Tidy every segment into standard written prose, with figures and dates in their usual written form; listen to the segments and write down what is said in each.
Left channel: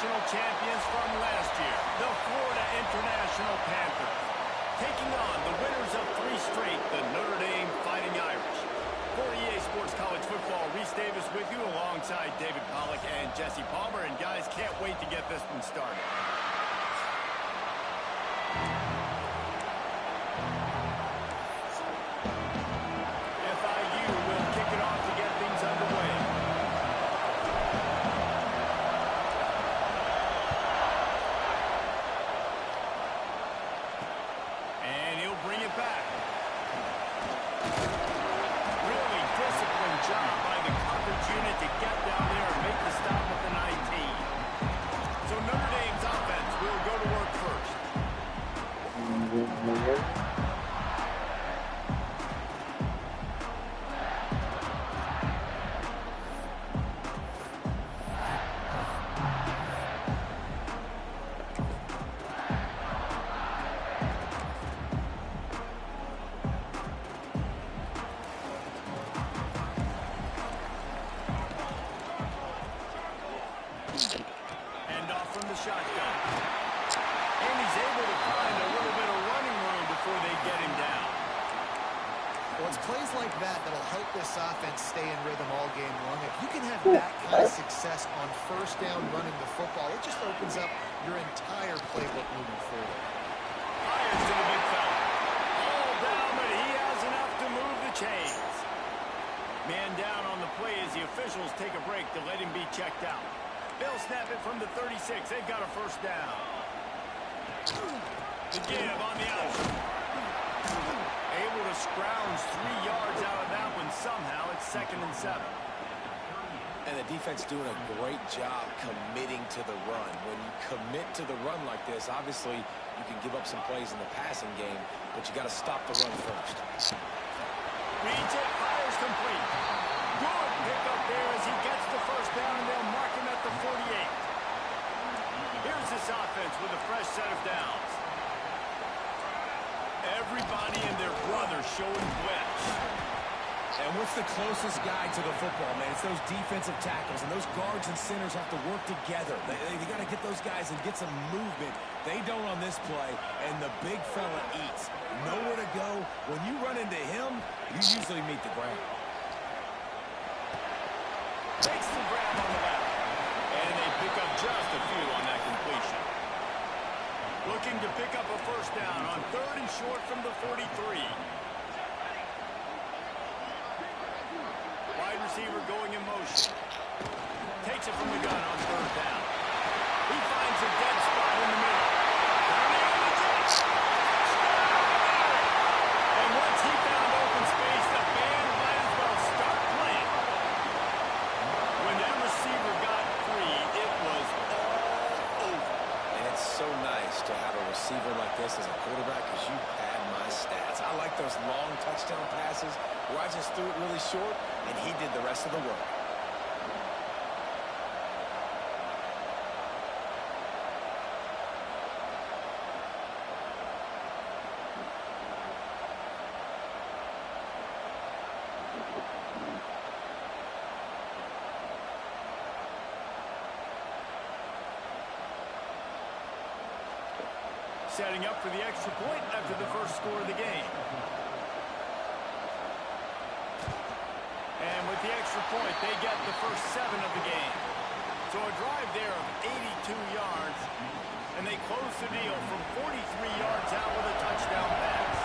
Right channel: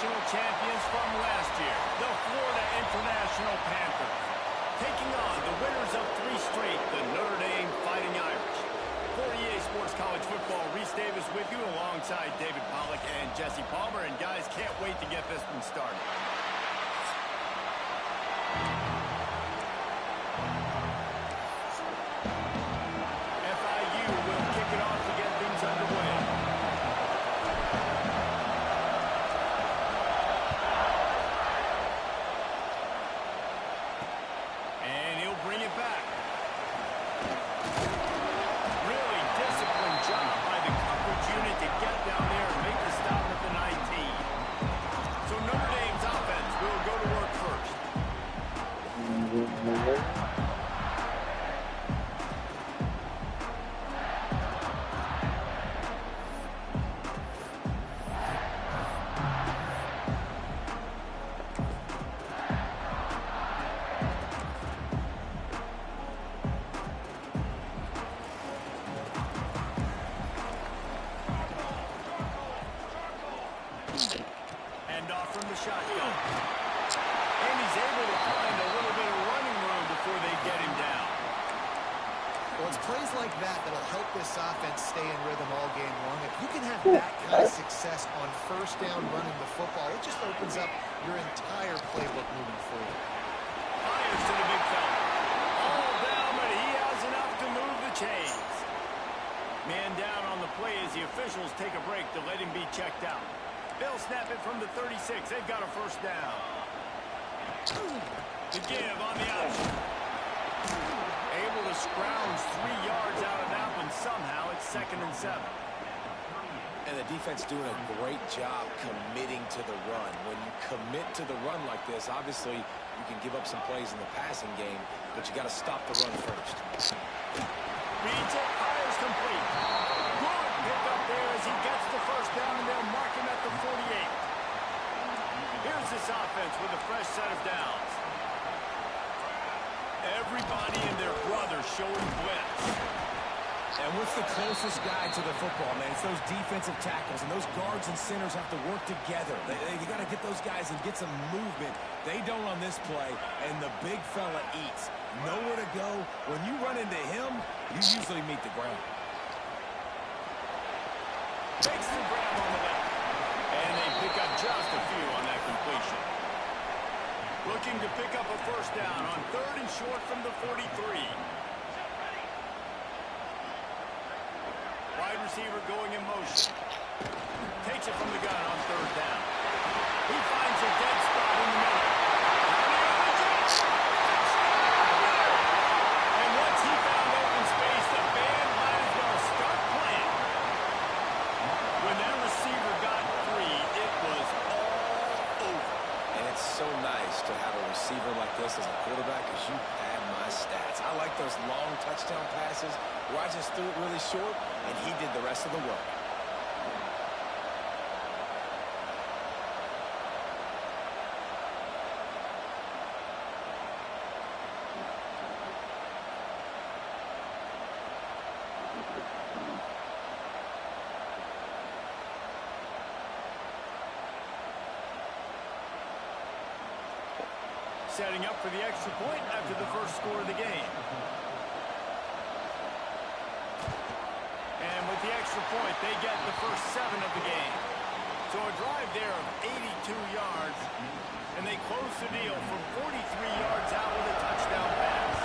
national champions from last year, the Florida International Panthers, taking on the winners of 3 straight, the Notre Dame Fighting Irish. For EA Sports College Football, Reese Davis with you alongside David Pollack and Jesse Palmer. And guys, can't wait to get this one started. FIU will kick it off to get things underway. And he'll bring it back. Really disciplined job by the coverage unit to get down there and make the stop at the 19. So Notre Dame's offense will go to work first. From the shotgun. And he's able to find a little bit of running room before they get him down. Well, it's plays like that that'll help this offense stay in rhythm all game long. If you can have that kind of success on first down running the football, it just opens up your entire playbook moving forward. Fires to the big fella. All down, but he has enough to move the chains. Man down on the play as the officials take a break to let him be checked out. They'll snap it from the 36. They've got a first down. The give on the option. Able to scrounge 3 yards out of that one somehow. It's 2nd and 7. And the defense doing a great job committing to the run. When you commit to the run like this, obviously you can give up some plays in the passing game, but you got to stop the run first. Reads it, fires complete. Good pick up there as he gets the first down, and they'll mark him at the 48. Here's this offense with a fresh set of downs. Everybody and their brother showing blitz. And what's the closest guy to the football, man? It's those defensive tackles, and those guards and centers have to work together. They got to get those guys and get some movement. They don't on this play, and the big fella eats. Nowhere to go. When you run into him, you usually meet the ground. Takes the grab on the left. And they pick up just a few on that completion. Looking to pick up a first down on 3rd and short from the 43. Wide receiver going in motion. Takes it from the gun on 3rd down. He finds a dead spot in the middle. Turning on the jet. And once he found open space, the band might as well start playing. When that receiver got free, it was all over. And it's so nice to have a receiver like this as a quarterback because you had my stats. I like those long touchdown passes where I just threw it really short and he did the rest of the work. Setting up for the extra point after the first score of the game. And with the extra point, they get the first 7 of the game. So a drive there of 82 yards, and they close the deal from 43 yards out with a touchdown pass.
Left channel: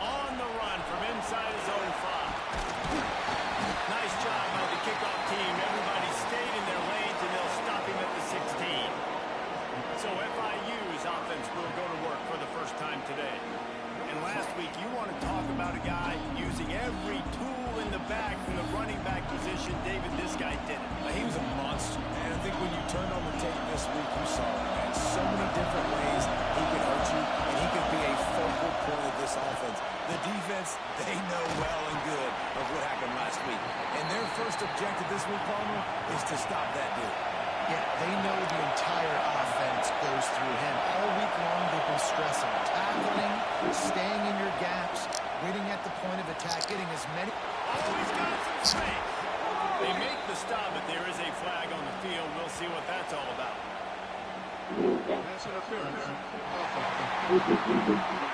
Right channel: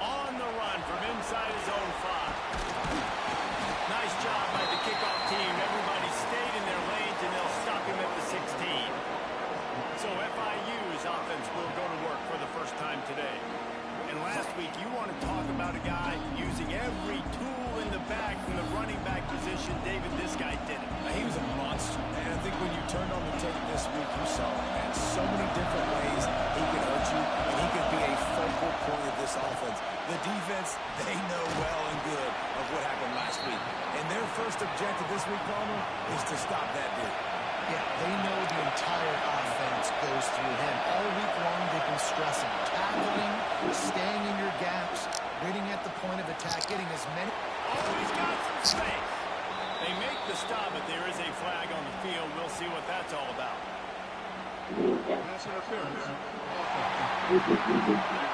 On the run from inside his own 5. Nice job by the kickoff team. Everybody stayed in their lanes, and they'll stop him at the 16. So FIU's offense will go to work for the first time today. And last week, you want to talk about a guy using every tool in the bag from the running back position. David, this guy did it. He was a monster. And I think when you turned on the tape this week, you saw it, man. So many different ways he could hurt you, and he could be a focal point of this offense. The defense, they know well and good of what happened last week. And their first objective this week, Palmer, is to stop that dude. Yeah, they know the entire offense goes through him. All week long, they've been stressing, tackling, staying in your gaps, waiting at the point of attack, getting as many. Oh, he's got some space. They make the stop, but there is a flag on the field. We'll see what that's all about.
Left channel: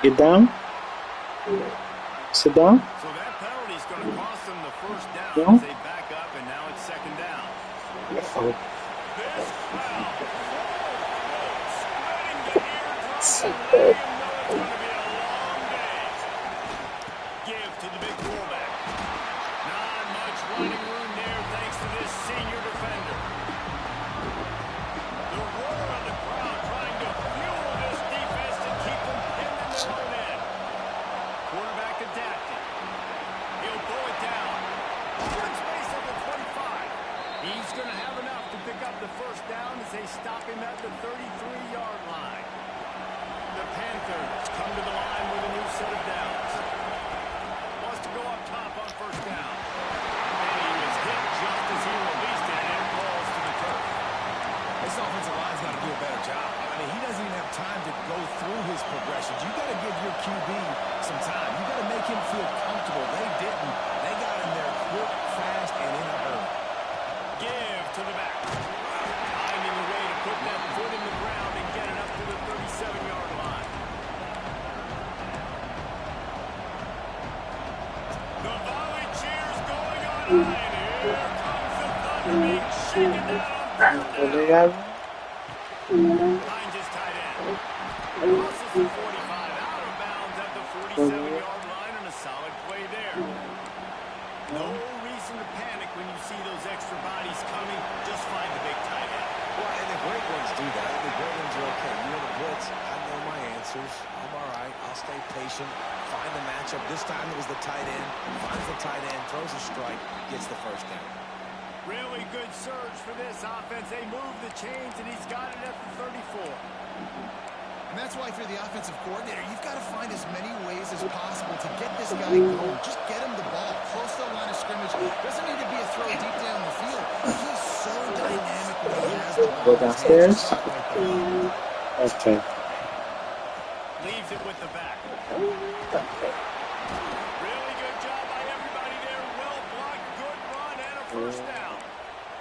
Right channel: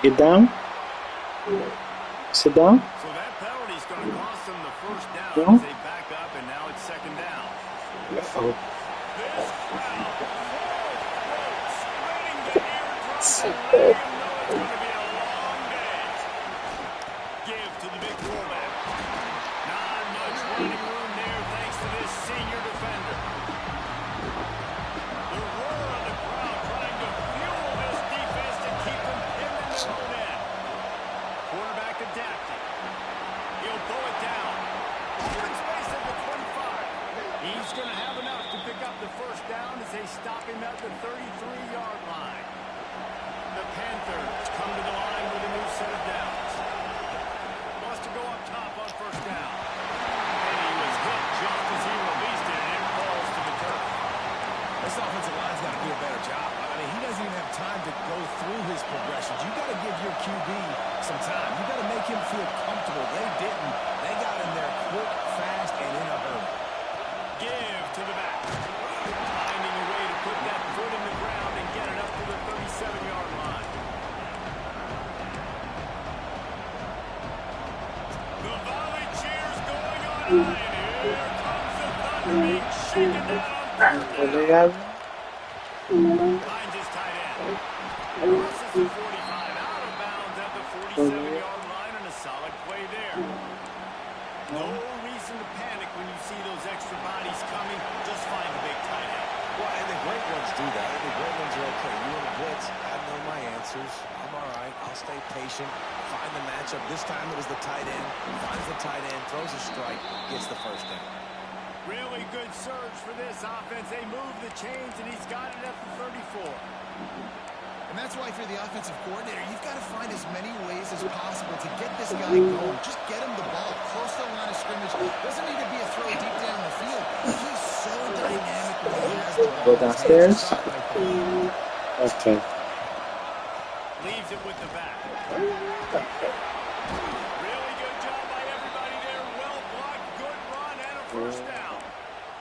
Get down. Sit down. So that penalty is going to cost them the first down Yeah. as they back up, and now it's second down. Oh. This crowd, full throat, spreading the eardrums and letting them know it's going to be a long day. Give to the big fullback. Not much running room there thanks to this senior defender. The roar of the crowd trying to fuel this defense to keep them pinned in their own end. Quarterback adapting. He'll bow it down. Open space at the 25. He's going to have enough to pick up the first down as they stop him at the 33-yard line. The Panthers come to the line with a new set of downs. Wants to go up top on first down. And he was hit just as he released it, and it falls to the turf. This offensive line's got to do a better job. I mean, he doesn't even have time to go through his progressions. You got to give your QB some time. You got to make him feel comfortable. They didn't. They got him there quick, fast, and in a hurry. Give to the back. Finding a way to put that foot in the ground and get it up to the 37-yard line. The volley cheers going on high, and here comes the thunder being shaken down on third down. Finds his tight end. Crosses the 45, out of bounds at the 47-yard line, and a solid play there. No reason to panic when you see those extra bodies coming. Just find the big tight end. Well, and the great ones do that. The great ones are okay. You want to blitz? I know my answers. I'm all right. I'll stay patient. Find the matchup. This time it was the tight end. Finds the tight end, throws a strike, gets the first down. Really good surge for this offense. They move the chains, and he's got it at the 34. And that's why if you're the offensive coordinator, you've got to find as many ways as possible to get this guy going. Just get him the ball close to the line of scrimmage. Doesn't need to be a throw deep down the field. He's so dynamic when he has the ball. Go downstairs. Okay. Leaves it with the back. Really good job by everybody there. Well blocked, good run, and a first down.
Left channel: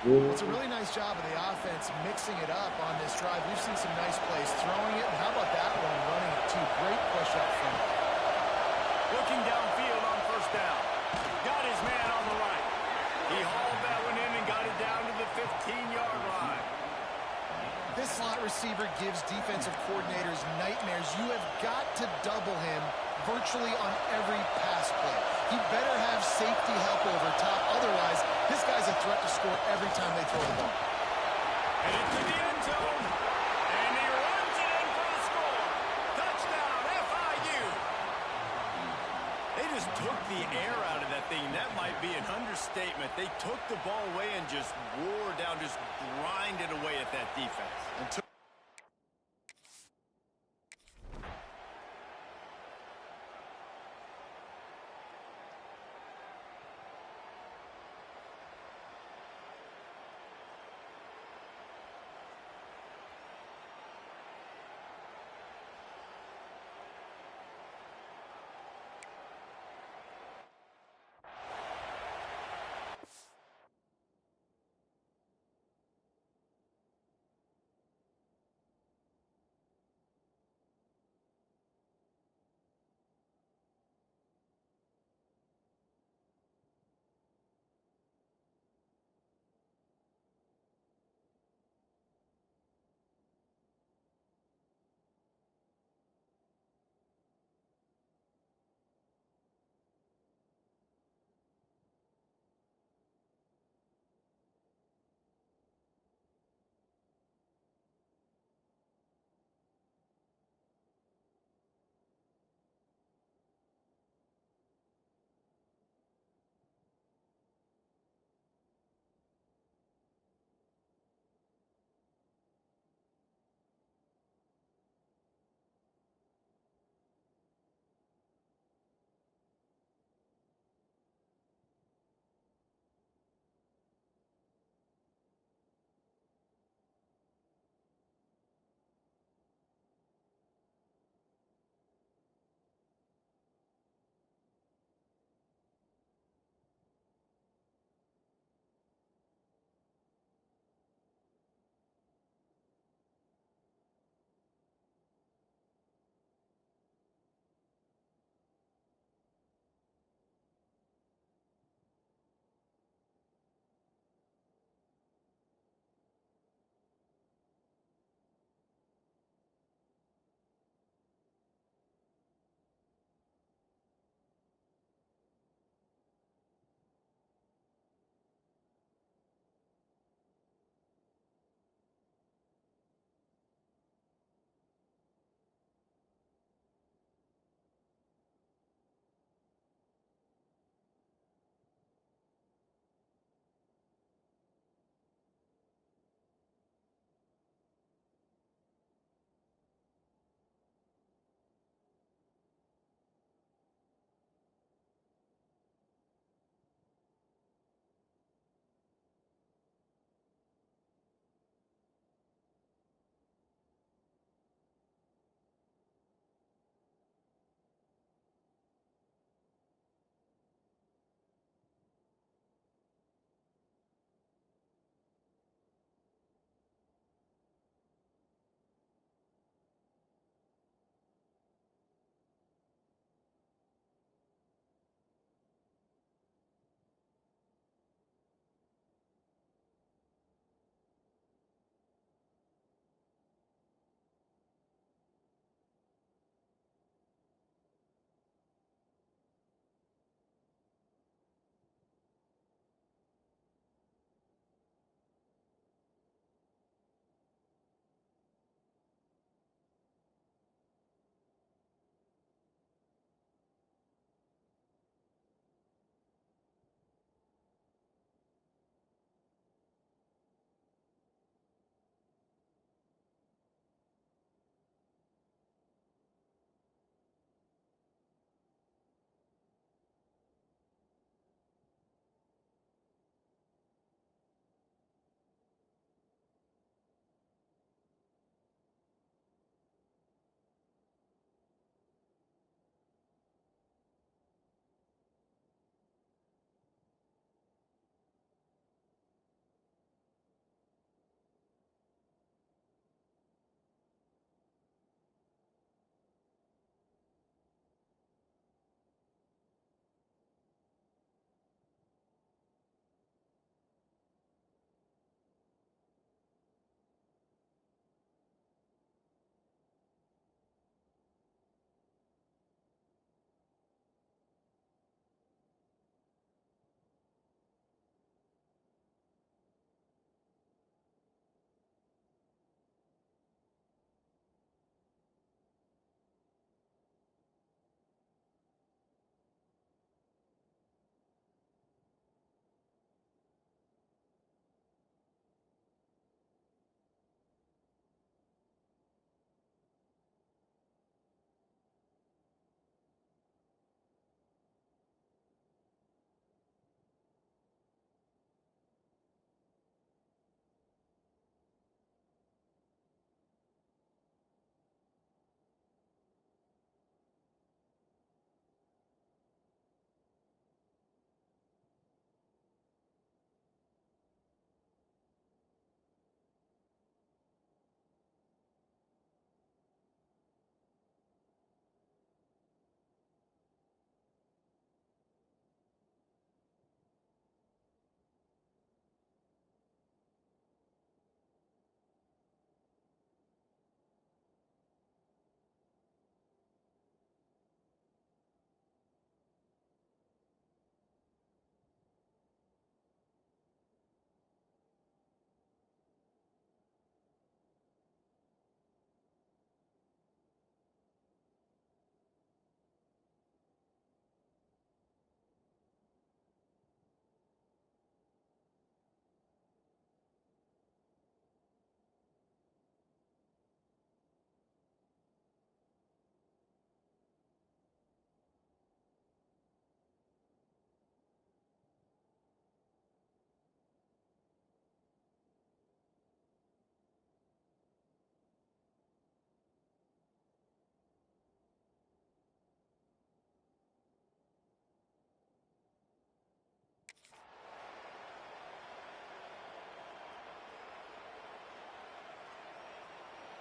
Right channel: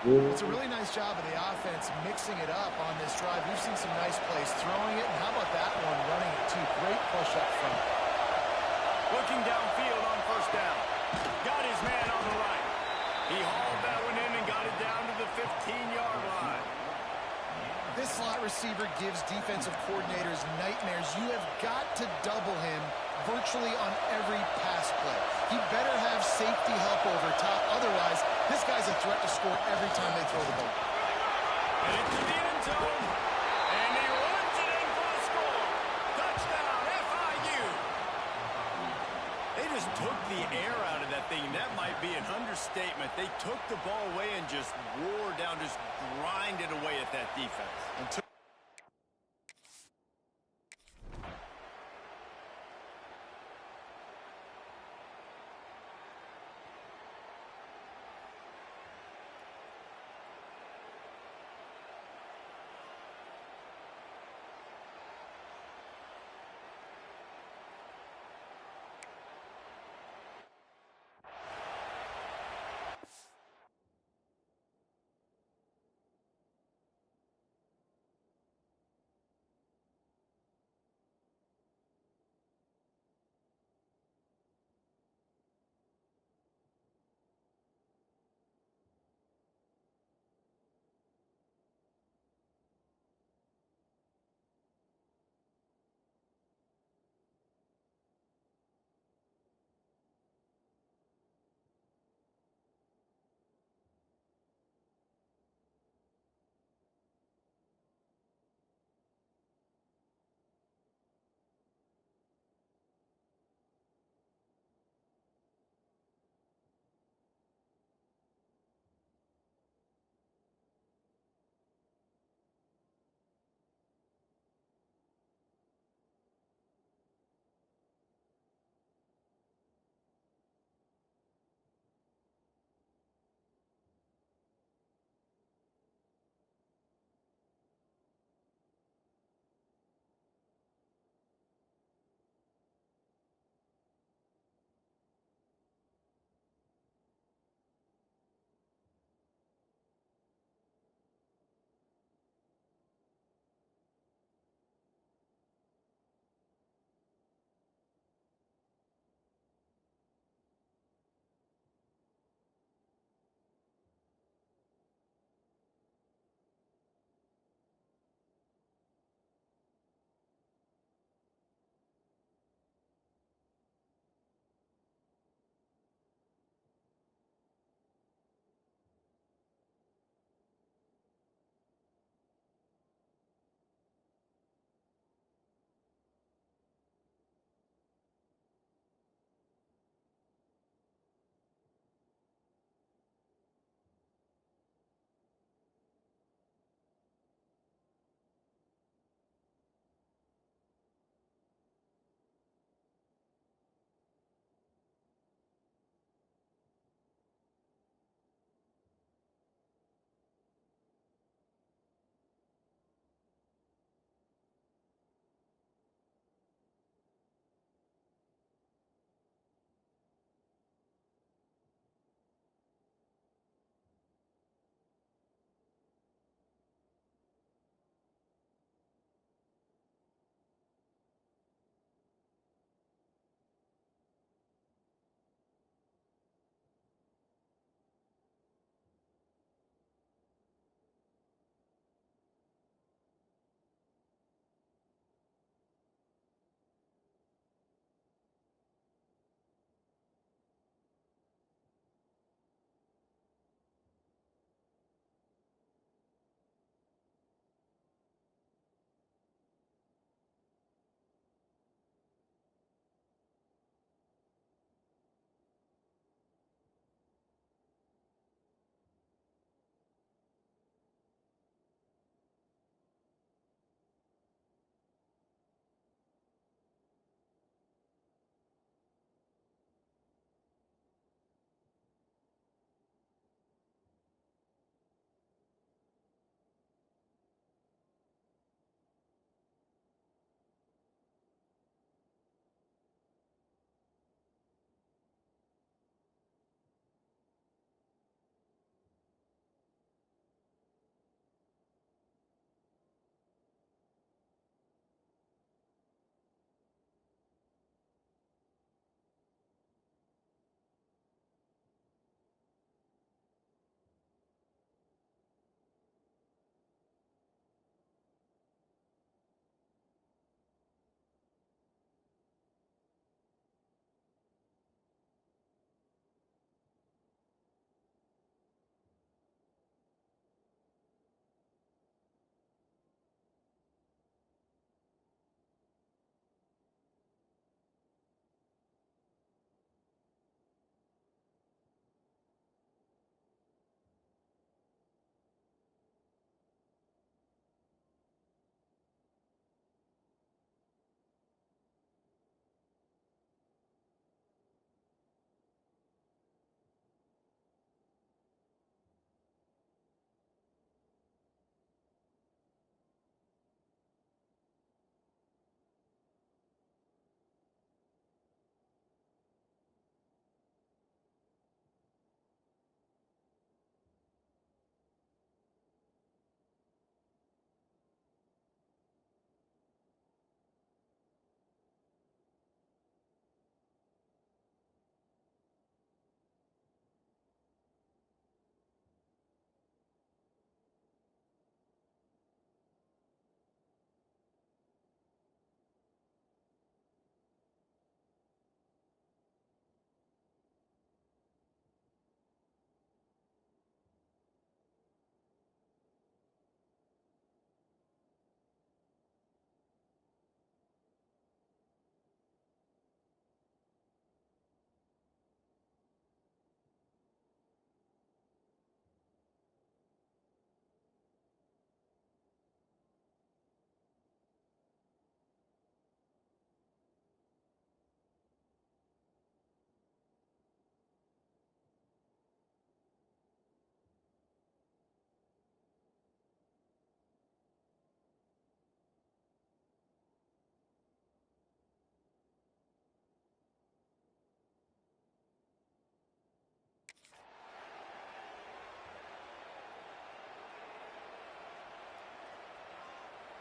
Well, it's a really nice job of the offense mixing it up on this drive. We've seen some nice plays throwing it, and how about that one running it too? Great push up front. Looking downfield on first down. Got his man on the right. He hauled that one in and got it down to the 15-yard line. This slot receiver gives defensive coordinators nightmares. You have got to double him virtually on every pass play. He better have safety help over top. Otherwise, this guy's a threat to score every time they throw the ball. And into the end zone. And he runs it in for the score. Touchdown, FIU. They just took the air out of that thing. That might be an understatement. They took the ball away and just wore down, just grinded away at that defense.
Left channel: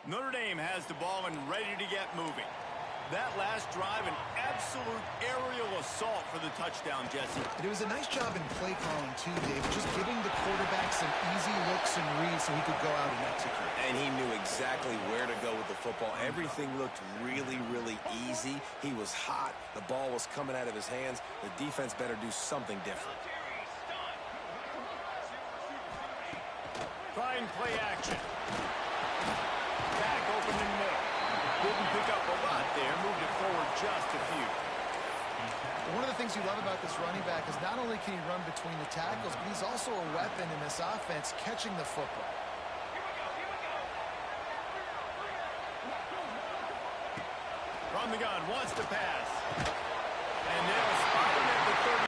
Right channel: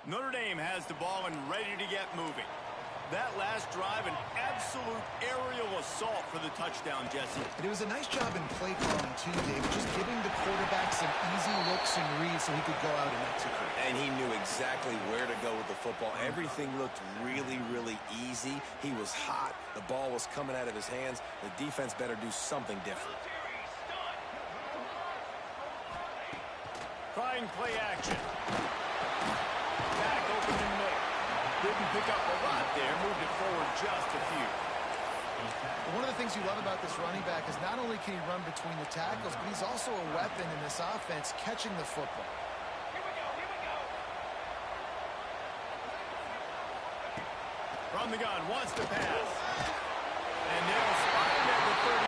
Notre Dame has the ball and ready to get moving. That last drive, an absolute aerial assault for the touchdown, Jesse. It was a nice job in play calling, too, Dave. Just giving the quarterback some easy looks and reads so he could go out and execute. And he knew exactly where to go with the football. Everything looked really, really easy. He was hot. The ball was coming out of his hands. The defense better do something different. Trying play action. Back open in the middle. Didn't pick up a lot there. Moved it forward just a few. One of the things you love about this running back is not only can he run between the tackles, but he's also a weapon in this offense catching the football. From the gun, wants to pass. And they'll spot him at the 30.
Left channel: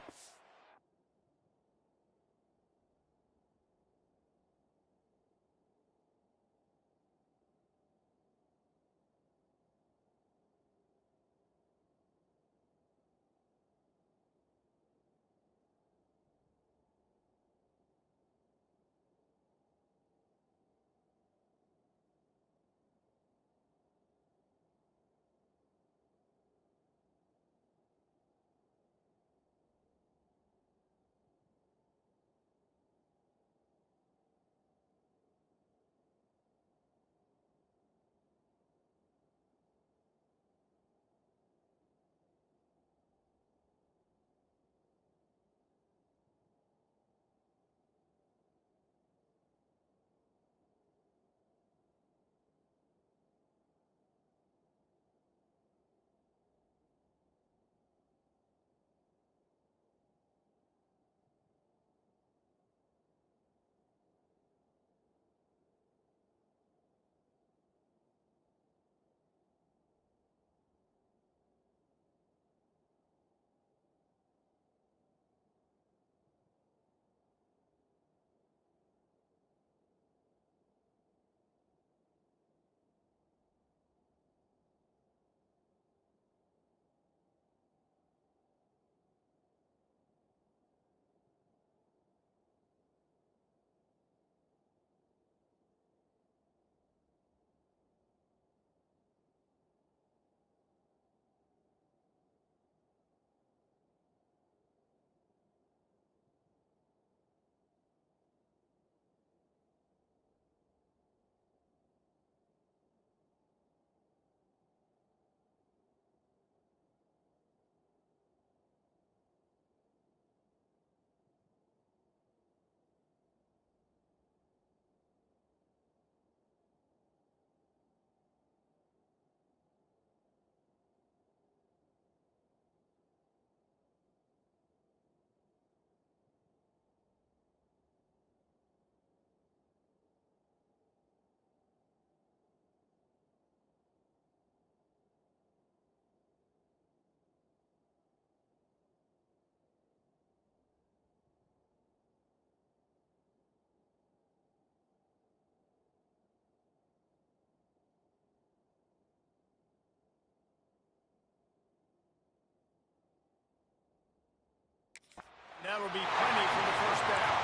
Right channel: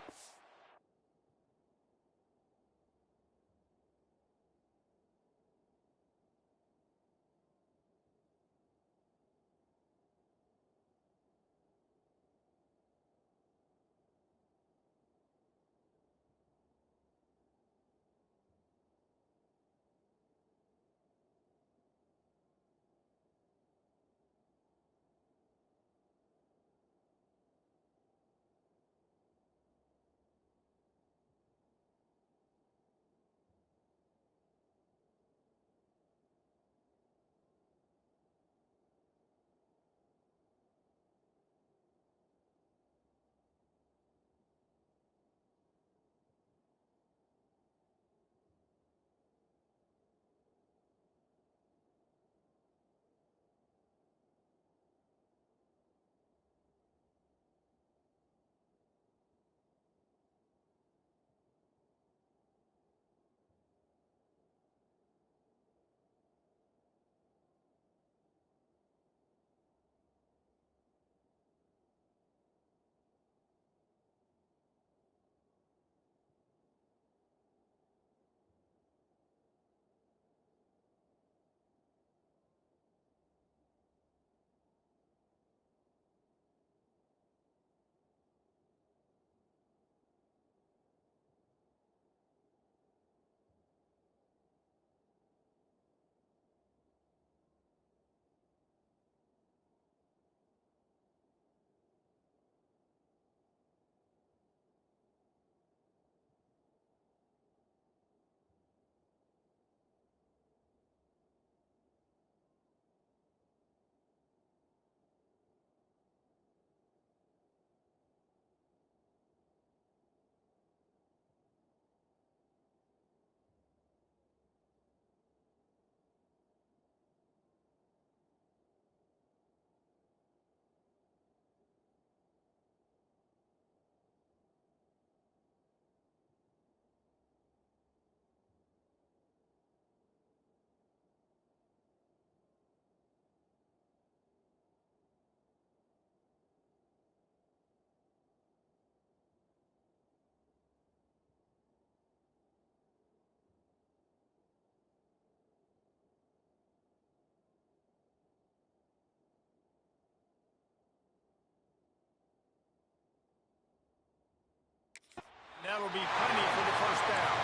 That'll be plenty for the first down.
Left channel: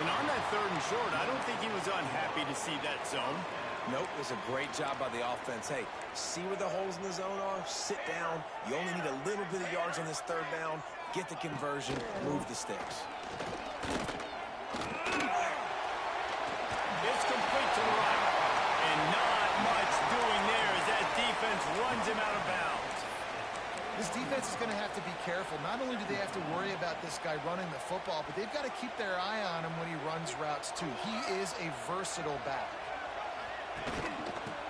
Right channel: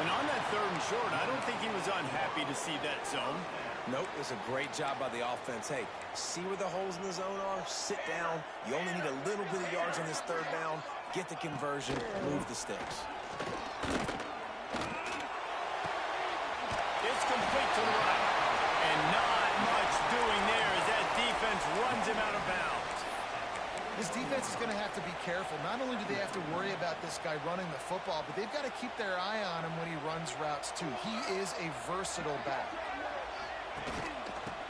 And on that 3rd and short, I don't think he was unhappy to see that zone. Nope, it was a great job by the offense. Hey, see where the holes in the zone are? Sit down. You only need a little bit of yards on this 3rd down. Get the conversion. Move the sticks. It's complete to the right. And not much doing there as that defense runs him out of bounds. This defense is going to have to be careful. Not only do they have to worry about this guy running the football, but they've got to keep their eye on him when he runs routes, too. He is a versatile back.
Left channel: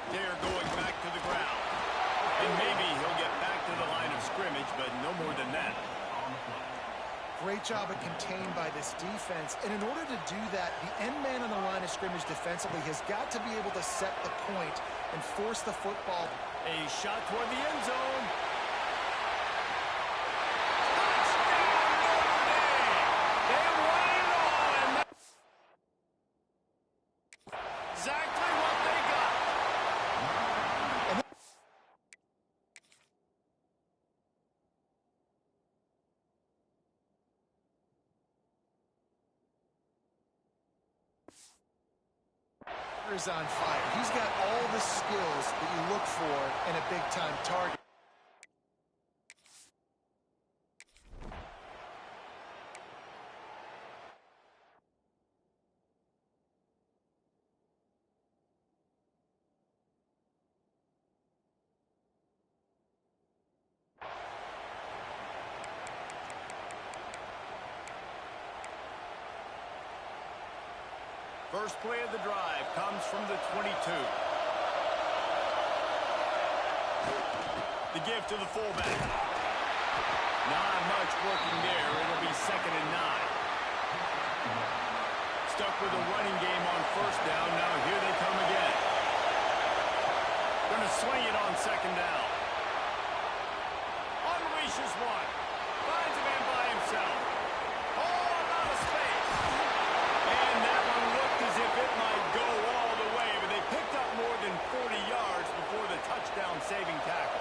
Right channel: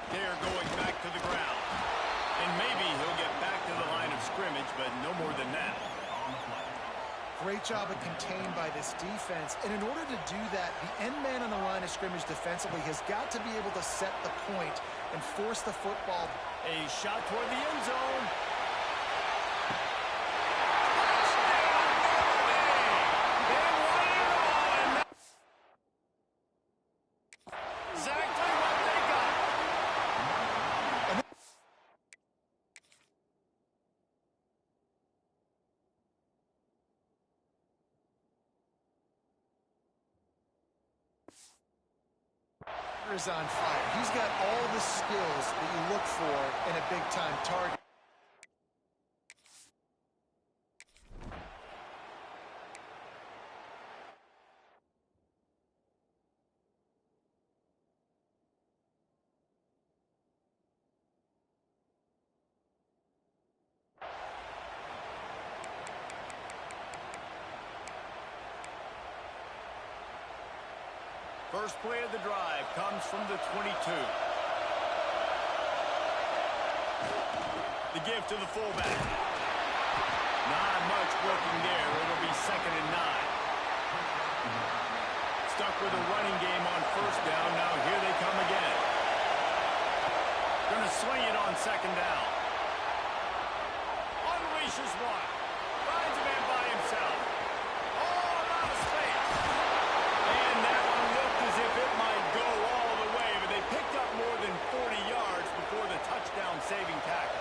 They're going back to the ground. And maybe he'll get back to the line of scrimmage, but no more than that. Great job of contained by this defense. And in order to do that, the end man on the line of scrimmage defensively has got to be able to set the point and force the football. A shot toward the end zone. playmaker is on fire. He's got all the skills that you look for in a big-time target. First play of the drive comes from the 22. The give to the fullback. Not much working there. It'll be 2nd and 9. Stuck with a running game on first down. Now here they come again. Going to swing it on 2nd down. Unleashes one. Finds a man by himself. Oh, a lot of space. And that one looked as if it might go all the way, but they picked up more than 40 yards before the touchdown-saving tackle.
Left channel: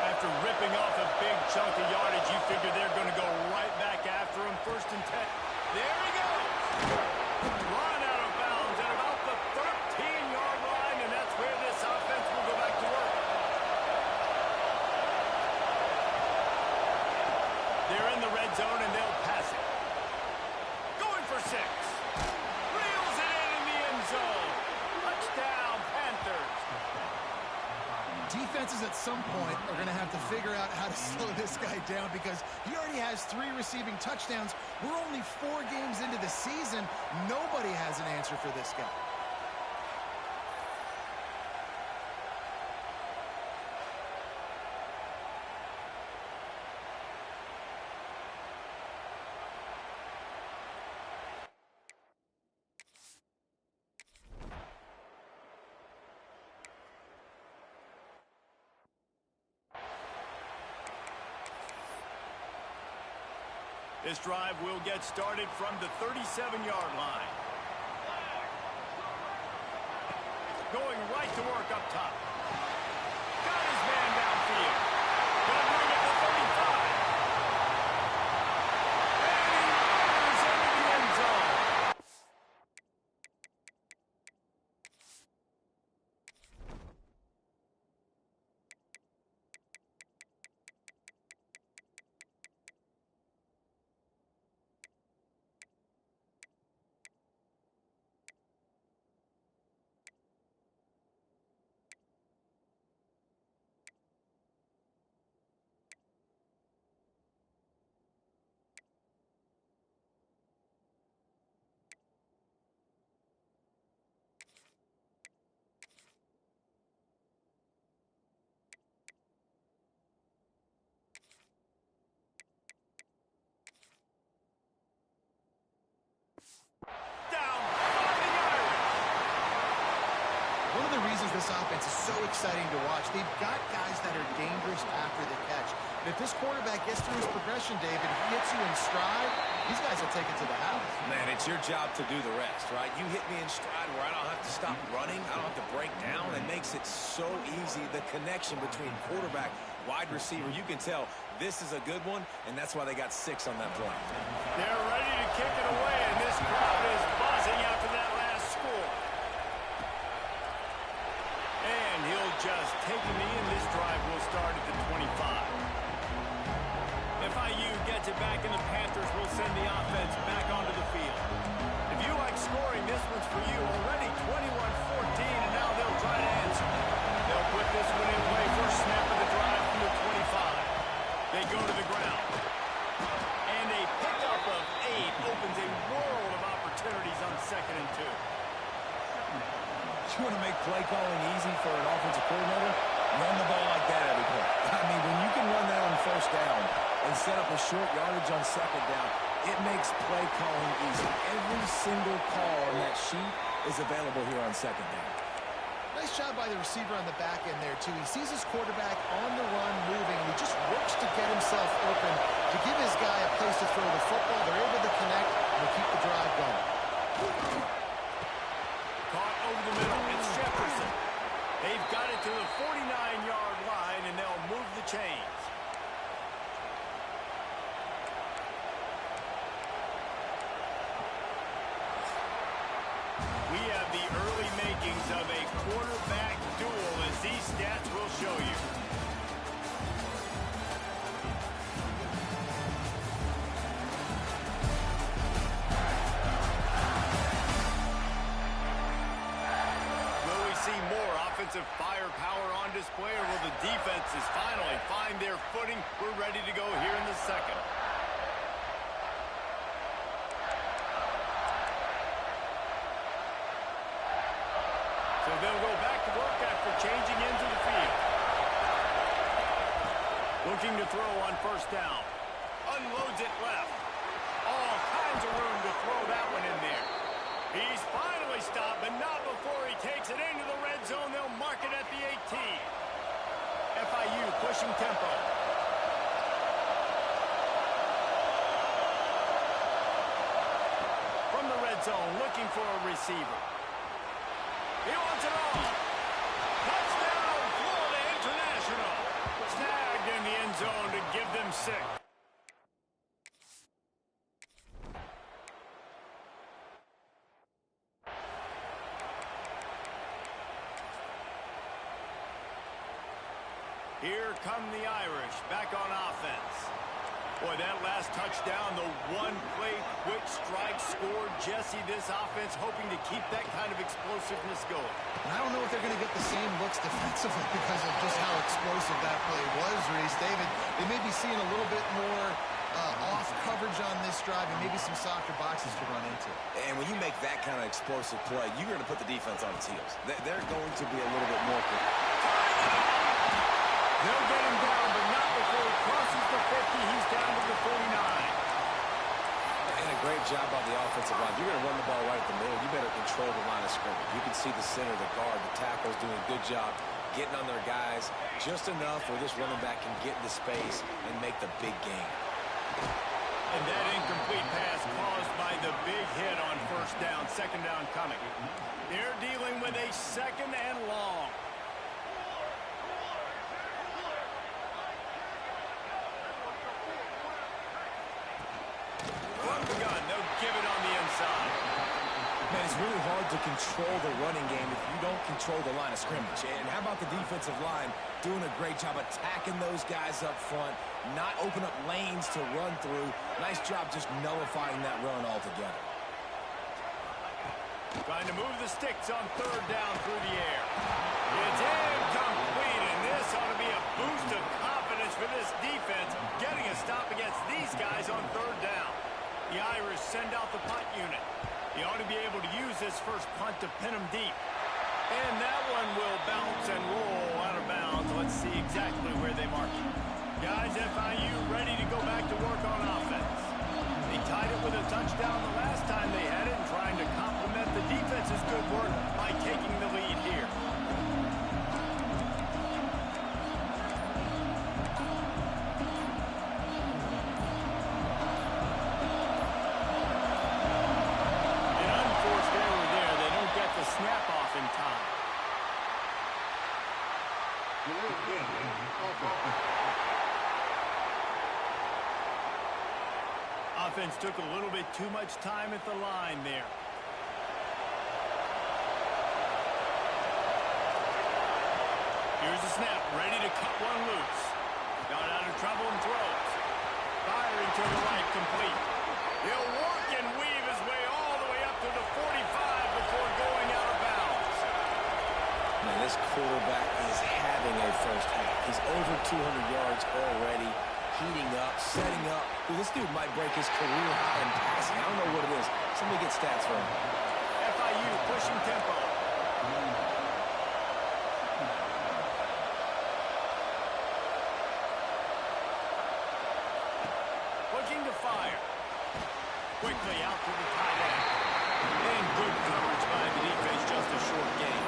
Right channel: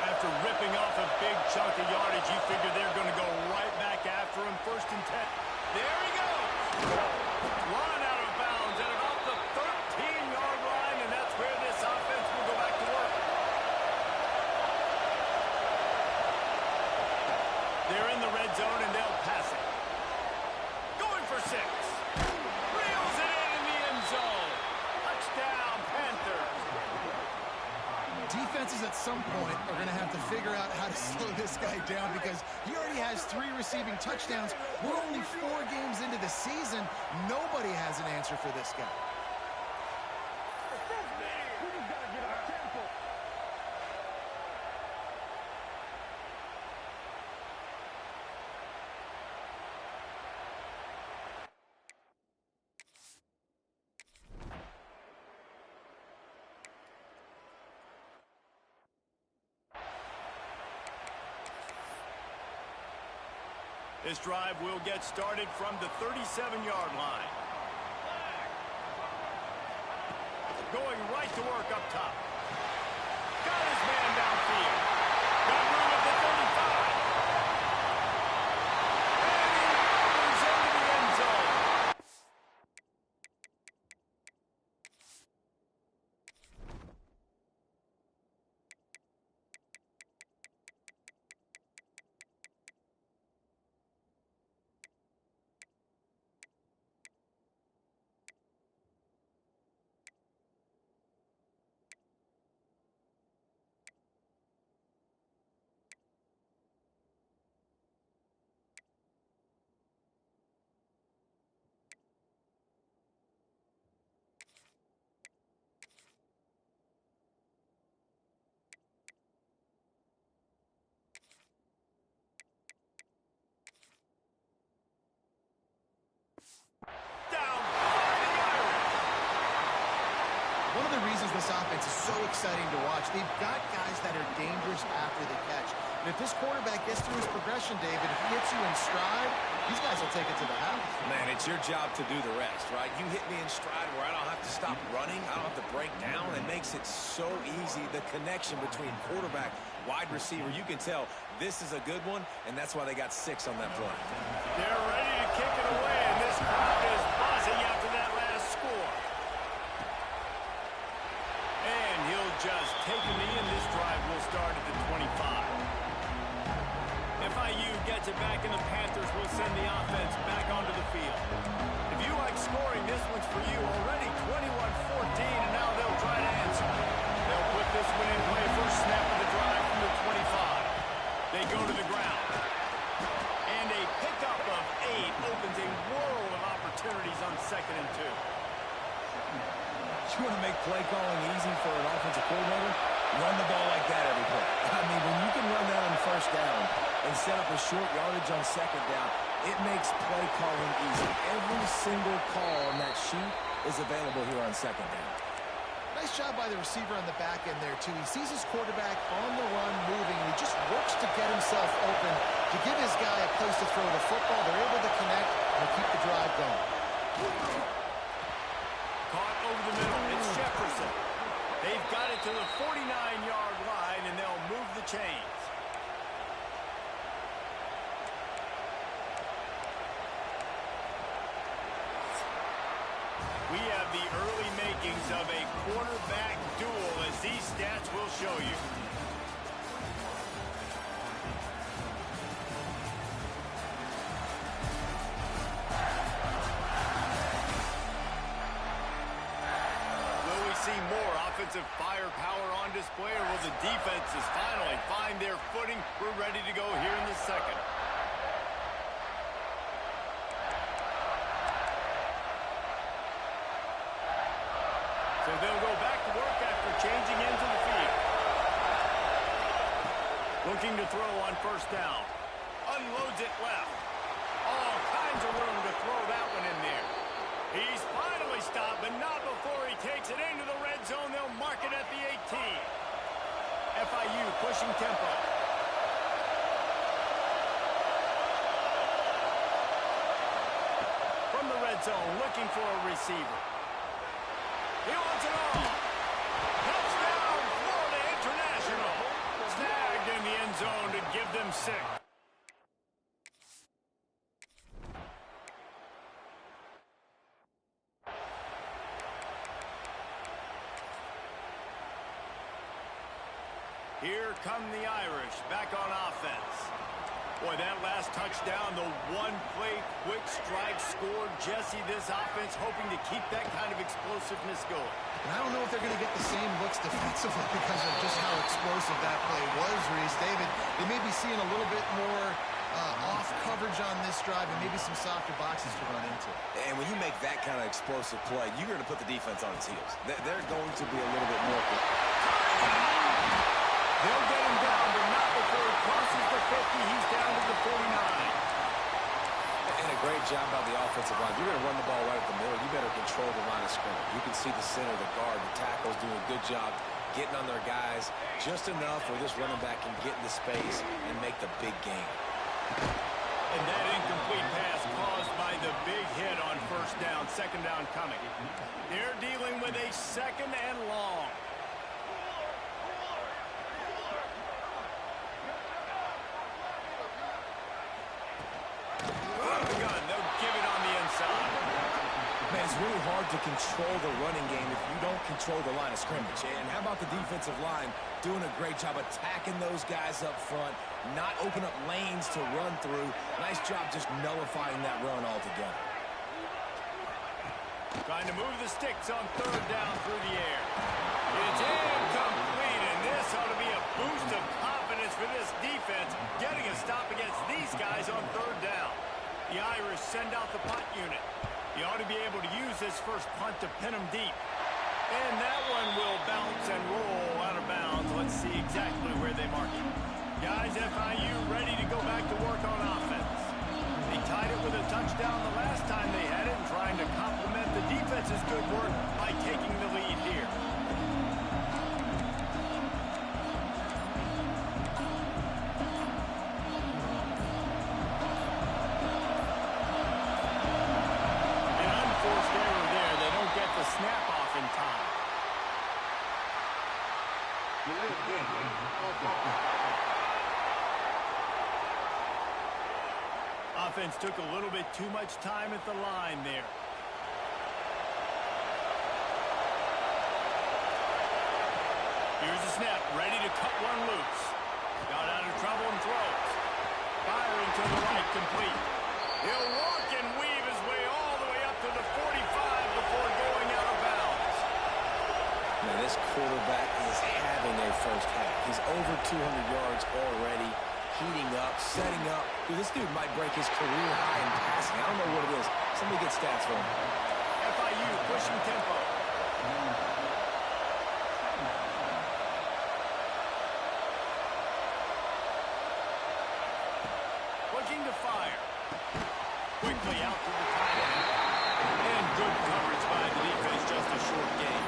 After ripping off a big chunk of yardage, you figure they're going to go right back after him. 1st and 10. There he goes. Run out of bounds at about the 13-yard line, and that's where this offense will go back to work. They're in the red zone, and they'll pass it. Going for 6. Reels it in the end zone. Touchdown, Panthers. Defenses at some point are going to have to figure out how to slow this guy down because he already has 3 receiving touchdowns. We're only 4 games into the season. Nobody has an answer for this guy. This drive will get started from the 37-yard line. Going right to work up top. Got his man downfield. Got room at the 35. And he murders into the end zone. One of the reasons this offense is so exciting to watch, they've got guys that are dangerous after the catch. And if this quarterback gets through his progression, David, if he hits you in stride, these guys will take it to the house. Man, it's your job to do the rest, right? You hit me in stride where I don't have to stop running. I don't have to break down. It makes it so easy. The connection between quarterback, wide receiver, you can tell this is a good one, and that's why they got 6 on that play. They're ready to kick it away, and this crowd is buzzing after that last score. And he'll just take a knee, and this drive will start at the 25. FIU gets it back, and the Panthers will send the offense back onto the field. If you like scoring, this one's for you. Already 21-14, and now they'll try to answer. They'll put this one in play. First snap of the drive from the 25. They go to the ground. And a pickup of 8 opens a world of opportunities on 2nd and 2. You want to make play calling easy for an offensive coordinator? Run the ball like that every play. I mean, when you can run that on first down and set up a short yardage on 2nd down, it makes play calling easy. Every single call on that sheet is available here on 2nd down. Nice job by the receiver on the back end there, too. He sees his quarterback on the run moving, and he just works to get himself open to give his guy a place to throw the football. They're able to connect and to keep the drive going. Caught over the middle. It's Jefferson. They've got it to the 49-yard line, and they'll move the chains. We have the early makings of a quarterback duel, as these stats will show you. Will we see more offensive firepower on display, or will the defenses finally find their footing? We're ready to go here in the second. So they'll go back to work after changing into the field. Looking to throw on first down. Unloads it left. All kinds of room to throw that one in there. He's finally stopped, but not before he takes it into the red zone. They'll mark it at the 18. FIU pushing tempo. From the red zone, looking for a receiver. He wants it all. Touchdown, Florida International. Snagged in the end zone to give them 6. Here come the Irish back on offense. Boy, that last touchdown, the one-play quick strike score. Jesse, this offense hoping to keep that kind of explosiveness going. And I don't know if they're going to get the same looks defensively because of just how explosive that play was, Reese. David, they may be seeing a little bit more off coverage on this drive and maybe some softer boxes to run into. And when you make that kind of explosive play, you're going to put the defense on its heels. They're going to be a little bit more. They'll get him down, but not before he crosses the 50. He's down to the 49. And a great job by the offensive line. You're going to run the ball right at the middle. You better control the line of scrimmage. You can see the center, the guard, the tackles doing a good job getting on their guys just enough where this running back can get into space and make the big game. And that incomplete pass caused by the big hit on first down, second down coming. They're dealing with a second and long. Give it on the inside. Man, it's really hard to control the running game if you don't control the line of scrimmage. And how about the defensive line doing a great job attacking those guys up front, not open up lanes to run through. Nice job just nullifying that run altogether. Trying to move the sticks on third down through the air. It's incomplete, and this ought to be a boost of confidence for this defense, getting a stop against these guys on third down. The Irish send out the punt unit. He ought to be able to use this first punt to pin them deep. And that one will bounce and roll out of bounds. Let's see exactly where they mark it. Guys, FIU ready to go back to work on offense. They tied it with a touchdown the last time they had it, and trying to complement the defense's good work by taking the lead here. The snap off in time. Offense took a little bit too much time at the line there. Here's the snap, ready to cut one loose. Got out of trouble and throws. Firing to the right, complete. He'll work and weave his way all the way up to the 45 before going out of bounds. Man, this quarterback is having a first half. He's over 200 yards already, heating up, setting up. Dude, this dude might break his career high in passing. I don't know what it is. Somebody get stats for him. FIU pushing tempo. Looking to fire. Quickly out to the tight end. And good coverage by the defense, just a short gain.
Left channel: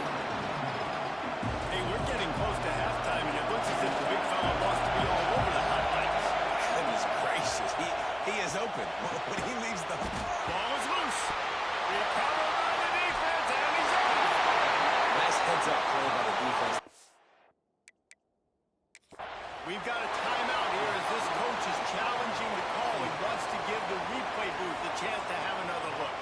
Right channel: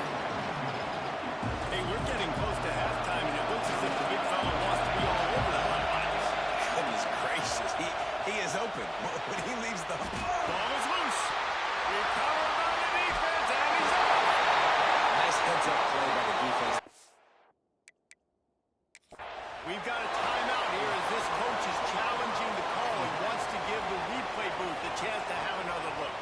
Hey, we're getting close to halftime, and it looks as if the big fella wants to be all over the highlights. Goodness gracious, he is open. When he leaves the... Ball is loose. Recovered by the defense, and he's off. Nice heads-up play by the defense. We've got a timeout here as this coach is challenging the call. He wants to give the replay booth the chance to have another look.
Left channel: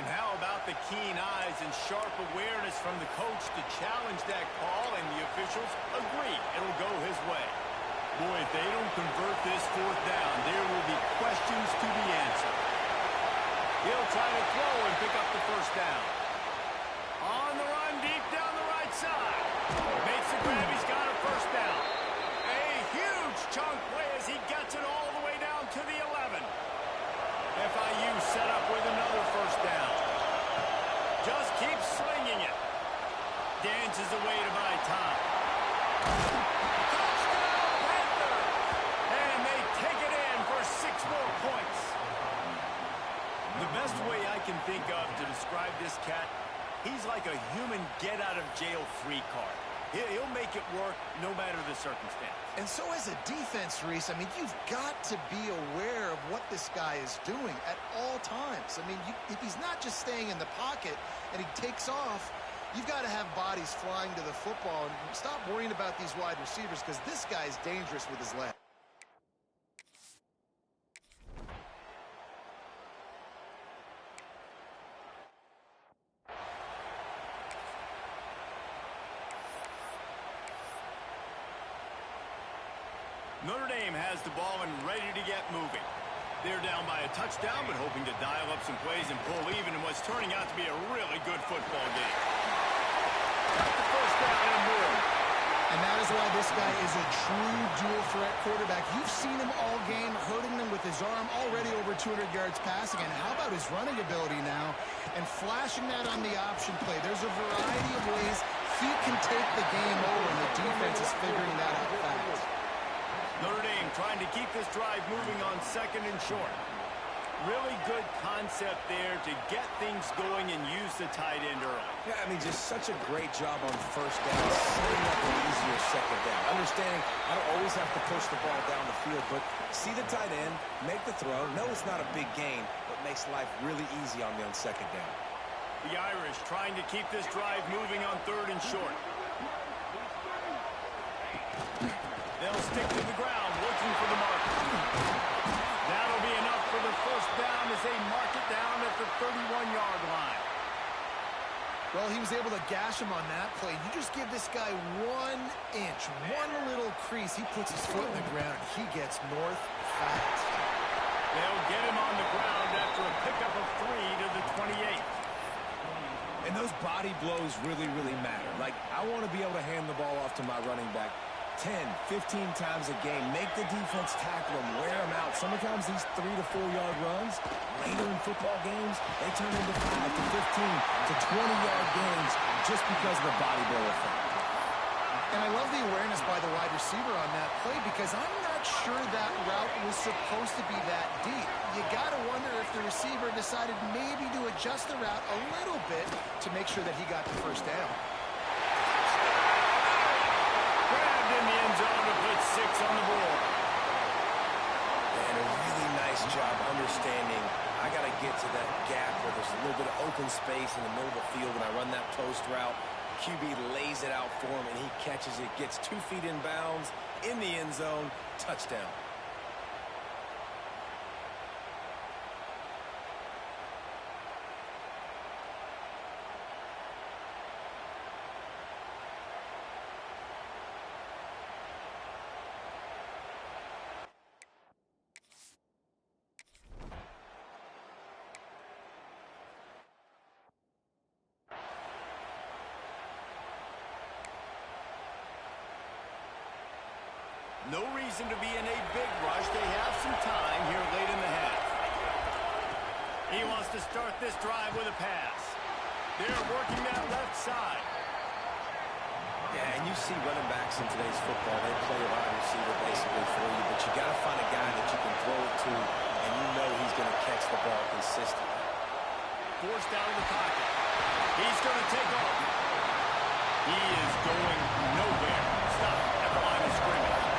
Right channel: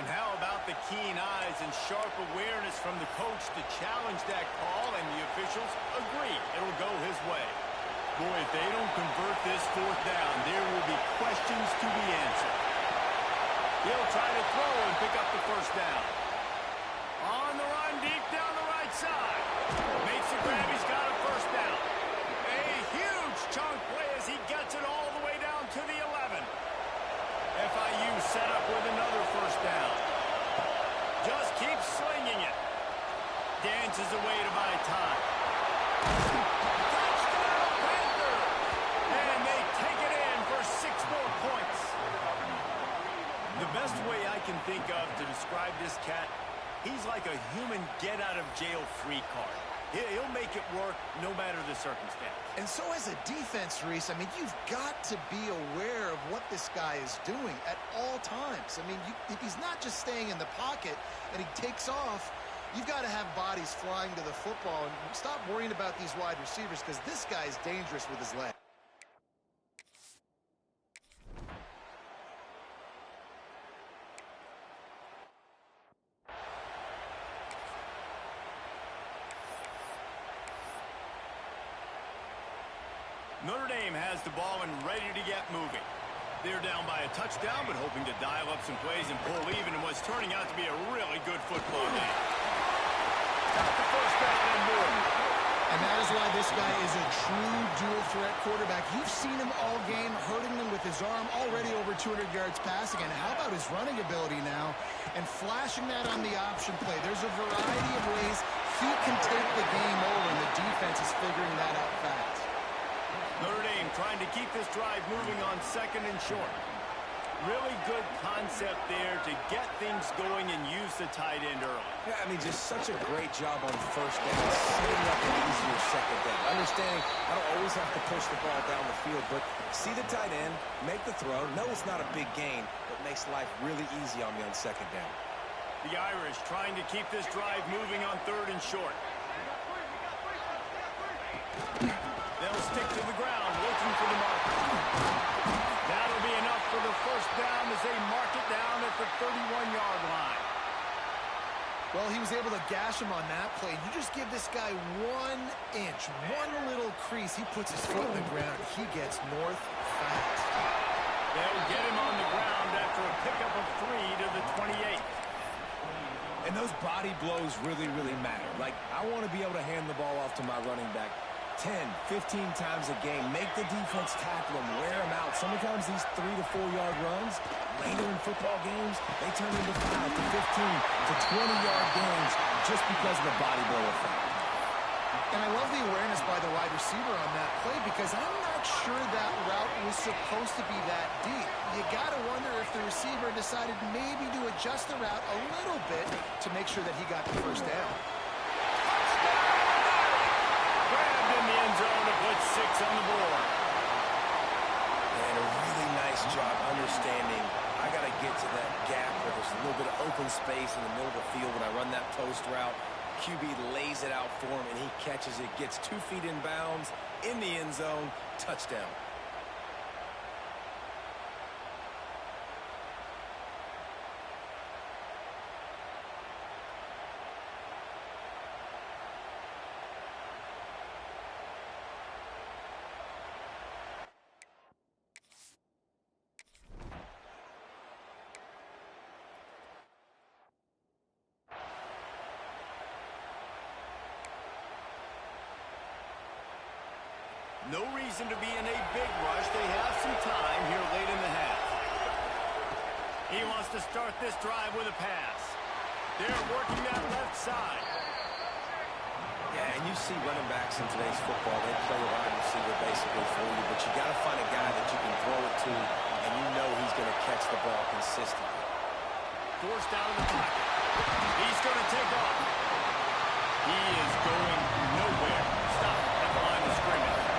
And how about the keen eyes and sharp awareness from the coach to challenge that call, and the officials agree it'll go his way. Boy, if they don't convert this fourth down, there will be questions to be answered. He'll try to throw and pick up the first down. On the run, deep down the right side. Makes the grab, he's got a first down. A huge chunk play as he gets it all the way down to the 11. FIU set up with another first down. Just keeps slinging it. Dances away to buy time. Touchdown, Panthers! And they take it in for 6 more points. The best way I can think of to describe this cat, he's like a human get-out-of-jail-free card. He'll make it work no matter the circumstance. And so as a defense, Reese, I mean, you've got to be aware of what this guy is doing at all times. I mean, if he's not just staying in the pocket and he takes off, you've got to have bodies flying to the football and stop worrying about these wide receivers, because this guy is dangerous with his leg. Notre Dame has the ball and ready to get moving. They're down by a touchdown, but hoping to dial up some plays and pull even in what's turning out to be a really good football game. Got the first down and more. And that is why this guy is a true dual-threat quarterback. You've seen him all game, hurting them with his arm, already over 200 yards passing. And how about his running ability now? And flashing that on the option play. There's a variety of ways he can take the game over, and the defense is figuring that out fast. Notre Dame trying to keep this drive moving on 2nd and short. Really good concept there to get things going and use the tight end early. Yeah, I mean, just such a great job on first down, setting up an easier second down. Understanding I don't always have to push the ball down the field, but see the tight end, make the throw. No, it's not a big gain, but makes life really easy on me on second down. The Irish trying to keep this drive moving on 3rd and short. They'll stick to the ground, looking for the marker. That'll be enough for the first down as they mark it down at the 31-yard line. Well, he was able to gash him on that play. You just give this guy 1 inch, one little crease. He puts his foot in the ground. He gets north fast. They'll get him on the ground after a pickup of 3 to the 28. And those body blows really, really matter. Like, I want to be able to hand the ball off to my running back 10, 15 times a game. Make the defense tackle them, wear them out. Sometimes these 3 to 4 yard runs, later in football games, they turn into 5 to 15 to 20-yard gains just because of the body blow effect. And I love the awareness by the wide receiver on that play, because I'm not sure that route was supposed to be that deep. You got to wonder if the receiver decided maybe to adjust the route a little bit to make sure that he got the first down. Grabbed in the end zone to put 6 on the board. And a really nice job understanding I got to get to that gap where there's a little bit of open space in the middle of the field when I run that post route. QB lays it out for him, and he catches it, gets 2 feet in bounds, in the end zone, touchdown. No reason to be in a big rush. They have some time here late in the half. He wants to start this drive with a pass. They're working that left side. Yeah, and you see running backs in today's football, they play wide receiver basically for you, but you got to find a guy that you can throw it to, and you know he's going to catch the ball consistently. Forced out of the pocket. He's going to take off. He is going nowhere. Stop at the line of scrimmage.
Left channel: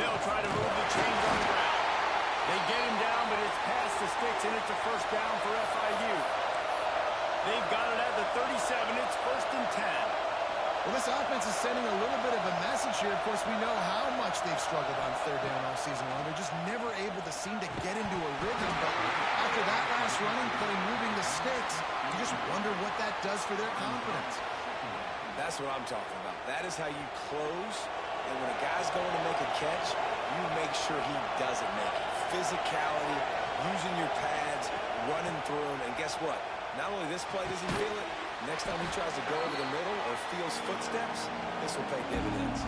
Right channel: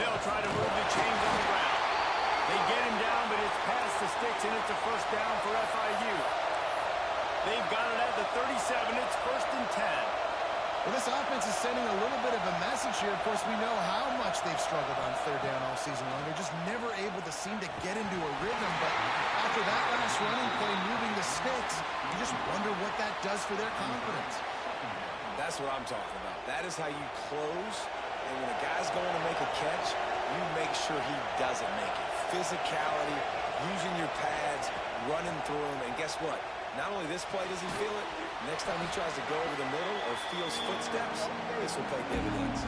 They'll try to move the chains on the ground. They get him down, but it's past the sticks, and it's a first down for FIU. They've got it at the 37. It's 1st and 10. Well, this offense is sending a little bit of a message here. Of course, we know how much they've struggled on third down all season long. They're just never able to seem to get into a rhythm. But after that last running play, moving the sticks, you just wonder what that does for their confidence. That's what I'm talking about. That is how you close. And when a guy's going to make a catch, you make sure he doesn't make it. Physicality, using your pads, running through them. And guess what? Not only this play does he feel it, next time he tries to go over the middle or feels footsteps, this will pay dividends.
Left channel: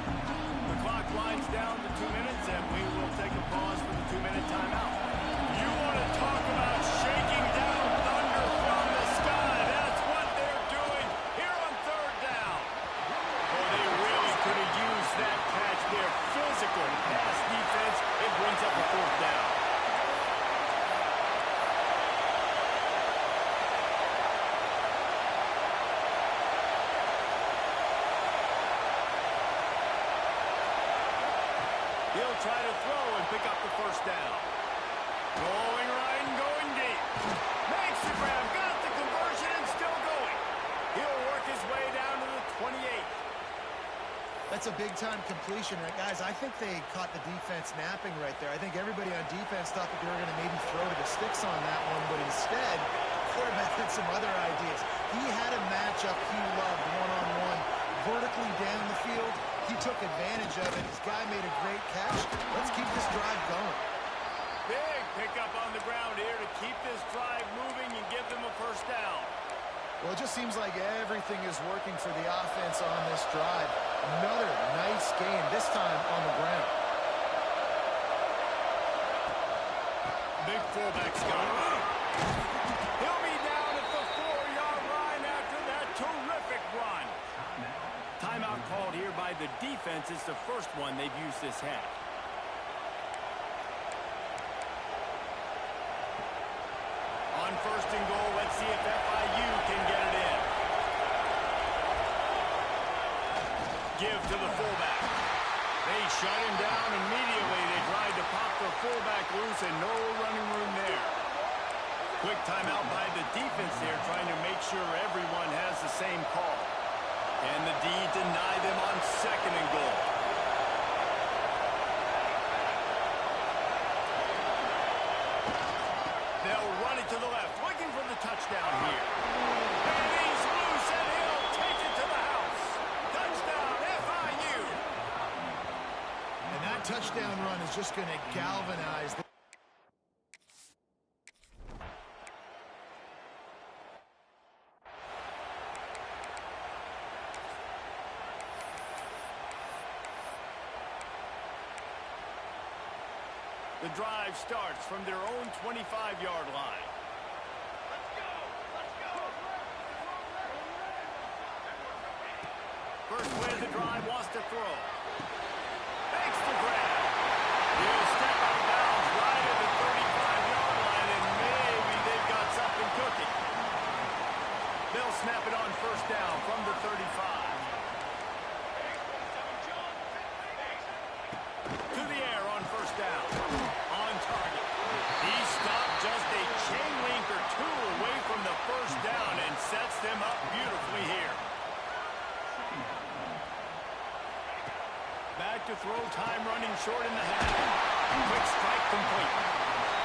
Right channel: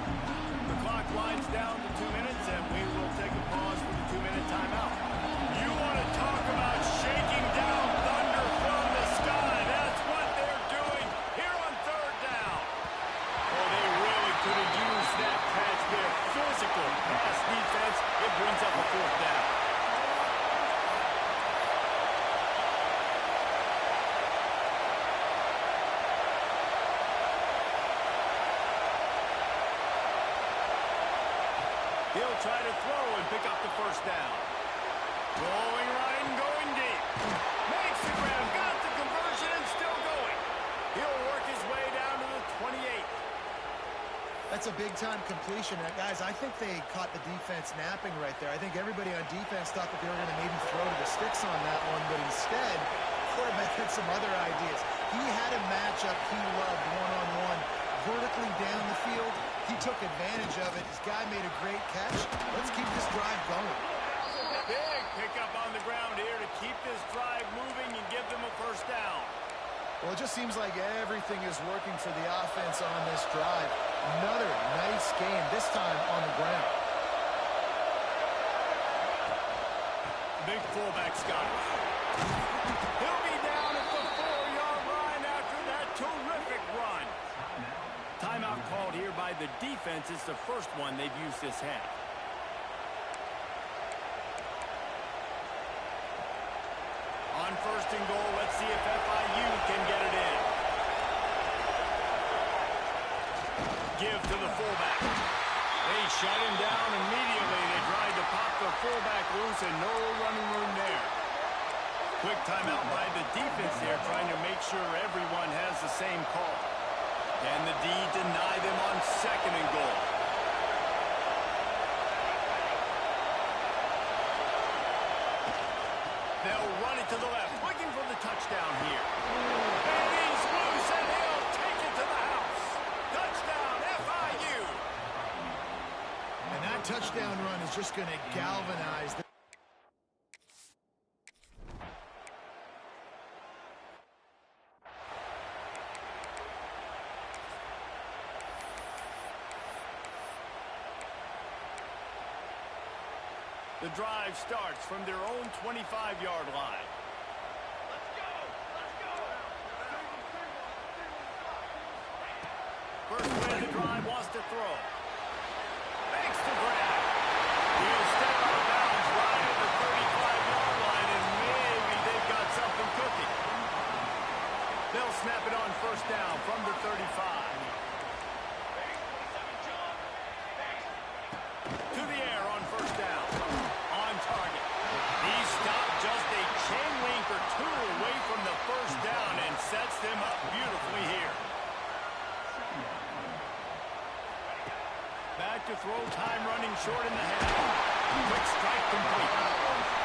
The clock winds down to 2 minutes, and we will take a pause for the 2-minute timeout. You want to talk about shaking down thunder from the sky. That's what they're doing here on third down. Oh, they really could have used that catch there. Physical pass defense. It brings up a fourth down. He'll try to throw and pick up the first down. Going right and going deep. Makes the grab, got the conversion, and still going. He'll work his way down to the 28. That's a big-time completion. Guys, I think they caught the defense napping right there. I think everybody on defense thought that they were going to maybe throw to the sticks on that one, but instead, quarterback had some other ideas. He had a matchup he loved one-on-one, vertically down the field. He took advantage of it. His guy made a great catch. Let's keep this drive going. Big pickup on the ground here to keep this drive moving and give them a first down. Well, it just seems like everything is working for the offense on this drive. Another nice gain, this time on the ground. Big fullback's got it. He'll be down at the 4-yard line after that terrific run. Timeout called here by the defense. It's the first one they've used this half. On first and goal, let's see if FIU can get it in. Give to the fullback. They shut him down immediately. They tried to pop the fullback loose and no running room there. Quick timeout by the defense there, trying to make sure everyone has the same call. And the D deny them on second and goal. They'll run it to the left, looking for the touchdown here. And he's loose, and he'll take it to the house. Touchdown, FIU. And that touchdown run is just going to galvanize the The drive starts from their own 25-yard line. Let's go! Let's go! First play of the drive, wants to throw. Makes the grab. He'll step out of bounds right at the 35-yard line, and maybe they've got something cooking. They'll snap it on first down from the 35. To the air on first down. On target. He stopped just a chain link or two away from the first down and sets them up beautifully here. Back to throw, time running short in the half. Quick strike complete.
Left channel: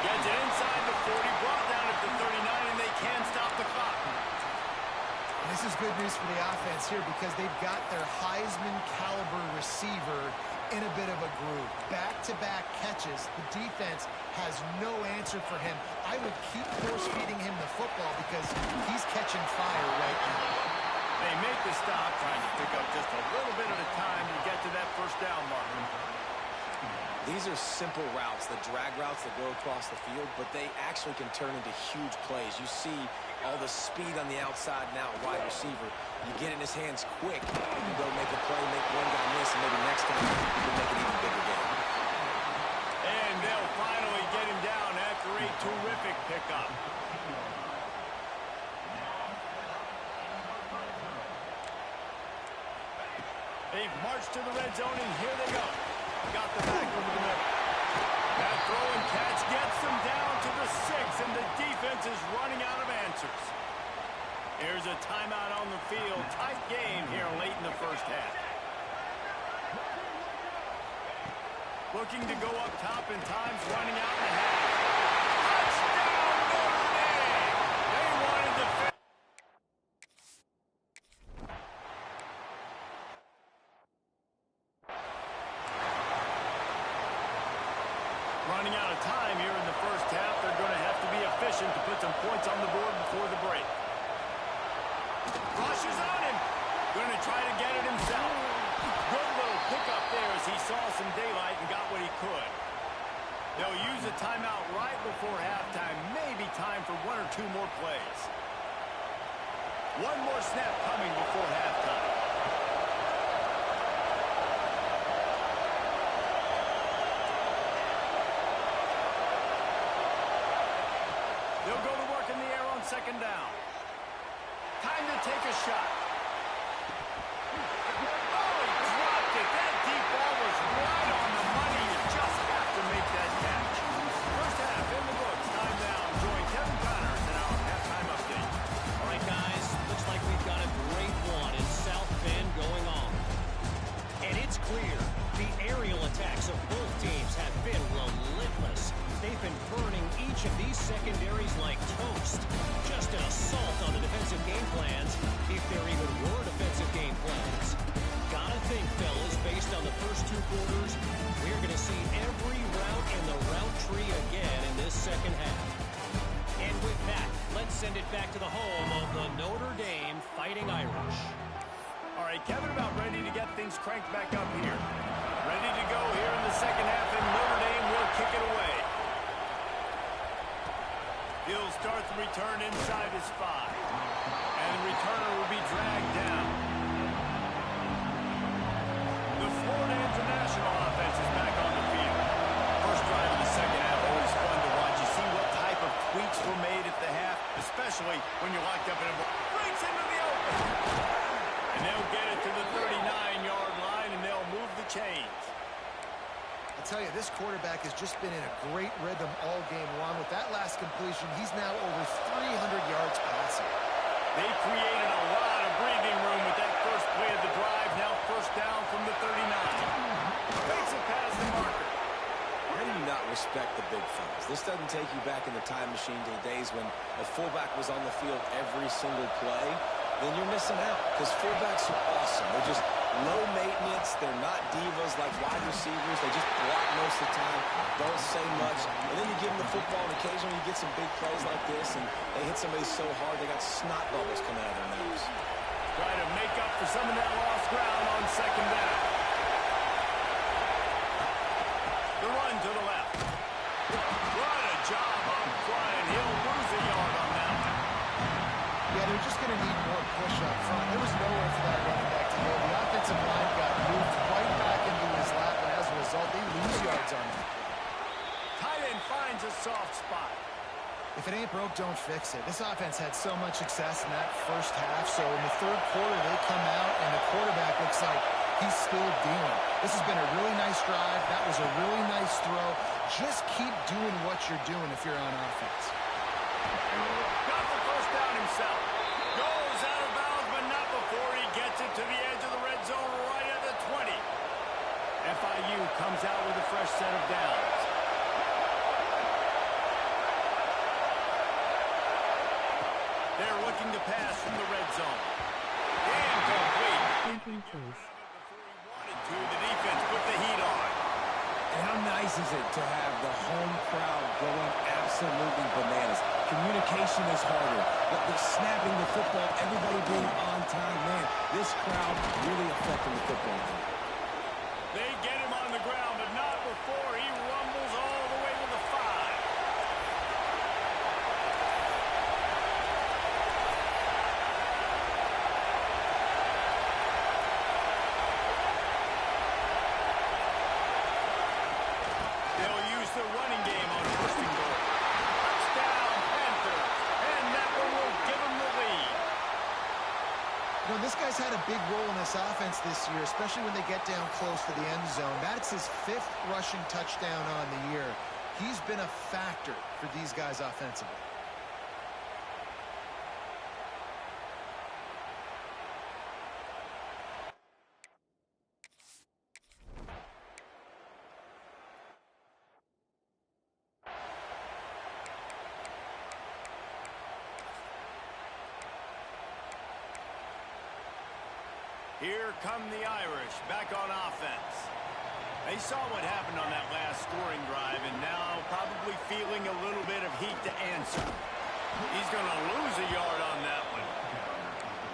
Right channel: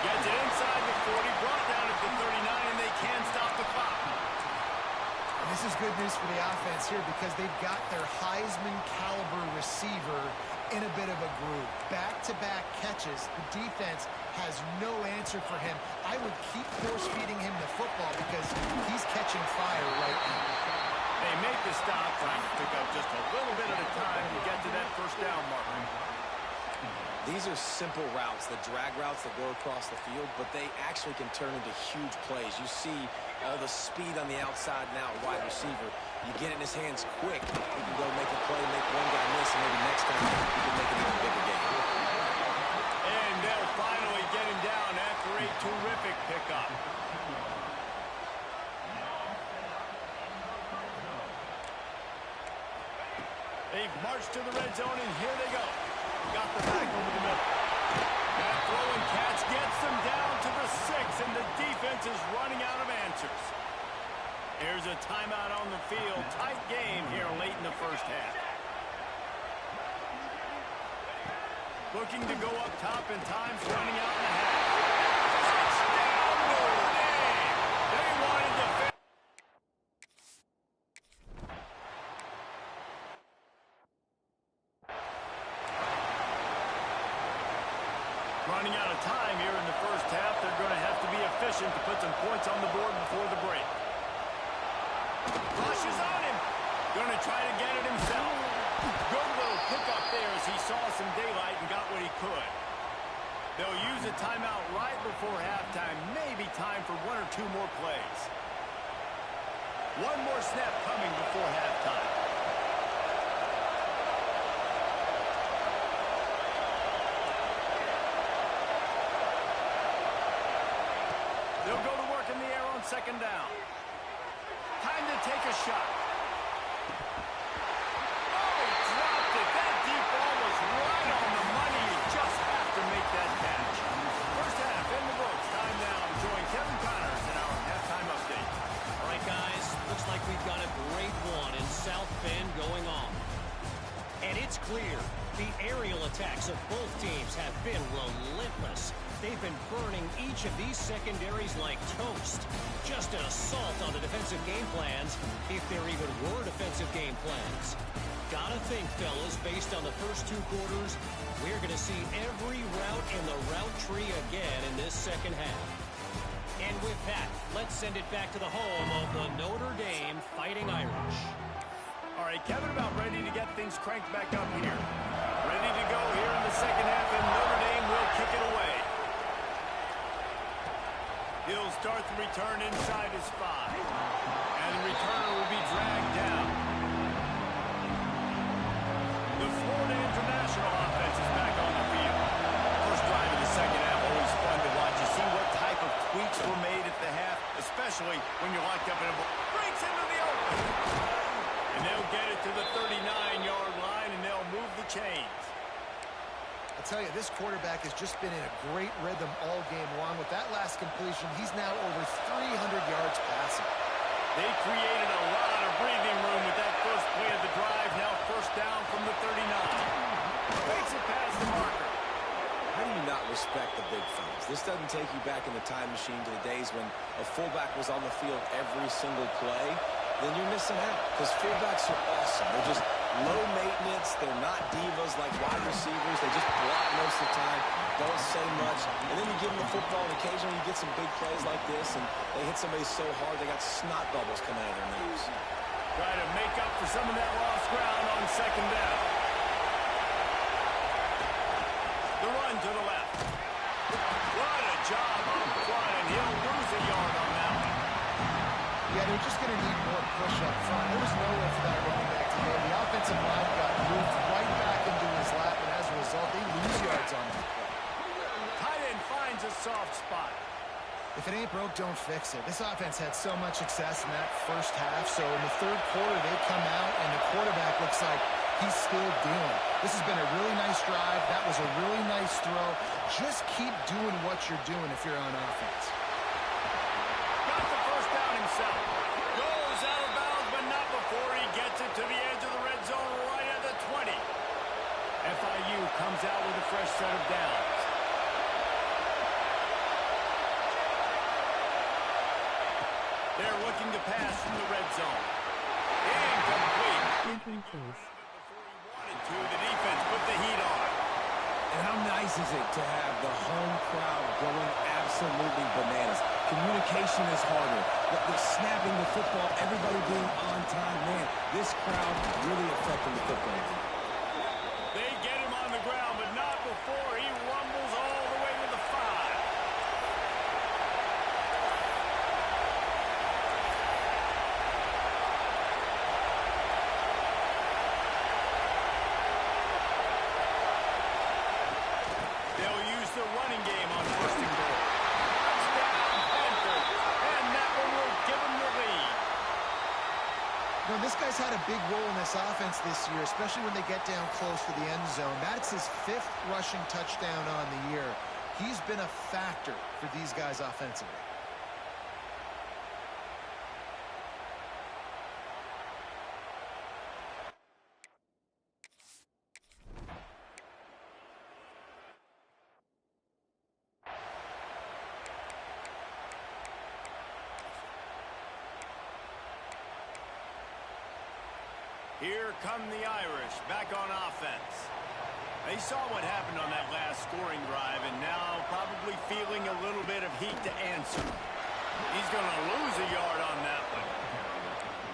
Gets it inside the 40, brought down at the 39, and they can't stop the clock. And this is good news for the offense here because they've got their Heisman-caliber receiver in a bit of a groove. Back-to-back catches. The defense has no answer for him. I would keep force-feeding him the football because he's catching fire right now. They make the stop, trying to pick up just a little bit at a time to get to that first down marker. These are simple routes, the drag routes that go across the field, but they actually can turn into huge plays. You see all the speed on the outside now, wide receiver. You get it in his hands quick, he can go make a play, make one guy miss, and maybe next time he can make an even bigger game. And they'll finally get him down after a terrific pickup. They've marched to the red zone, and here they go. Got the back over the middle. That throw and catch gets them down to the 6, and the defense is running out of answers. Here's a timeout on the field. Tight game here late in the first half. Looking to go up top, and time's running out in the half. Touchdown, Notre Dame! They wanted to finish. Running out of time here in the first half. They're going to have to be efficient to put some points on the board before the break. Rush is on him. Going to try to get it himself. Good little pickup there as he saw some daylight and got what he could. They'll use a timeout right before halftime. Maybe time for one or two more plays. One more snap coming before halftime. They'll go to work in the air on second down. Time to take a shot. Oh, he dropped it. That deep ball was right on the money. You just have to make that catch. First half in the books. Time now to join Kevin Connors in our halftime update. All right, guys. Looks like we've got a great one in South Bend going on. And it's clear the aerial attacks of both teams have been relentless. They've been burning each of these secondaries like toast. Just an assault on the defensive game plans, if there even were defensive game plans. Gotta think, fellas, based on the first two quarters, we're going to see every route in the route tree again in this second half. And with that, let's send it back to the home of the Notre Dame Fighting Irish. All right, Kevin, about ready to get things cranked back up here. Ready to go here in the second half, and Notre Dame will kick it away. He'll start the return inside his 5. And the returner will be dragged down. The Florida International offense is back on the field. First drive of the second half, always fun to watch. You see what type of tweaks were made at the half, especially when you're locked up in a ball. Breaks into the open. And they'll get it to the 39-yard line, and they'll move the chains. I'll tell you, this quarterback has just been in a great rhythm all game long. With that last completion, he's now over 300 yards passing. They created a lot of breathing room with that first play of the drive. Now first down from the 39. Fakes it past the marker. How do you not respect the big fellas? This doesn't take you back in the time machine to the days when a fullback was on the field every single play. Then you're missing out, because fullbacks are awesome. They're just low maintenance. They're not divas like wide receivers. They just block most of the time, don't say much. And then you give them the football, and occasionally you get some big plays like this, and they hit somebody so hard they got snot bubbles coming out of their nose. Try to make up for some of that lost ground on second down. The run to the left. What a job up front, and he'll lose a yard on that one. Yeah, they're just going to need more push up front. There was nowhere for that running back to go. The offensive line got moved right back into his lap, and as a result, they lose yards on that play. Tight end finds a soft spot. If it ain't broke, don't fix it. This offense had so much success in that first half, so in the third quarter, they come out, and the quarterback looks like he's still dealing. This has been a really nice drive. That was a really nice throw. Just keep doing what you're doing if you're on offense. Got the first down himself. Goes out of bounds, but not before he gets it to the edge of the red zone right at the 20. FIU comes out with a fresh set of downs. They're looking to pass from the red zone. Incomplete. Before he wanted to, the defense put the heat on. And how nice is it to have the home crowd going absolutely bananas? Communication is harder. The snapping the football, everybody being on time. Man, this crowd really affecting the football game. They get him on the ground, but not before he rumbles all the way to the 5. They'll use the running game on first and goal. Touchdown, Panthers. And that one will give them the lead. You know, this guy's had a big role in this offense this year, especially when they get down close to the end zone. That's his 5th rushing touchdown on the year. He's been a factor for these guys offensively. Here come the Irish back on offense. They saw what happened on that last scoring drive and now probably feeling a little bit of heat to answer. He's going to lose a yard on that one.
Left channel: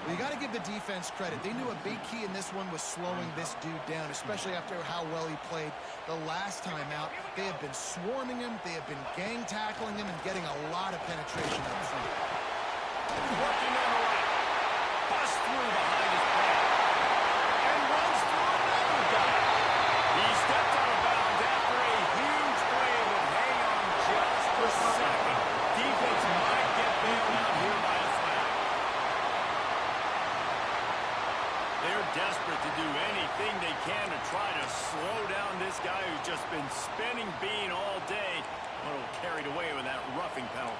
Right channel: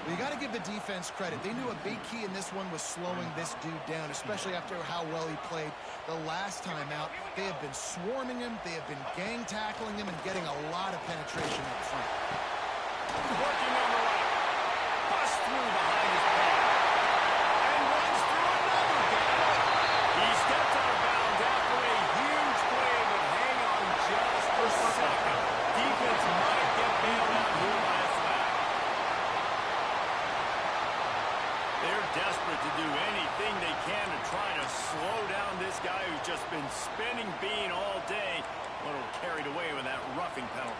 Well, you got to give the defense credit. They knew a big key in this one was slowing this dude down, especially after how well he played the last time out. They have been swarming him, they have been gang tackling him, and getting a lot of penetration up front. Working on the right. Busts through behind his pass. And runs through another guy. He stepped out of bounds after a huge play, but hang on just a second. Defense might get bailed out here by a flag. They're desperate to do anything they can to try to slow down this guy who's just been spinning bean all day. A little carried away with that roughing penalty.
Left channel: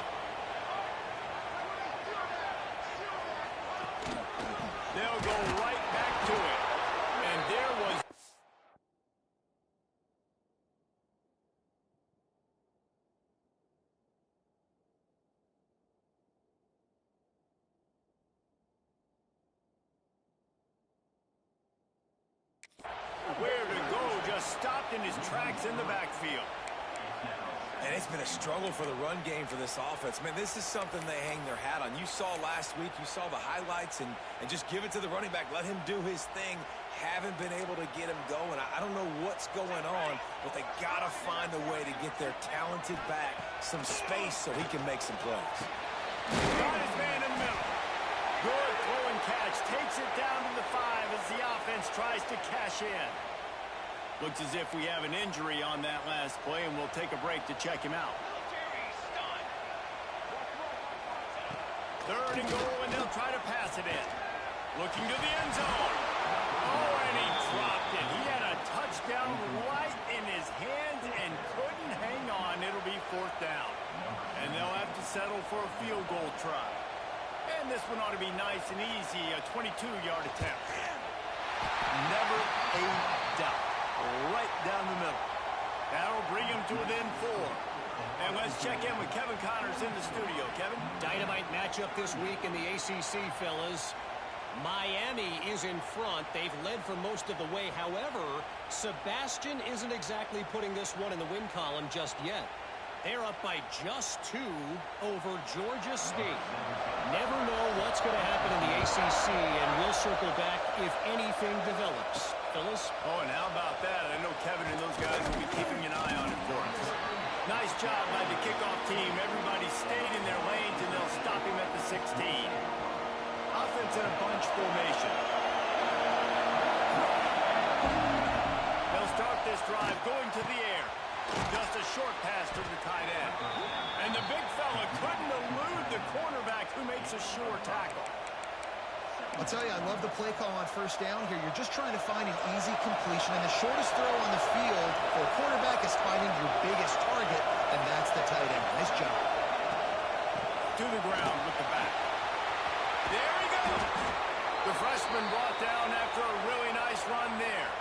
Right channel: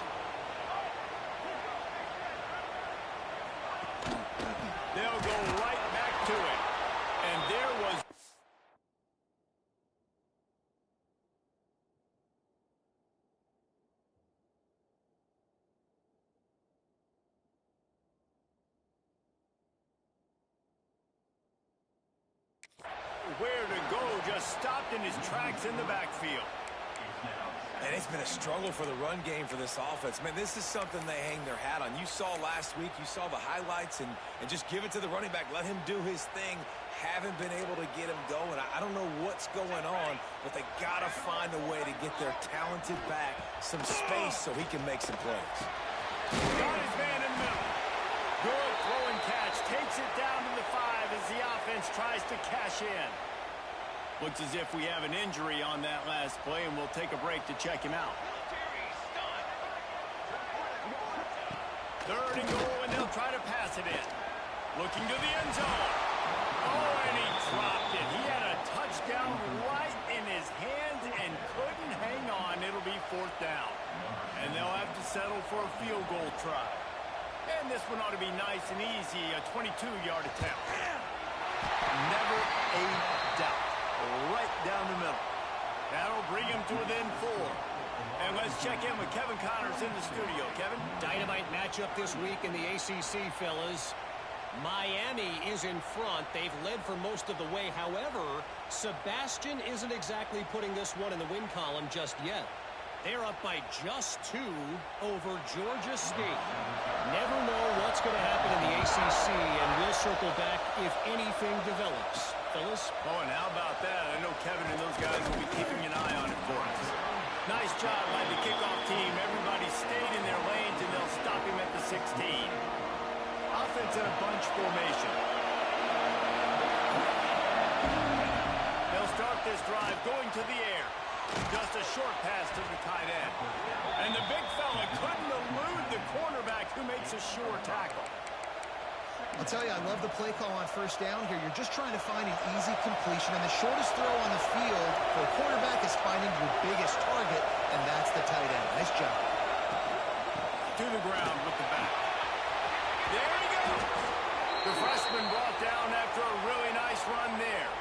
They'll go right back to it. And there was... where to go, just stopped in his tracks in the backfield. And it's been a struggle for the run game for this offense. Man, this is something they hang their hat on. You saw last week, you saw the highlights, and just give it to the running back. Let him do his thing. Haven't been able to get him going. I don't know what's going on, but they got to find a way to get their talented back some space so he can make some plays. Got his man in the middle. Good throw and catch. Takes it down to the 5 as the offense tries to cash in. Looks as if we have an injury on that last play, and we'll take a break to check him out. Third and goal, and they'll try to pass it in. Looking to the end zone. Oh, and he dropped it. He had a touchdown right in his hands and couldn't hang on. It'll be 4th down. And they'll have to settle for a field goal try. And this one ought to be nice and easy, a 22-yard attempt. Never a doubt. Right down the middle. That'll bring him to within 4. And let's check in with Kevin Connors in the studio. Kevin? Dynamite matchup this week in the ACC, fellas. Miami is in front. They've led for most of the way. However, Sebastian isn't exactly putting this one in the win column just yet. They're up by just 2 over Georgia State. Never know what's going to happen in the ACC, and we'll circle back if anything develops. Fellas? Oh, and how about that? I know Kevin and those guys will be keeping an eye on it for us. Nice job by the kickoff team. Everybody stayed in their lanes, and they'll stop him at the 16. Offense in a bunch formation. They'll start this drive going to the air. Just a short pass to the tight end. And the big fella couldn't elude the cornerback who makes a sure tackle. I'll tell you, I love the play call on 1st down here. You're just trying to find an easy completion, and the shortest throw on the field for a quarterback is finding your biggest target, and that's the tight end. Nice job. To the ground with the back. There he goes. The freshman brought down after a really nice run there.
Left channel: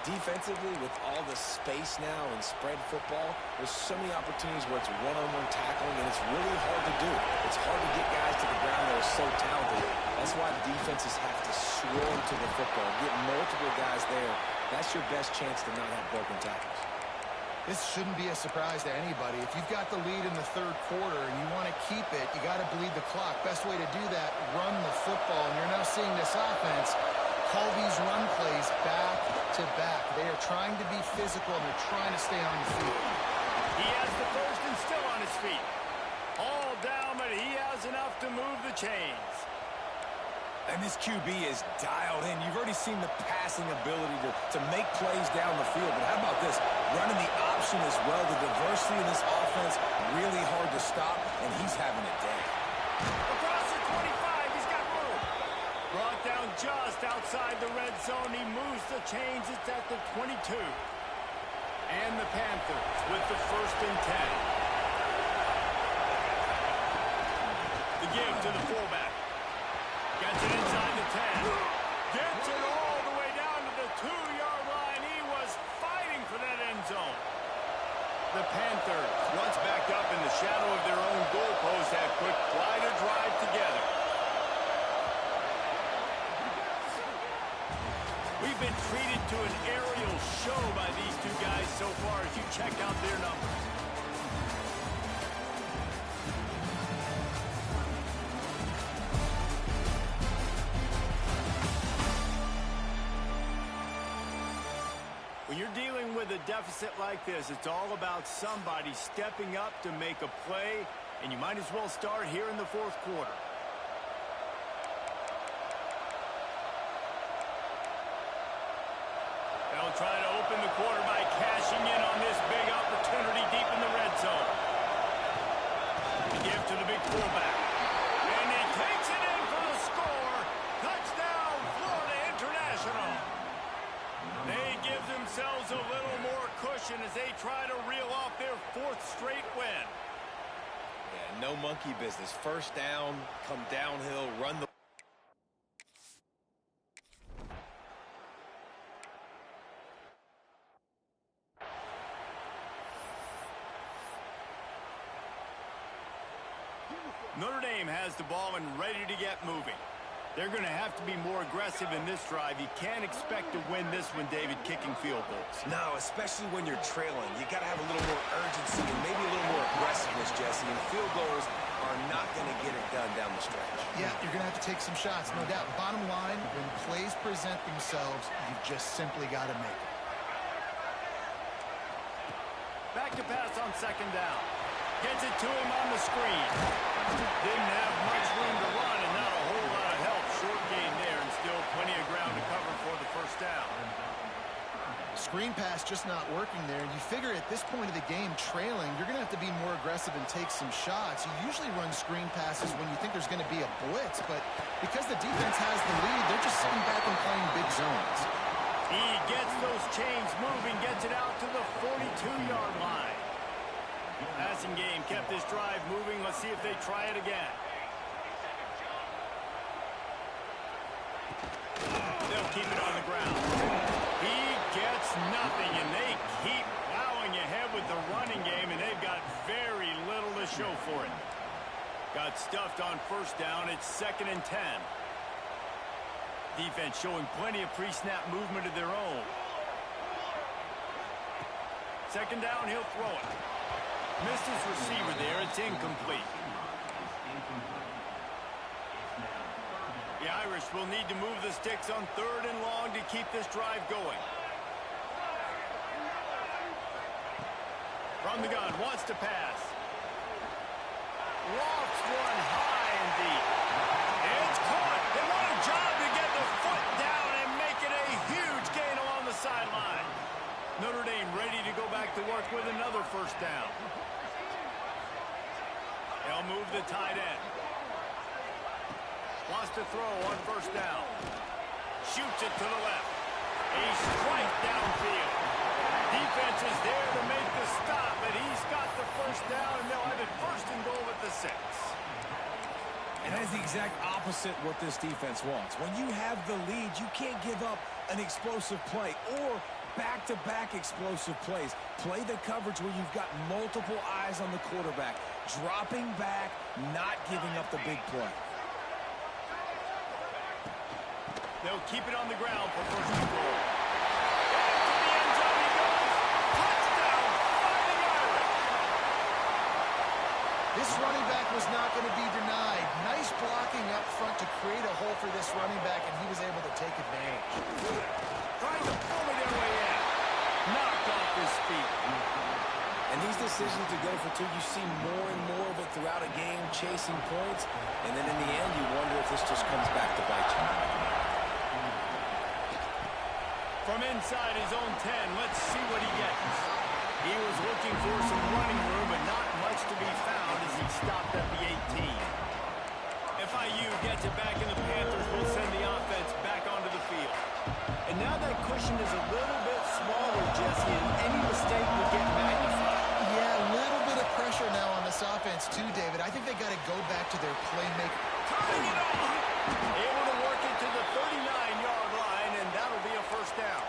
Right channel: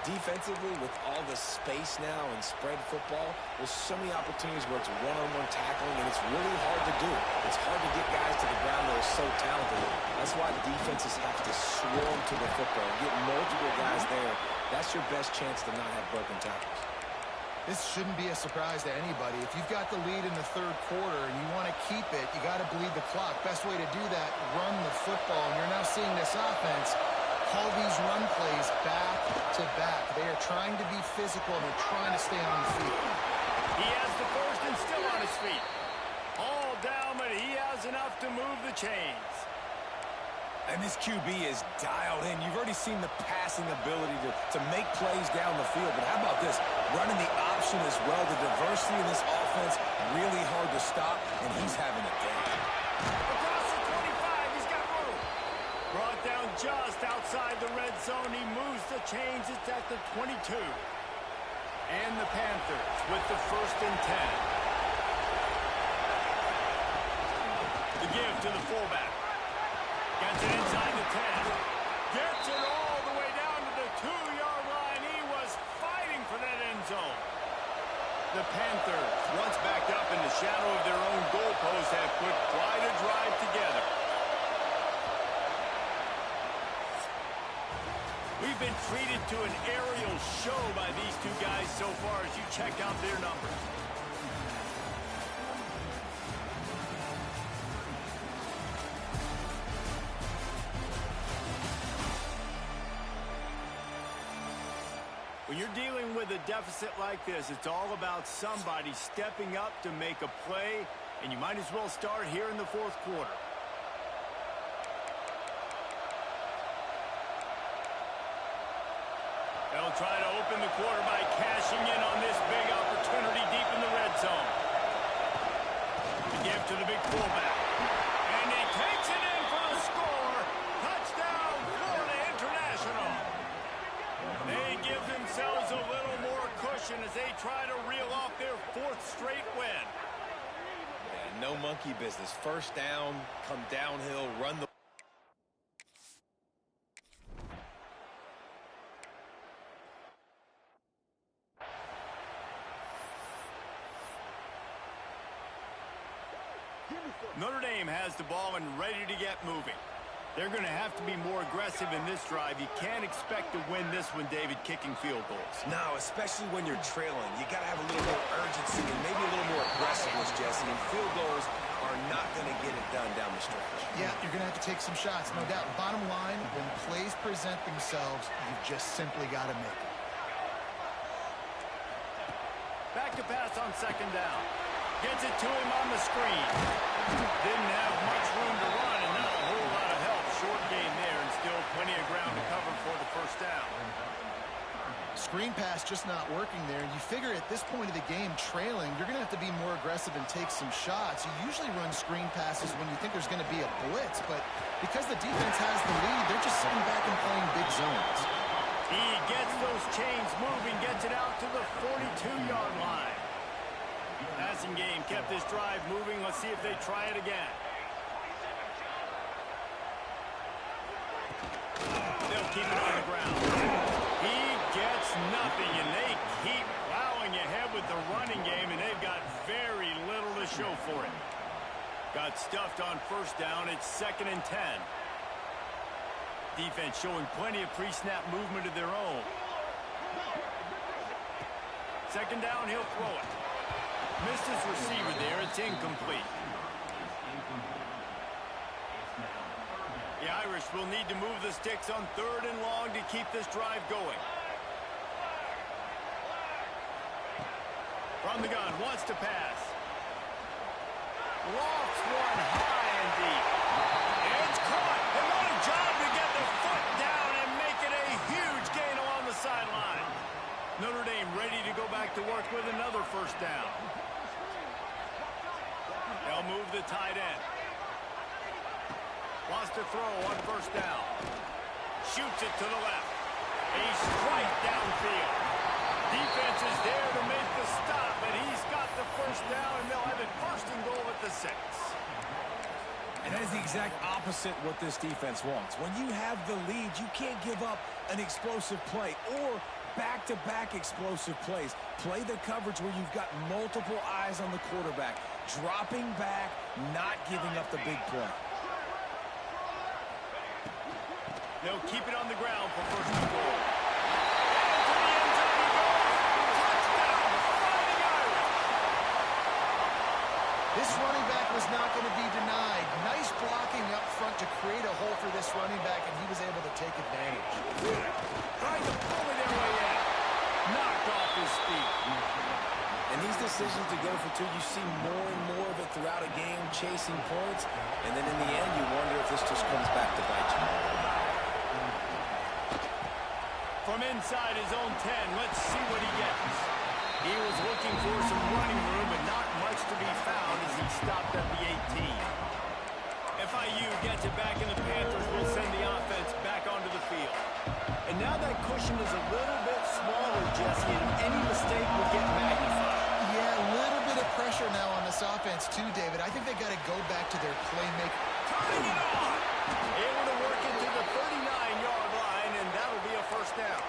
Defensively, with all the space now and spread football, there's so many opportunities where it's one-on-one tackling, and it's really hard to do. It's hard to get guys to the ground that are so talented. That's why the defenses have to swarm to the football, get multiple guys there. That's your best chance to not have broken tackles. This shouldn't be a surprise to anybody. If you've got the lead in the 3rd quarter and you want to keep it, you got to bleed the clock. Best way to do that, run the football. And you're now seeing this offense call these run plays back to back. They are trying to be physical, and they're trying to stay on the field. He has the first and still on his feet. All down, but he has enough to move the chains. And this QB is dialed in. You've already seen the passing ability to make plays down the field. But how about this? Running the option as well. The diversity in this offense, really hard to stop, and he's having a day. Across the 25, he's got room. Brought down just outside the red zone. He moves the chains. It's at the 22. And the Panthers with the 1st and 10. The give to the fullback. Gets it inside the 10. Gets it all the way down to the 2-yard line. He was fighting for that end zone. The Panthers, once backed up in the shadow of their own goalpost, have put quite a drive together. We've been treated to an aerial show by these two guys so far as you check out their numbers. When you're dealing with a deficit like this, it's all about somebody stepping up to make a play, and you might as well start here in the fourth quarter. They'll try to open the quarter by cashing in on this big opportunity deep in the red zone. To give to the big fullback. And he takes it in for the score. Touchdown, Florida International. They give themselves a little more cushion as they try to reel off their fourth straight win. Yeah, no monkey business. First down, come downhill, run the... Notre Dame has the ball and ready to get moving. They're going to have to be more aggressive in this drive. You can't expect to win this one, David, kicking field goals. No, especially when you're trailing. You got to have a little more urgency and maybe a little more aggressiveness, Jesse. And field goals are not going to get it done down the stretch. Yeah, you're going to have to take some shots, no doubt. Bottom line, when plays present themselves, you've just simply got to make them. Back to pass on second down. Gets it to him on the screen. Didn't have much room to run and not a whole lot of help. Short gain there and still plenty of ground to cover for the first down. Screen pass just not working there. You figure at this point of the game, trailing, you're going to have to be more aggressive and take some shots. You usually run screen passes when you think there's going to be a blitz, but because the defense has the lead, they're just sitting back and playing big zones. He gets those chains moving, gets it out to the 42-yard line. Passing game kept this drive moving. Let's see if they try it again. They'll keep it on the ground. He gets nothing, and they keep plowing ahead with the running game, and they've got very little to show for it. Got stuffed on first down. It's 2nd and 10. Defense showing plenty of pre-snap movement of their own. Second down, he'll throw it. Missed his receiver there. It's incomplete. The Irish will need to move the sticks on 3rd and long to keep this drive going. From the gun, wants to pass. Lofts one high and deep. It's caught. And what a job to get the foot down and make it a huge gain along the sideline. Notre Dame ready to go back to work with another first down. They'll move the tight end. Wants to throw on first down. Shoots it to the left. A strike downfield. Defense is there to make the stop, but he's got the first down, and they'll have it 1st and goal at the 6. And that is the exact opposite what this defense wants. When you have the lead, you can't give up an explosive play or back-to-back explosive plays. Play the coverage where you've got multiple eyes on the quarterback. Dropping back, not giving up the big play. They'll keep it on the ground for 1st and goal. Into the end zone he goes. Touchdown, Fighting Irish. This running back was not going to be denied. Nice blocking up front to create a hole for this running back, and he was able to take advantage. Trying to bully their way in. Knocked off his feet. And these decisions to go for 2, you see more and more of it throughout a game, chasing points. And then in the end, you wonder if this just comes back to bite you. From inside his own 10, let's see what he gets. He was looking for some running room, but not much to be found as he stopped at the 18. FIU gets it back, and the Panthers will send the offense back onto the field. And now that cushion is a little bit smaller, Jesse, and any mistake will get magnified. Yeah, a little bit of pressure now on this offense too, David. I think they got to go back to their playmaker. Turning it on! Able to work it to the 39-yard line, and that'll be a first down.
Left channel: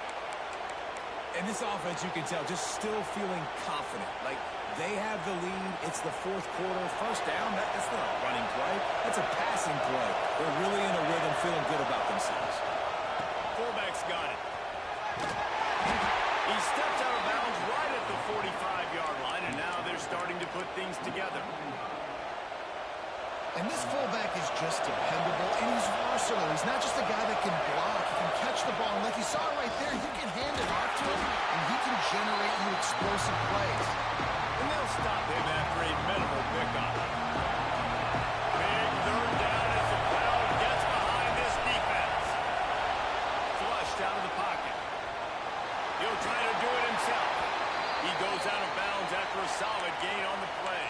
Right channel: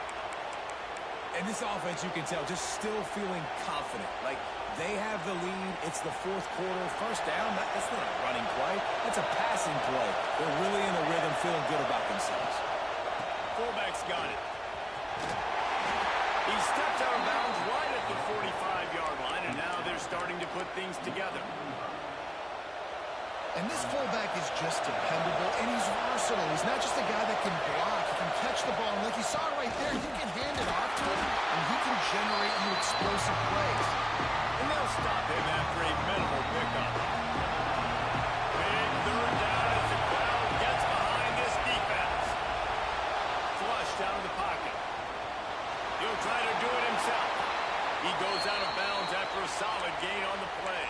And this offense, you can tell, just still feeling confident. Like, they have the lead. It's the 4th quarter. First down, that's not a running play. That's a passing play. They're really in a rhythm, feeling good about themselves. fullback's got it. He steps out of bounds right at the 45-yard line, and now they're starting to put things together. And this fullback is just dependable, and he's versatile. He's not just a guy that can block. He can catch the ball, and like you saw right there, you can hand it off to him, and he can generate you explosive plays. And they'll stop him after a minimal pickup. Big third down as the crowd gets behind this defense. Flushed out of the pocket. He'll try to do it himself. He goes out of bounds after a solid gain on the play.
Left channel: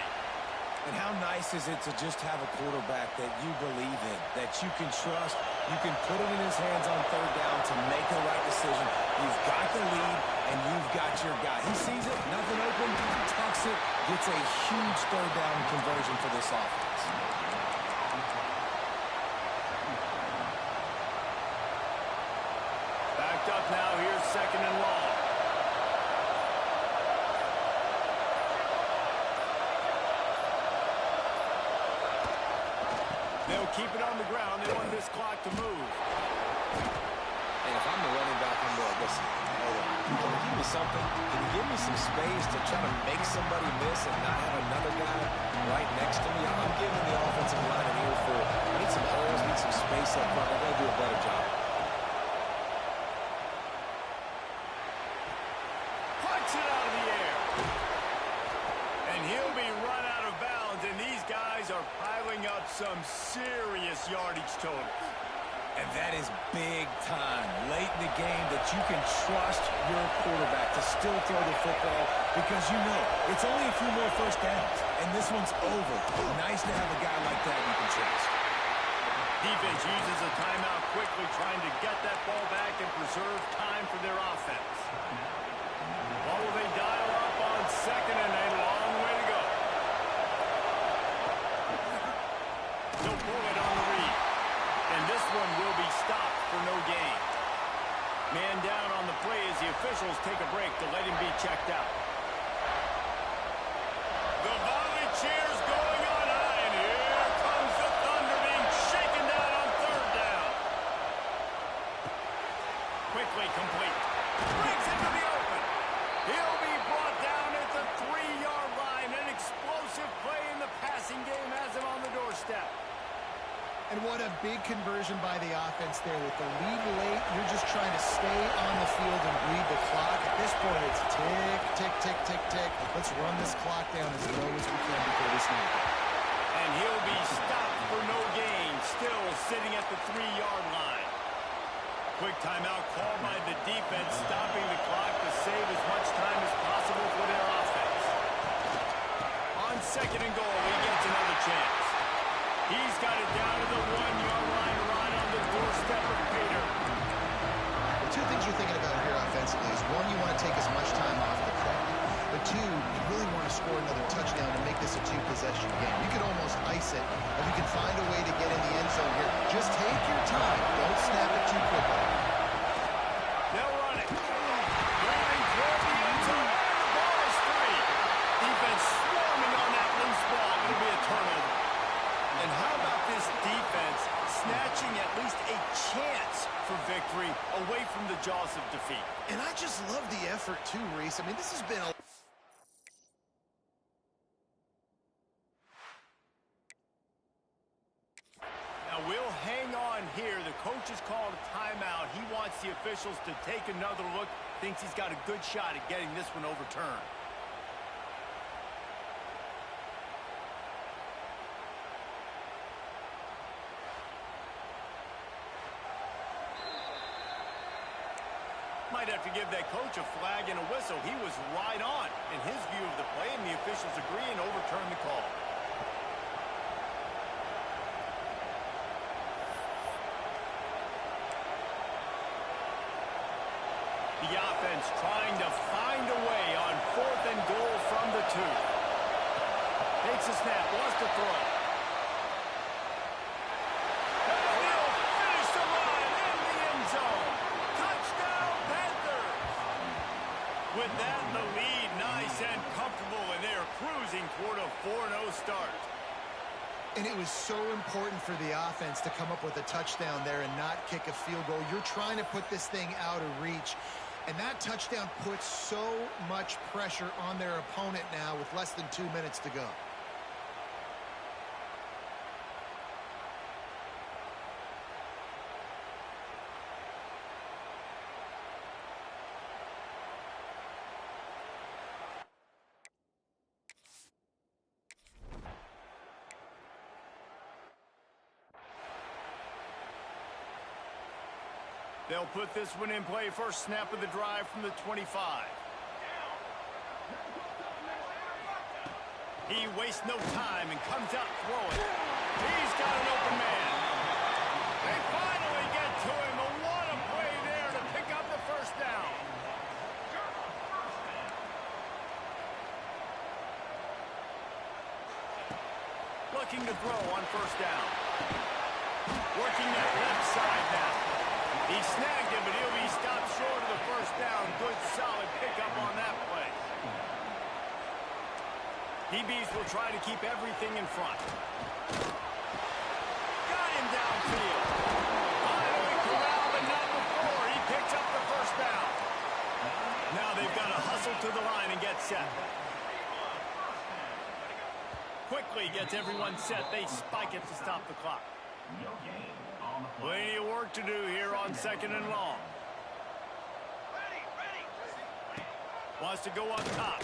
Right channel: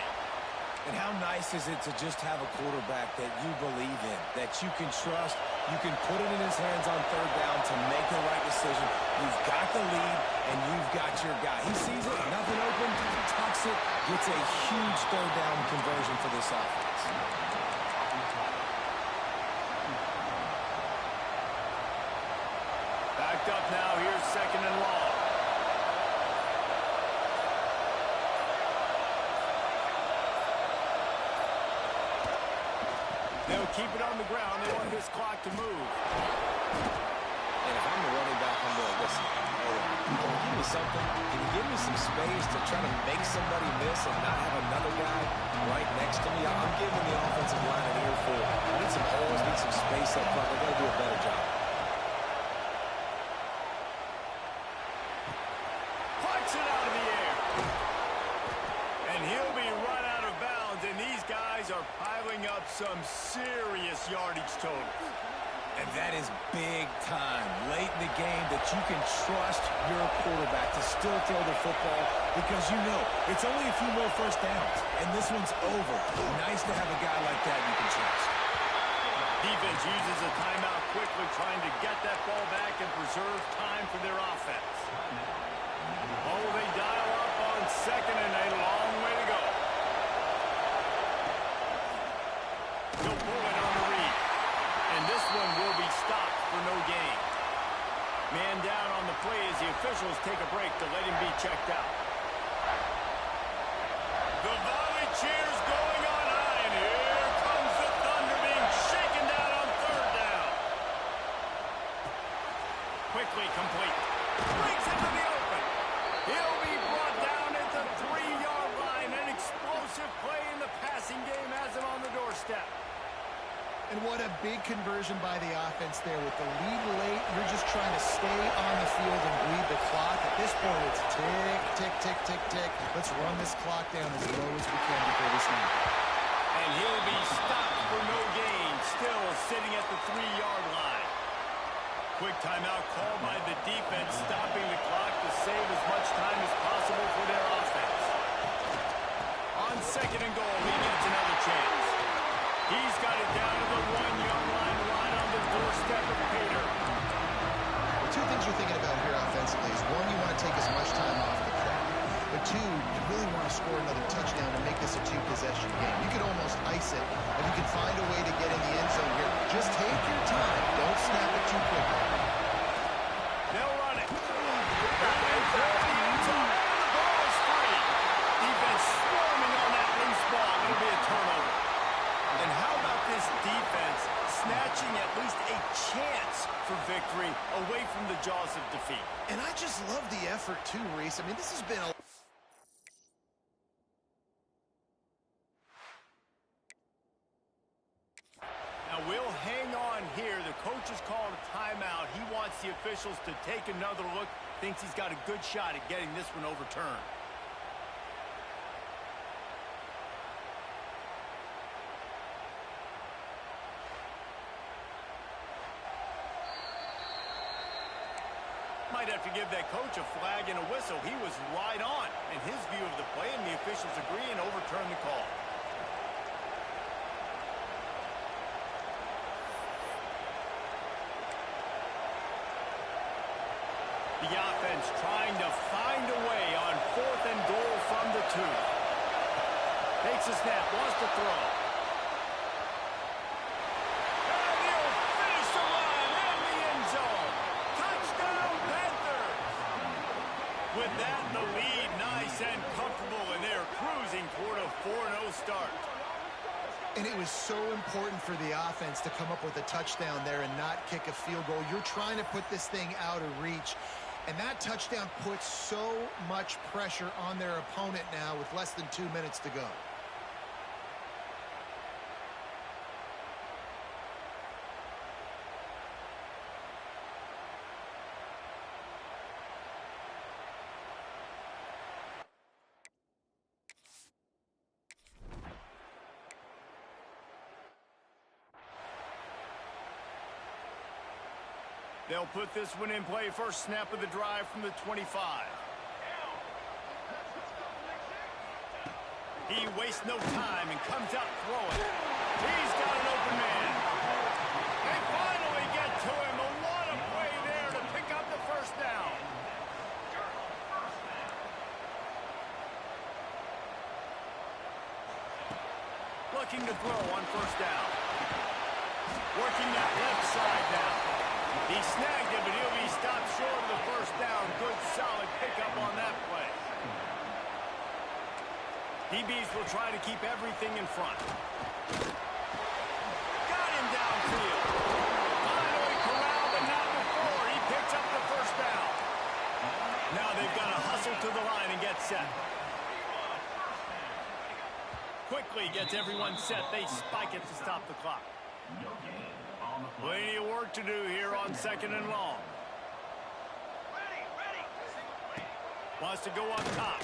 And how nice is it to just have a quarterback that you believe in, that you can trust, you can put it in his hands on third down to make the right decision. You've got the lead, and you've got your guy. He sees it, nothing open, tucks it, gets a huge third down conversion for this offense. Backed up now, here's 2nd and long. They'll keep it on the ground. They want this clock to move. And if I'm the running back, I'm going, listen, hold on. Can you give me something? Can you give me some space to try to make somebody miss and not have another guy right next to me? I'm giving the offensive line an earful. I need some holes, need some space up front. They got to do a better job. Punch it out of the air. And he'll be run out of bounds, and these guys are piling up some serious yardage totals. And that is big time, late in the game, that you can trust your quarterback to still throw the football because you know it's only a few more first downs, and this one's over. Nice to have a guy like that you can trust. Defense uses a timeout quickly, trying to get that ball back and preserve time for their offense. What will they dial up on 2nd and a long way to go? He'll pull it on the read. And this one will be stopped for no gain. Man down on the play as the officials take a break to let him be checked out. The volley cheers going on high, and here comes the Thunder being shaken down on 3rd down. Quickly complete. Breaks into the open. He'll be brought down at the 3-yard line. An explosive play in the passing game has him on the doorstep. And what a big conversion by the offense there. With the lead late, you're just trying to stay on the field and bleed the clock. At this point, it's tick, tick, tick, tick, tick. Let's run this clock down as low as we can before we snap it. And he'll be stopped for no gain, still sitting at the 3-yard line. Quick timeout called by the defense, stopping the clock to save as much time as possible for their offense. On 2nd and goal, he gets another chance. He's got it down to the 1-yard line right on the doorstep of Pater. Two things you're thinking about here offensively is, one, you want to take as much time off the clock. But two, you really want to score another touchdown to make this a 2-possession game. You could almost ice it if you can find a way to get in the end zone here. Just take your time. Don't snap it too quickly. They'll run it. Moving toward the end zone, and the ball is free. Defense swarming on that loose ball. It'll be a turnover. And how about this defense snatching at least a chance for victory away from the jaws of defeat? And I just love the effort too, Reese. I mean, this has been a... Now we'll hang on here. The coach has called a timeout. He wants the officials to take another look. Thinks he's got a good shot at getting this one overturned. Might have to give that coach a flag and a whistle. He was right on in his view of the play, and the officials agree and overturn the call. The offense trying to find a way on 4th and goal from the 2. Takes a snap, wants to throw. And he'll finish the run in the end zone. Touchdown, Panthers! With that, the lead nice and comfortable, and they're cruising toward a 4-0 start. And it was so important for the offense to come up with a touchdown there and not kick a field goal. You're trying to put this thing out of reach. And that touchdown puts so much pressure on their opponent now with less than 2 minutes to go. They'll put this one in play. First snap of the drive from the 25. He wastes no time and comes out throwing. He's got an open man. They finally get to him. And what a play there to pick up the first down. Looking to throw on first down. Working that left side now. He snagged it, but he'll be stopped short of the first down. Good, solid pickup on that play. DBs will try to keep everything in front. Got him downfield. Finally corralled, but not before. He picks up the first down. Now they've got to hustle to the line and get set. Quickly gets everyone set. They spike it to stop the clock. Plenty of work to do here on second and long. Wants to go up top.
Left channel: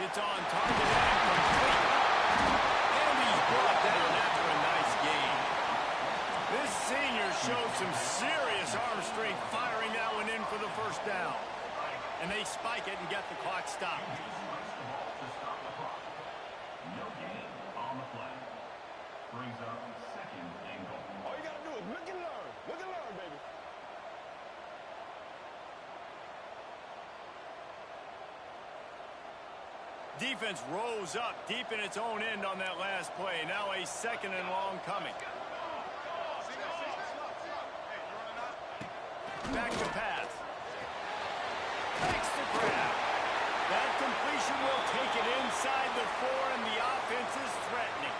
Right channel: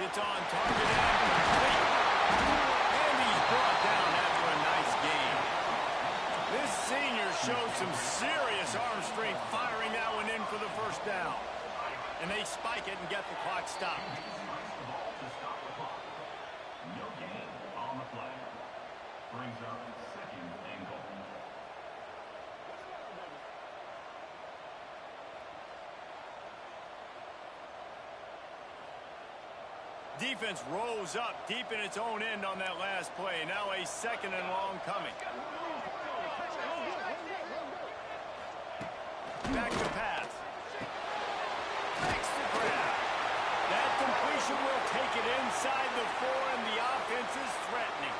It's on target and complete. And he's brought down after a nice gain. This senior showed some serious arm strength firing that one in for the first down. And they spike it and get the clock stopped. No gain on the play. Brings up second and goal. Look and learn, baby. Defense rose up deep in its own end on that last play. Now a second and long coming. Back to pass. Makes the grab. That completion will take it inside the 4, and the offense is threatening.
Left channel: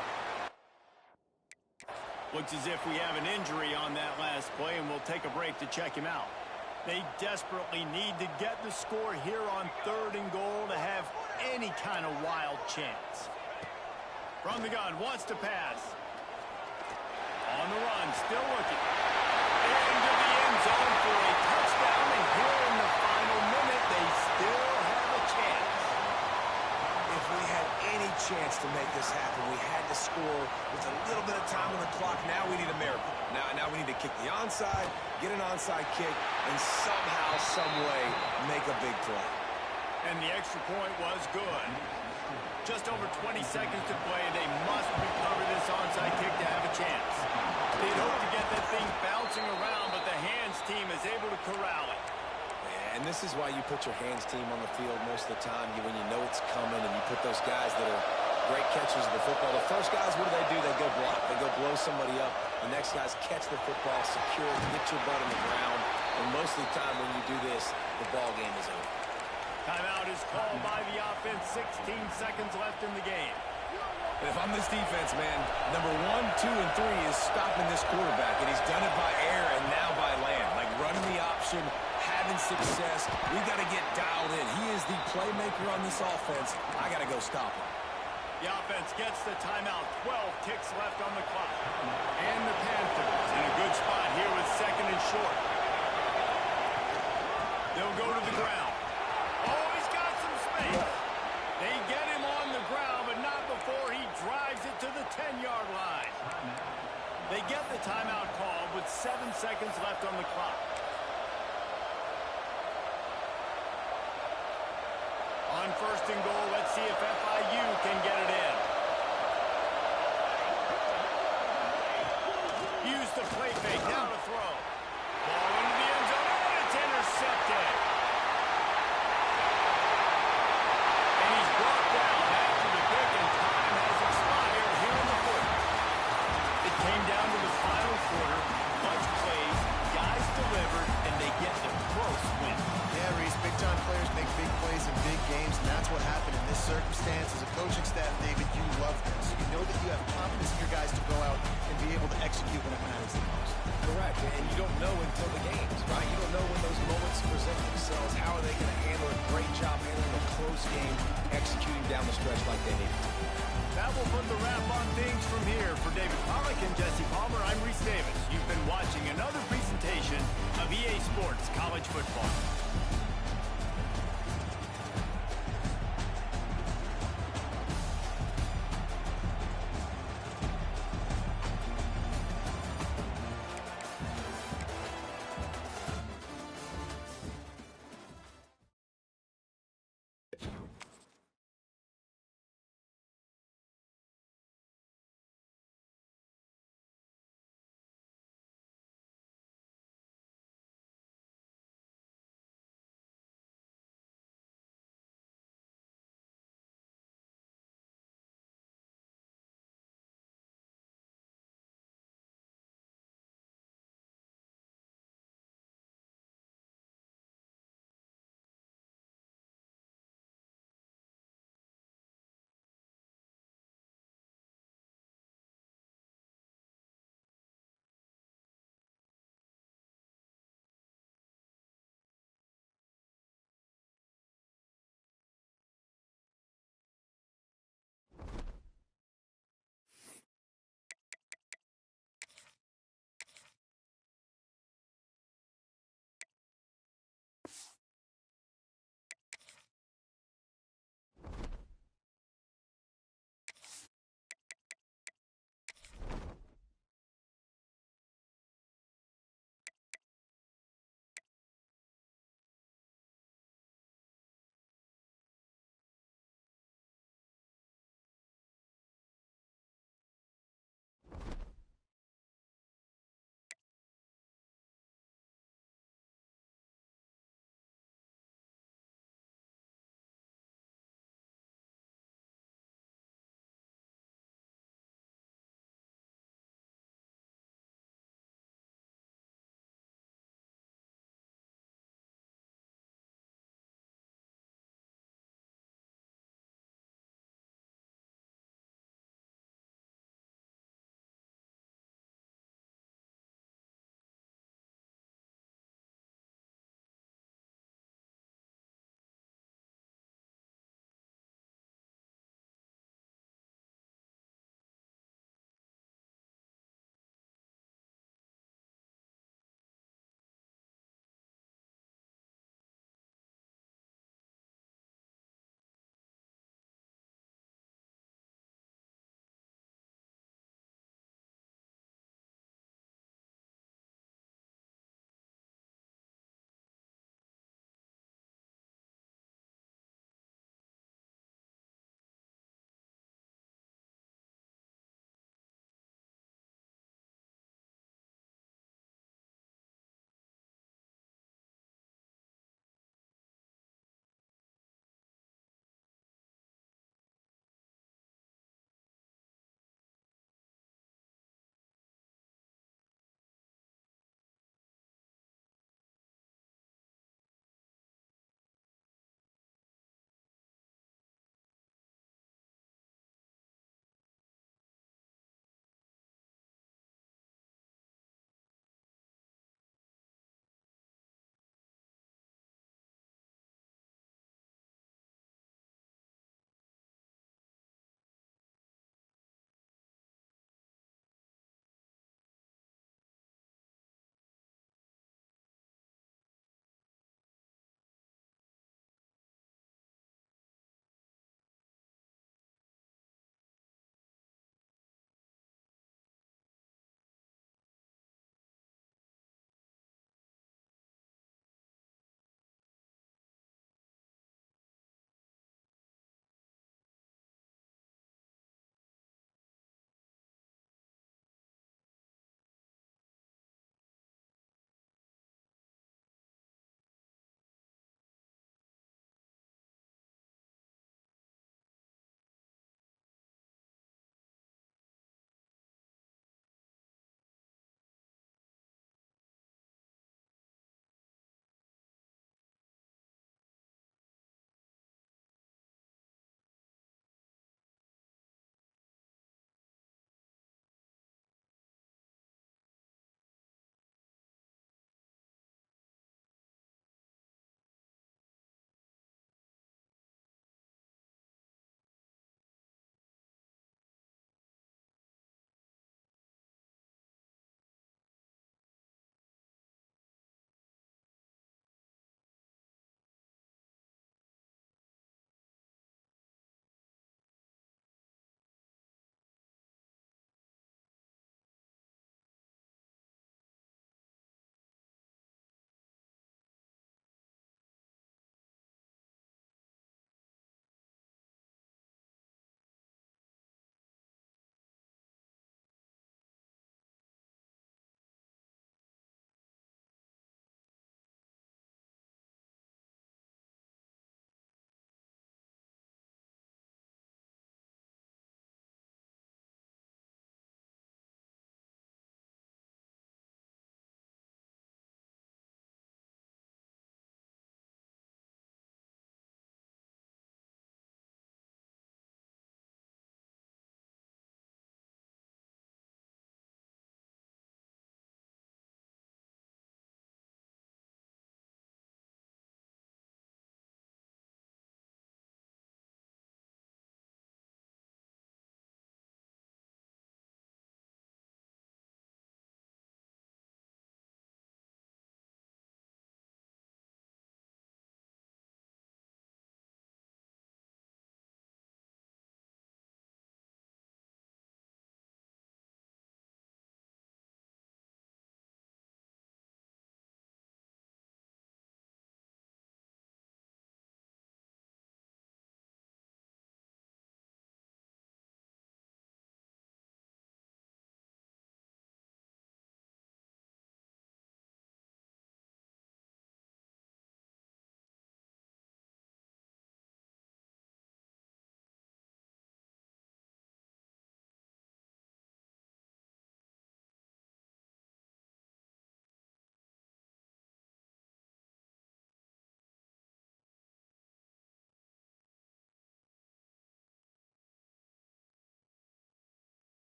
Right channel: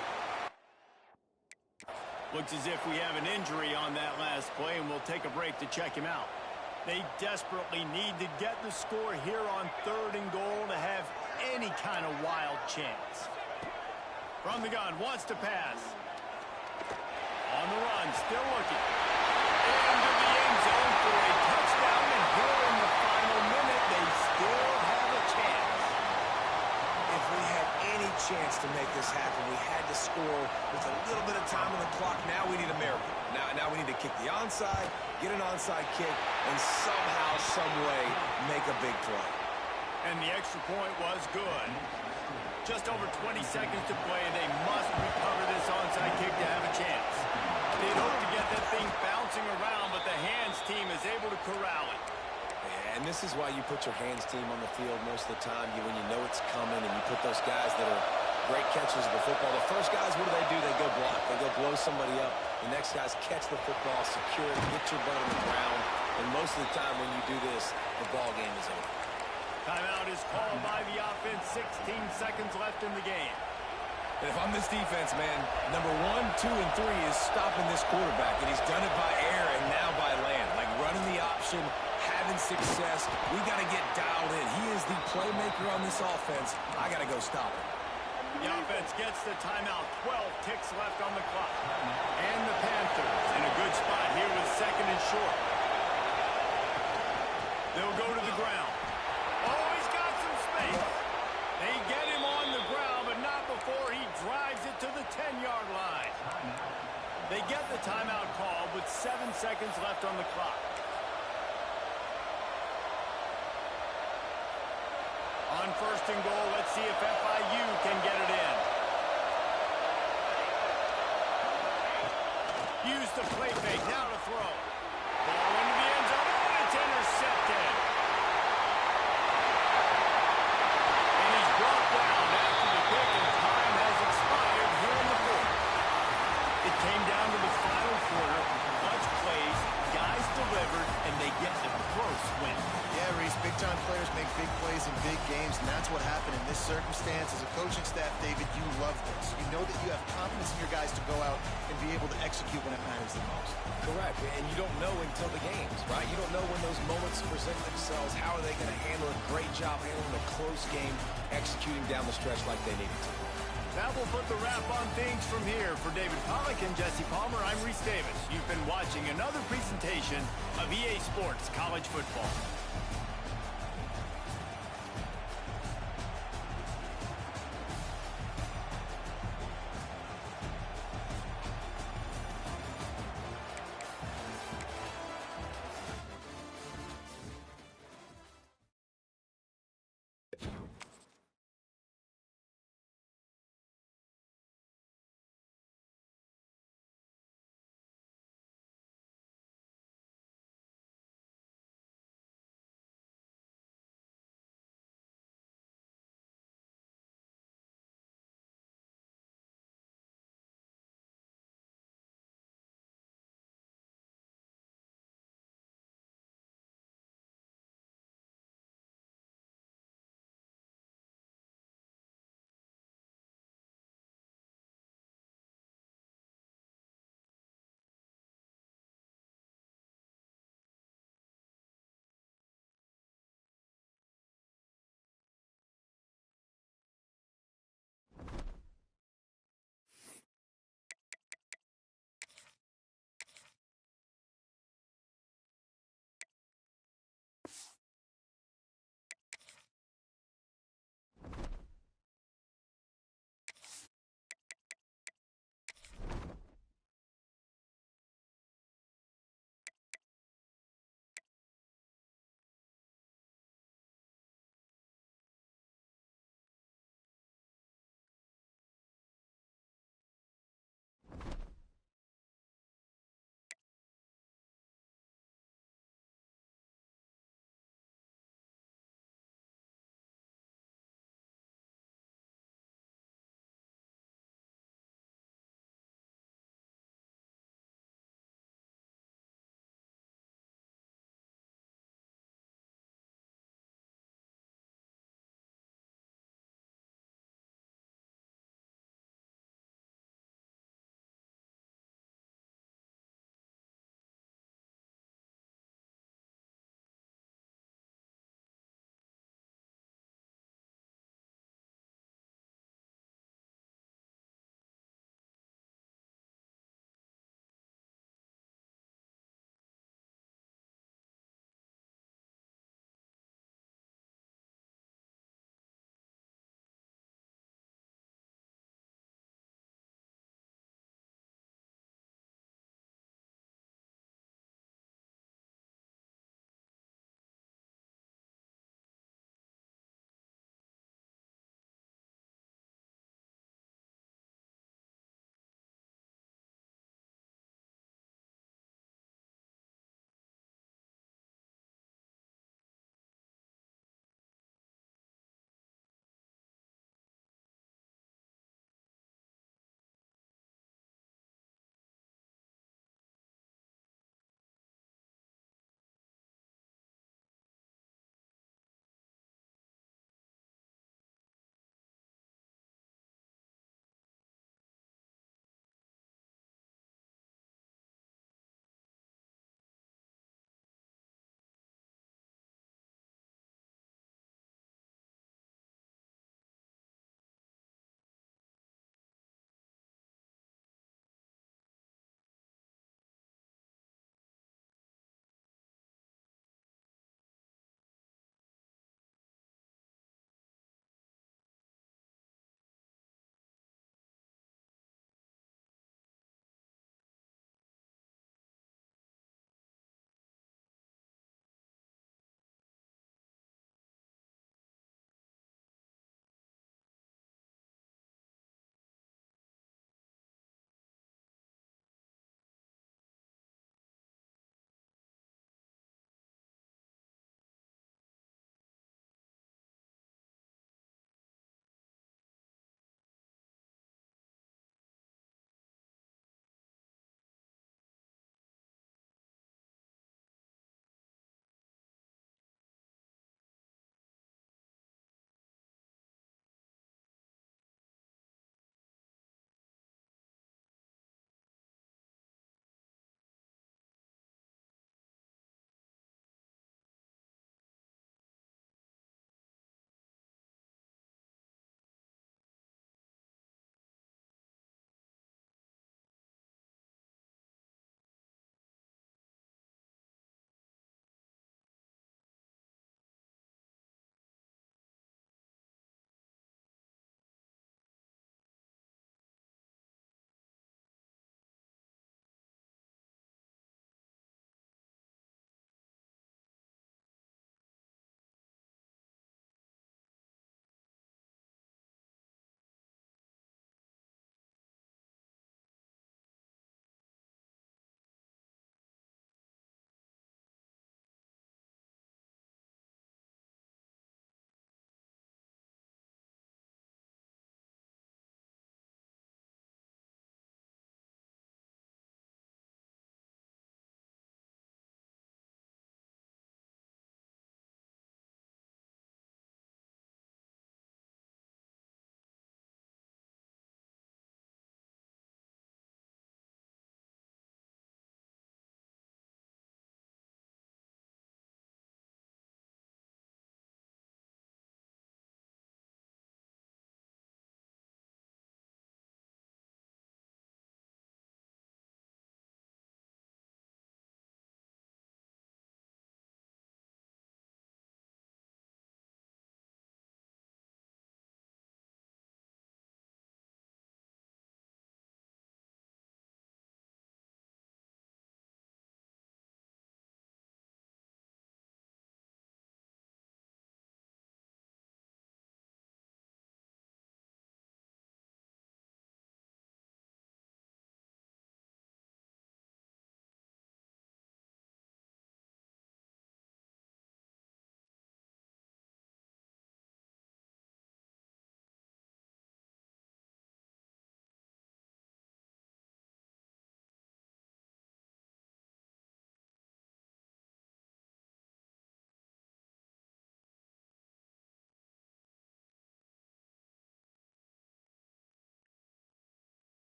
Looks as if we have an injury on that last play, and we'll take a break to check him out. They desperately need to get the score here on 3rd and goal to have any kind of wild chance. From the gun, wants to pass. On the run, still looking. Into the end zone for a touchdown, and here in the final minute, they still have a chance. If we had any chance to make this happen, we had to score with a little bit of time on the clock. Now we need a miracle. Now we need to kick the onside, get an onside kick, and somehow, some way, make a big play. And the extra point was good. Just over 20 seconds to play. They must recover this onside kick to have a chance. They'd hope to get that thing bouncing around, but the hands team is able to corral it. And this is why you put your hands team on the field most of the time when you know it's coming, and you put those guys that are great catchers of the football. The first guys, what do? They go block. They go blow somebody up. The next guys catch the football, secure it, get your butt in the ground. And most of the time when you do this, the ball game is over. Timeout is called by the offense. 16 seconds left in the game. And if I'm this defense, man, number 1, 2, and 3 is stopping this quarterback. And he's done it by air and now by land. Like running the option, having success. We got to get dialed in. He is the playmaker on this offense. I got to go stop him. The offense gets the timeout. 12 ticks left on the clock. And the Panthers in a good spot here with second and short. They'll go to the ground. Oh, he's got some space. They get him on the ground, but not before he drives it to the 10-yard line. They get the timeout called with 7 seconds left on the clock. On 1st and goal, let's see if FIU can get it in. Use the play fake, now to throw. Ball into the end zone, and it's intercepted. And he's brought down after the pick, and time has expired here in the 4th. It came down to the final quarter. Clutch plays, guys delivered, and they get the close win. Yeah, Reese, big-time players make big plays in big games, and that's what happened in this circumstance. As a coaching staff, David, you love this. You know that you have confidence in your guys to go out and be able to execute when it matters the most. Correct, and you don't know until the games, right? You don't know when those moments present themselves. How are they going to handle it? Great job handling a close game, executing down the stretch like they needed to. That will put the wrap on things from here. For David Pollack and Jesse Palmer, I'm Reese Davis. You've been watching another presentation of EA Sports College Football.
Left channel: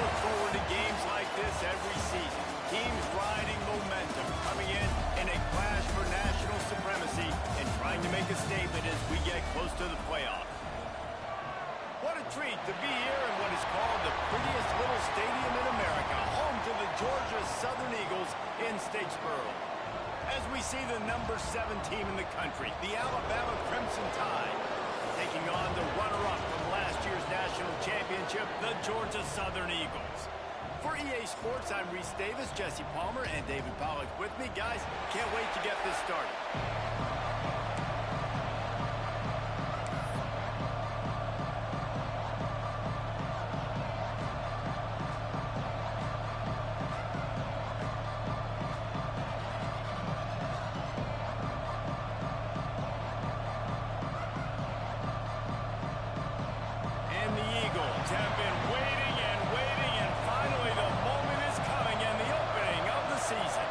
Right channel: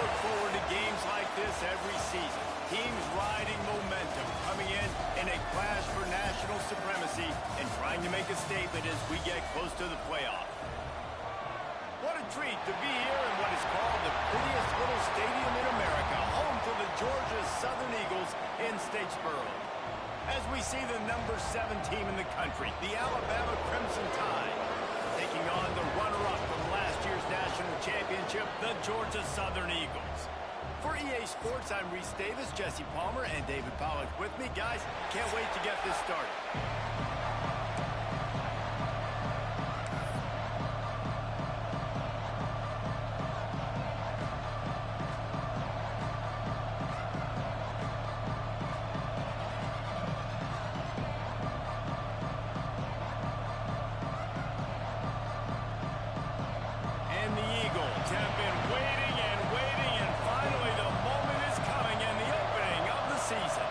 look forward to games like this every season. Teams riding momentum, coming in a clash for national supremacy and trying to make a statement as we get close to the playoffs. What a treat to be here in what is called the prettiest little stadium in America, home to the Georgia Southern Eagles in Statesboro. As we see the number 7 team in the country, the Alabama Crimson Tide, taking on the runner-up from last year's national championship, the Georgia Southern Eagles. For EA Sports, I'm Reese Davis, Jesse Palmer, and David Pollack with me. Guys, can't wait to get this started. And the Eagles have been waiting and waiting, and finally the moment is coming and the opening of the season.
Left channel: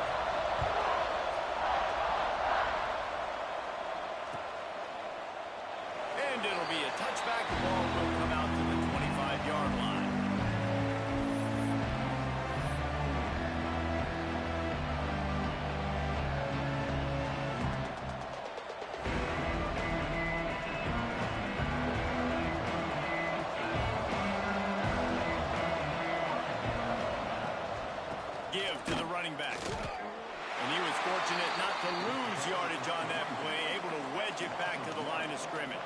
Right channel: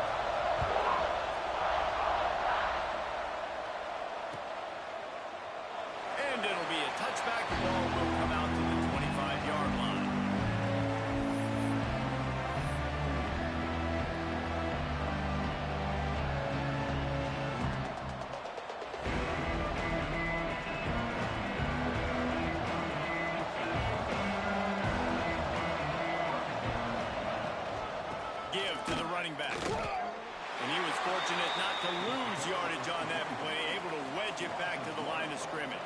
And it'll be a touchback. The ball will come out to the 25-yard line. Give to the running back. And he was fortunate not to lose yardage on that play, able to wedge it back to the line of scrimmage.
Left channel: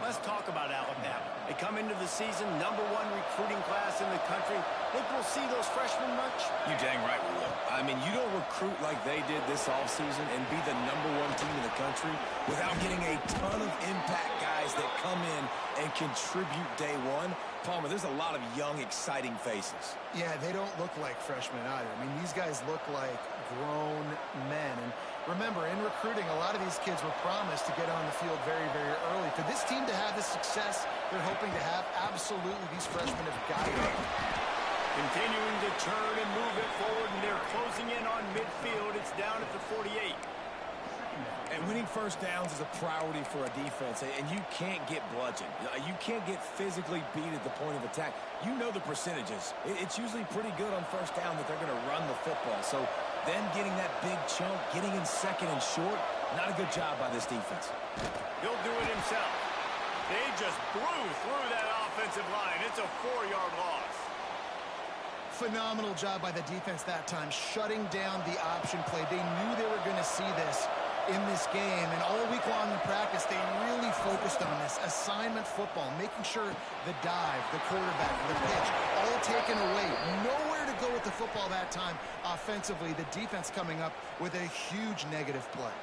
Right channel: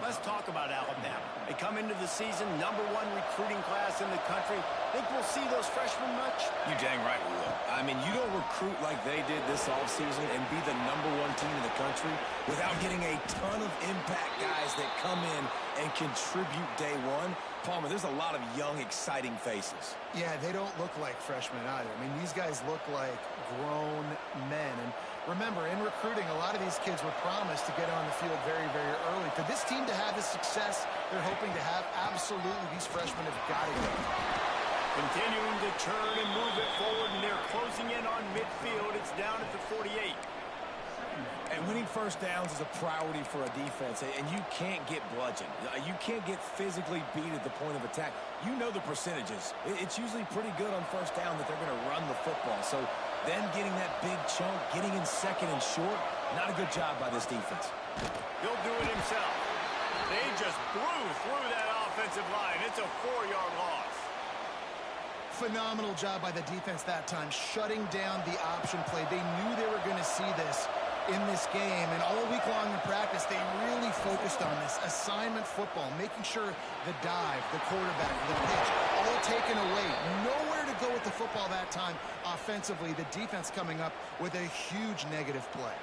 Let's talk about Alabama. They come into the season, #1 recruiting class in the country. Think we'll see those freshmen much? You dang right we will. I mean, you don't recruit like they did this offseason and be the #1 team in the country without getting a ton of impact guys that come in and contribute day one. Palmer, there's a lot of young, exciting faces. Yeah, they don't look like freshmen either. I mean, these guys look like grown men. And remember, in recruiting, a lot of these kids were promised to get on the field very, very early. For this team to have the success they're hoping to have, absolutely these freshmen have got to go. Continuing to turn and move it forward, and they're closing in on midfield. It's down at the 48. And winning first downs is a priority for a defense, and you can't get bludgeoned. You can't get physically beat at the point of attack. You know the percentages. It's usually pretty good on first down that they're going to run the football. So them getting that big chunk, getting in second and short, not a good job by this defense. He'll do it himself. They just blew through that offensive line. It's a 4-yard loss. Phenomenal job by the defense that time, shutting down the option play. They knew they were going to see this in this game, and all week long in practice, they really focused on this assignment football, making sure the dive, the quarterback, the pitch, all taken away. Nowhere to go with the football that time offensively. The defense coming up with a huge negative play.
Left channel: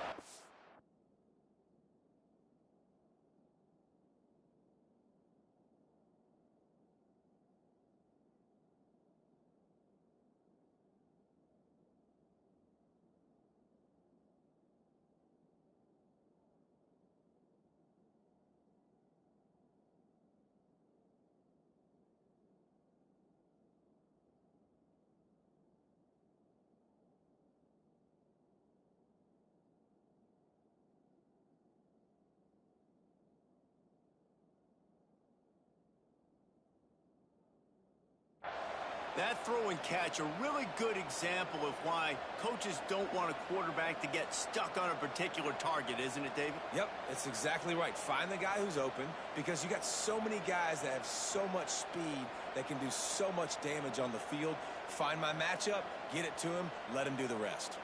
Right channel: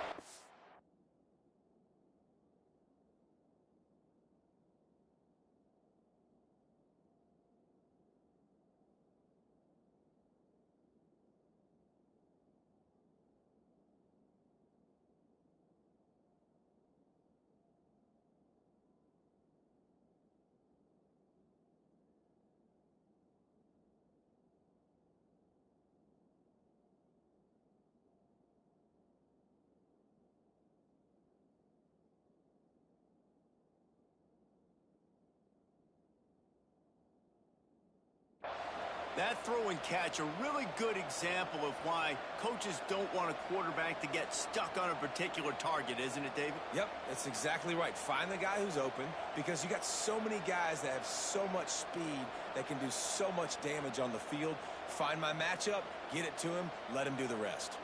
That throw and catch, a really good example of why coaches don't want a quarterback to get stuck on a particular target, isn't it, David? Yep, that's exactly right. Find the guy who's open, because you got so many guys that have so much speed that can do so much damage on the field. Find my matchup, get it to him, let him do the rest.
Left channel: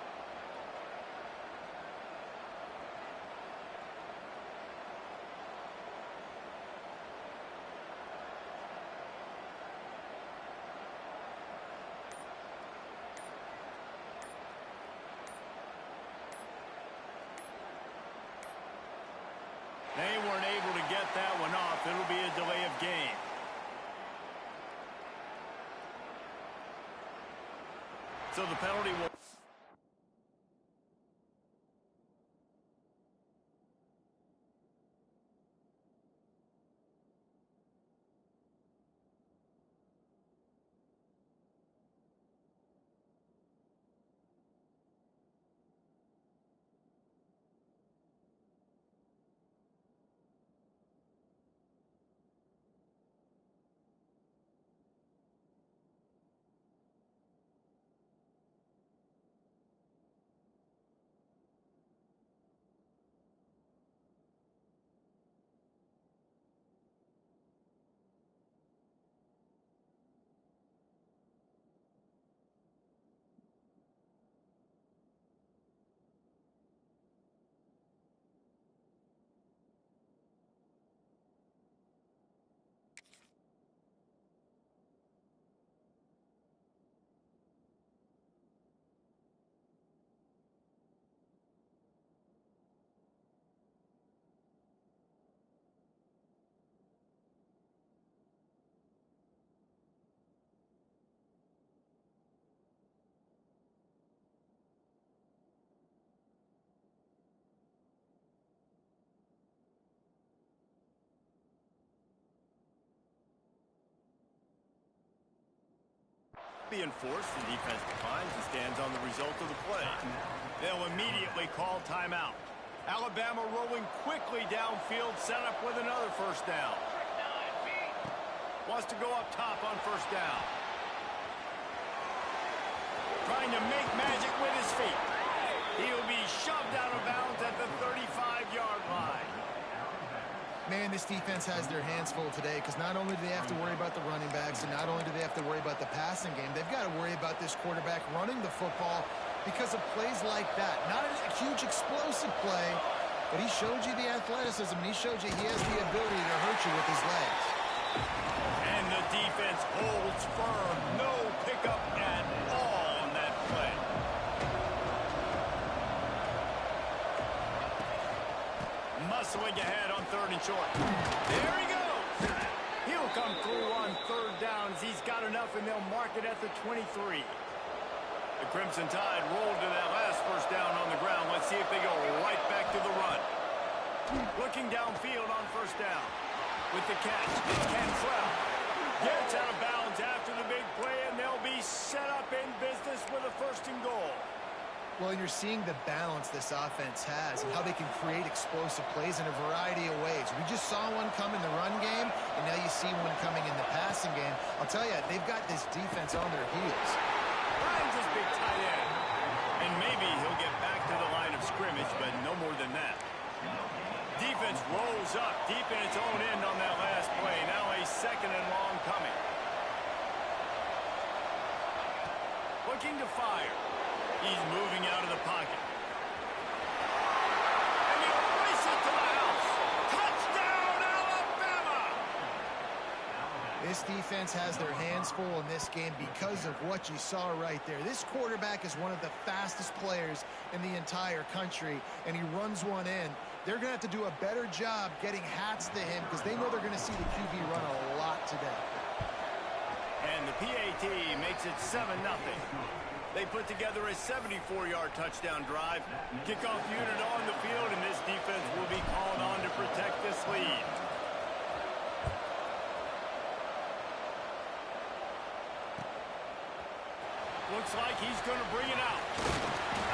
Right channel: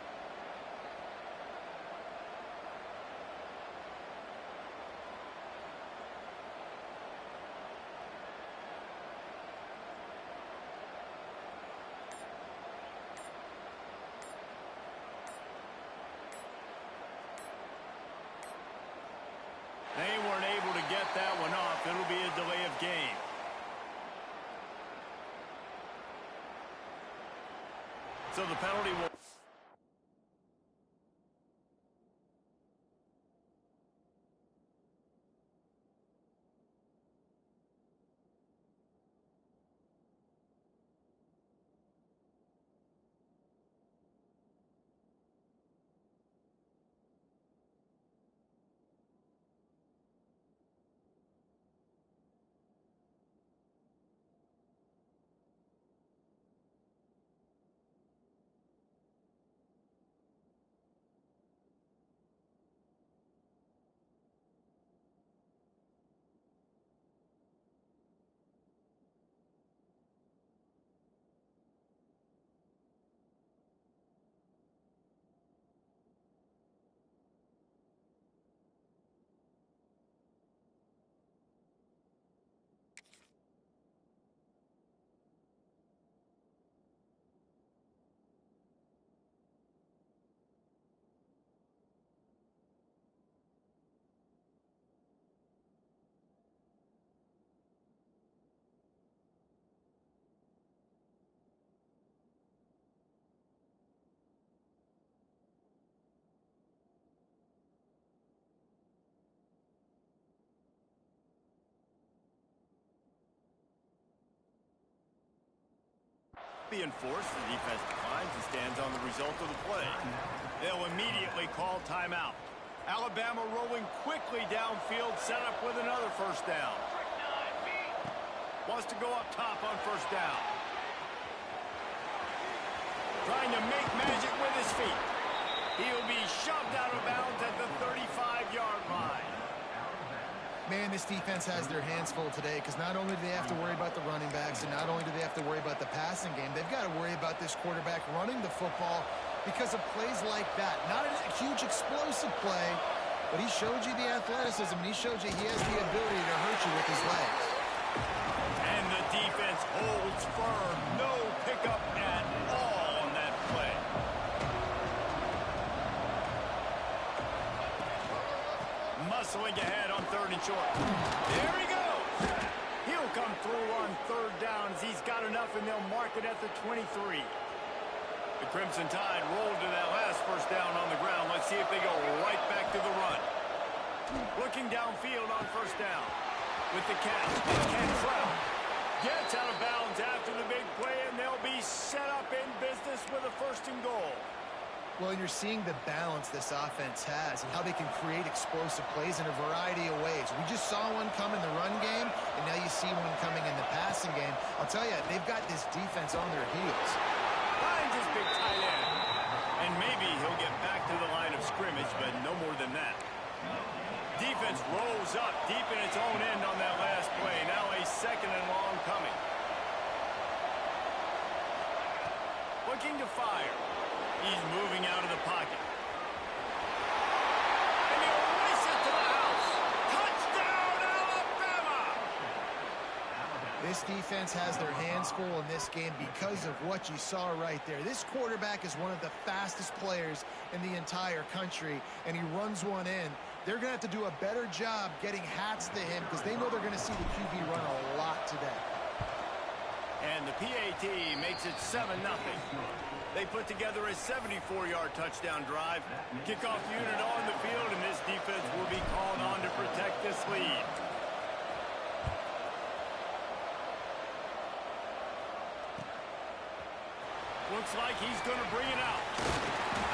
They weren't able to get that one off. It'll be a delay of game. So the penalty will... being forced, the defense defines and stands on the result of the play. They'll immediately call timeout. Alabama rolling quickly downfield, set up with another first down. Wants to go up top on first down. Trying to make magic with his feet. He'll be shoved out of bounds at the 35-yard line. Man, this defense has their hands full today because not only do they have to worry about the running backs and not only do they have to worry about the passing game, they've got to worry about this quarterback running the football because of plays like that. Not a huge explosive play, but he showed you the athleticism and he showed you he has the ability to hurt you with his legs. And the defense holds firm. No pickup at all on that play. Muscling ahead on 3rd and short. There he goes. He'll come through on 3rd down as he's got enough, and they'll mark it at the 23. The Crimson Tide rolled to that last first down on the ground. Let's see if they go right back to the run. Looking downfield on first down. With the catch, it's Cantrell. Gets out of bounds after the big play, and they'll be set up in business with a 1st and goal. Well, you're seeing the balance this offense has and how they can create explosive plays in a variety of ways. We just saw one come in the run game, and now you see one coming in the passing game. I'll tell you, they've got this defense on their heels. Finds his big tight end. And maybe he'll get back to the line of scrimmage, but no more than that. Defense rolls up deep in its own end on that last play. Now a 2nd and long coming. Looking to fire. He's moving out of the pocket. And he'll race it to the house. Touchdown, Alabama! This defense has their hands full in this game because of what you saw right there. This quarterback is one of the fastest players in the entire country, and he runs one in. They're going to have to do a better job getting hats to him because they know they're going to see the QB run a lot today. And the PAT makes it 7-0. They put together a 74-yard touchdown drive. Kickoff unit on the field, and this defense will be called on to protect this lead. Looks like he's going to bring it out.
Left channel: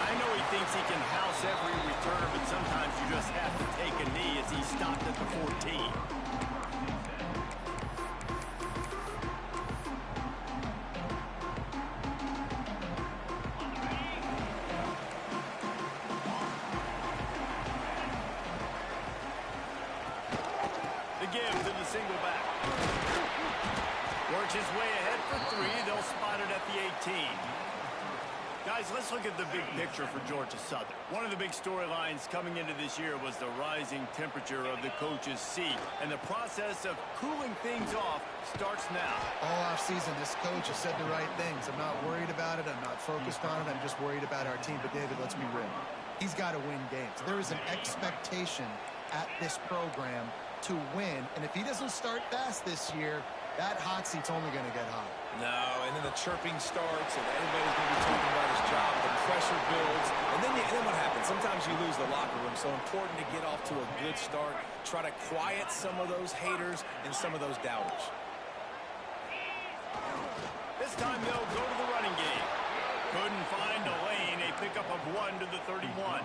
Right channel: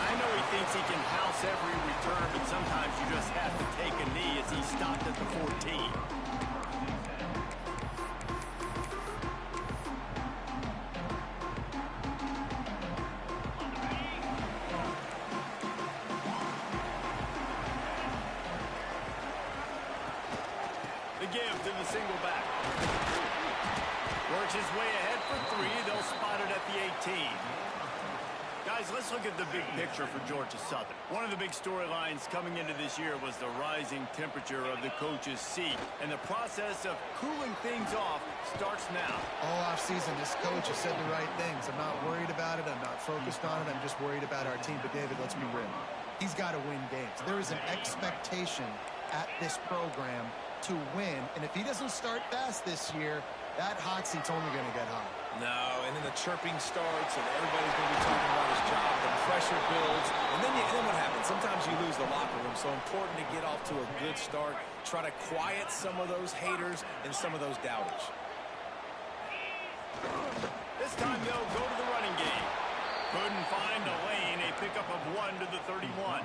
I know he thinks he can house every return, but sometimes you just have to take a knee as he stopped at the 14. Give to the single back. Works his way ahead for 3. They'll spot it at the 18. Guys, let's look at the big picture for Georgia Southern. One of the big storylines coming into this year was the rising temperature of the coach's seat. And the process of cooling things off starts now. All offseason, this coach has said the right things. I'm not worried about it. I'm not focused on it. I'm just worried about our team. But, David, let's be real. He's got to win games. There is an expectation at this program to win, and if he doesn't start fast this year, that hot seat's only going to get hot. No, and then the chirping starts, and everybody's going to be talking about his job. The pressure builds, and then what happens? Sometimes you lose the locker room, so important to get off to a good start. Try to quiet some of those haters and some of those doubters. This time they'll go to the running game. Couldn't find a lane, a pickup of 1 to the 31.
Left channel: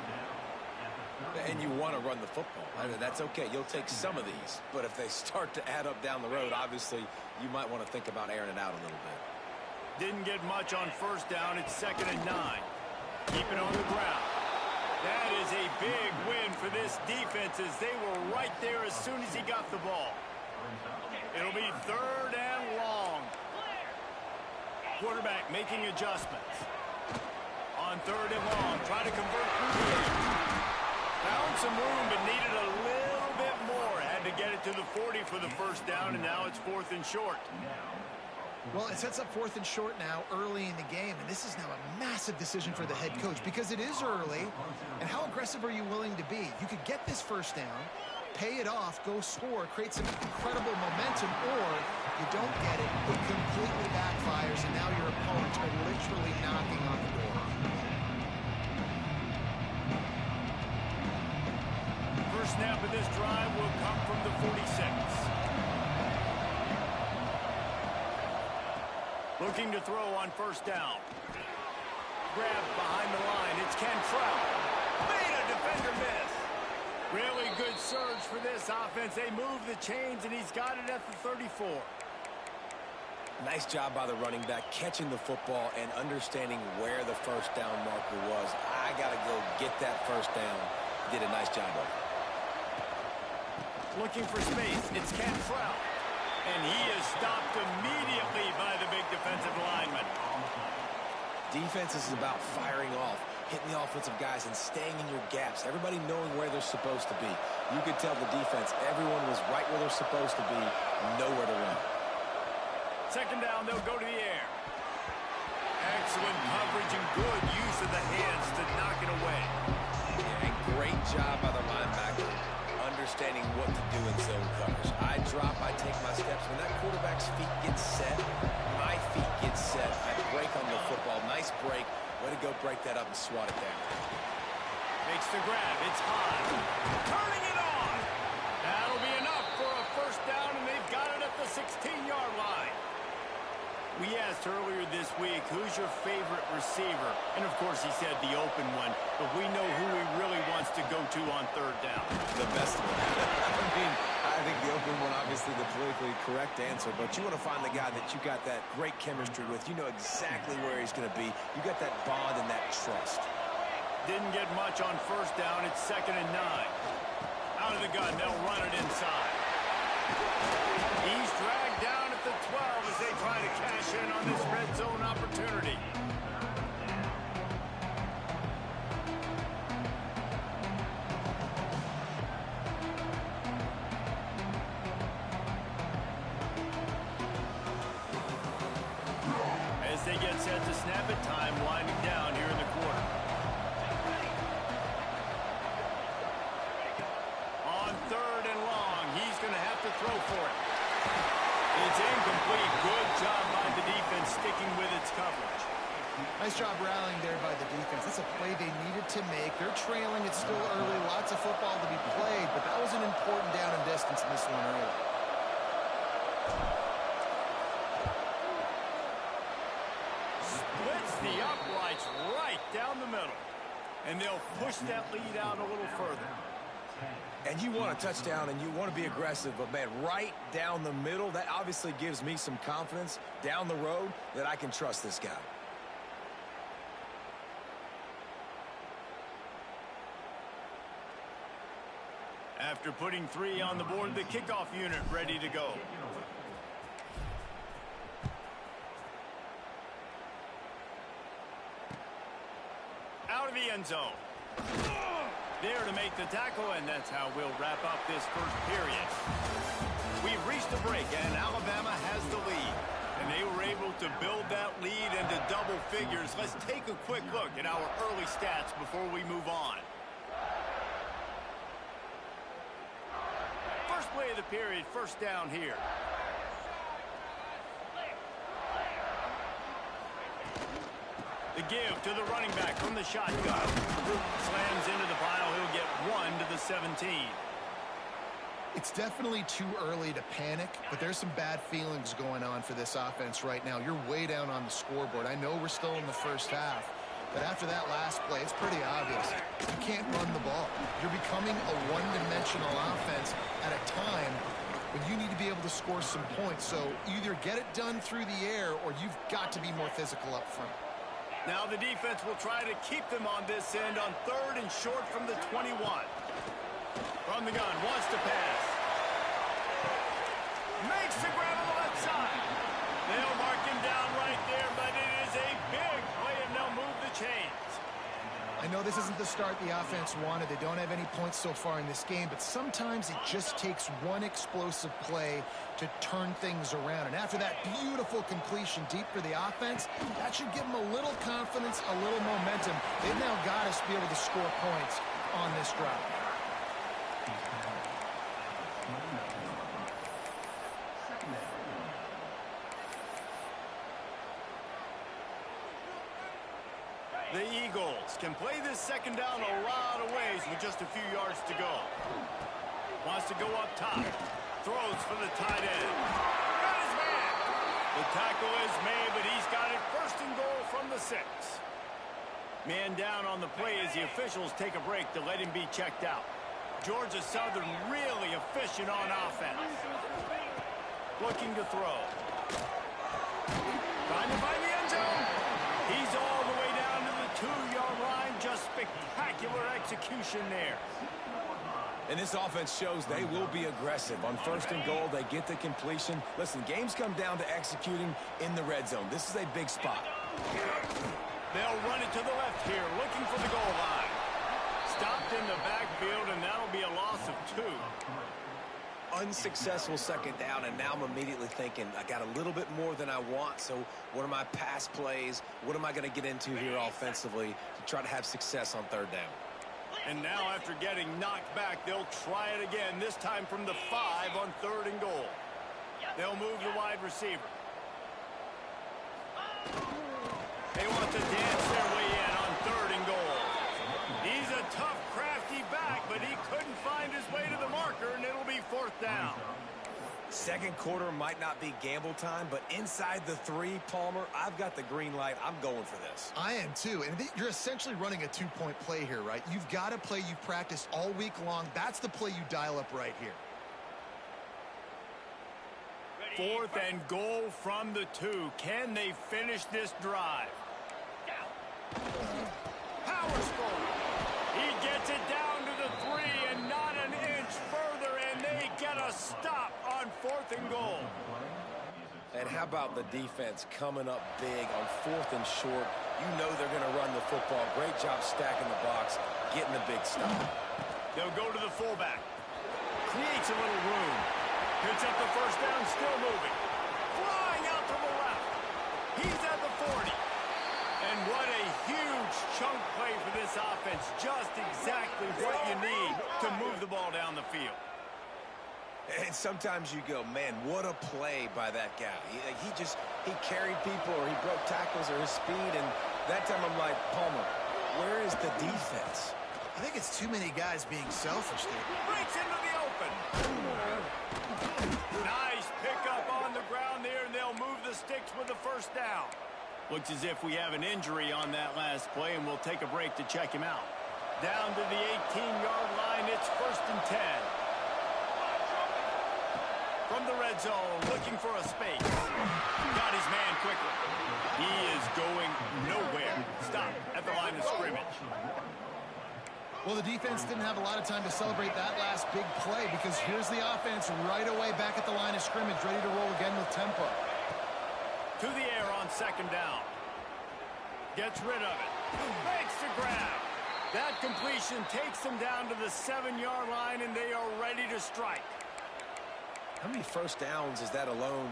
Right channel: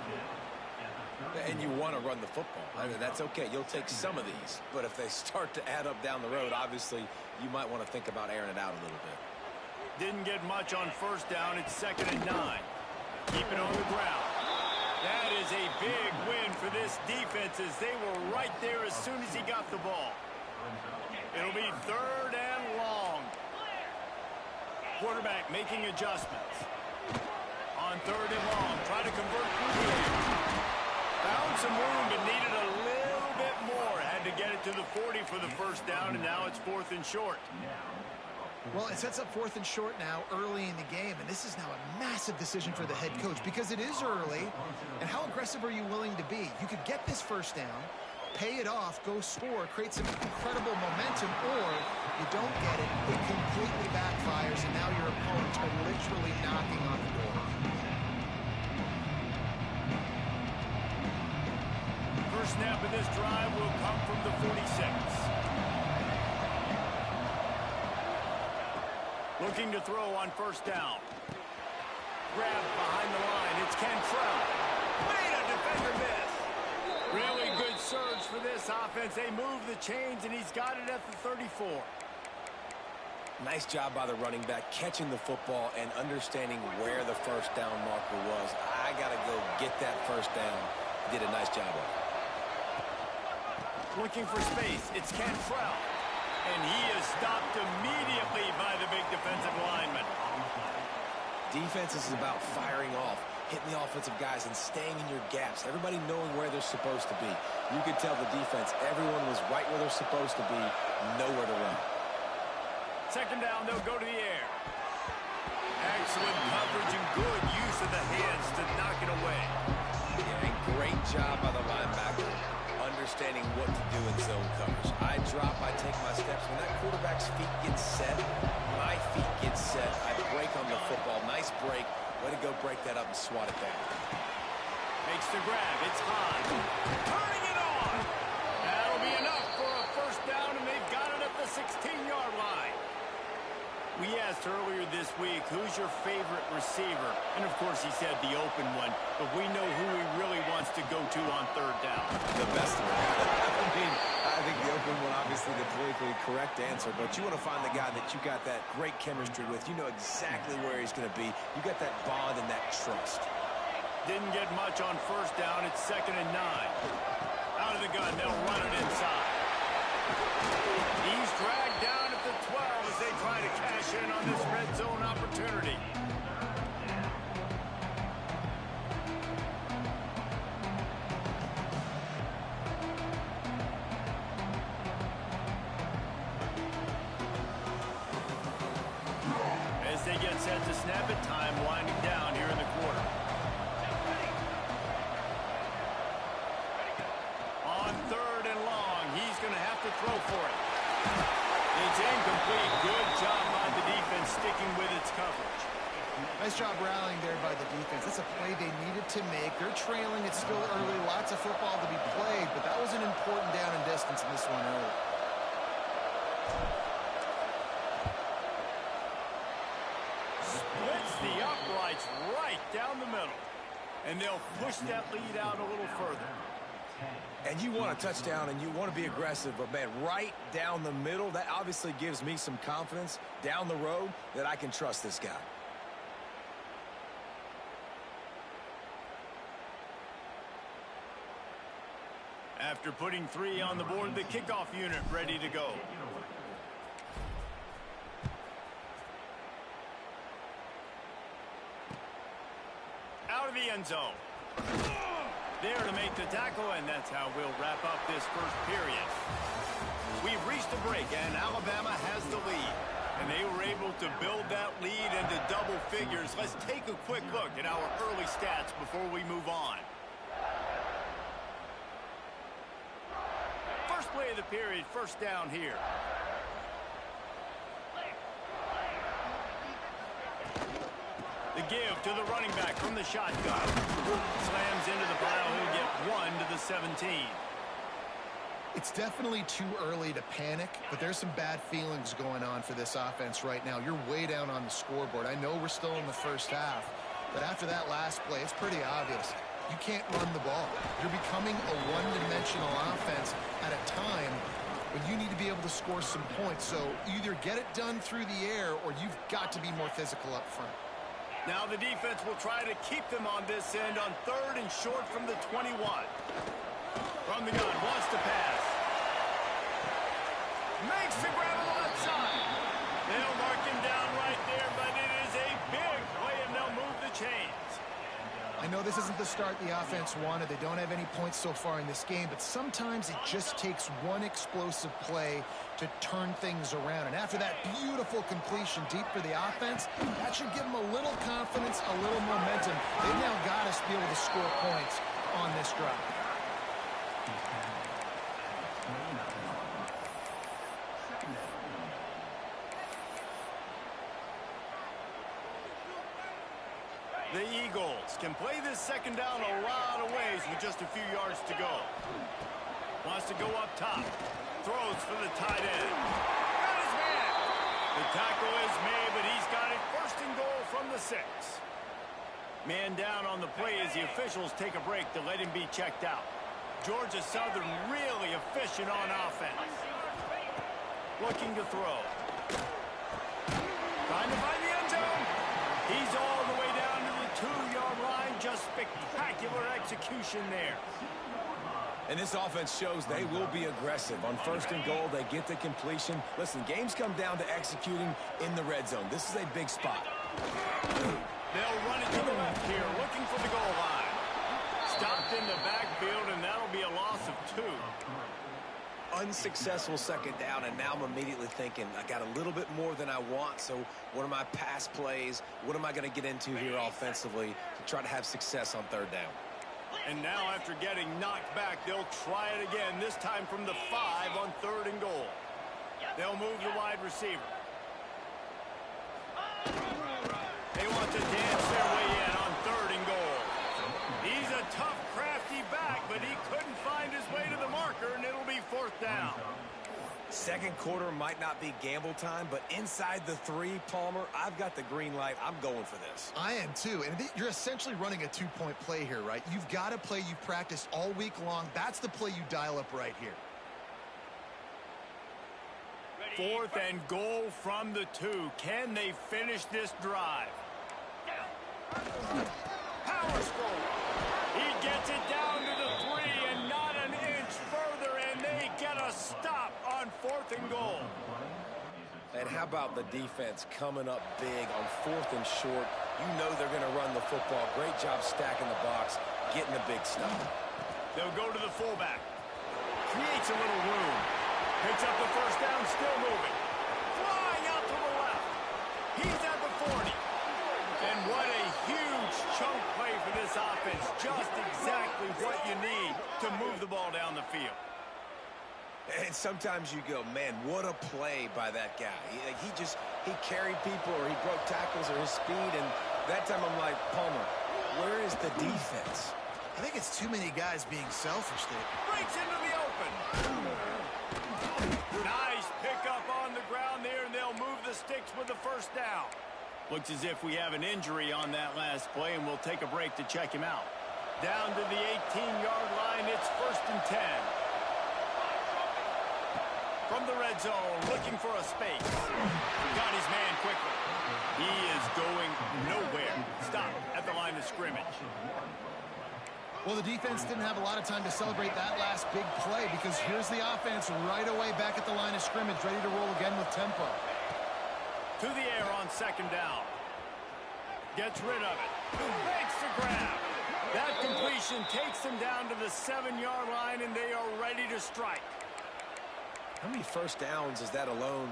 And you want to run the football. I mean, that's okay. You'll take some of these. But if they start to add up down the road, obviously, you might want to think about airing it out a little bit. Didn't get much on first down. It's 2nd and 9. Keep it on the ground. That is a big win for this defense as they were right there as soon as he got the ball. It'll be 3rd and long. Quarterback making adjustments. On 3rd and long, try to convert through the air. Found some room, but needed a little bit more. Had to get it to the 40 for the first down, and now it's 4th and short. Well, it sets up 4th and short now early in the game, and this is now a massive decision for the head coach because it is early, and how aggressive are you willing to be? You could get this first down, pay it off, go score, create some incredible momentum, or you don't get it, it completely backfires, and now your opponents are literally knocking on the door. First snap of this drive will come from the 46. Looking to throw on first down. Grab behind the line. It's Cantrell. Made a defender miss. Really good surge for this offense. They move the chains, and he's got it at the 34. Nice job by the running back, catching the football and understanding where the first down marker was. I got to go get that first down. He did a nice job of it. Looking for space. It's Cantrell. And he is stopped immediately by the big defensive lineman. Defense is about firing off, hitting the offensive guys, and staying in your gaps. Everybody knowing where they're supposed to be. You could tell the defense, everyone was right where they're supposed to be, nowhere to run. Second down, they'll go to the air. Excellent coverage and good use of the hands to knock it away. Yeah, and great job by the linebacker, understanding what to do in zone coverage. I drop, I take my steps. When that quarterback's feet get set, my feet get set. I break on the football. Nice break. Way to go break that up and swat it down. Makes the grab. It's high. Turning it on. That'll be enough for a first down, and they've got it at the 16-yard line. We asked earlier this week, who's your favorite receiver? And, of course, he said the open one. But we know who he really wants to go to on third down. The best one. I think the open one, obviously, the politically correct answer. But you want to find the guy that you got that great chemistry with. You know exactly where he's going to be. You got that bond and that trust. Didn't get much on first down. It's 2nd and 9. Out of the gun. They'll run it inside. He's dragged down at the 12 as they try to cash in on this red zone opportunity. As they get set to snap it, time winding down here in the quarter. On 3rd and long, he's going to have to throw for it. It's incomplete. Good job by the defense sticking with its coverage. Nice job rallying there by the defense. That's a play they needed to make. They're trailing. It's still early. Lots of football to be played, but that was an important down and distance in this one early. Splits the uprights right down the middle. And they'll push that lead out a little further. And you want a touchdown and you want to be aggressive, but, man, right down the middle, that obviously gives me some confidence down the road that I can trust this guy. After putting 3 on the board, the kickoff unit ready to go. Out of the end zone. There to make the tackle, and that's how we'll wrap up this first period. We've reached a break, and Alabama has the lead. And they were able to build that lead into double figures. Let's take a quick look at our early stats before we move on. First play of the period, first down here. The give to the running back from the shotgun. Slams into the pile. He'll get 1 to the 17. It's definitely too early to panic, but there's some bad feelings going on for this offense right now. You're way down on the scoreboard. I know we're still in the first half, but after that last play, it's pretty obvious. You can't run the ball. You're becoming a one-dimensional offense at a time when you need to be able to score some points. So either get it done through the air or you've got to be more physical up front. Now the defense will try to keep them on this end on 3rd and short from the 21. From the gun, wants to pass. Makes the grab on the left side. They'll mark him down right there, but it is a big play, and they'll move the chains. I know this isn't the start the offense wanted. They don't have any points so far in this game, but sometimes it just takes one explosive play to turn things around. And after that beautiful completion deep for the offense, that should give them a little confidence, a little momentum. They've now got us to be able to score points on this drive. The Eagles can play this second down a lot of ways with just a few yards to go. Wants to go up top. Throws for the tight end. Got his man. The tackle is made, but he's got it first and goal from the 6. Man down on the play as the officials take a break to let him be checked out. Georgia Southern really efficient on offense. Looking to throw. Trying to find the end zone. He's all the way down to the 2-yard line. Just spectacular execution there. And this offense shows they will be aggressive. On first and goal, they get the completion. Listen, games come down to executing in the red zone. This is a big spot. They'll run it to the left here, looking for the goal line. Stopped in the backfield, and that'll be a loss of 2. Unsuccessful second down, and now I'm immediately thinking, I got a little bit more than I want, so what are my pass plays? What am I going to get into here offensively to try to have success on third down? And now after getting knocked back, they'll try it again, this time from the 5 on third and goal. They'll move the wide receiver. They want to dance their way in on third and goal. He's a tough, crafty back, but he couldn't find his way to the marker, and it'll be 4th down. Second quarter might not be gamble time, but inside the 3, Palmer, I've got the green light. I'm going for this. I am too, and you're essentially running a 2-point play here, right? You've got a play you've practiced all week long. That's the play you dial up right here. 4th and goal from the 2. Can they finish this drive? Powers forward. He gets it down to the 3 and not an inch further, and they get a stop on 4th and goal. And how about the defense coming up big on 4th and short? You know they're going to run the football. Great job stacking the box, getting a big stop. They'll go to the fullback. Creates a little room. Picks up the first down, still moving. Flying out to the left. He's at the 40. And what a huge chunk play for this offense. Just exactly what you need to move the ball down the field. And sometimes you go, man, what a play by that guy. He carried people, or he broke tackles, or his speed. And that time I'm like, Palmer, where is the defense? I think it's too many guys being selfish there. Breaks into the open. Nice pickup on the ground there, and they'll move the sticks with the first down. Looks as if we have an injury on that last play, and we'll take a break to check him out. Down to the 18-yard line, it's 1st and 10. From the red zone, looking for a space. Got his man quickly. He is going nowhere. Stop at the line of scrimmage. Well, the defense didn't have a lot of time to celebrate that last big play, because here's the offense right away back at the line of scrimmage, ready to roll again with tempo. To the air on 2nd down. Gets rid of it. Makes the grab. That completion takes them down to the 7-yard line, and they are ready to strike. How many first downs is that alone,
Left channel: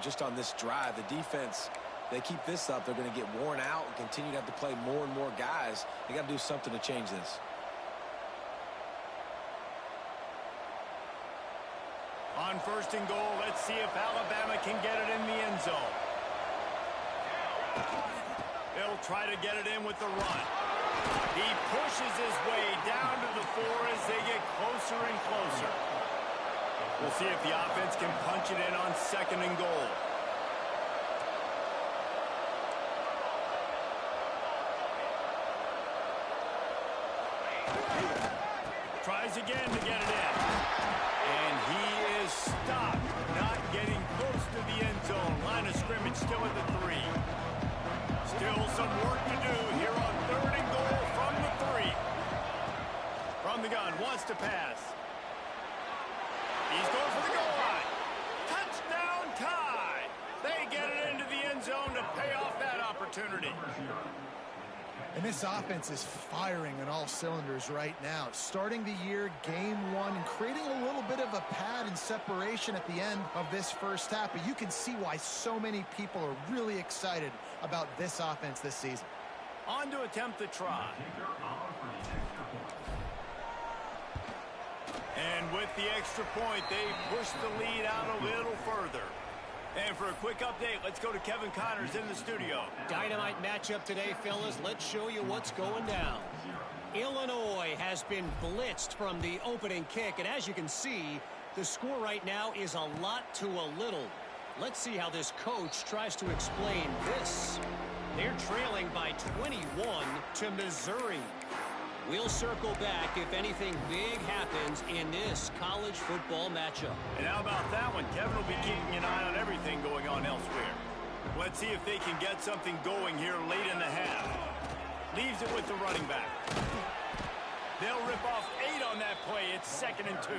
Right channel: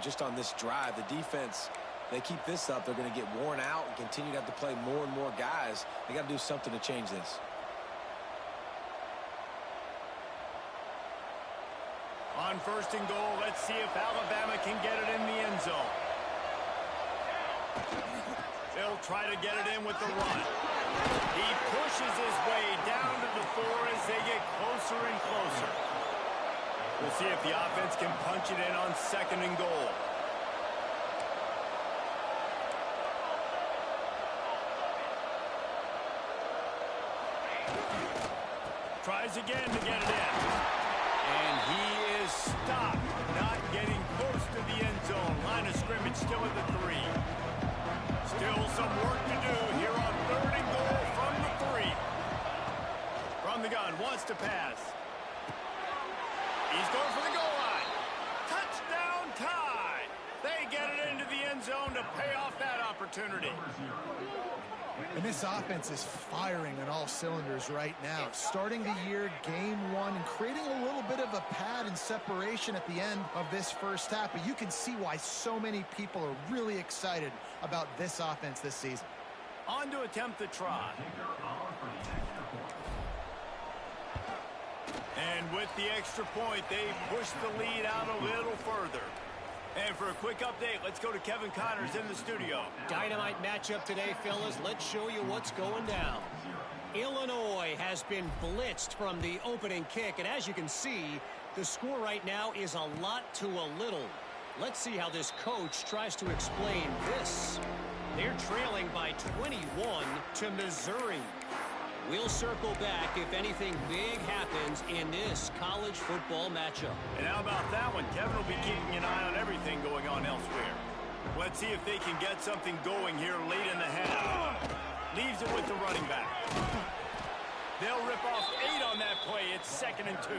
just on this drive? The defense, they keep this up, they're going to get worn out and continue to have to play more and more guys. They got to do something to change this. On 1st and goal, let's see if Alabama can get it in the end zone. They'll try to get it in with the run. He pushes his way down to the 4 as they get closer and closer. We'll see if the offense can punch it in on 2nd and goal. Tries again to get it in. And he is stopped, not getting close to the end zone. Line of scrimmage still at the 3. Still some work to do here on 3rd and goal from the 3. From the gun, wants to pass. He's going for the goal line. Touchdown tie. They get it into the end zone to pay off that opportunity. And this offense is firing on all cylinders right now. Starting the year, game 1, and creating a little bit of a pad and separation at the end of this first half. But you can see why so many people are really excited about this offense this season. On to attempt the try. And with the extra point, they push the lead out a little further. And for a quick update, let's go to Kevin Connors in the studio. Dynamite matchup today, fellas. Let's show you what's going down. Illinois has been blitzed from the opening kick, and as you can see, the score right now is a lot to a little. Let's see how this coach tries to explain this. They're trailing by 21 to Missouri. We'll circle back if anything big happens in this college football matchup. And how about that one? Kevin will be keeping an eye on everything going on elsewhere. Let's see if they can get something going here late in the half. Leaves it with the running back. They'll rip off 8 on that play. It's 2nd and 2.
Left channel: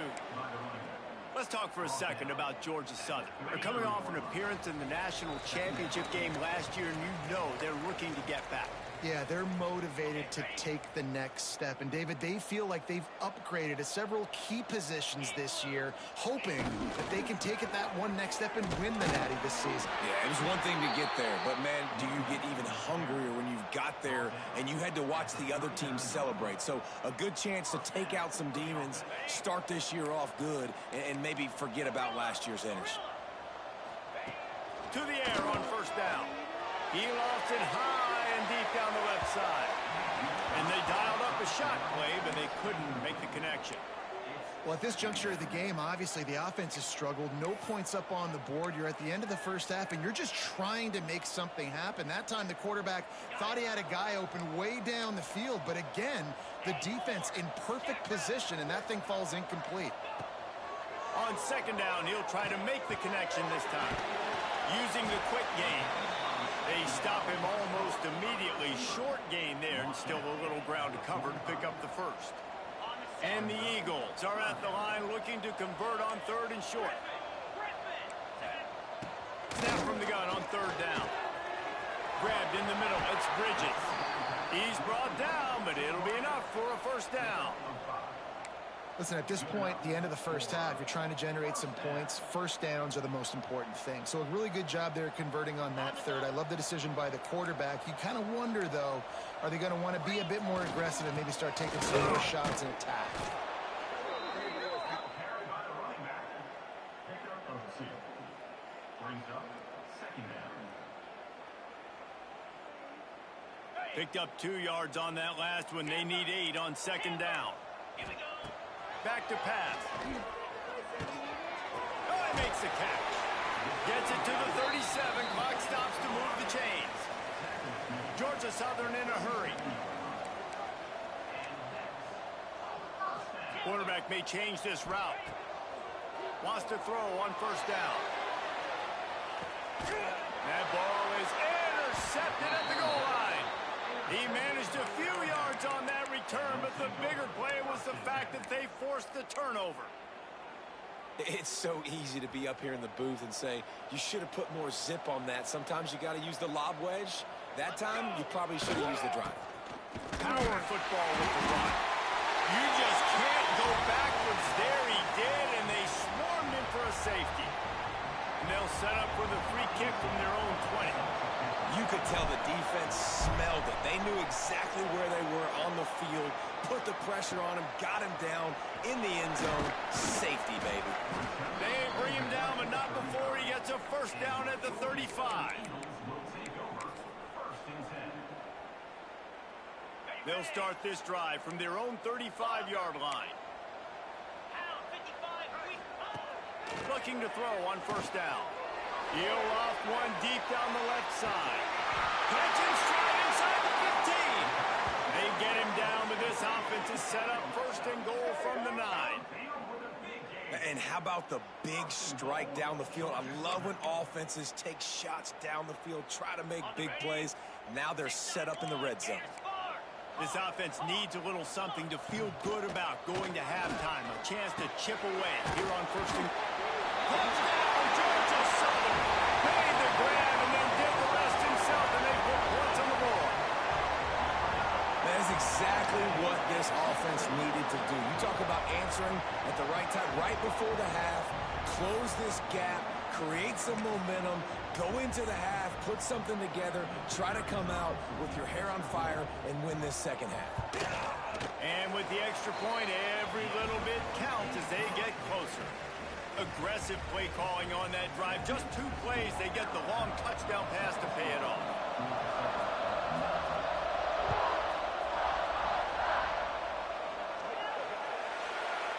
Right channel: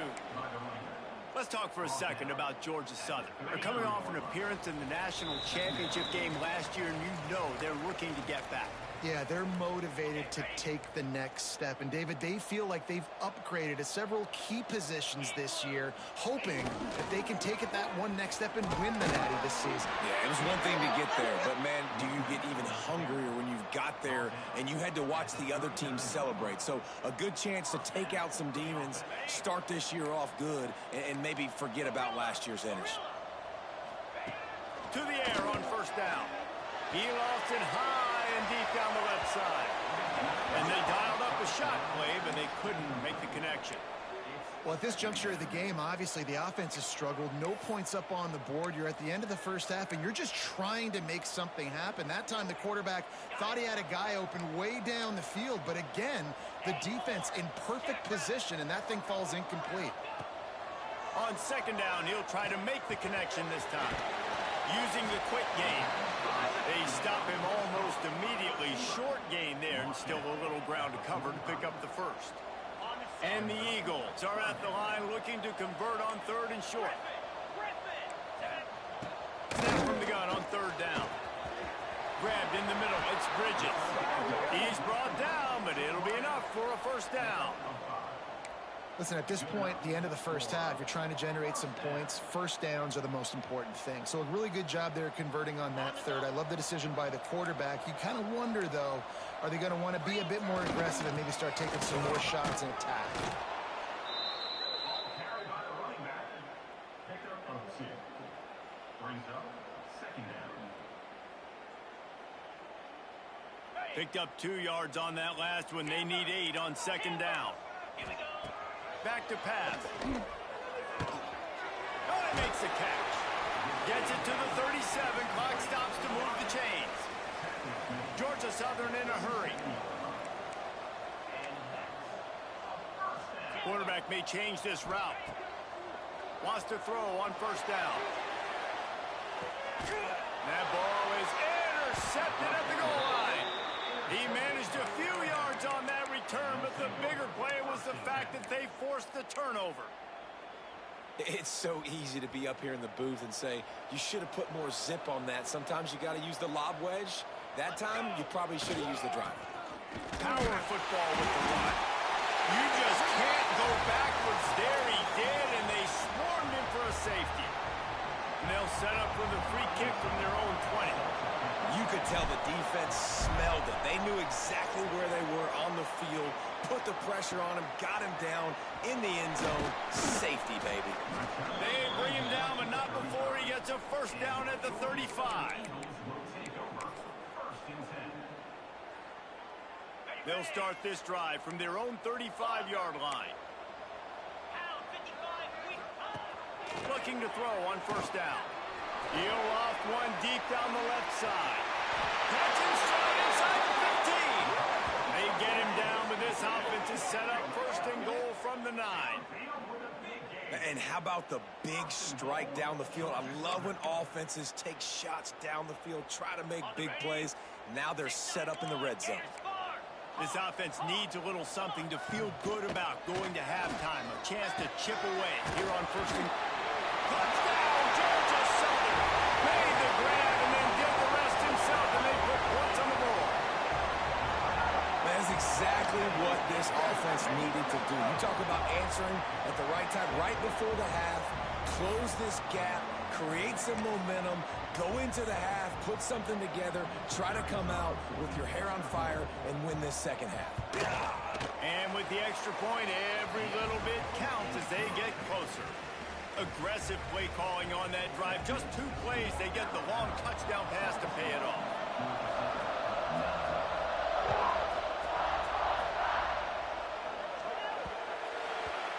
Let's talk for a second about Georgia Southern. They're coming off an appearance in the national championship game last year, and you know they're looking to get back. Yeah, they're motivated to take the next step. And, David, they feel like they've upgraded to several key positions this year, hoping that they can take it that one next step and win the Natty this season. Yeah, it was one thing to get there, but, man, do you get even hungrier when you've got there and you had to watch the other team celebrate? So a good chance to take out some demons, start this year off good, and maybe forget about last year's finish. To the air on 1st down. He lost it high and deep down the left side. And they dialed up a shot play, but they couldn't make the connection. Well, at this juncture of the game, obviously the offense has struggled. No points up on the board. You're at the end of the first half, and you're just trying to make something happen. That time the quarterback thought he had a guy open way down the field, but again, the defense in perfect position, and that thing falls incomplete. On 2nd down, he'll try to make the connection this time, using the quick game. They stop him almost immediately. Short gain there, and still a little ground to cover to pick up the first. And the Eagles are at the line looking to convert on 3rd and short. Snap from the gun on 3rd down. Grabbed in the middle. It's Bridges. He's brought down, but it'll be enough for a 1st down. Listen, at this point, the end of the first half, you're trying to generate some points. 1st downs are the most important thing. So a really good job there converting on that 3rd. I love the decision by the quarterback. You kind of wonder, though, are they going to want to be a bit more aggressive and maybe start taking some more shots and attack? Carried by the running back. Pickup of 2. Brings up 2nd down. Picked up 2 yards on that last one. They need 8 on 2nd down. Here we go. Back to pass. Oh, he makes the catch. Gets it to the 37. Clock stops to move the chains. Georgia Southern in a hurry. Quarterback may change this route. Wants to throw on 1st down. That ball is intercepted at the goal line. He managed a few yards on that return, but the bigger play was the fact that they forced the turnover. It's so easy to be up here in the booth and say, you should have put more zip on that. Sometimes you got to use the lob wedge. That time, you probably should have used the drive. Power football with the run. You just can't go backwards. There he did, and they swarmed him for a safety. And they'll set up for the free kick from their own 20. You could tell the defense smelled it. They knew exactly where they were on the field, put the pressure on him, got him down in the end zone. Safety, baby. They bring him down, but not before he gets a 1st down at the 35. They'll start this drive from their own 35-yard line. Looking to throw on 1st down. He'll loft one deep down the left side. Catch and stride inside the 15. They get him down, but this offense is set up 1st and goal from the 9. And how about the big strike down the field? I love when offenses take shots down the field, try to make big plays. Now they're set up in the red zone. This offense needs a little something to feel good about going to halftime. A chance to chip away here on 1st and... Touchdown, Georgia Southern! Made the grab and then did the rest himself, and they put points on the board. That's exactly what this offense needed to do. You talk about answering at the right time, right before the half, close this gap, create some momentum, go into the half, put something together, try to come out with your hair on fire and win this 2nd half. And with the extra point, every little bit counts as they get closer. Aggressive play calling on that drive. Just 2 plays, they get the long touchdown pass to pay it off.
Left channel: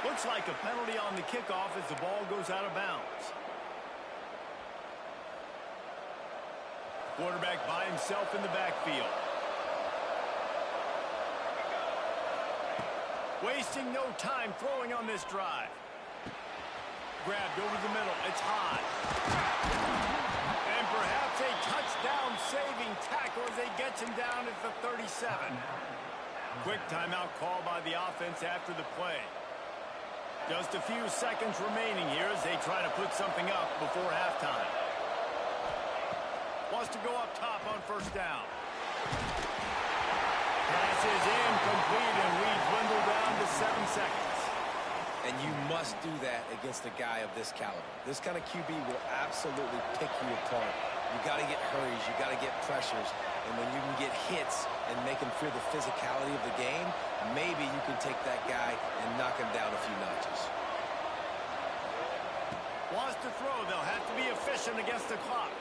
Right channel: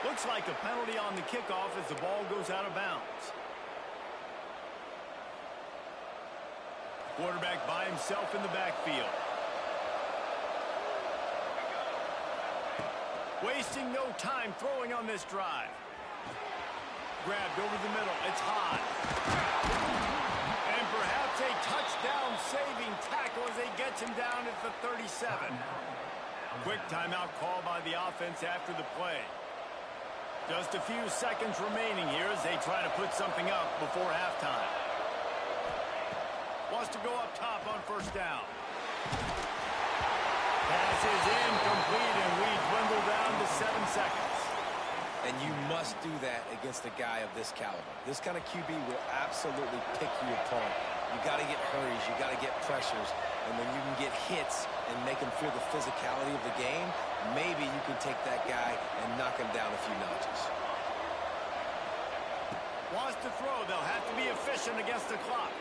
Looks like a penalty on the kickoff as the ball goes out of bounds. Quarterback by himself in the backfield. Wasting no time throwing on this drive. Grabbed over the middle. It's high. And perhaps a touchdown-saving tackle as they get him down at the 37. Quick timeout call by the offense after the play. Just a few seconds remaining here as they try to put something up before halftime. Wants to go up top on first down. Pass is incomplete, and we dwindle down to 7 seconds. And you must do that against a guy of this caliber. This kind of QB will absolutely pick you apart. You got to get hurries, you got to get pressures, and when you can get hits and make him feel the physicality of the game, maybe you can take that guy and knock him down a few notches. Wants to throw. They'll have to be efficient against the clock.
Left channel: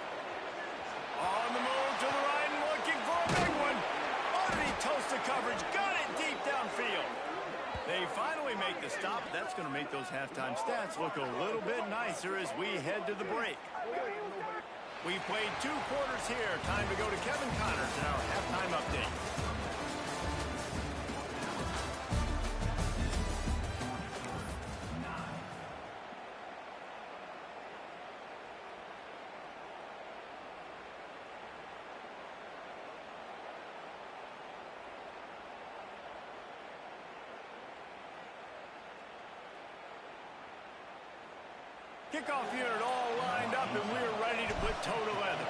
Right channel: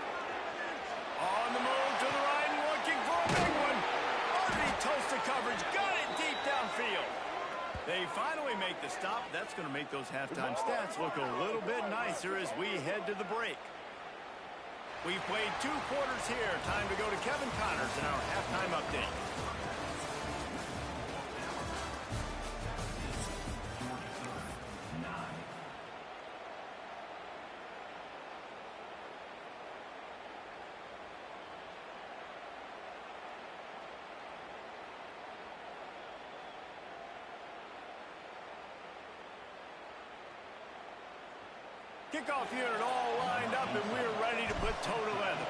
On the move to the right and looking for a big one. Already toasted coverage. Got it deep downfield. They finally make the stop. That's going to make those halftime stats look a little bit nicer as we head to the break. We've played 2 quarters here. Time to go to Kevin Connors in our halftime update. Kickoff unit all lined up, and we're ready to put toe to leather.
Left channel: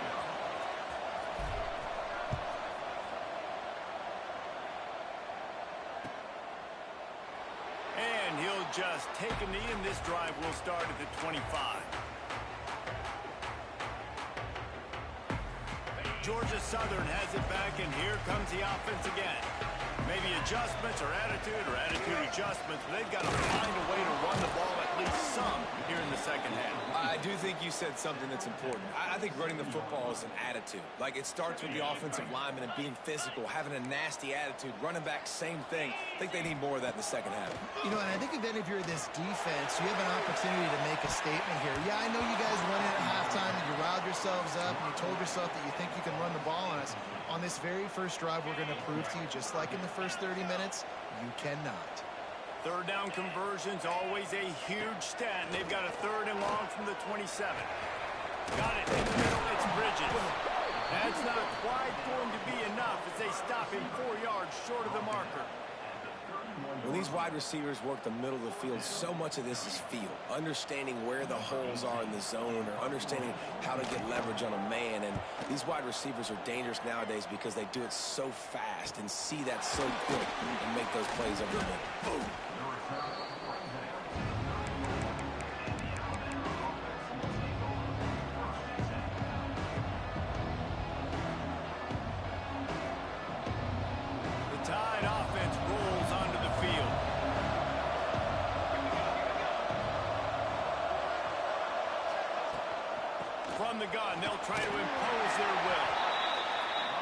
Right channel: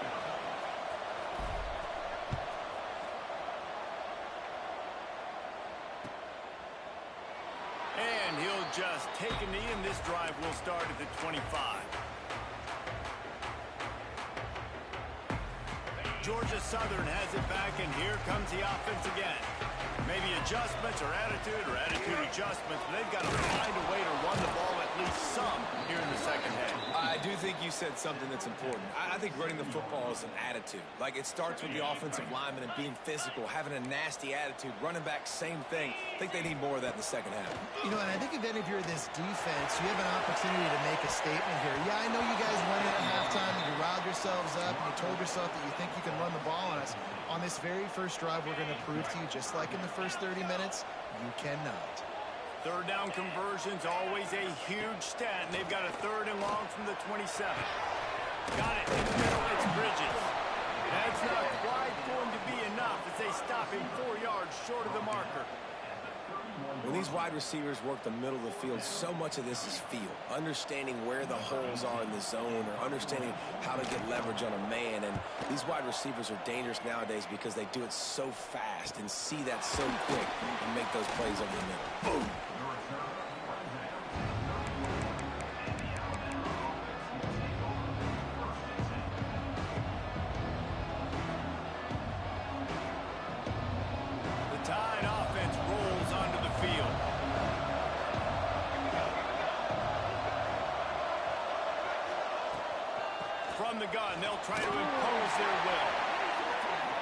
And he'll just take a knee, and this drive will start at the 25. Georgia Southern has it back, and here comes the offense again. Maybe adjustments or attitude adjustments, but they've got to find a way to run the ball at least some here in the second half. I do think you said something that's important. I think running the football is an attitude. Like, it starts with the offensive lineman and being physical, having a nasty attitude. Running back, same thing. I think they need more of that in the second half. You know, and I think if you're this defense, you have an opportunity to make a statement here. Yeah, I know you guys won it at halftime, and you riled yourselves up, and you told yourself that you think you can run the ball on us. On this very first drive, we're going to prove to you, just like in the first 30 minutes, you cannot. Third down conversion's always a huge stat, and they've got a 3rd and long from the 27. Got it in the middle. It's Bridges. That's not quite going to be enough as they stop him 4 yards short of the marker. When these wide receivers work the middle of the field, so much of this is feel. Understanding where the holes are in the zone, or understanding how to get leverage on a man. And these wide receivers are dangerous nowadays because they do it so fast and see that so quick and make those plays over the middle. Boom. The Tide offense rolls onto the field. From the gun, they'll try to impose their will.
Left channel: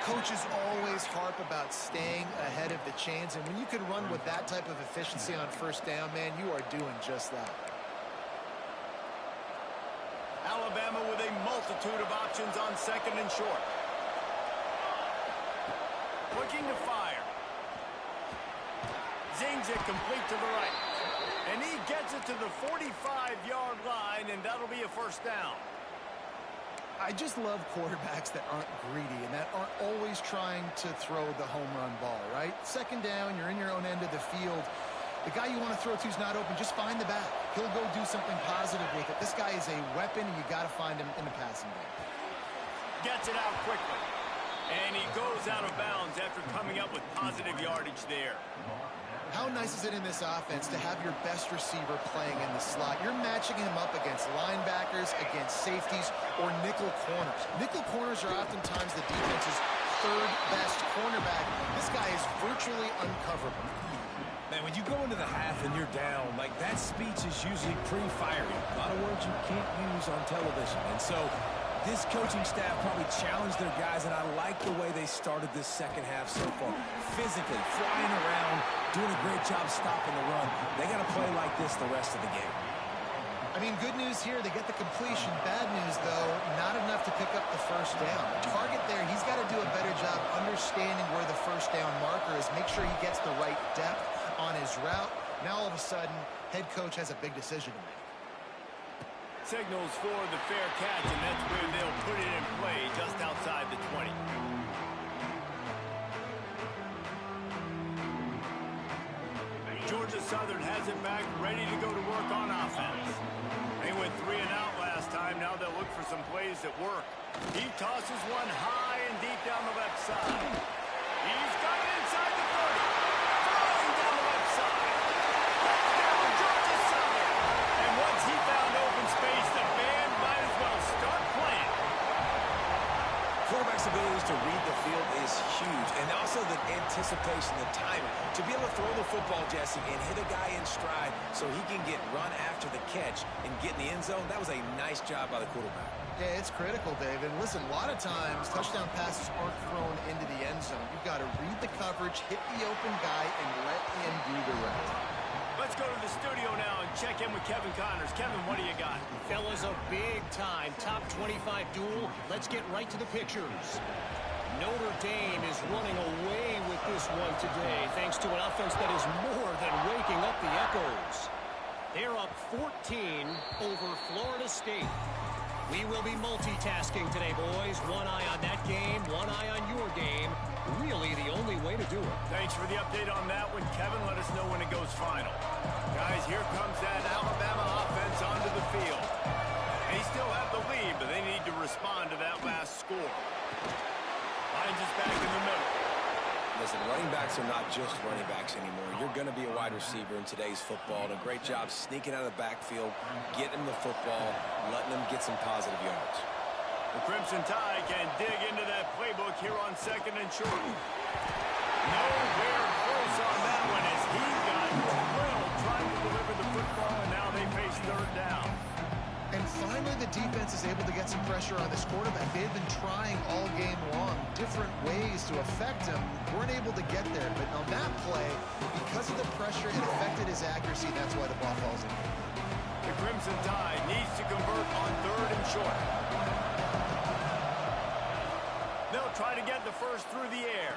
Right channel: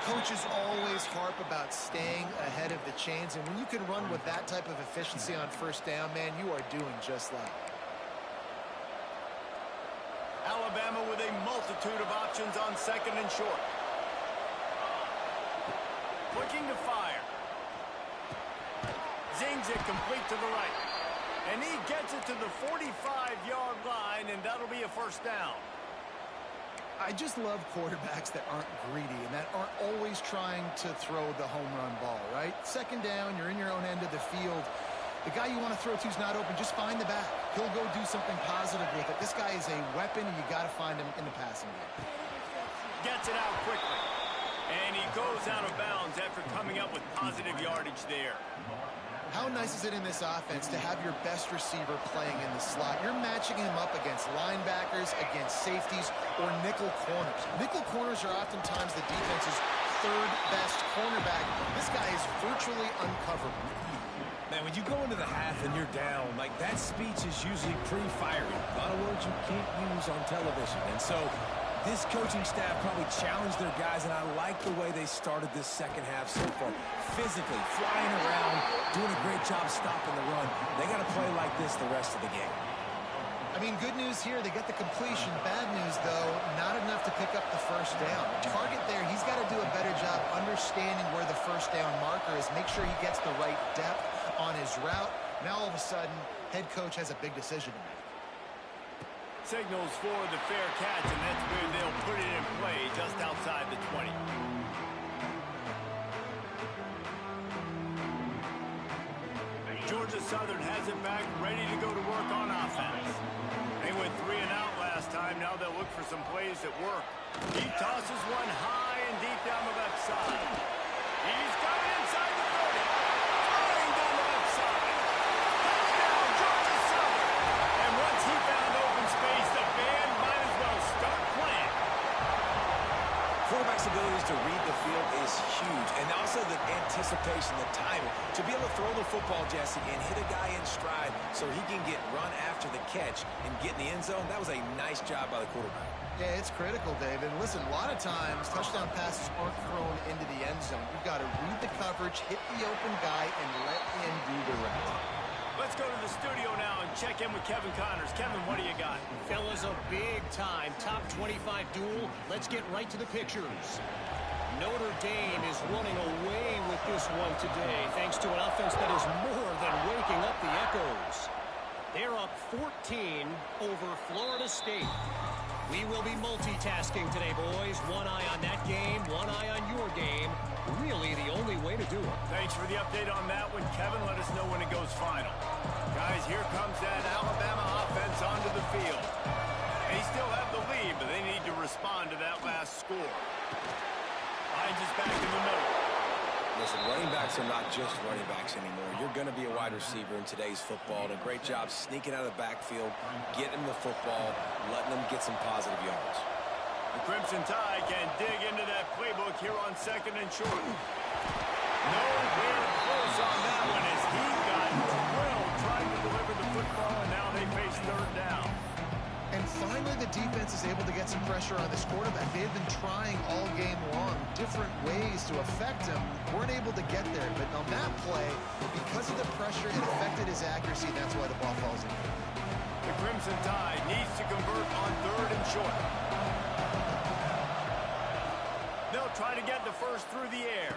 Coaches always harp about staying ahead of the chains, and when you can run with that type of efficiency on first down, man, you are doing just that. Alabama with a multitude of options on 2nd and short. Looking to fire. Zings it complete to the right. And he gets it to the 45-yard line, and that'll be a first down. I just love quarterbacks that aren't greedy and that aren't always trying to throw the home run ball, right? 2nd down, you're in your own end of the field. The guy you want to throw to is not open. Just find the back. He'll go do something positive with it. This guy is a weapon, and you got to find him in the passing game. Gets it out quickly. And he goes out of bounds after coming up with positive yardage there. How nice is it in this offense to have your best receiver playing in the slot? You're matching him up against linebackers, against safeties, or nickel corners. Nickel corners are oftentimes the defense's 3rd best cornerback. This guy is virtually uncoverable. Man, when you go into the half and you're down, like, that speech is usually pre-firing. A lot of words you can't use on television. And so this coaching staff probably challenged their guys, and I like the way they started this second half so far. Physically, flying around, doing a great job stopping the run. They got to play like this the rest of the game. I mean, good news here, they get the completion. Bad news, though, not enough to pick up the first down. The target there, he's got to do a better job understanding where the first down marker is, make sure he gets the right depth on his route. Now, all of a sudden, head coach has a big decision to make. Signals for the fair catch, and that's where they'll put it in play just outside the 20. Georgia Southern has it back, ready to go to work on offense. They went 3 and out last time. Now they'll look for some plays that work. He tosses one high and deep down the left side. He's got it inside the 30. Throwing down the left side. Touchdown, Georgia Southern. And once he found open space, the band might as well start playing. Quarterback's abilities to read the field is huge, and also the anticipation, the timing. To be able to throw the football, Jesse, and hit a guy in stride so he can get run after the catch and get in the end zone, that was a nice job by the quarterback. Yeah, it's critical, David. And listen, a lot of times, touchdown passes aren't thrown into the end zone. You've got to read the coverage, hit the open guy, and let him do the rest. Let's go to the studio now and check in with Kevin Connors. Kevin, what do you got? Fellas, a big-time top 25 duel. Let's get right to the pictures. Notre Dame is running away with this one today, thanks to an offense that is more than waking up the echoes. They're up 14 over Florida State. We will be multitasking today, boys. One eye on that game, one eye on your game. Really the only way to do it. Thanks for the update on that one, Kevin. Let us know when it goes final. Guys, here comes that Alabama offense onto the field. They still have the lead, but they need to respond to that last score. Hines is back in the middle. Listen, running backs are not just running backs anymore. You're going to be a wide receiver in today's football. And a great job sneaking out of the backfield, getting them the football, letting them get some positive yards. The Crimson Tide can dig into that playbook here on 2nd and short. Nowhere close on that one as he got drilled trying to deliver the football, and now they face 3rd down. And finally, the defense is able to get some pressure on this quarterback. They've been trying all game long different ways to affect him. Weren't able to get there, but on that play, because of the pressure, it affected his accuracy, and that's why the ball falls in. The Crimson Tide needs to convert on 3rd and short. They'll try to get the first through the air.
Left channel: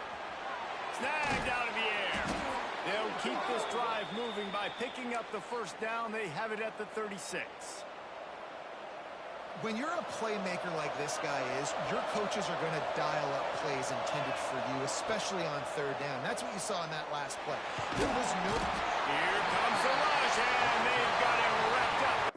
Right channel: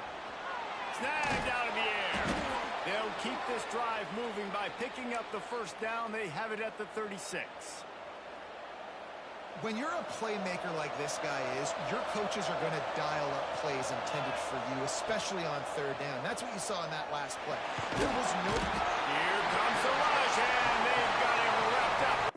Snagged out of the air. They'll keep this drive moving by picking up the first down. They have it at the 36. When you're a playmaker like this guy is, your coaches are going to dial up plays intended for you, especially on 3rd down. That's what you saw in that last play. There was no... Here comes the rush, and they've got it wrapped up.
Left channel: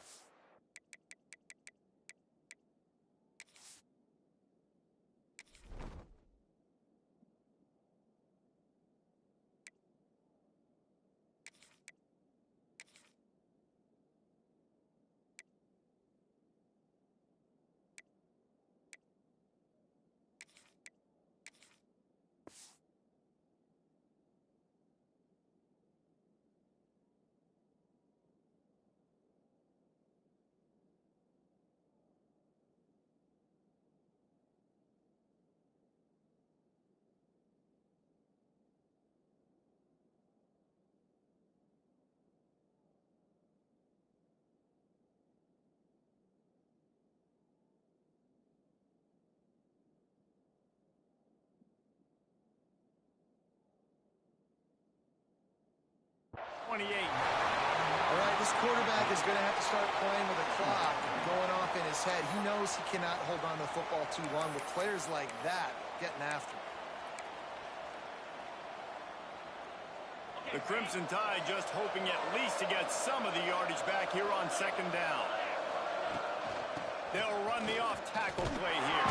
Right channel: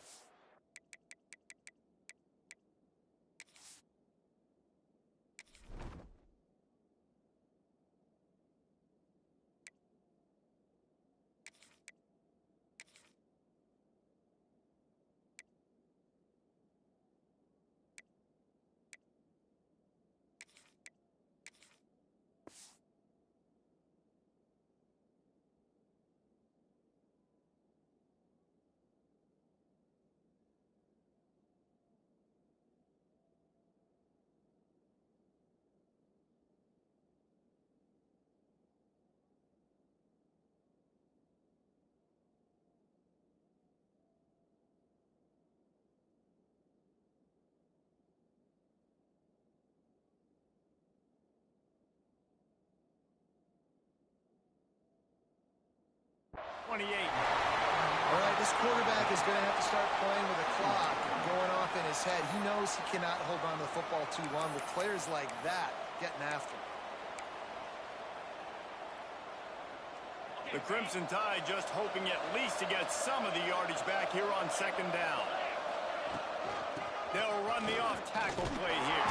All right, this quarterback is going to have to start playing with a clock going off in his head. He knows he cannot hold on to the football too long with players like that getting after him. The Crimson Tide just hoping at least to get some of the yardage back here on 2nd down. They'll run the off-tackle play here.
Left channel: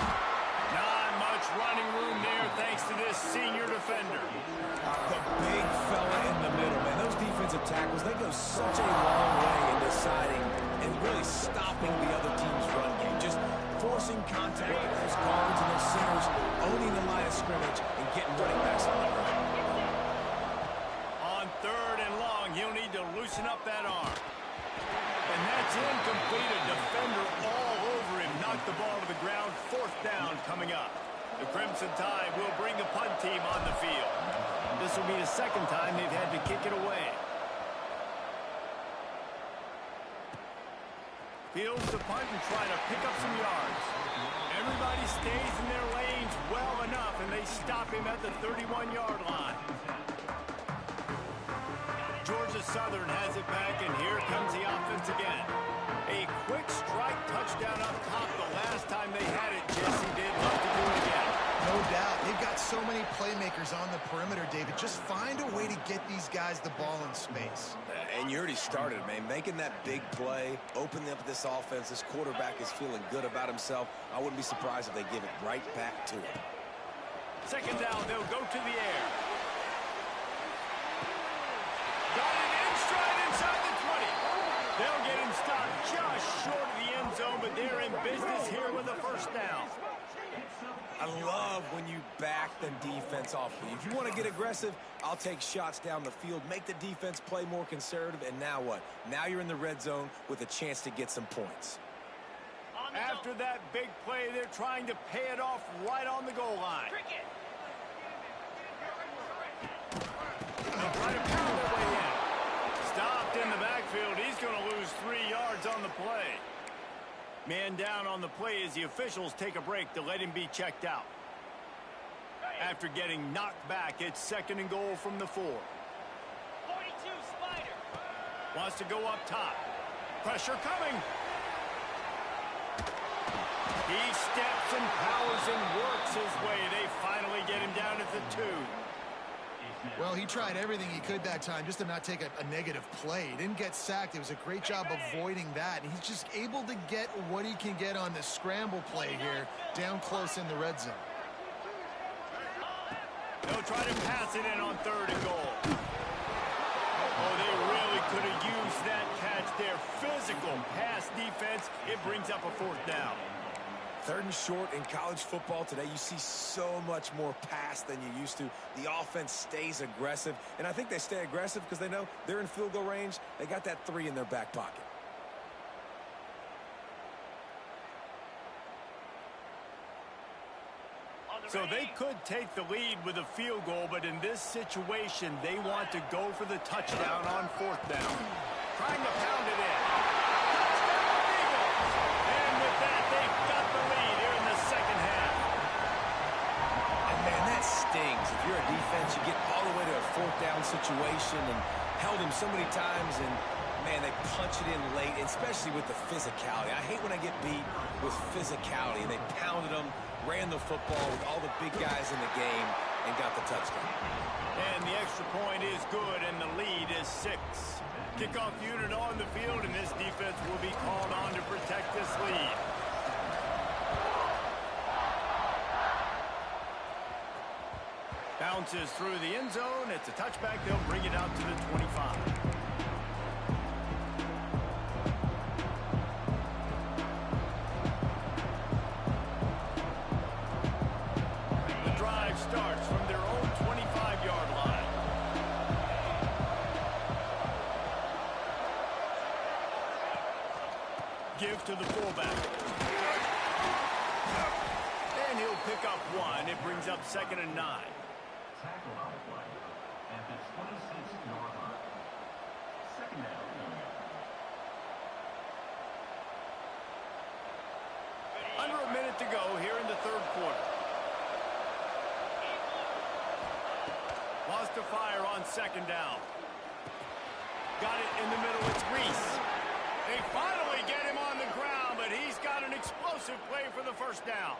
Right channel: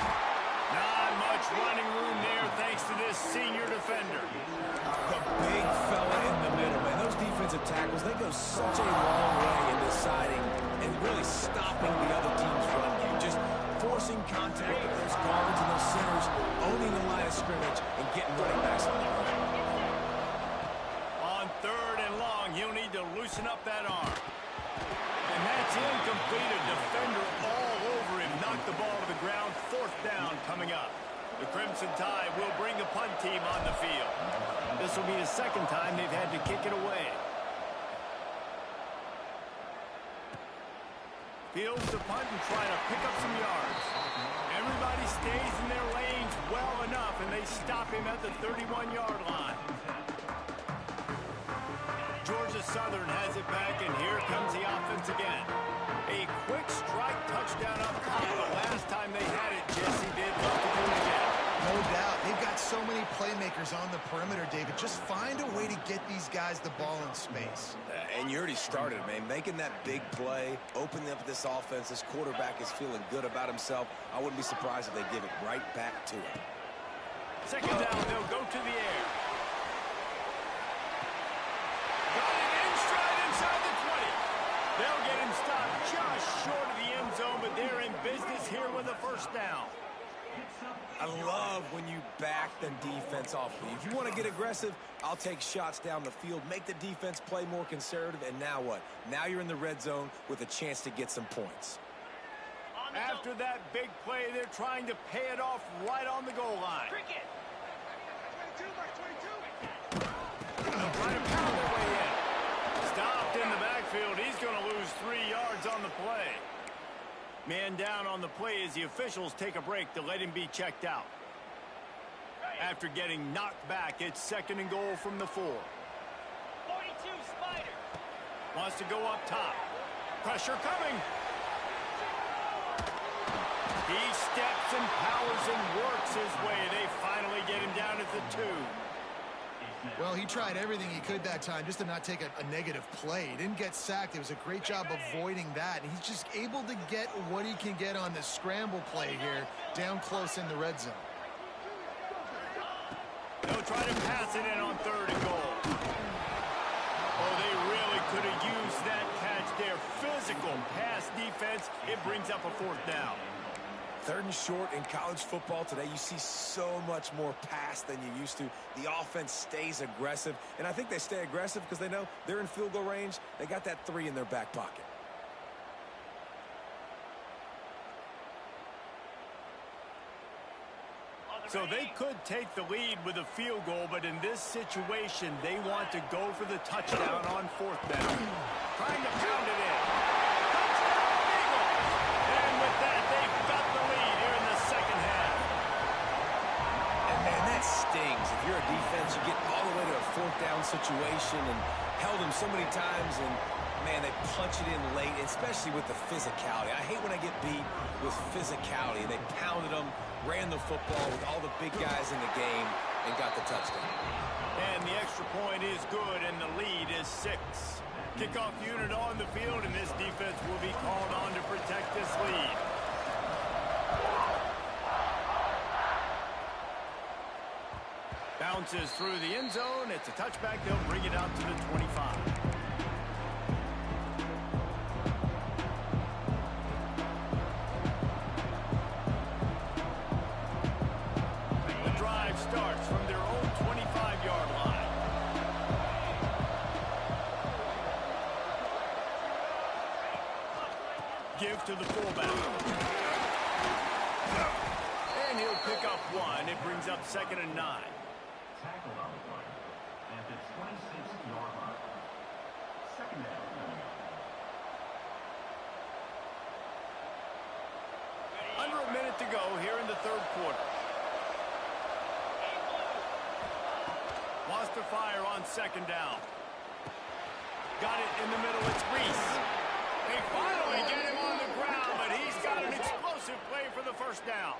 Not much running room there thanks to this senior defender. The big fella in the middle, man. Those defensive tackles, they go such a long way in deciding and really stopping the other team's run game. Just forcing contact with those guards and those centers, owning the line of scrimmage, and getting running backs on the run. On 3rd and long, he'll need to loosen up that arm. And that's incomplete. A defender all over him. Knocked the ball to the ground. 4th down coming up. The Crimson Tide will bring the punt team on the field. This will be the 2nd time they've had to kick it away. Fields the punt and try to pick up some yards. Everybody stays in their lanes well enough, and they stop him at the 31-yard line. Georgia Southern has it back, and here comes the offense again. A quick strike touchdown up top. The last time they had it, Jesse did love to do it again. No doubt. They've got so many playmakers on the perimeter, David. Just find a way to get these guys the ball in space. And you already started, man. Making that big play, opening up this offense. This quarterback is feeling good about himself. I wouldn't be surprised if they give it right back to him. Second down, they'll go to the air. Got it in stride inside the 20. They'll get him stopped just short of the end zone, but they're in business here with a first down. I love when you back the defense off of you. If you want to get aggressive, I'll take shots down the field, make the defense play more conservative, and now what? Now you're in the red zone with a chance to get some points. After that big play, they're trying to pay it off right on the goal line. They'll try to pound their way in. Stopped in the backfield. He's going to lose 3 yards on the play. Man down on the play as the officials take a break to let him be checked out. After getting knocked back, it's 2nd and goal from the 4. 42 Spider. Wants to go up top. Pressure coming. He steps and powers and works his way. They finally get him down at the 2. Well, he tried everything he could that time just to not take a negative play. He didn't get sacked. It was a great job avoiding that. And he's just able to get what he can get on the scramble play here down close in the red zone. They'll try to pass it in on 3rd and goal. Oh, they really could have used that catch there. Physical pass defense. It brings up a 4th down. 3rd and short in college football today. You see so much more pass than you used to. The offense stays aggressive, and I think they stay aggressive because they know they're in field goal range. They got that 3 in their back pocket. So they could take the lead with a field goal, but in this situation, they want to go for the touchdown on 4th down. Trying to pound it in. Touchdown, Eagles! And with that, they've got the lead here in the second half. And, man, that stings. If you're a defense, you get all the way to a 4th down situation and held them so many times, and, man, they punch it in late, especially with the physicality. I hate when I get beat with physicality. They pounded them, ran the football with all the big guys in the game, and got the touchdown. And the extra point is good, and the lead is 6. Kickoff unit on the field, and this defense will be called on to protect this lead. Bounces through the end zone. It's a touchback. They'll bring it out to the 25. The drive starts from their own 25-yard line. Give to the fullback. And he'll pick up 1. It brings up 2nd and 9. Tackled on the play at the 26-yard line. 2nd down coming up. Under a minute to go here in the 3rd quarter. Wants to fire on 2nd down. Got it in the middle. It's Reese. They finally get him on the ground, but he's got an explosive play for the 1st down.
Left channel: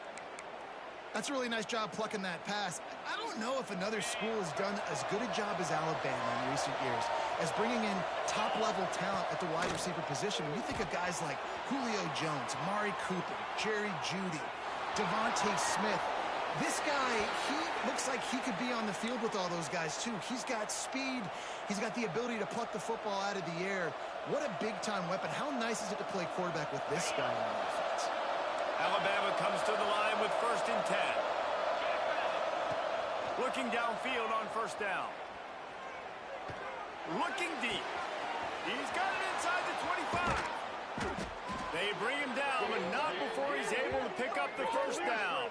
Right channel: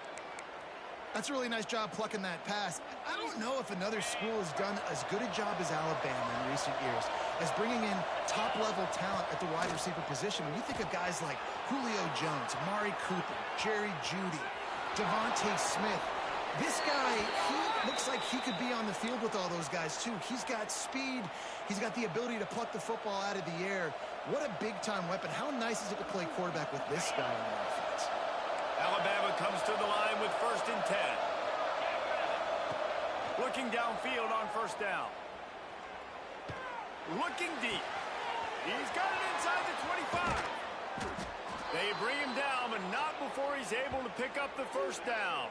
That's a really nice job plucking that pass. I don't know if another school has done as good a job as Alabama in recent years as bringing in top-level talent at the wide receiver position. When you think of guys like Julio Jones, Amari Cooper, Jerry Jeudy, Devontae Smith, this guy, he looks like he could be on the field with all those guys, too. He's got speed. He's got the ability to pluck the football out of the air. What a big-time weapon. How nice is it to play quarterback with this guy in the offense? Alabama comes to the line with 1st and 10. Looking downfield on 1st down. Looking deep. He's got it inside the 25. They bring him down, but not before he's able to pick up the 1st down.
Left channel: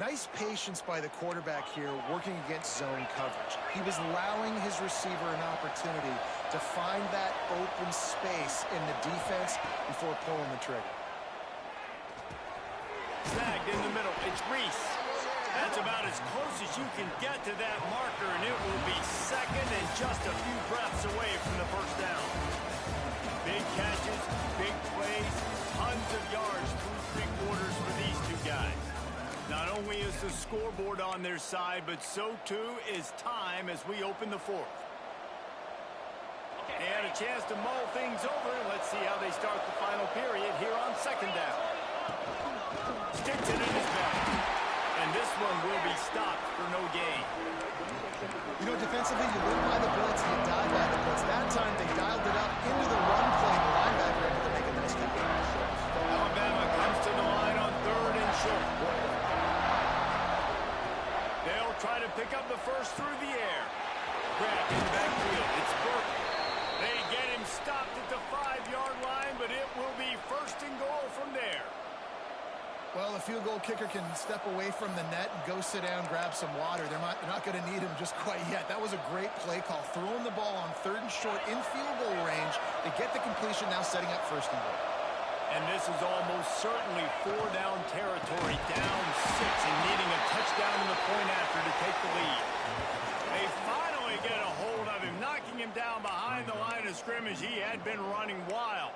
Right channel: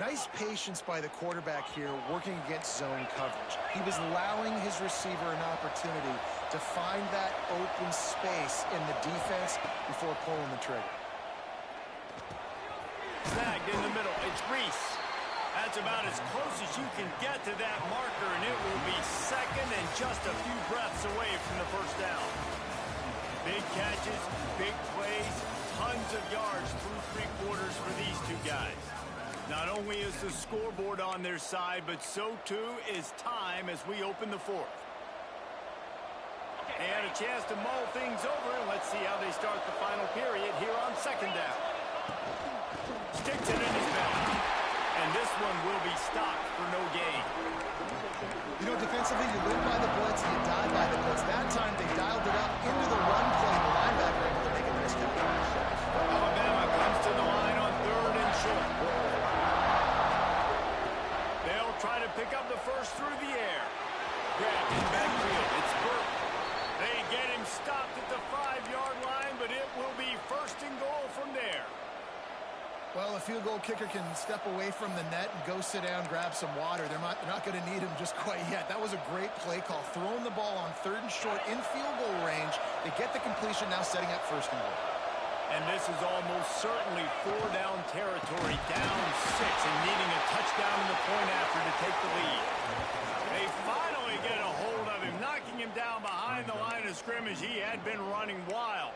Nice patience by the quarterback here working against zone coverage. He was allowing his receiver an opportunity to find that open space in the defense before pulling the trigger. Snagged in the middle. It's Reese. That's about as close as you can get to that marker, and it will be second and just a few breaths away from the first down. Big catches, big plays, tons of yards through three quarters for these two guys. Not only is the scoreboard on their side, but so too is time as we open the fourth. They had a chance to mull things over, and let's see how they start the final period here on second down. Sticks it in his belt. And this one will be stopped for no gain. You know, defensively, you live by the blitz, you die by the blitz. That time, they dialed it up into the run play. The linebacker able to make a nice tackle. Alabama comes to the line on 3rd and short. They'll try to pick up the first through the air. Grabbed in the backfield. It's Burke. They get him stopped at the 5-yard line, but it will be 1st and goal from there. Well, a field goal kicker can step away from the net and go sit down, grab some water. They're not going to need him just quite yet. That was a great play call. Throwing the ball on 3rd and short in field goal range. They get the completion, now setting up 1st and goal. And this is almost certainly 4-down territory, down 6, and needing a touchdown in the point after to take the lead. They finally get a hold of him, knocking him down behind the line of scrimmage. He had been running wild.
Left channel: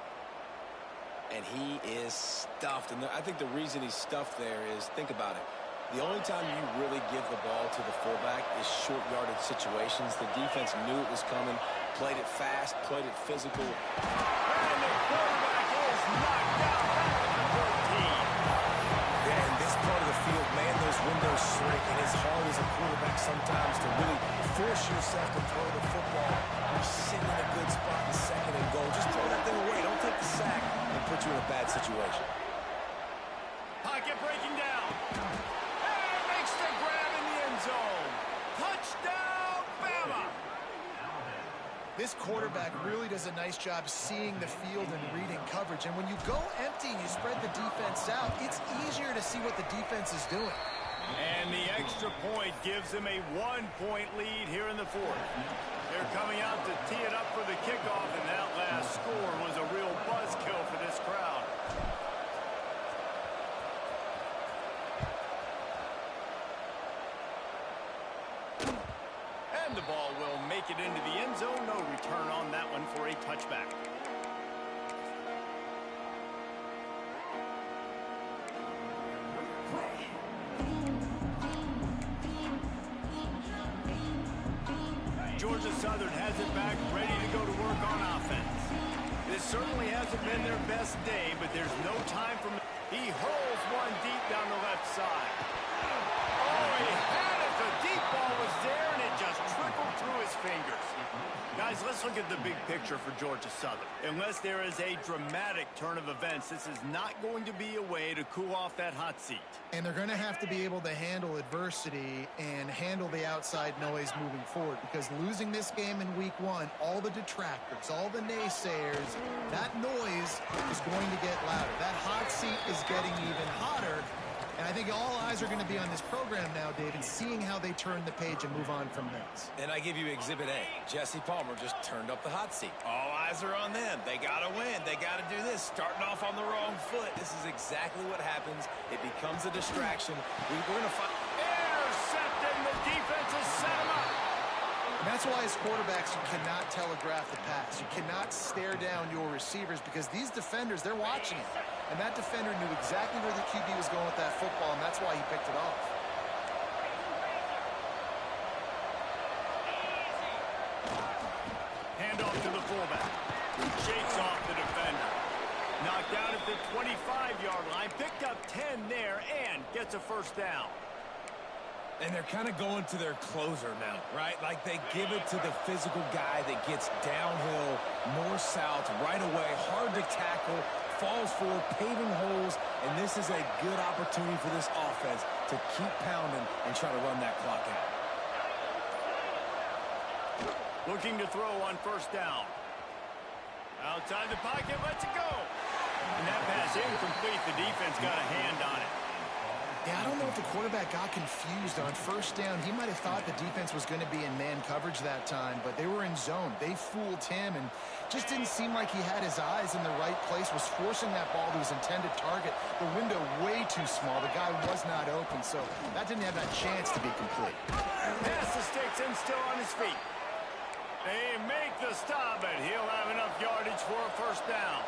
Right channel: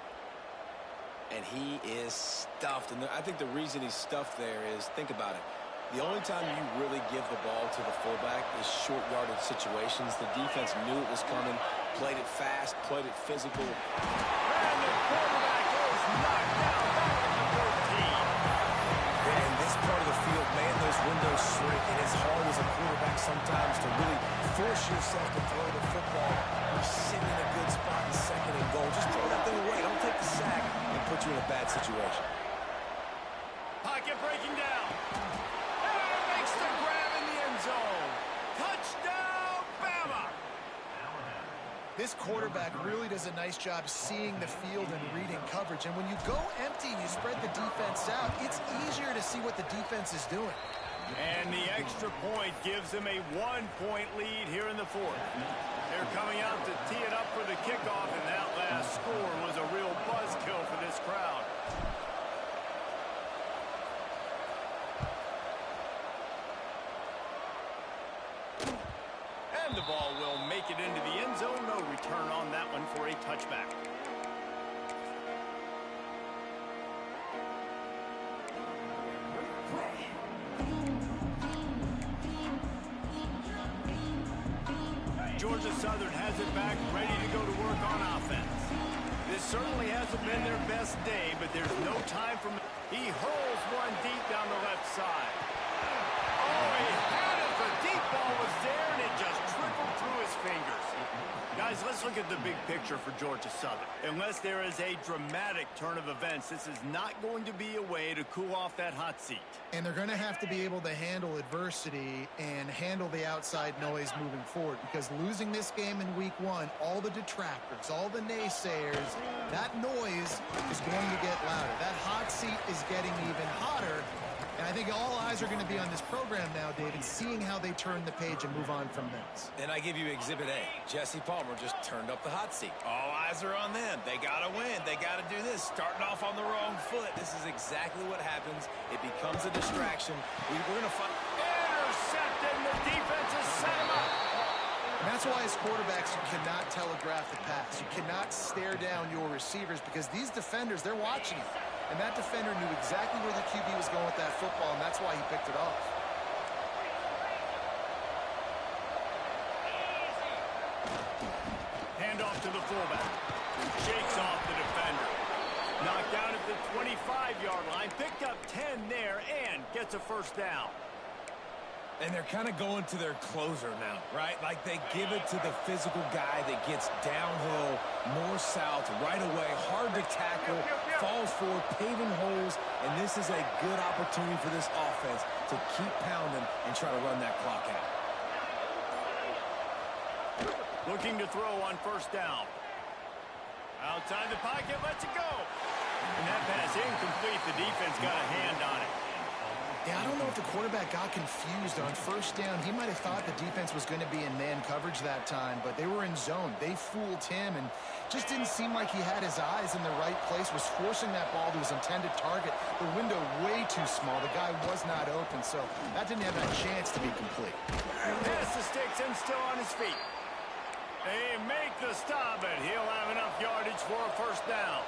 And he is stuffed. And I think the reason he's stuffed there is, think about it. The only time you really give the ball to the fullback is short yardage situations. The defense knew it was coming, played it fast, played it physical. And the quarterback is knocked down back at the 13. Yeah, in this part of the field, man, those windows shrink. And it's hard as a quarterback sometimes to really force yourself to throw the football. You're sitting in a good spot in 2nd and goal. Just throw that thing away. Don't take the sack and put you in a bad situation. Pocket breaking down. And makes the grab in the end zone. Touchdown, Bama! This quarterback really does a nice job seeing the field and reading coverage. And when you go empty and you spread the defense out, it's easier to see what the defense is doing. And the extra point gives them a 1-point lead here in the fourth. They're coming out to tee it up for the kickoff, and that last score was a real buzzkill for this crowd. And the ball will make it into the end zone. No return on that one for a touchback. Georgia Southern has it back, ready to go to work on offense. This certainly hasn't been their best day, but there's no time for... He hurls one deep down the left side. Oh, he had it. The deep ball was there, and it just trickled through his fingers. Guys, let's look at the big picture for Georgia Southern. Unless there is a dramatic turn of events, this is not going to be a way to cool off that hot seat. And they're going to have to be able to handle adversity and handle the outside noise moving forward, because losing this game in week 1, all the detractors, all the naysayers, that noise is going to get louder. That hot seat is getting even hotter. And I think all eyes are going to be on this program now, David, seeing how they turn the page and move on from this. And I give you Exhibit A. Jesse Palmer just turned up the hot seat. All eyes are on them. They got to win. They got to do this. Starting off on the wrong foot. This is exactly what happens. It becomes a distraction. We're going to find... Intercepted, and the defense has set him up. And that's why as quarterbacks, you cannot telegraph the pass. You cannot stare down your receivers, because these defenders, they're watching you. And that defender knew exactly where the QB was going with that football, and that's why he picked it off. Hand off to the fullback. Shakes off the defender. Knocked down at the 25-yard line. Picked up 10 there and gets a first down. And they're kind of going to their closer now, right? Like they give it to the physical guy that gets downhill, north-south, right away, hard to tackle, falls forward, paving holes, and this is a good opportunity for this offense to keep pounding and try to run that clock out. Looking to throw on first down. Outside the pocket, lets it go. And that pass incomplete. The defense got a hand on it. Yeah, I don't know if the quarterback got confused on first down. He might have thought the defense was going to be in man coverage that time, but they were in zone. They fooled him and just didn't seem like he had his eyes in the right place, was forcing that ball to his intended target. The window way too small. The guy was not open, so that didn't have that chance to be complete. Pass the sticks and still on his feet. They make the stop, but he'll have enough yardage for a first down.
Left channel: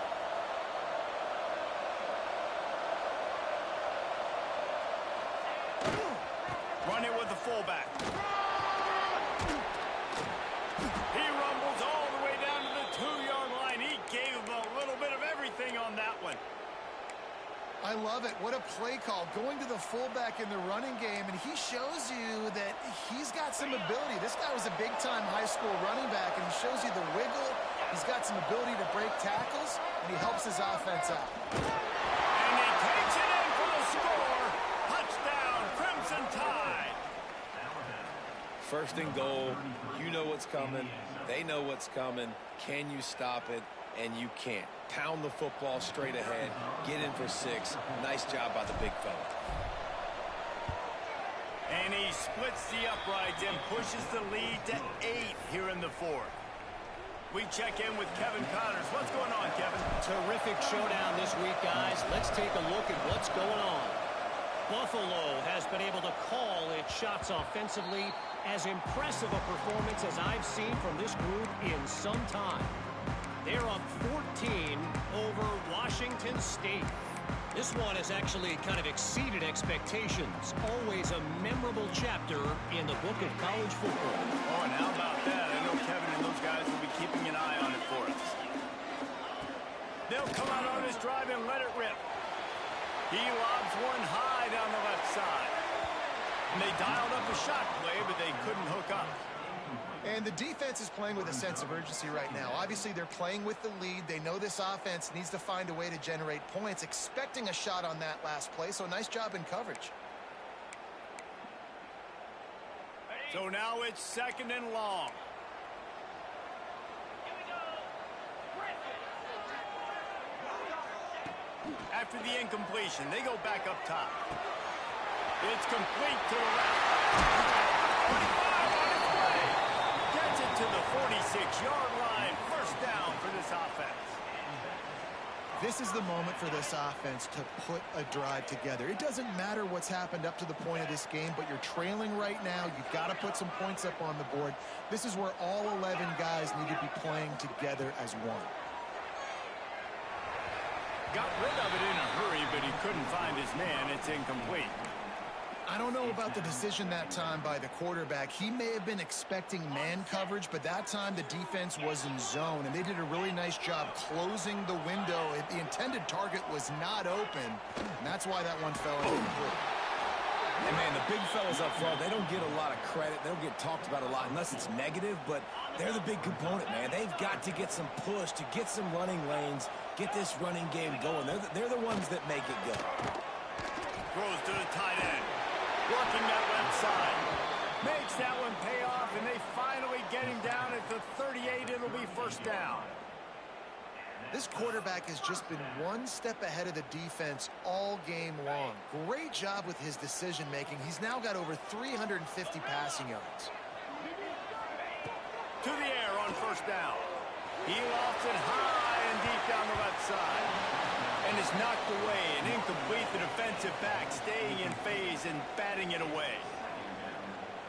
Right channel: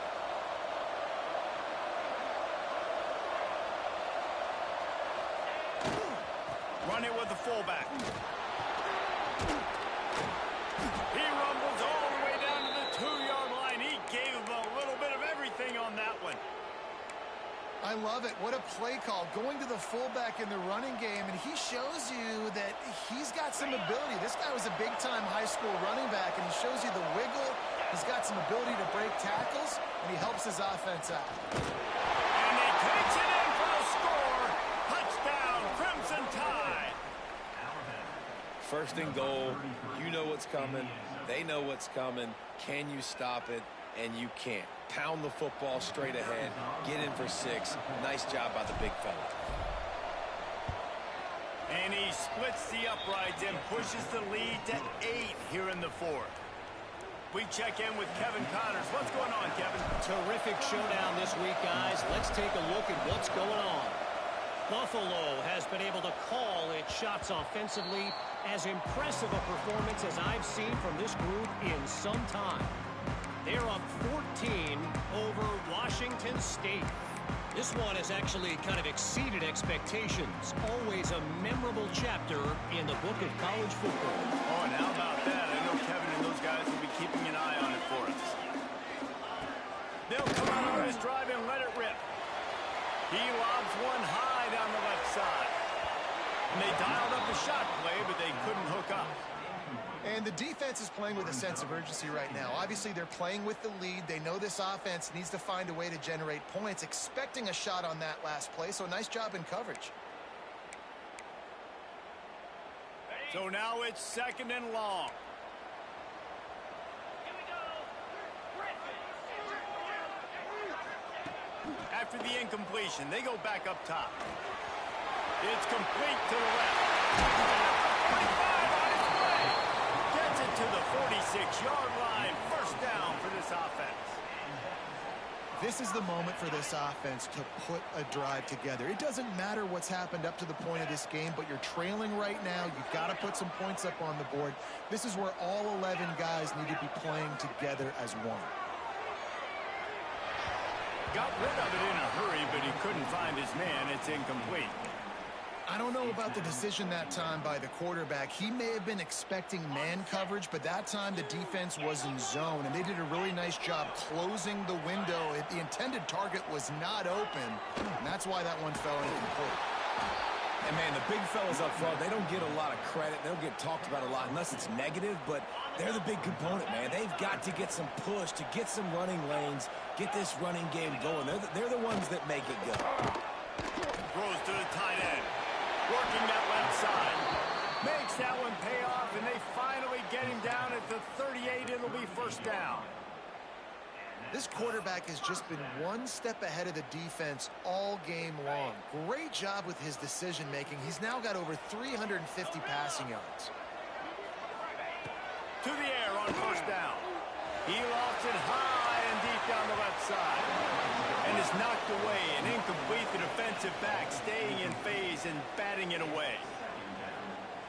Run it with the fullback. He rumbles all the way down to the 2-yard line. He gave him a little bit of everything on that one. I love it. What a play call. Going to the fullback in the running game, and he shows you that he's got some ability. This guy was a big-time high school running back, and he shows you the wiggle. He's got some ability to break tackles, and he helps his offense out. And he takes it in for the score. Touchdown, Crimson Tide. First and goal. You know what's coming. They know what's coming. Can you stop it? And you can't. Pound the football straight ahead. Get in for 6. Nice job by the big fella. And he splits the uprights and pushes the lead to 8 here in the 4th. We check in with Kevin Connors. What's going on, Kevin? Terrific showdown this week, guys. Let's take a look at what's going on. Buffalo has been able to call its shots offensively. As impressive a performance as I've seen from this group in some time. They're up 14 over Washington State. This one has actually kind of exceeded expectations. Always a memorable chapter in the book of college football. Oh, and how about that? I know Kevin and those guys will be keeping an eye on it for us. They'll come out on this drive and let it rip. He lobs one high down the left side. And they dialed up a shot play, but they couldn't hook up. And the defense is playing with a sense of urgency right now. Obviously, they're playing with the lead. They know this offense needs to find a way to generate points, expecting a shot on that last play. So nice job in coverage. So now it's 2nd and long. Here we go. After the incompletion, they go back up top. It's complete to the left. At the 45 on its way. Gets it to the 46-yard line. First down for this offense. This is the moment for this offense to put a drive together. It doesn't matter what's happened up to the point of this game, but you're trailing right now. You've got to put some points up on the board. This is where all 11 guys need to be playing together as one. Got rid of it in a hurry, but he couldn't find his man. It's incomplete. I don't know about the decision that time by the quarterback. He may have been expecting man coverage, but that time the defense was in zone, and they did a really nice job closing the window. The intended target was not open, and that's why that one fell incomplete. And, man, the big fellas up front, they don't get a lot of credit. They don't get talked about a lot unless it's negative, but they're the big component, man. They've got to get some push, to get some running lanes, get this running game going. They're the ones that make it go. Throws to the tight end. Working that left side. Makes that one pay off, and they finally get him down at the 38. It'll be first down. This quarterback has just been one step ahead of the defense all game long. Great job with his decision-making. He's now got over 350 passing yards. To the air on first down. He lofts it high and deep down the left side. And is knocked away and incomplete. The defensive back staying in phase and batting it away.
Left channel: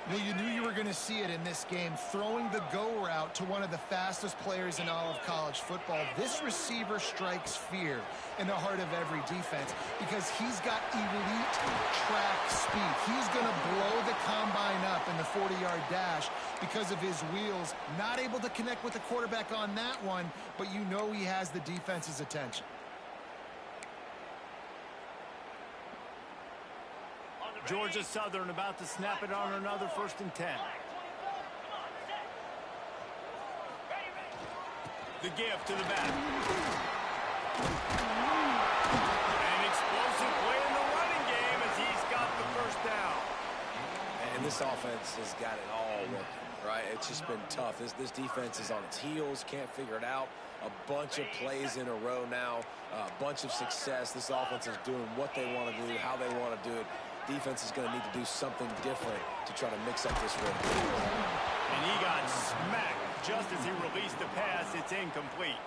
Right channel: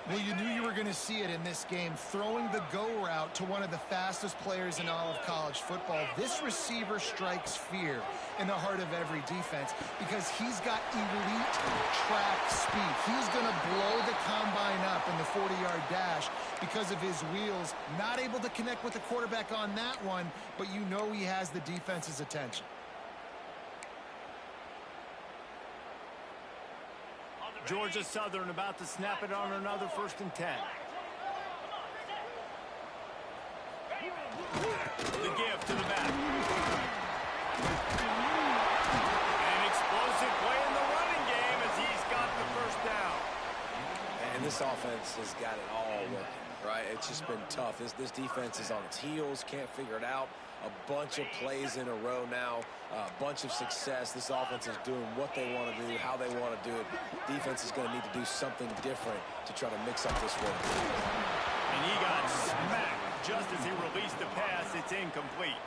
Well, you knew you were going to see it in this game, throwing the go route to one of the fastest players in all of college football. This receiver strikes fear in the heart of every defense because he's got elite track speed. He's going to blow the combine up in the 40-yard dash because of his wheels. Not able to connect with the quarterback on that one, but you know he has the defense's attention. Georgia Southern about to snap it on another 1st and 10. The give to the back. An explosive play in the running game as he's got the first down. And this offense has got it all working. right? It's just been tough. This defense is on its heels, can't figure it out. A bunch of plays in a row now, a bunch of success. This offense is doing what they want to do, how they want to do it. Defense is going to need to do something different to try to mix up this rhythm. And he got smacked just as he released the pass. It's incomplete.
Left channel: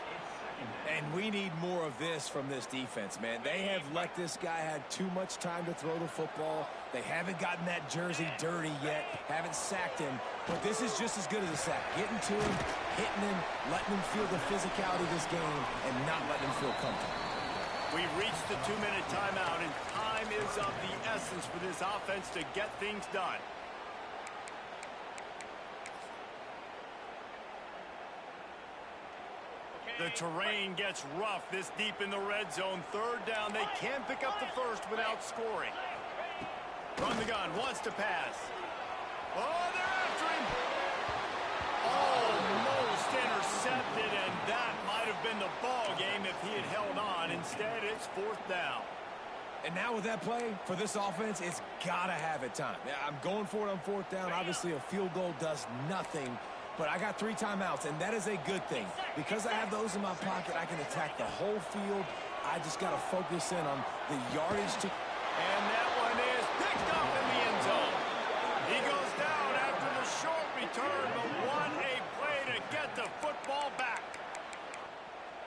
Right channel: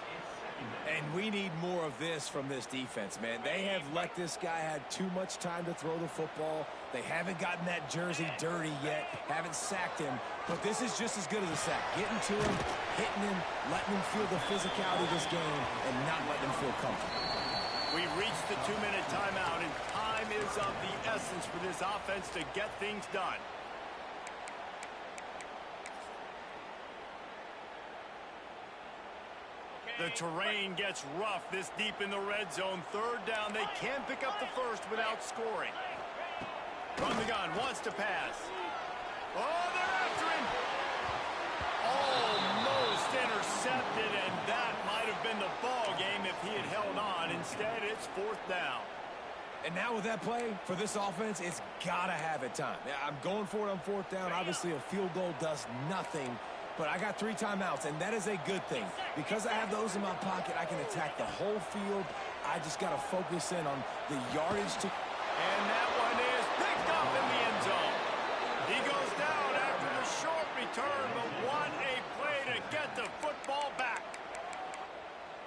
And we need more of this from this defense, man. They have let this guy have too much time to throw the football. They haven't gotten that jersey dirty yet, haven't sacked him. But this is just as good as a sack. Getting to him, hitting him, letting him feel the physicality of this game, and not letting him feel comfortable. We've reached the 2-minute timeout, and time is of the essence for this offense to get things done. The terrain gets rough this deep in the red zone. Third down, they can't pick up the first without scoring. From the gun, wants to pass. Oh, they're after him. Almost intercepted, and that might have been the ball game if he had held on. Instead, it's fourth down. And now with that play, for this offense, it's got to have it time. I'm going for it on fourth down. Obviously, a field goal does nothing. But I got 3 timeouts, and that is a good thing. Because I have those in my pocket, I can attack the whole field. I just got to focus in on the yardage to... And that one is picked up in the end zone. He goes down after the short return, but what a play to get the football back.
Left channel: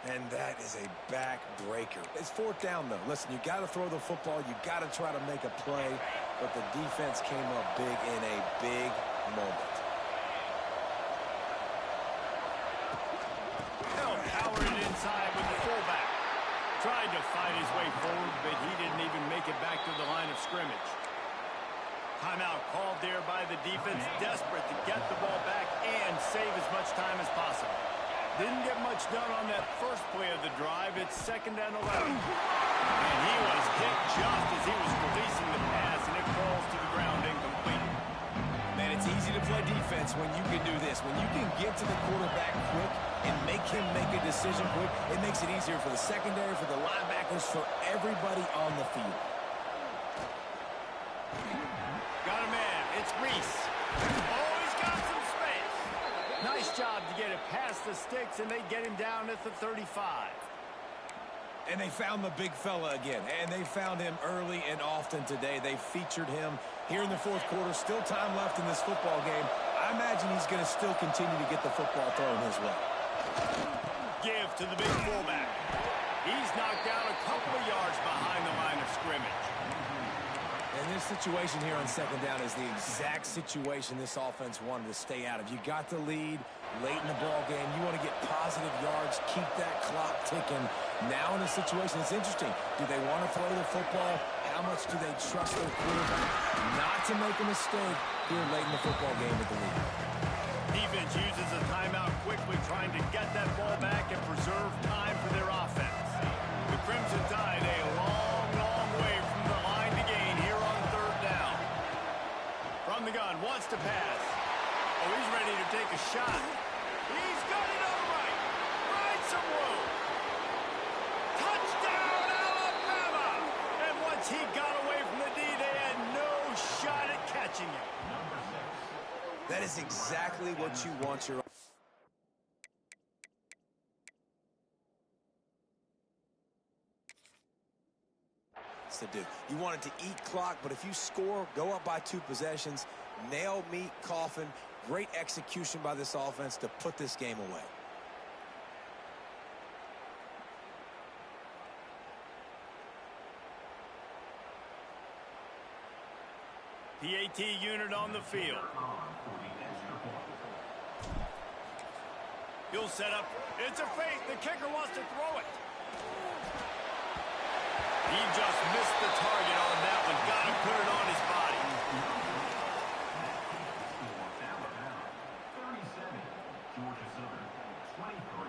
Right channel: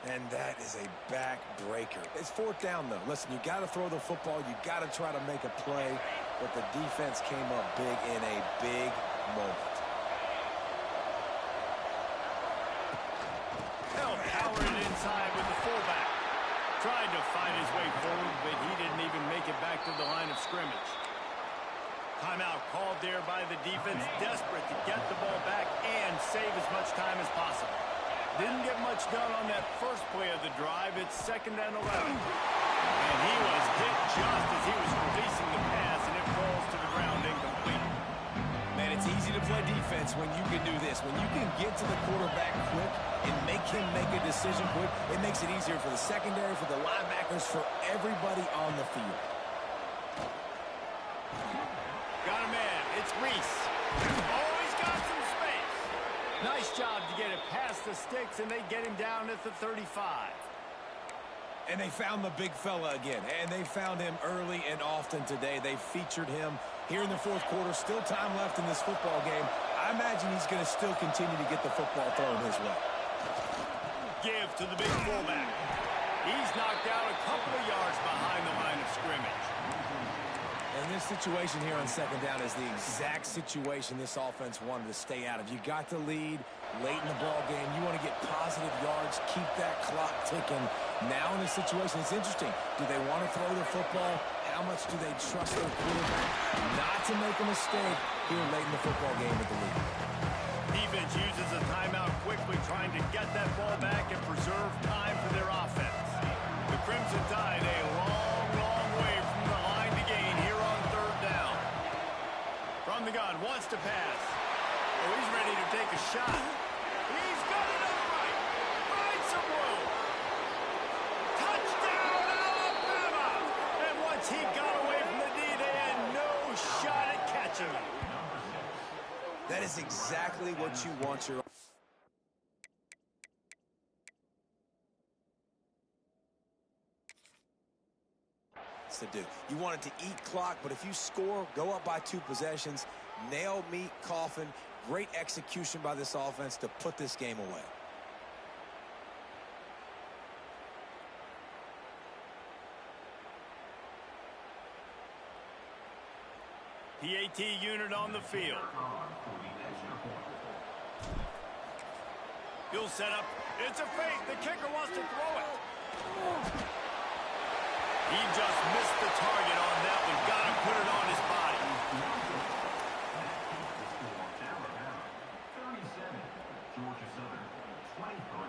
And that is a back-breaker. It's fourth down, though. Listen, you got to throw the football. You got to try to make a play. But the defense came up big in a big moment. Powered it inside with the fullback. Tried to fight his way forward, but he didn't even make it back to the line of scrimmage. Timeout called there by the defense, desperate to get the ball back and save as much time as possible. Didn't get much done on that first play of the drive. It's 2nd and 11. And he was hit just as he was releasing the pass, and it falls to the ground incomplete. Man, it's easy to play defense when you can do this. When you can get to the quarterback quick and make him make a decision quick, it makes it easier for the secondary, for the linebackers, for everybody on the field. Got a man. It's Reese. Oh, he's got some space. Nice job to get it past the sticks, and they get him down at the 35. And they found the big fella again, and they found him early and often today. They featured him here in the fourth quarter. Still time left in this football game. I imagine he's going to still continue to get the football thrown his way. Give to the big fullback. He's knocked out a couple of yards behind the line of scrimmage. And this situation here on 2nd down is the exact situation this offense wanted to stay out of. You got the lead late in the ball game. You want to get positive yards, keep that clock ticking. Now in a situation, it's interesting. Do they want to throw the football? How much do they trust their quarterback not to make a mistake here late in the football game with the lead? Defense uses a timeout quickly, trying to get that ball back and preserve time for their offense. The Crimson Tide a long, long way from the line to gain here on 3rd down. From the gun, wants to pass. Oh, he's ready to take a shot. He's got it on the right. Finds some room. Touchdown, Alabama! And once he got away from the D, they had no shot at catching him. That is exactly what you want your... to do. You want it to eat clock, but if you score, go up by 2 possessions, nail, meet, coffin. Great execution by this offense to put this game away. PAT unit on the field. He'll set up. It's a fake. The kicker wants to throw it. He just missed the target on that one. Got to put it on his body. Alabama, 37. Georgia Southern, 23.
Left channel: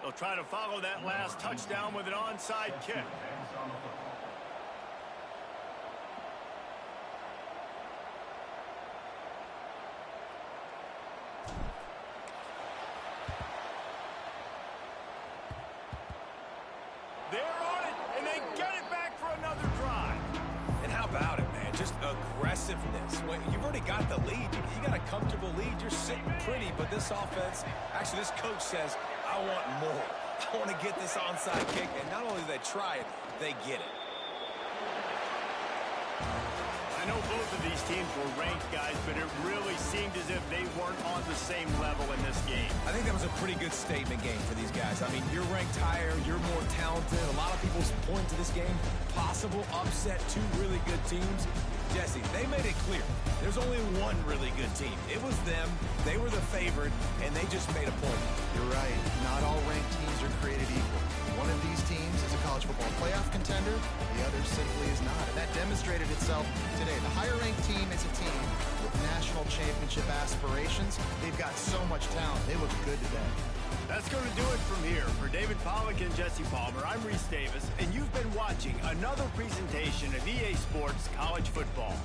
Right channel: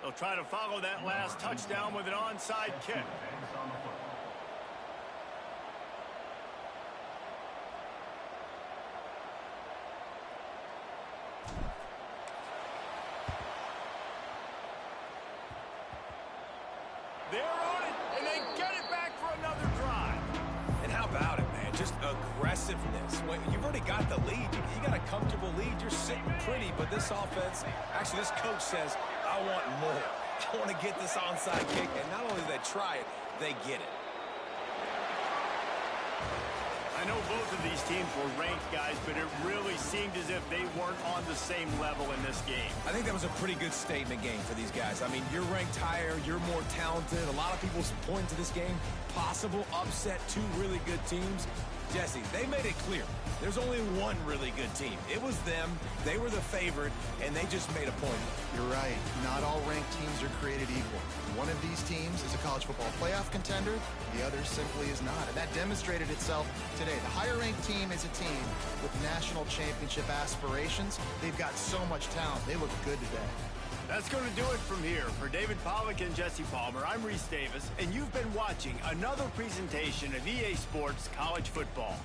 They'll try to follow that last touchdown with an onside kick. They're on it, and they get it back for another drive. And how about it, man? Just aggressiveness. When you've already got the lead. You got a comfortable lead. You're sitting pretty, but this offense, actually this coach says, I want more. I want to get this onside kick, and not only do they try it, they get it. I know both of these teams were ranked, guys, but it really seemed as if they weren't on the same level in this game. I think that was a pretty good statement game for these guys. I mean, you're ranked higher, you're more talented. A lot of people point to this game, possible upset, two really good teams. Jesse, they made it clear. There's only one really good team. It was them. They were the favorite, and they just made a point. You're right. Not all ranked teams are created equal. One of these teams is a college football playoff contender. The other simply is not. And that demonstrated itself today. The higher-ranked team is a team with national championship aspirations. They've got so much talent. They look good today. That's going to do it from here. For David Pollack and Jesse Palmer, I'm Reese Davis, and you've been watching another presentation of EA Sports College Football.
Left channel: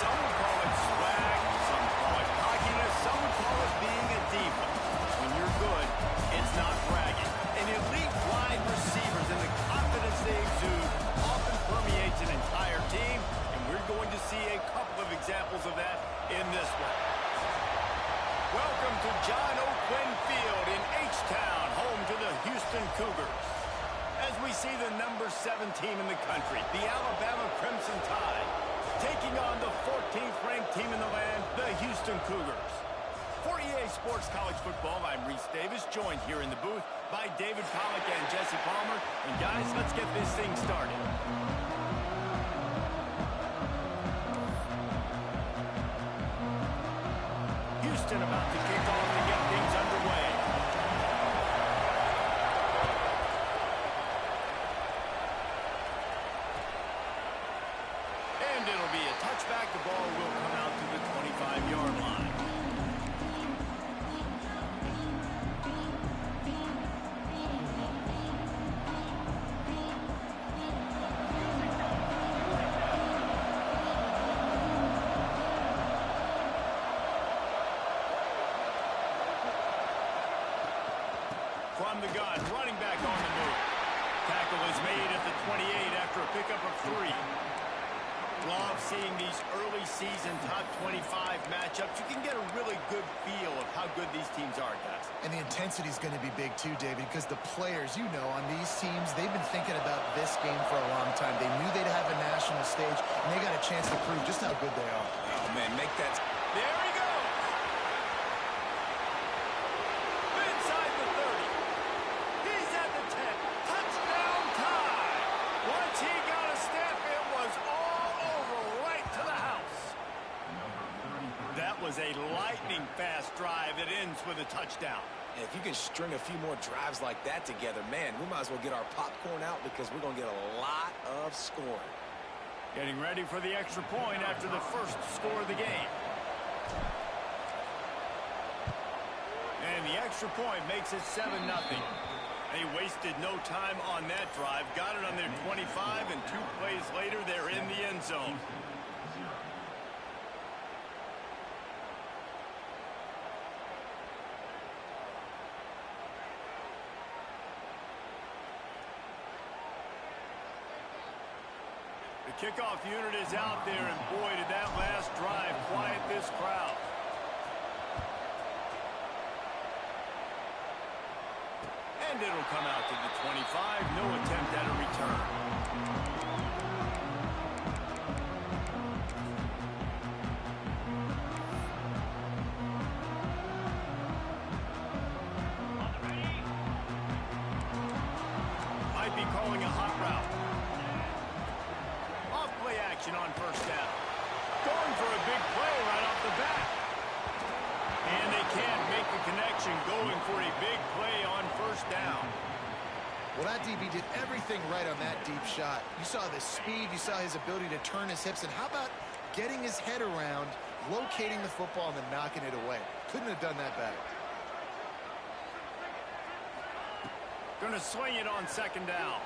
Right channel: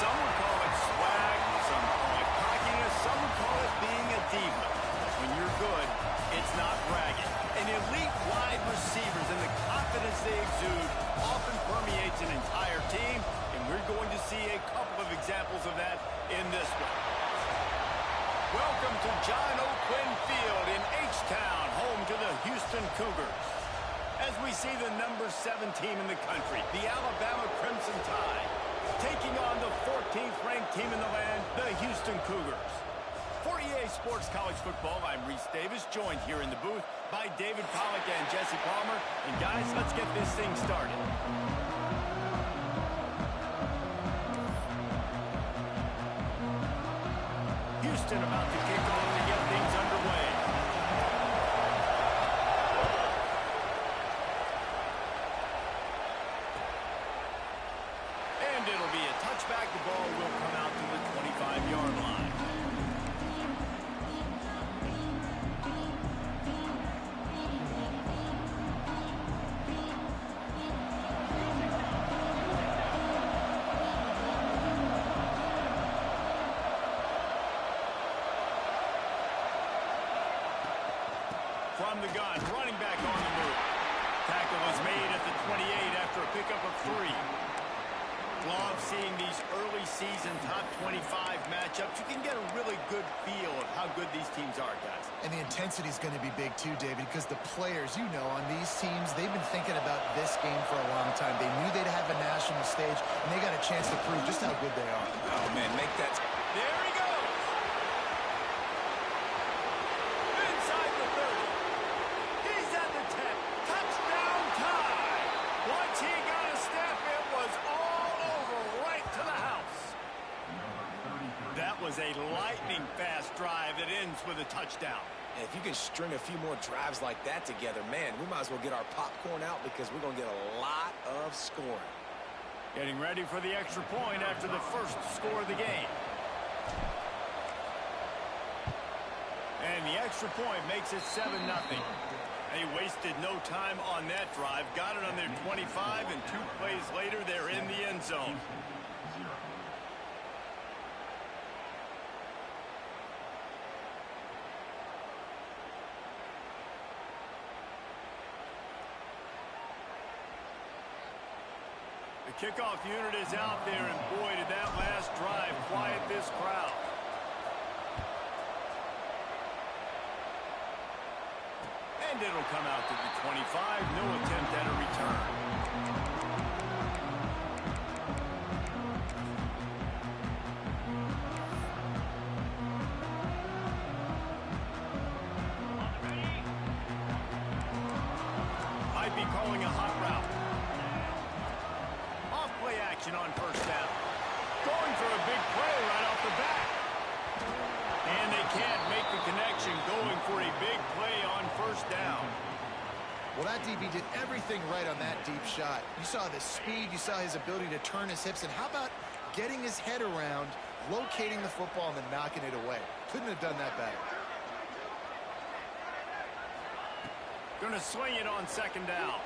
Some would call it swag, some call it cockiness, some would call it being a diva. When you're good, it's not bragging. And elite wide receivers and the confidence they exude often permeates an entire team, and we're going to see a couple of examples of that in this one. Welcome to John O'Quinn Field in H-Town, home to the Houston Cougars. As we see the number 7 team in the country, the Alabama Crimson Tide, taking on the 14th ranked team in the land, the Houston Cougars. For EA Sports College Football, I'm Reese Davis, joined here in the booth by David Pollack and Jesse Palmer. And guys, let's get this thing started. Houston about to kick off to get things underway. And it'll be a touchback. The ball will come out to the 25-yard line. From the gun, running back on the move. Tackle is made at the 28 after a pickup of 3. Love seeing these early season top 25 matchups. You can get a really good feel of how good these teams are, guys. And the intensity is going to be big too, David, because the players, you know, on these teams, they've been thinking about this game for a long time. They knew they'd have a national stage, and they got a chance to prove just how good they are. Oh, man, make that... There he goes! Inside the 30. He's at the 10. Touchdown tie! Once he got a step, it was all over right to the house. That was a lightning-fast drive that ends with a touchdown. And if you can string a few more drives like that together, man, we might as well get our popcorn out because we're going to get a lot of scoring. Getting ready for the extra point after the first score of the game. And the extra point makes it 7-0. They wasted no time on that drive. Got it on their 25, and 2 plays later, they're in the end zone. The kickoff unit is out there, and boy, did that last drive quiet this crowd. And it'll come out to the 25. No attempt at a return. Might be calling a hot route. Off play action on first down. Going for a big play right off the bat. And they can't make the connection, going for a big play on first down. Well, that DB did everything right on that deep shot. You saw the speed, you saw his ability to turn his hips, and how about getting his head around, locating the football, and then knocking it away? Couldn't have done that better. Going to swing it on second down.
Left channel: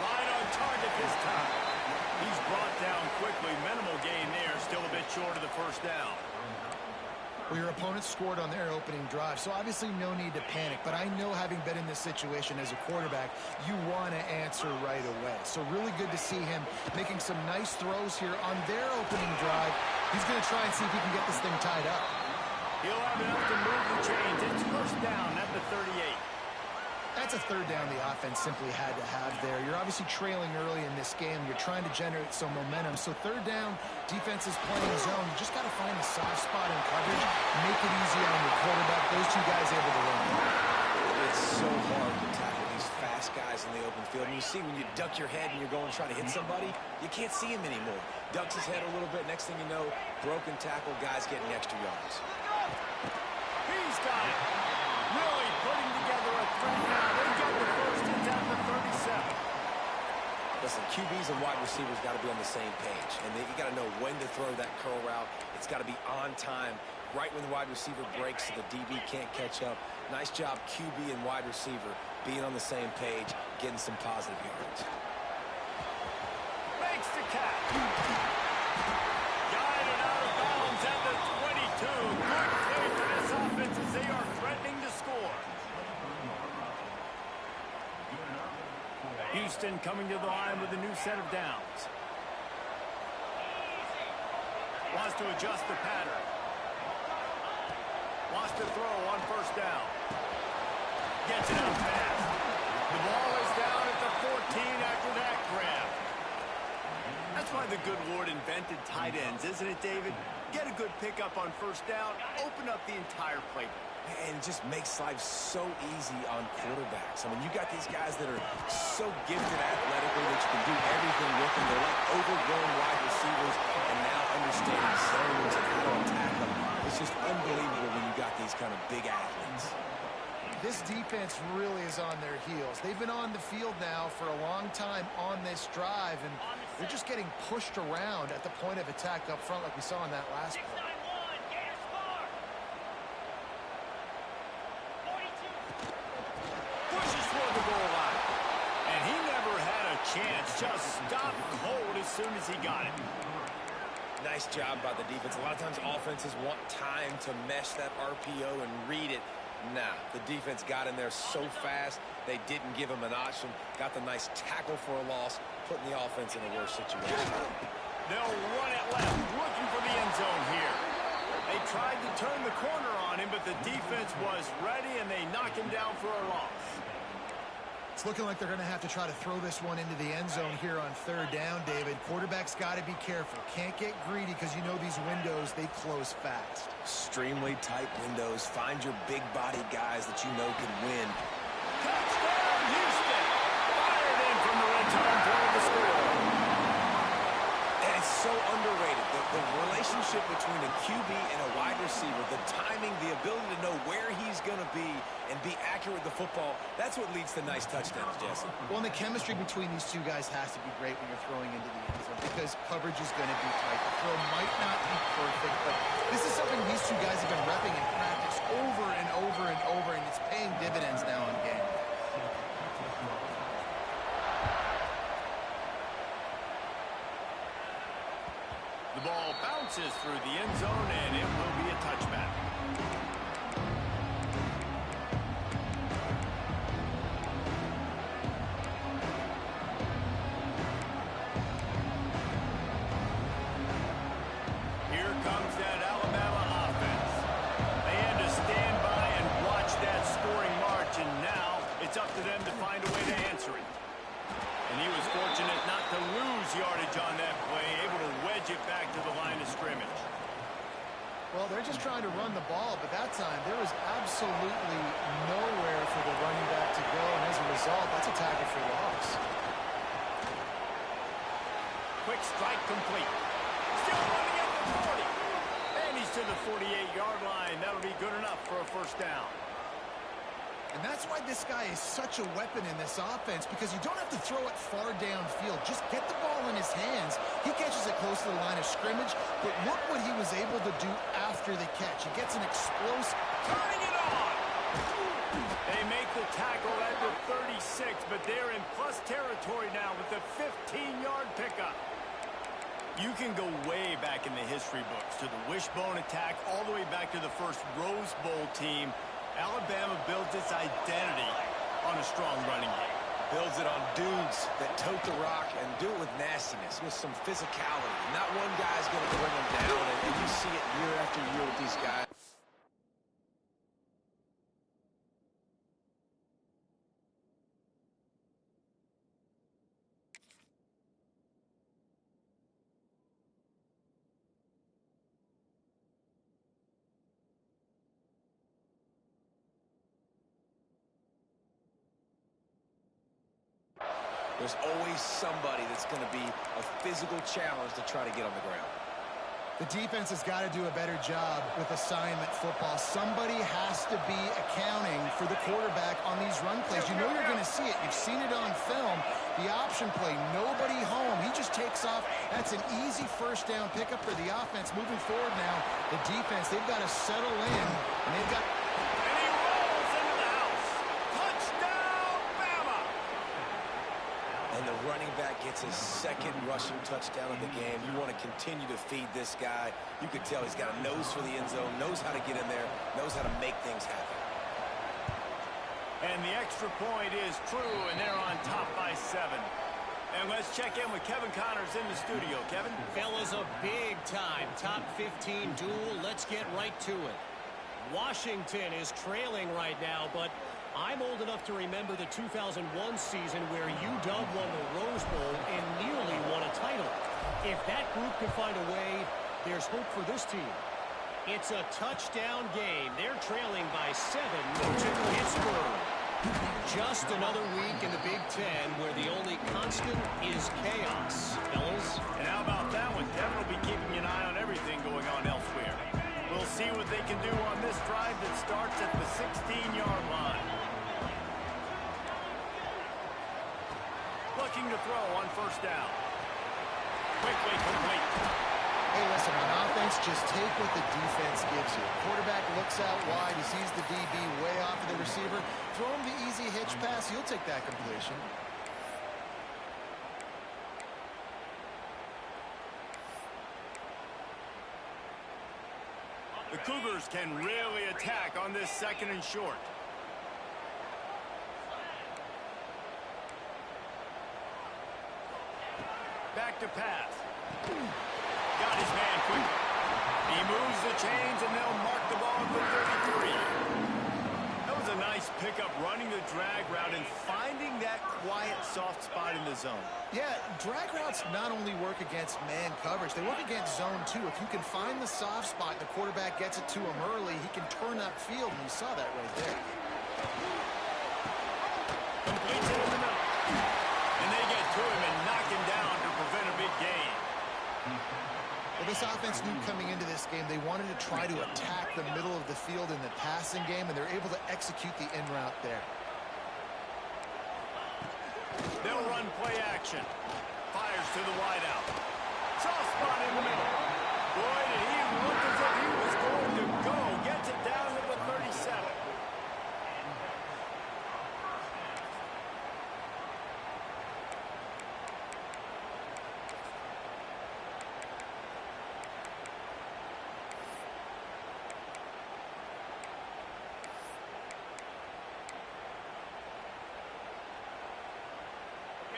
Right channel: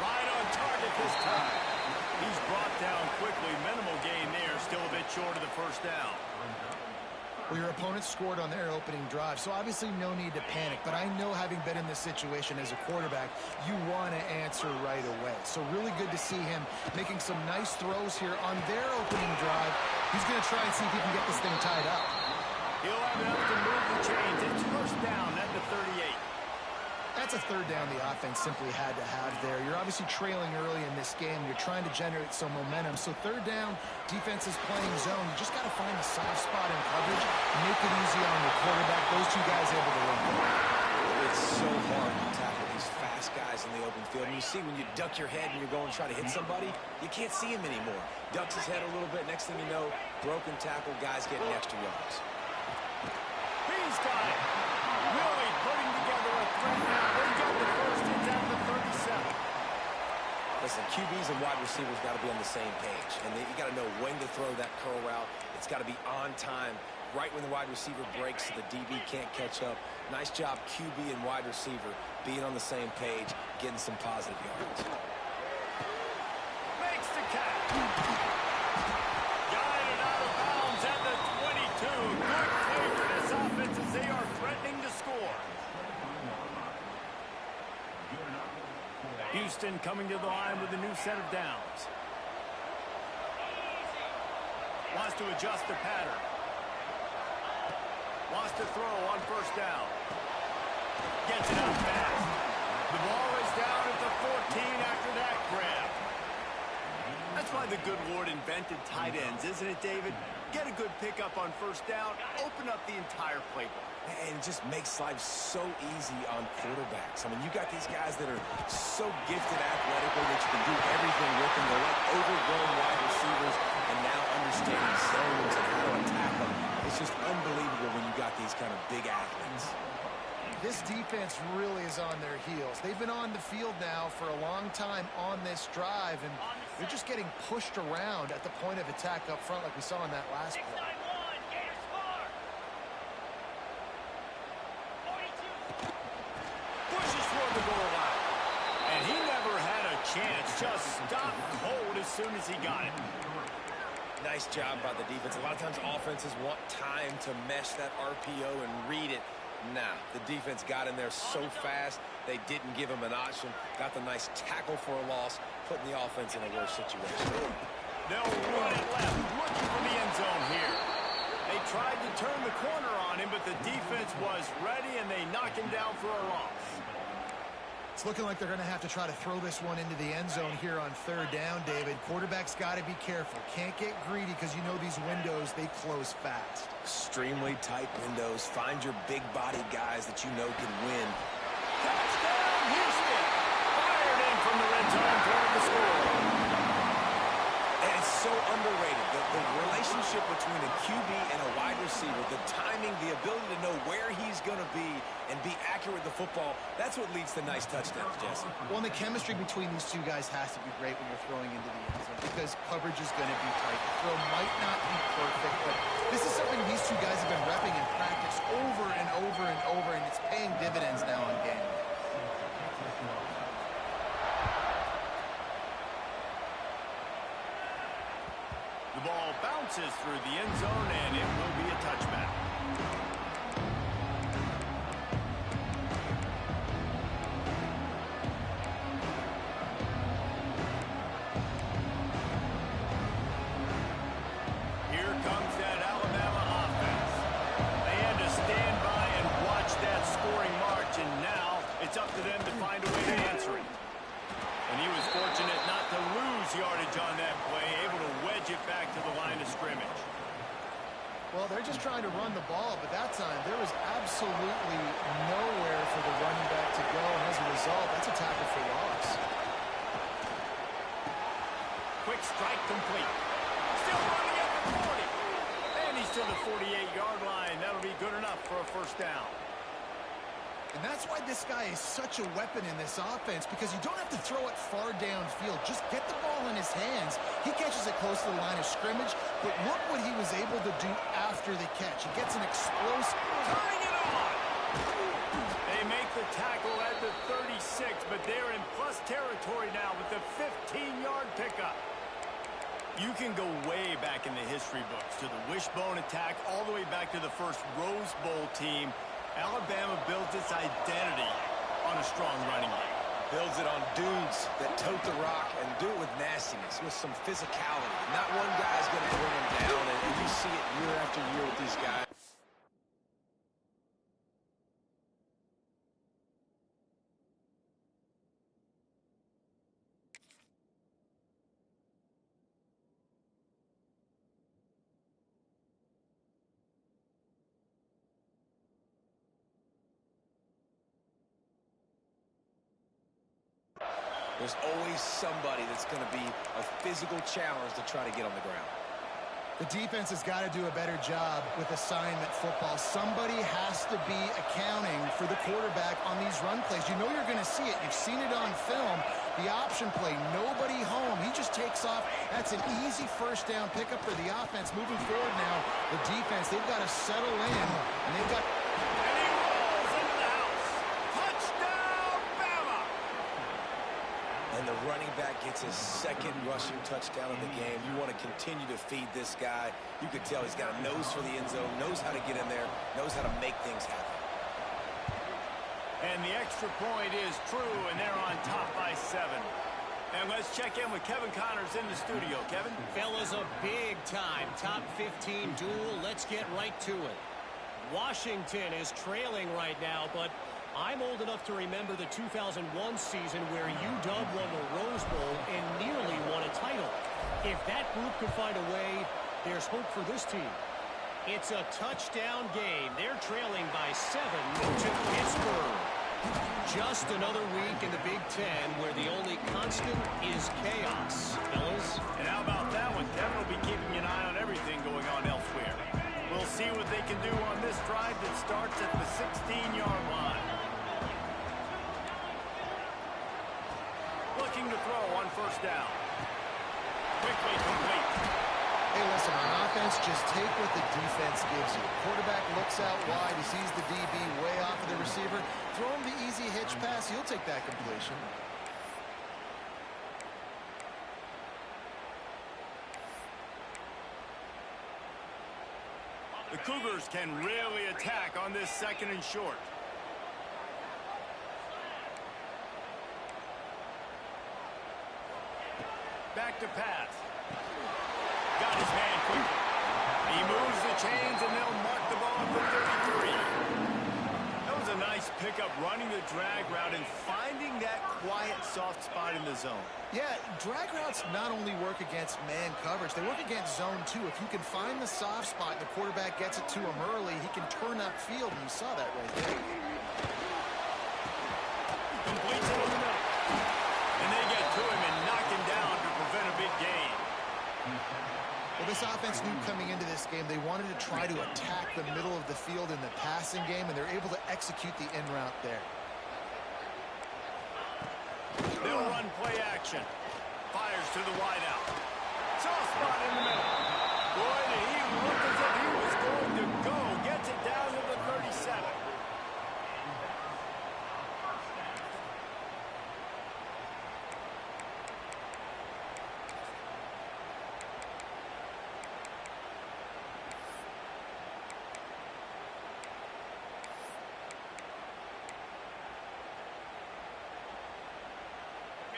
Right on target this time. He's brought down quickly. Minimal gain there, still a bit short of the first down. Well, your opponent scored on their opening drive, so obviously no need to panic. But I know, having been in this situation as a quarterback, you want to answer right away. So really good to see him making some nice throws here on their opening drive. He's going to try and see if he can get this thing tied up. He'll have enough to move the chains. It's first down at the 38. That's a third down the offense simply had to have there. You're obviously trailing early in this game. You're trying to generate some momentum. So third down, defense is playing zone. You just got to find the soft spot in coverage, make it easy on your quarterback. Those 2 guys able to run. It's so hard to tackle these fast guys in the open field. And you see when you duck your head and you're going to try to hit somebody, you can't see him anymore. Ducks his head a little bit. Next thing you know, broken tackle, guys getting extra yards. He's got it. Really putting together a threat now. They got the first. It's at the 37. Listen, QBs and wide receivers got to be on the same page. And you got to know when to throw that curl route. It's got to be on time, right when the wide receiver breaks so the DB can't catch up. Nice job, QB and wide receiver, being on the same page, getting some positive yards. Makes the catch. Guided out of bounds at the 22. Good play for this offense as they are threatening to score. Houston coming to the line with a new set of downs. Wants to adjust the pattern. Wants to throw on first down. Gets it out fast. The ball is down at the 14 after that grab. That's why the good Lord invented tight ends, isn't it, David? Get a good pickup on first down, open up the entire playbook. And it just makes life so easy on quarterbacks. I mean, you got these guys that are so gifted athletically that you can do everything with them. They're like overgrown wide receivers, and now understanding zones and how to attack them. It's just unbelievable when you got these kind of big athletes. This defense really is on their heels. They've been on the field now for a long time on this drive, and they're just getting pushed around at the point of attack up front like we saw in that last play. Pushes toward the goal line. And he never had a chance. Just stopped cold as soon as he got it. Nice job by the defense. A lot of times offenses want time to mesh that RPO and read it. Nah, the defense got in there so fast, they didn't give him an option. Got the nice tackle for a loss, putting the offense in a worse situation. They'll run it left, looking for the end zone here. They tried to turn the corner on him, but the defense was ready, and they knock him down for a loss. It's looking like they're going to have to try to throw this one into the end zone here on third down, David. Quarterback's got to be careful. Can't get greedy because you know these windows, they close fast. Extremely tight windows. Find your big body guys that you know can win. Touchdown, Houston! Fired in from the red zone toward the score. And it's so underrated. The relationship between a QB and a wide receiver, the timing, the ability to know where he's going to be and be accurate with the football, that's what leads to nice touchdowns, Jesse. Well, and the chemistry between these two guys has to be great when you're throwing into the end zone because coverage is going to be tight. The throw might not be perfect, but this is something these two guys have been repping in practice over and over and over, and it's paying dividends now on game. The ball bounces through the end zone, and it will be a touchback. Here comes that Alabama offense. They had to stand by and watch that scoring march, and now it's up to them to find a way to answer it. And he was fortunate not to lose yardage on that play, able to wedge it back to the line of scrimmage. Well, they're just trying to run the ball, but that time there was absolutely nowhere for the running back to go, and as a result, that's a tackle for loss. Quick strike complete. Still running at the 40. And he's to the 48-yard line. That'll be good enough for a first down. And that's why this guy is such a weapon in this offense, because you don't have to throw it far downfield. Just get the ball in his hands. He catches it close to the line of scrimmage, but look what he was able to do after the catch. He gets an explosive... Turning it on! They make the tackle at the 36, but they're in plus territory now with the 15-yard pickup. You can go way back in the history books to the wishbone attack all the way back to the first Rose Bowl team. Alabama builds its identity on a strong running game. Builds it on dudes that tote the rock and do it with nastiness, with some physicality. Not one guy's going to bring them down, and you see it year after year with these guys. There's always somebody that's going to be a physical challenge to try to get on the ground. The defense has got to do a better job with assignment football. Somebody has to be accounting for the quarterback on these run plays. You know you're going to see it. You've seen it on film. The option play, nobody home. He just takes off. That's an easy first down pickup for the offense. Moving forward now, the defense, they've got to settle in, and they've got... And he rolls into the house. Touchdown, Bama! And the running back gets his second rushing touchdown of the game. You want to continue to feed this guy. You could tell he's got a nose for the end zone, knows how to get in there, knows how to make things happen. And the extra point is true, and they're on top by 7. And let's check in with Kevin Connors in the studio. Kevin? Fellas, a big-time top 15 duel. Let's get right to it. Washington is trailing right now, but I'm old enough to remember the 2001 season where UW won the Rose Bowl and nearly won a title. If that group can find a way, there's hope for this team. It's a touchdown game. They're trailing by 7 to Pittsburgh. Just another week in the Big Ten where the only constant is chaos, fellas. And how about that one? Kevin will be keeping an eye on everything going on elsewhere. We'll see what they can do on this drive that starts at the 16-yard line. Looking to throw on first down. Quickly complete. Hey, listen, on offense, just take what the defense gives you. Quarterback looks out wide. He sees the DB way off of the receiver. Throw him the easy hitch pass. He'll take that completion. The Cougars can really attack on this 2nd and short. Back to pass. Got his man quickly. He moves the chains, and they'll mark the ball at the 33. That was a nice pickup, running the drag route and finding that quiet, soft spot in the zone. Yeah, drag routes not only work against man coverage, they work against zone too. If you can find the soft spot and the quarterback gets it to him early, he can turn upfield, and you saw that right there. Completes it in the middle. And they get to him and knock him down to prevent a big gain. Well, this offense knew coming into this game they wanted to try to attack the middle of the field in the passing game, and they're able to execute the in route there. They'll run play action. Fires to the wideout. Soft spot in the middle. Boy, did he look as if he was going to go. Gets it down to the 37.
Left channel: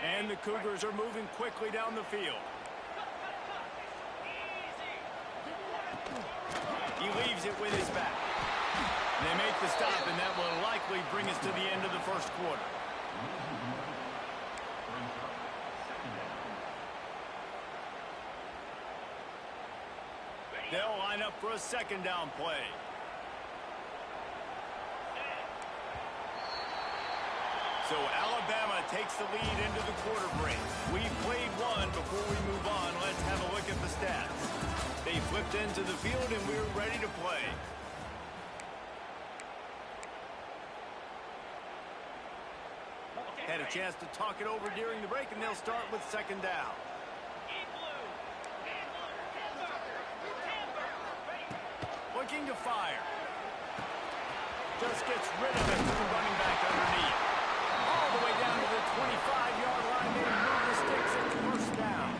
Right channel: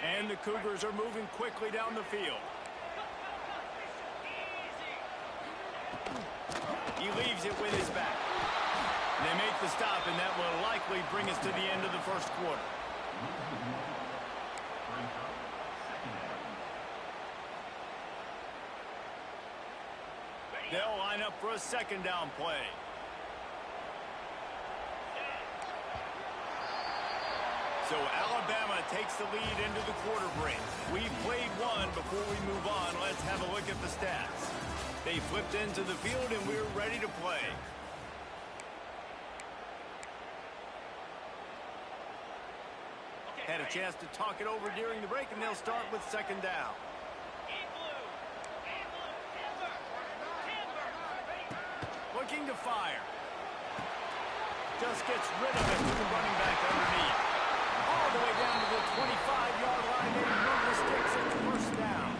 And the Cougars are moving quickly down the field. He leaves it with his back. They make the stop, and that will likely bring us to the end of the first quarter. They'll line up for a 2nd down play. So Alabama takes the lead into the quarter break. We've played one. Before we move on, let's have a look at the stats. They flipped into the field, and we're ready to play. Had a chance to talk it over during the break, and they'll start with 2nd down. Looking to fire. Just gets rid of it to the running back underneath. All the way down to the 25-yard line. They move the sticks at the first down.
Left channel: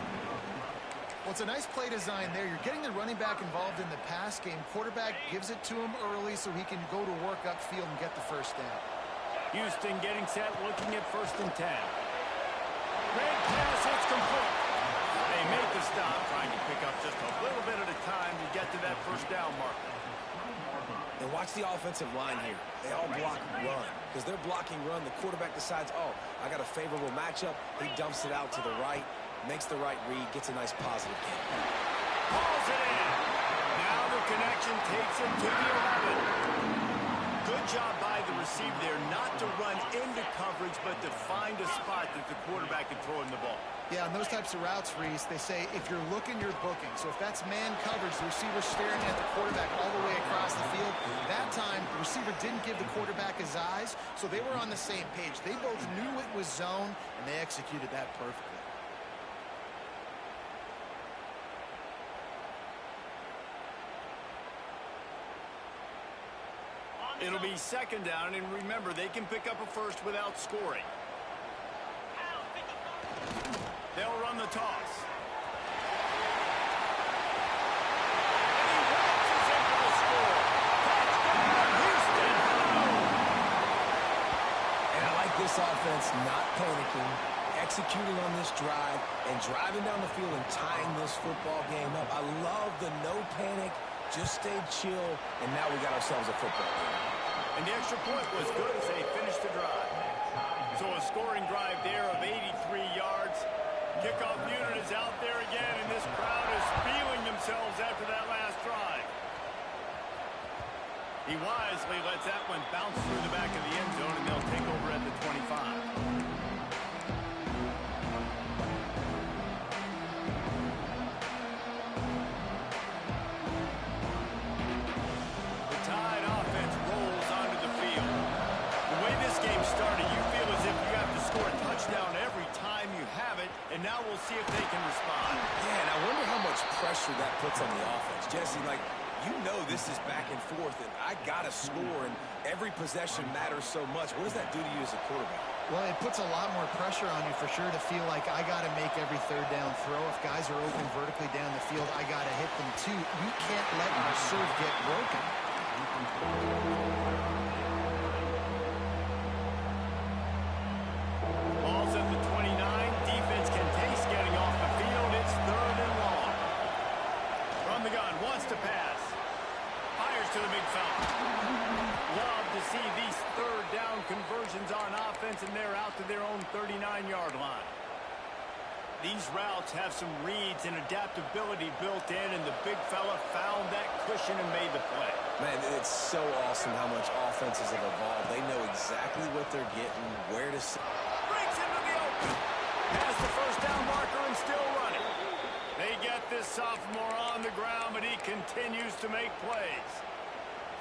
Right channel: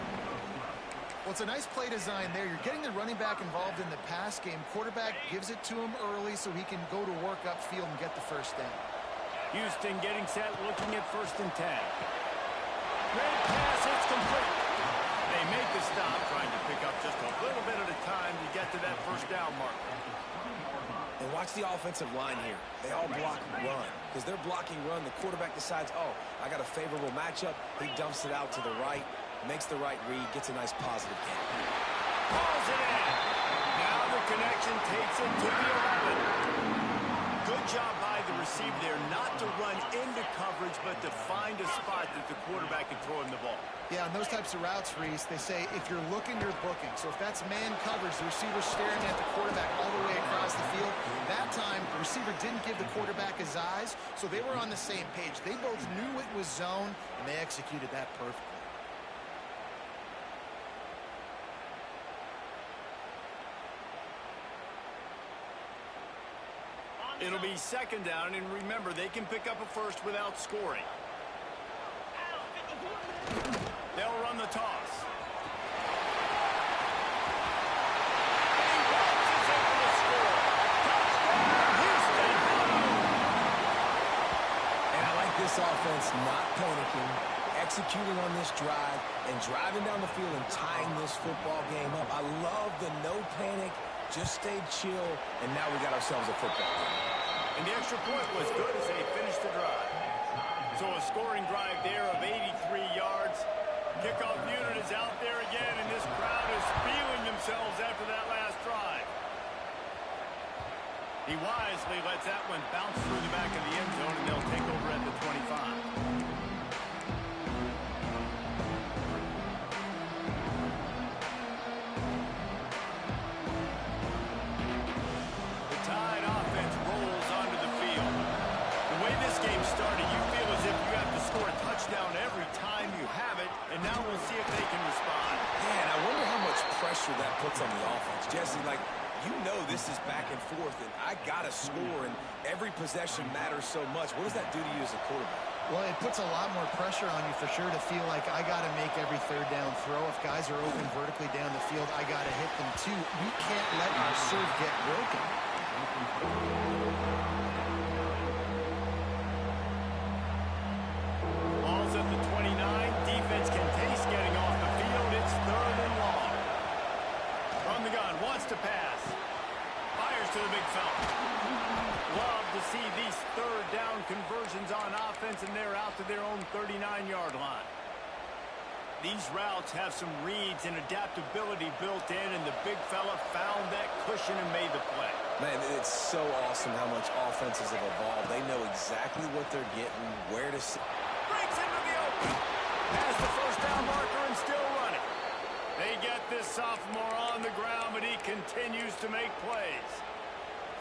Well, it's a nice play design there. You're getting the running back involved in the pass game. Quarterback gives it to him early so he can go to work upfield and get the first down. Houston getting set, looking at 1st and 10. Red pass, it's complete. They make the stop, trying to pick up just a little bit at a time to get to that first down marker. And watch the offensive line here. They all block run. Because they're blocking run, the quarterback decides, oh, I got a favorable matchup. He dumps it out to the right, makes the right read, gets a nice positive gain. Hauls it in. Now the connection takes it to the 11. Good job by the receiver there, not to run into coverage, but to find a spot that the quarterback can throw him the ball. Yeah, on those types of routes, Reese, they say if you're looking, you're booking. So if that's man coverage, the receiver's staring at the quarterback all the way across the field. That time, the receiver didn't give the quarterback his eyes, so they were on the same page. They both knew it was zone, and they executed that perfectly. It'll be 2nd down, and remember, they can pick up a first without scoring. They'll run the toss. And he launches in for the score. Touchdown, Houston! Hello! this offense not panicking, executing on this drive, and driving down the field and tying this football game up. I love the no panic, just stay chill, and now we got ourselves a football game. And the extra point was good as they finished the drive. So a scoring drive there of 83 yards. Kickoff unit is out there again, and this crowd is feeling themselves after that last drive. He wisely lets that one bounce through the back of the end zone, and they'll take over at the 25. The Tide offense rolls onto the field. The way this game started, you feel as if you have to score a touchdown every time you have it, and now we'll see if they can respond. Yeah, and I wonder how much pressure that puts on the offense. Jesse, like, you know this is back and forth, and I got to score, and every possession matters so much. What does that do to you as a quarterback? Well, it puts a lot more pressure on you for sure to feel like I got to make every third down throw. If guys are open vertically down the field, I got to hit them too. We can't let our serve get broken. Ball's at the 29. Defense can taste getting off the field. It's third and long. From the gun, wants to pass. Fires to the big fella. Love to see these third down conversions on offense, and they're out to their own 39-yard line. These routes have some reads and adaptability built in, and the big fella found that cushion and made the play. Man, it's so awesome how much offenses have evolved. They know exactly what they're getting, where to sit. Breaks into the open. Has the first down marker and still running. They get this sophomore on the ground, but he continues to make plays.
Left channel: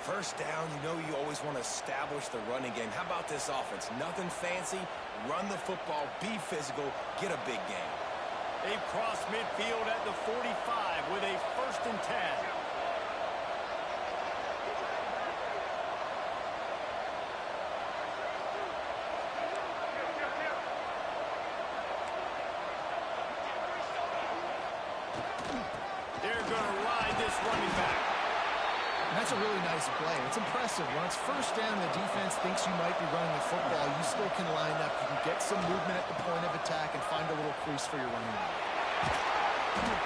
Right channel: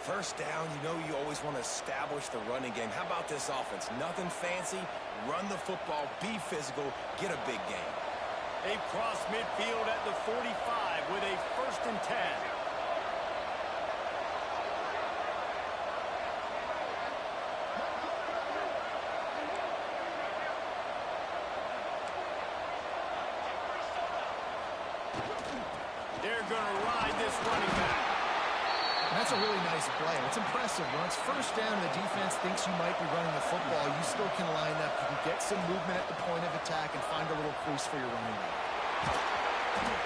First down, you know you always want to establish the running game. How about this offense? Nothing fancy. Run the football, be physical, get a big game. They've crossed midfield at the 45 with a 1st and 10. They're going to ride this running back. And that's a really nice play. It's impressive. When it's first down and the defense thinks you might be running the football, you still can line up. You can get some movement at the point of attack and find a little crease for your running back.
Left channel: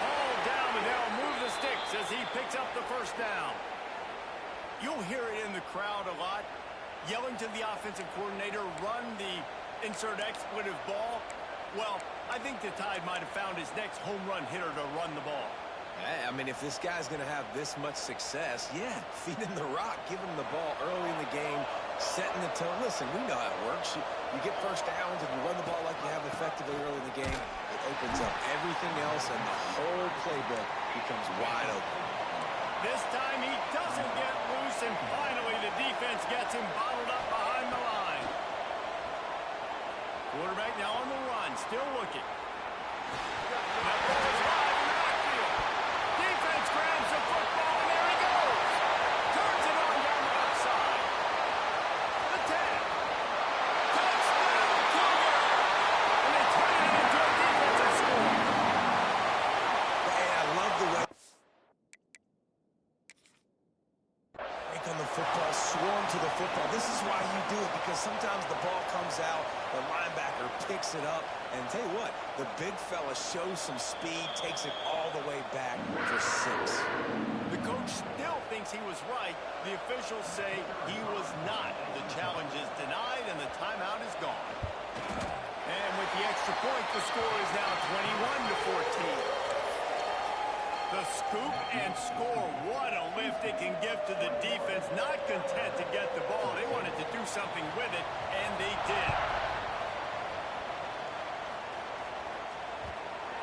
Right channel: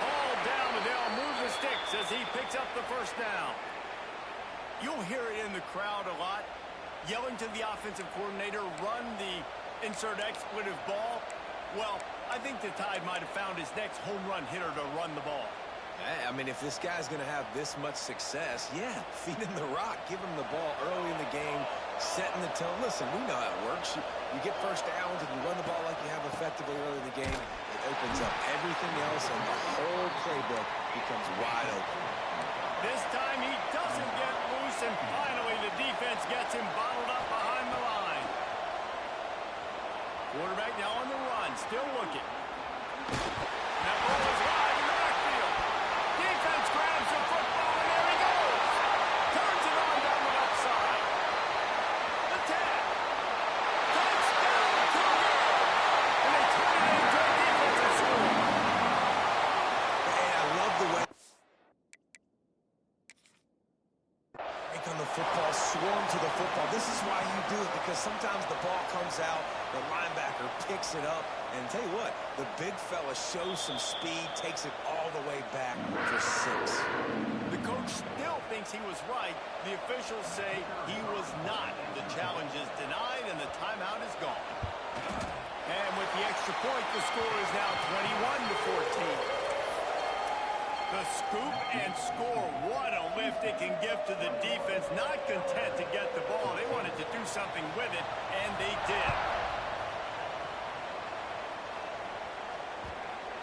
All down, but they'll move the sticks as he picks up the first down. You'll hear it in the crowd a lot, yelling to the offensive coordinator, run the insert expletive ball. Well, I think the Tide might have found his next home run hitter to run the ball. Hey, I mean, if this guy's going to have this much success, yeah, feed him the rock, give him the ball early in the game, setting the tone. Listen, we know how it works. You get first downs and you run the ball like you have effectively early in the game. It opens up everything else, and the whole playbook becomes wide open. This time he doesn't get loose, and finally the defense gets him bottled up behind the line. Quarterback now on the run, still looking. And that ball is live in the backfield. Defense grabs the football, and there he goes. Turns it on down the left side. The 10. Touchdown, Cougar! And they turn it into a defensive score. Hey, I love the way break on the football, swarm to the football. This is why you do it, because sometimes the ball comes out, the linebacker picks it up, and tell you what, the big fella shows some speed, takes it all the way back for 6. The coach still thinks he was right. The officials say he was not. The challenge is denied, and the timeout is gone. And with the extra point, the score is now 21-14. The scoop and score. What a lift it can give to the defense. Not content to get the ball. They wanted to do something with it, and they did.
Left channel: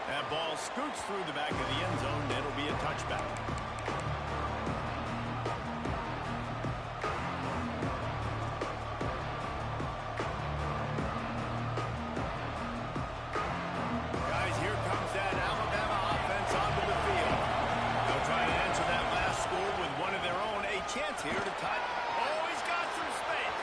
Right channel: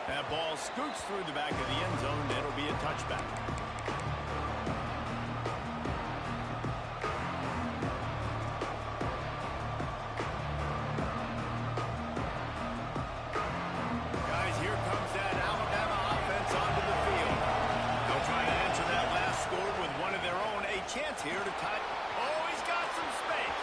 That ball scoots through the back of the end zone, and it'll be a touchback. Guys, here comes that Alabama offense onto the field. They'll try to answer that last score with one of their own. A chance here to tie. Oh, he's got some space.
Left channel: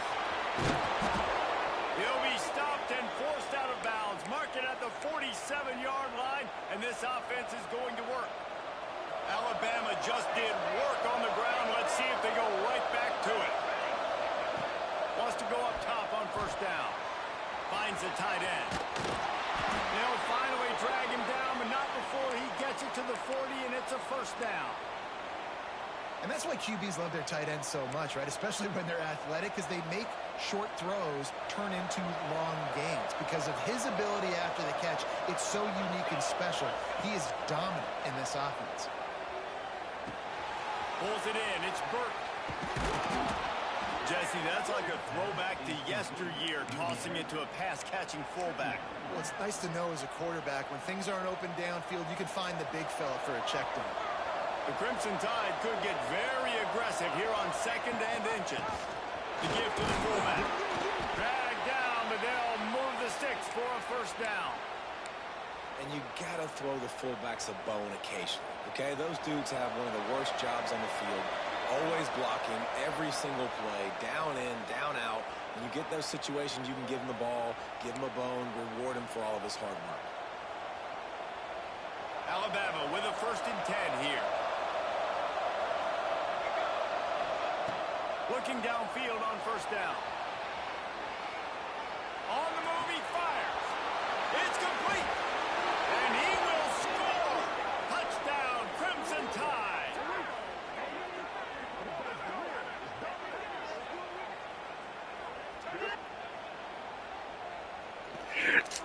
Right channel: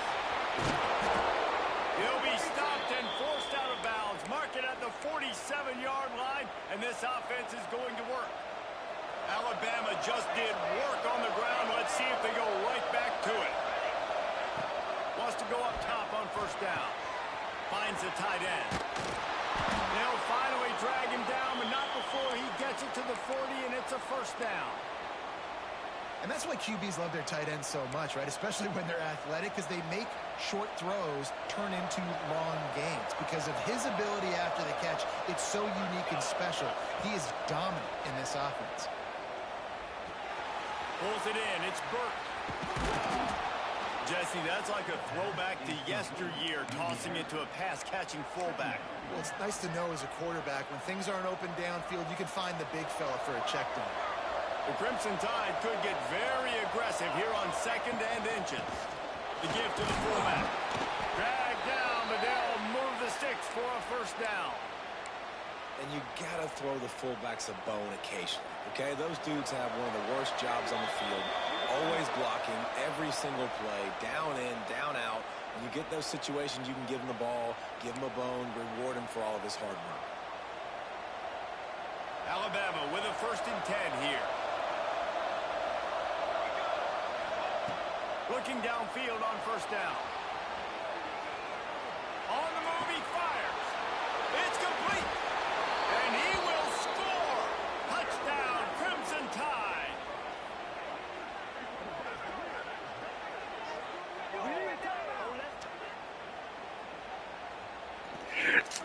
He'll be stopped and forced out of bounds. Mark it at the 47-yard line, and this offense is going to work. Alabama just did work on the ground. Let's see if they go right back to it. Wants to go up top on first down. Finds the tight end. They'll finally drag him down, but not before he gets it to the 40, and it's a first down. And that's why QBs love their tight ends so much, right? Especially when they're athletic, because they make short throws turn into long gains. Because of his ability after the catch, it's so unique and special. He is dominant in this offense. Pulls it in. It's Burke. Jesse, that's like a throwback to yesteryear, tossing it to a pass-catching fullback. Well, it's nice to know as a quarterback, when things aren't open downfield, you can find the big fella for a check down. The Crimson Tide could get very aggressive here on 2nd and inches. The give to the fullback. Drag down, but they'll move the sticks for a first down. And you got to throw the fullbacks a bone occasionally, okay? Those dudes have one of the worst jobs on the field, always blocking every single play, down in, down out. When you get those situations, you can give him the ball, give him a bone, reward him for all of his hard work. Alabama with a 1st and 10 here. Looking downfield on 1st down. On the move, he fires. It's complete. And he will score. Touchdown, Crimson Tide.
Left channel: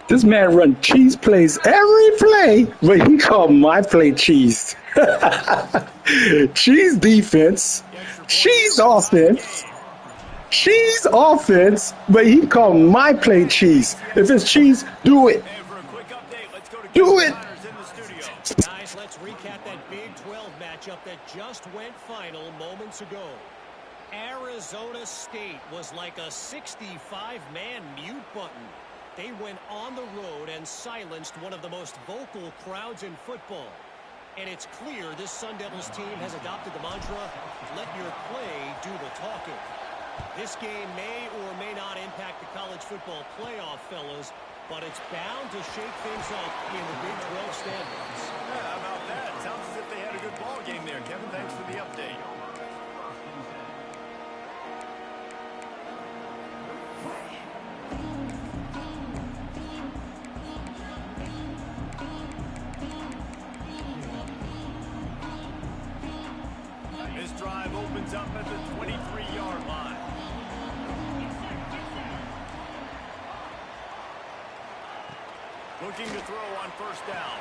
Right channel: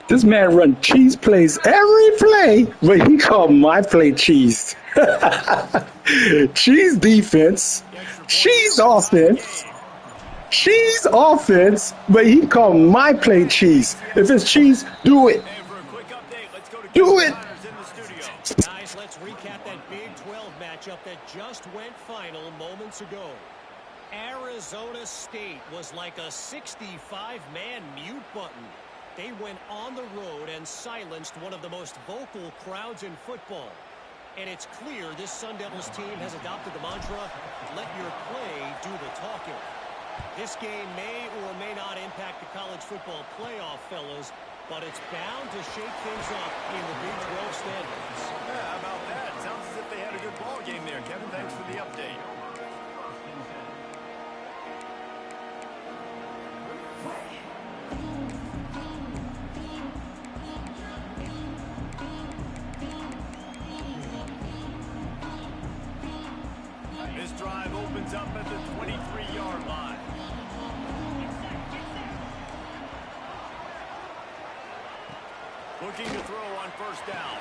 This man run cheese plays every play, but he called my play cheese. Cheese defense, cheese offense, cheese offense, but he called my play cheese. If it's cheese, do it. And for a quick update, let's go to Do it. in the studio. Guys, let's recap that Big 12 matchup that just went final moments ago. Arizona State was like a 65-man mute button. They went on the road and silenced one of the most vocal crowds in football. And it's clear this Sun Devils team has adopted the mantra, let your play do the talking. This game may or may not impact the college football playoff, fellas, but it's bound to shake things up in the Big 12 standings. Yeah, how about that? Sounds as if they had a good ball game there, Kevin. Thanks for the update. This drive opens up at the 23-yard line. Looking to throw on 1st down.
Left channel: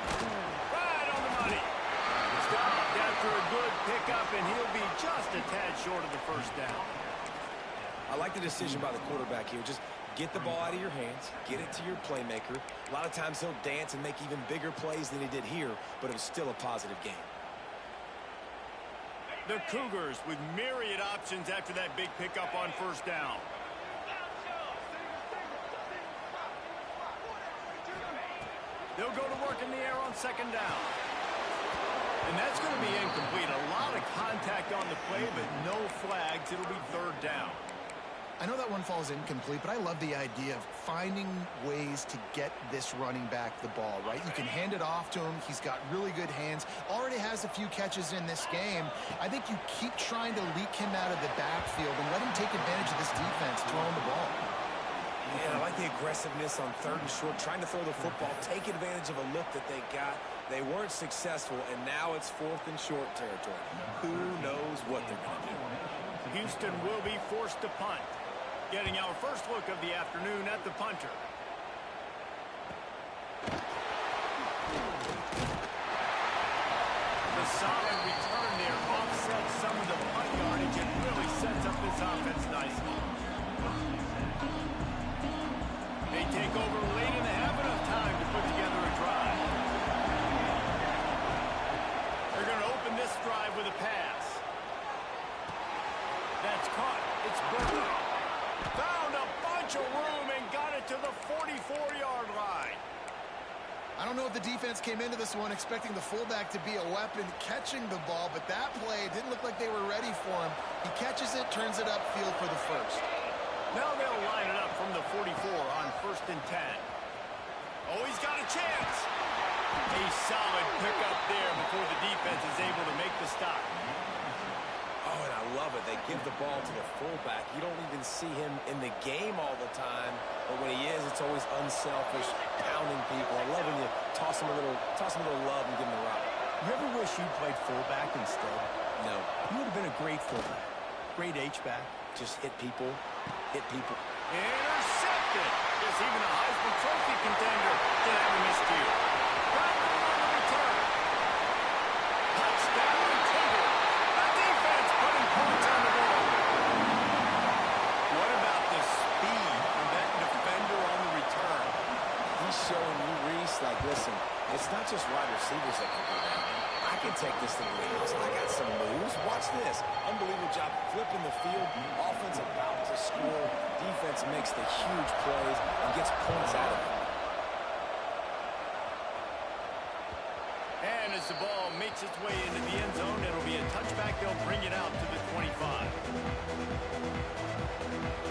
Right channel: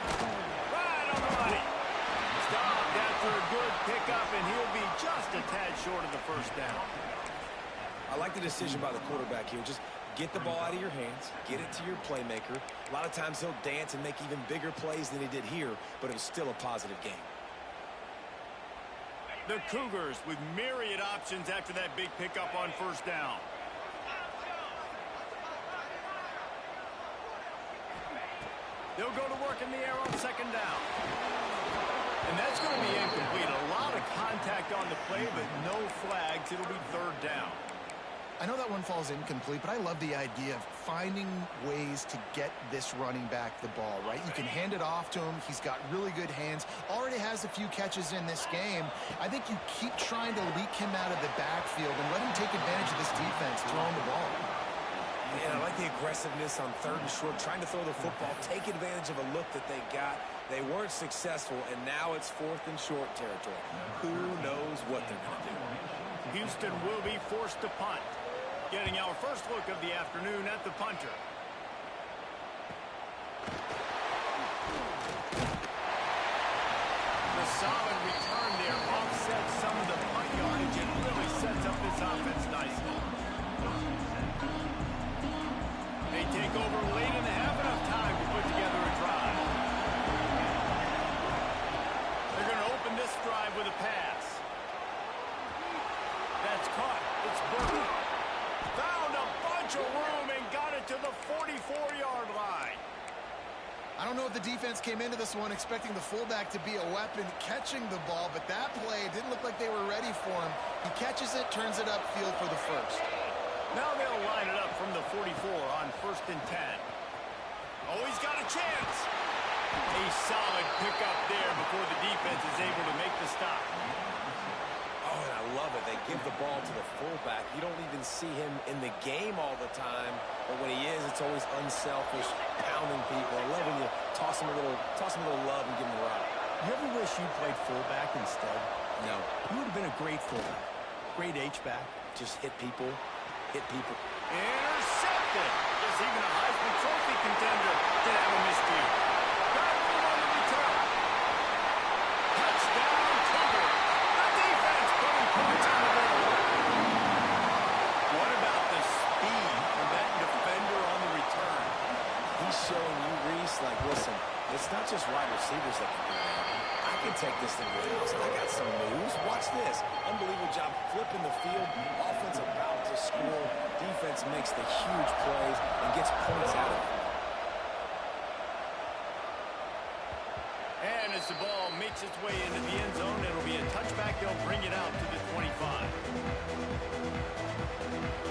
Right on the money. Stopped after a good pickup, and he'll be just a tad short of the 1st down. I like the decision by the quarterback here. Just get the ball out of your hands, get it to your playmaker. A lot of times he'll dance and make even bigger plays than he did here, but it was still a positive game. The Cougars with myriad options after that big pickup on 1st down. They'll go to work in the air on 2nd down. And that's going to be incomplete. A lot of contact on the play, but no flags. It'll be 3rd down. I know that one falls incomplete, but I love the idea of finding ways to get this running back the ball, right? You can hand it off to him. He's got really good hands. Already has a few catches in this game. I think you keep trying to leak him out of the backfield and let him take advantage of this defense throwing the ball. Yeah, I like the aggressiveness on 3rd and short, trying to throw the football, take advantage of a look that they got. They weren't successful, and now it's 4th and short territory. Who knows what they're going to do? Houston will be forced to punt. Getting our first look of the afternoon at the punter. The solid return there offsets some of the punt yardage and really sets up this offense nicely. They take over late and have enough time to put together a drive. They're going to open this drive with a pass. That's caught. It's Burke. Found a bunch of room and got it to the 44-yard line. I don't know if the defense came into this one expecting the fullback to be a weapon catching the ball, but that play didn't look like they were ready for him. He catches it, turns it upfield for the first. Now they'll line it up from the 44 on 1st and 10. Oh, he's got a chance. A solid pickup there before the defense is able to make the stop. Oh, and I love it. They give the ball to the fullback. You don't even see him in the game all the time, but when he is, it's always unselfish, pounding people. I love when you toss him a little love and give him the rock. You ever wish you'd played fullback instead? No. You would have been a great fullback. Great H-back. Just hit people. Intercepted. Guess even a Heisman Trophy contender can have a miscue. Got room on the return. Touchdown, Cougars. The defense putting points on the board. What about the speed from that defender on the return? He's showing you, Reese, like, listen, it's not just wide receivers that can do that. I can take this thing to the house. I got some moves. Watch this. Unbelievable job flipping the field. Offense about to score. Defense makes the huge plays and gets points out of it. And as the ball makes its way into the end zone, it'll be a touchback. They'll bring it out to the 25.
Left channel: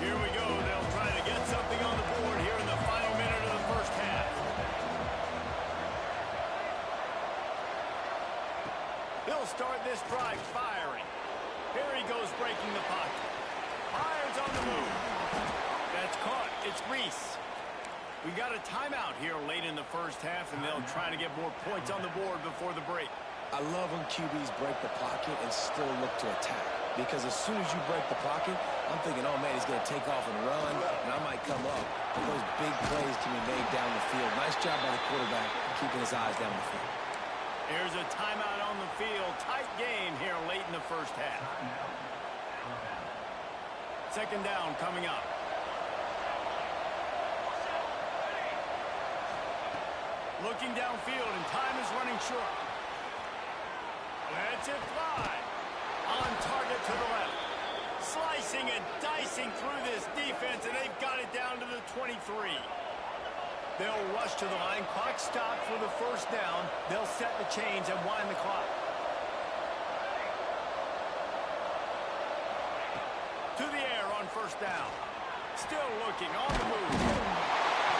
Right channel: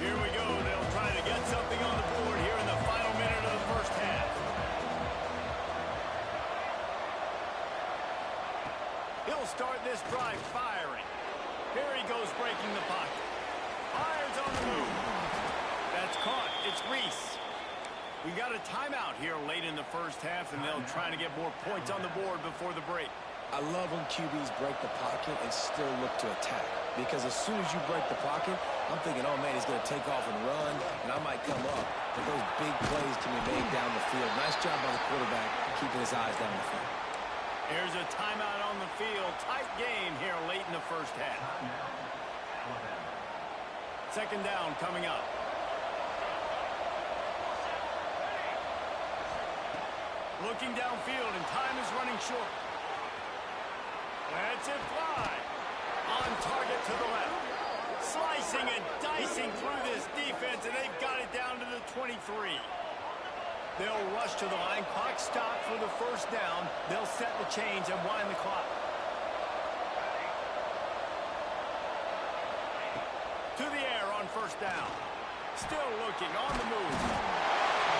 Here we go. They'll try to get something on the board here in the final minute of the first half. He'll start this drive firing. Here he goes breaking the pocket. Fires on the move. That's caught. It's Reese. We got a timeout here late in the first half, and they'll try to get more points on the board before the break. I love when QBs break the pocket and still look to attack. Because as soon as you break the pocket, I'm thinking, oh, man, he's going to take off and run, and I might come up. But those big plays can be made down the field. Nice job by the quarterback keeping his eyes down the field. Here's a timeout on the field. Tight game here late in the first half. Second down coming up. Looking downfield, and time is running short. Lets it fly. On target to the left. Slicing and dicing through this defense, and they've got it down to the 23. They'll rush to the line. Clock stopped for the first down. They'll set the chains and wind the clock. To the air on first down. Still looking on the move.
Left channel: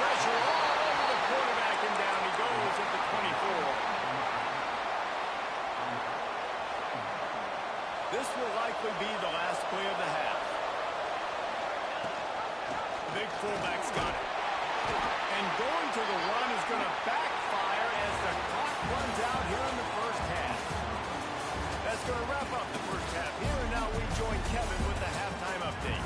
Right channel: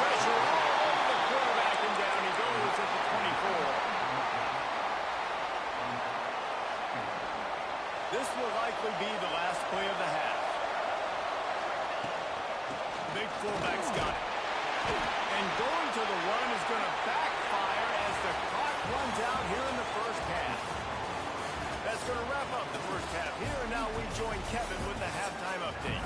Pressure all over the quarterback, and down he goes at the 24. This will likely be the last play of the half. Big fullback's got it. And going to the run is going to backfire as the clock runs out here in the first half. That's going to wrap up the first half here, and now we join Kevin with the halftime update.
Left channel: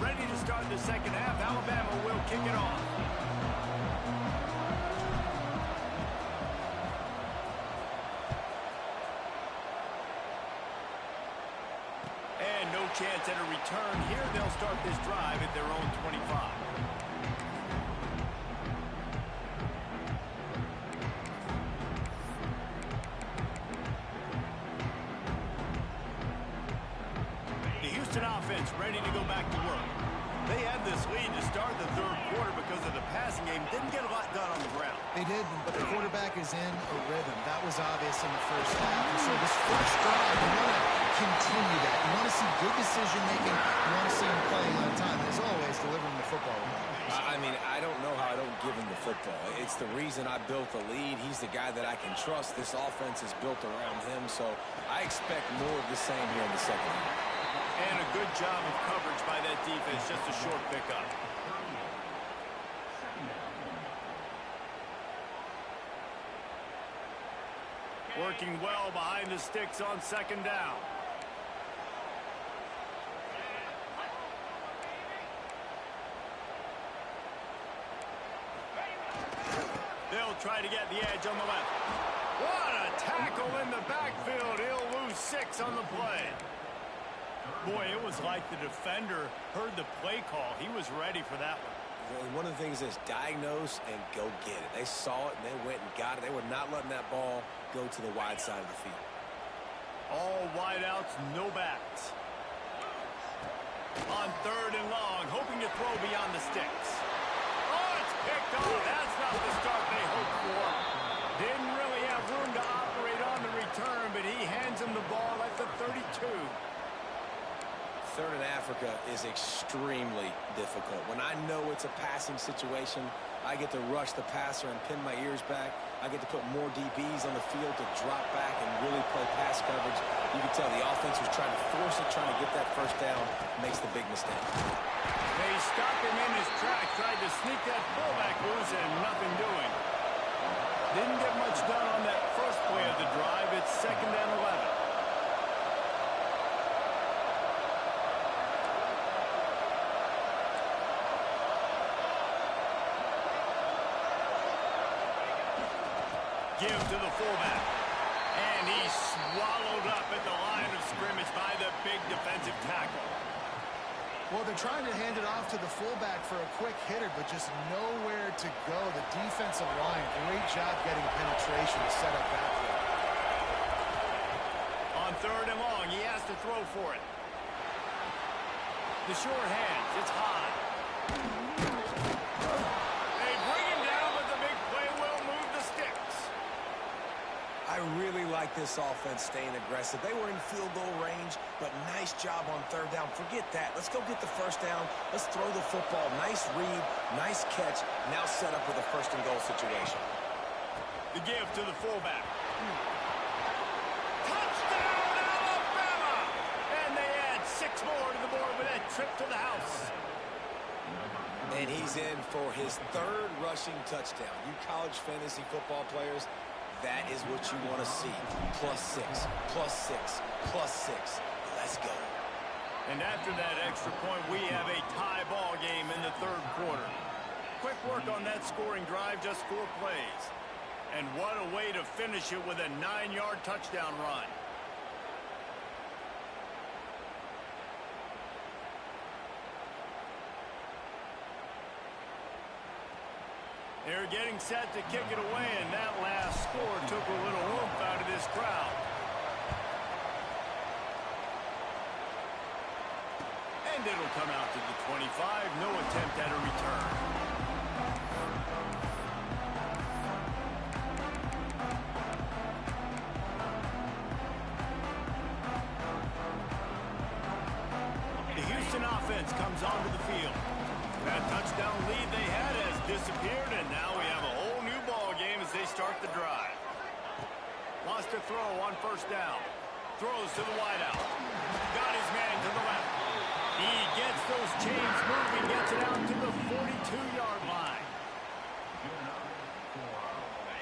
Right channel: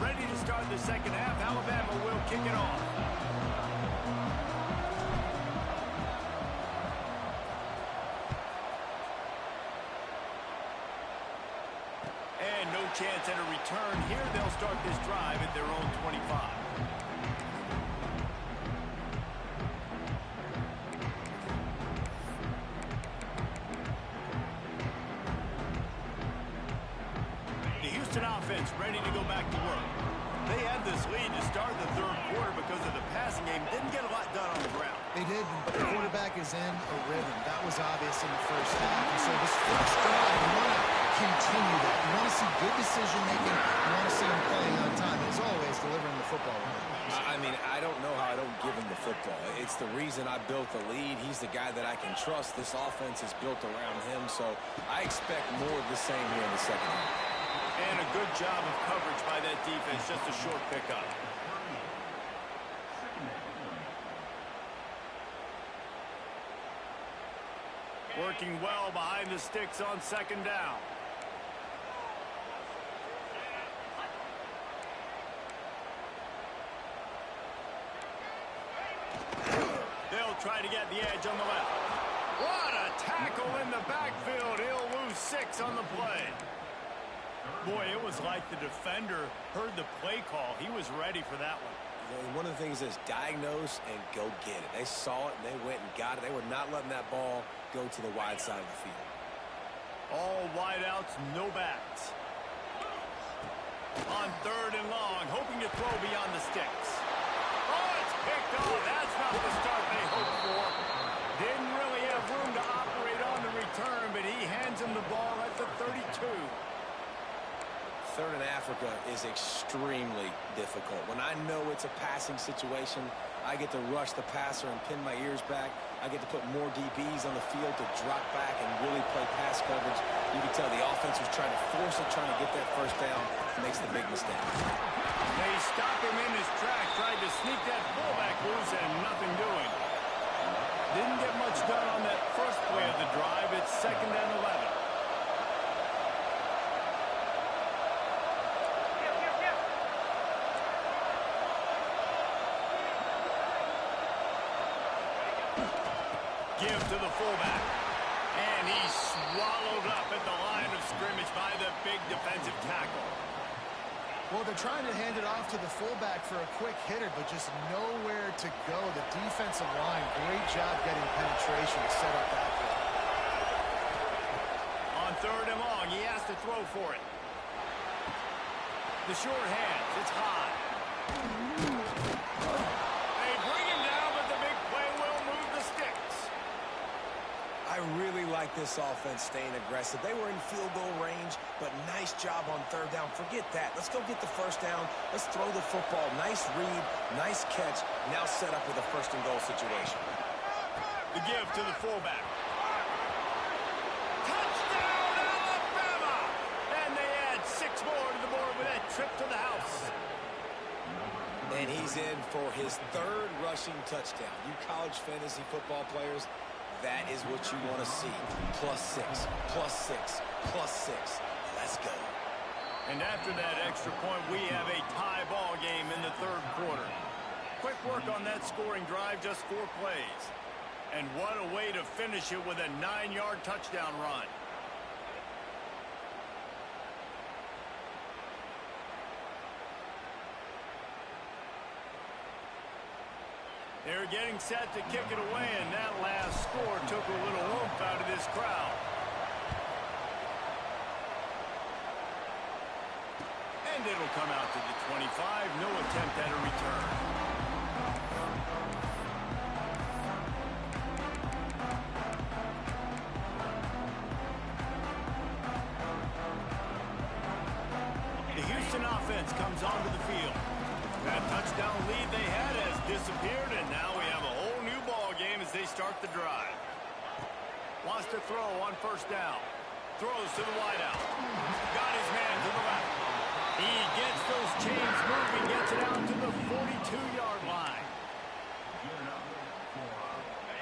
Ready to start the second half. Alabama will kick it off. And no chance at a return here. They'll start this drive at their own 25. The Houston offense ready to go back to work. They had this lead to start the third quarter because of the passing game. Didn't get a lot done on the ground. They did, but the quarterback is in a rhythm. That was obvious in the first half. And so this first drive, you want to continue that. You want to see good decision-making. You want to see him playing on time. And as always, delivering the football. I mean, I don't know how I don't give him the football. It's the reason I built the lead. He's the guy that I can trust. This offense is built around him, so I expect more of the same here in the second half. And a good job of coverage by that defense. Just a short pickup. Working well behind the sticks on second down. They'll try to get the edge on the left. What a tackle in the backfield. He'll lose 6 on the play. Boy, it was like the defender heard the play call. He was ready for that one. And one of the things is diagnose and go get it. They saw it and they went and got it. They were not letting that ball go to the wide side of the field. All wideouts, no backs. On third and long, hoping to throw beyond the sticks. Oh, it's picked off. That's not the start they hoped for. Didn't really have room to operate on the return, but he hands hands him the ball at the 32. Third in Africa is extremely difficult. When I know it's a passing situation, I get to rush the passer and pin my ears back. I get to put more DBs on the field to drop back and really play pass coverage. You can tell the offense was trying to force it, trying to get that first down, makes the big mistake. They stop him in his tracks, tried to sneak that fullback loose and nothing doing. Didn't get much done on that first play of the drive. It's 2nd and 11. Give to the fullback. And he's swallowed up at the line of scrimmage by the big defensive tackle. Well, they're trying to hand it off to the fullback for a quick hitter, but just nowhere to go. The defensive line, great job getting penetration to set up that play. On 3rd and long, he has to throw for it. The short hands, it's high. They bring him down, but the big play will move the sticks. I really like this offense staying aggressive. They were in field goal range, but nice job on 3rd down. Forget that. Let's go get the first down. Let's throw the football. Nice read, nice catch. Now set up with a 1st and goal situation. The give to the fullback. Touchdown, Alabama! And they add 6 more to the board with that trip to the house. And he's in for his 3rd rushing touchdown. You college fantasy football players, that is what you want to see. +6, +6, +6. Let's go. And after that extra point, we have a tie ball game in the 3rd quarter. Quick work on that scoring drive, just 4 plays. And what a way to finish it with a 9-yard touchdown run. They're getting set to kick it away, and that last score took a little oomph out of this crowd. And it'll come out to the 25. No attempt at a return. The Houston offense comes onto the field. That touchdown lead they had has disappeared, and now we have a whole new ball game as they start the drive. Wants to throw on 1st down. Throws to the wideout. Got his man to the left. He gets those chains moving, gets it out to the 42-yard line.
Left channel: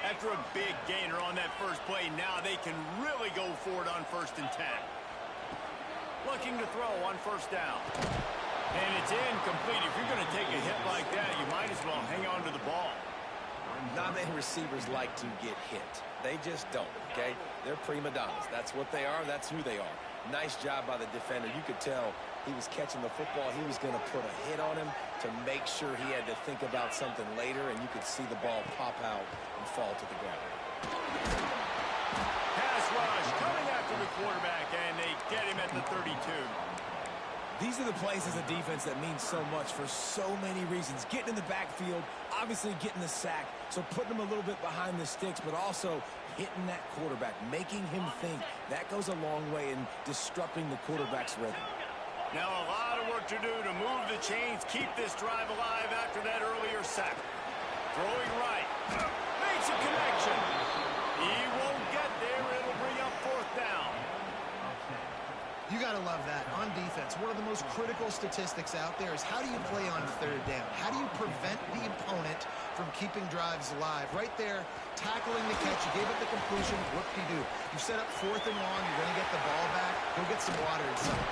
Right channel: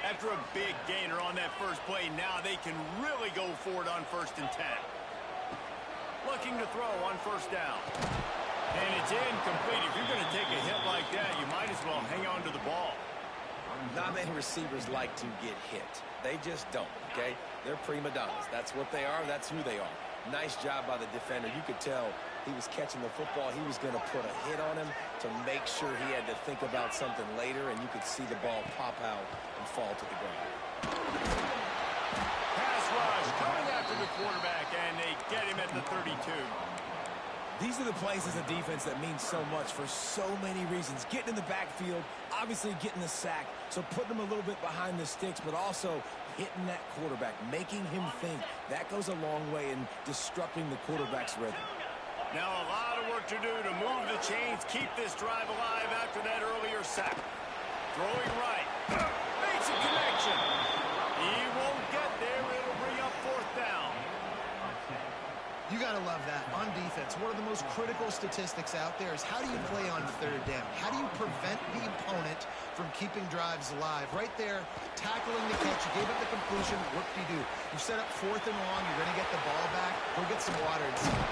After a big gainer on that first play, now they can really go for it on 1st and 10. Looking to throw on 1st down. And it's incomplete. If you're going to take a hit like that, you might as well hang on to the ball. Not many receivers like to get hit. They just don't, okay? They're prima donnas. That's what they are. That's who they are. Nice job by the defender. You could tell he was catching the football. He was going to put a hit on him to make sure he had to think about something later, and you could see the ball pop out and fall to the ground. Pass rush coming after the quarterback, and they get him at the 32. These are the plays as a defense that mean so much for so many reasons. Getting in the backfield, obviously getting the sack, so putting them a little bit behind the sticks, but also hitting that quarterback, making him think. That goes a long way in disrupting the quarterback's rhythm. Now a lot of work to do to move the chains, keep this drive alive after that earlier sack. Throwing right. Makes a connection. He won't get there. It'll bring up 4th down. You got to love that. On defense, one of the most critical statistics out there is how do you play on 3rd down? How do you prevent the opponent from keeping drives alive? Right there, tackling the catch. You gave up the completion. Whoop-de-doo. You set up 4th and long. You're going to get the ball back. Go get some water inside.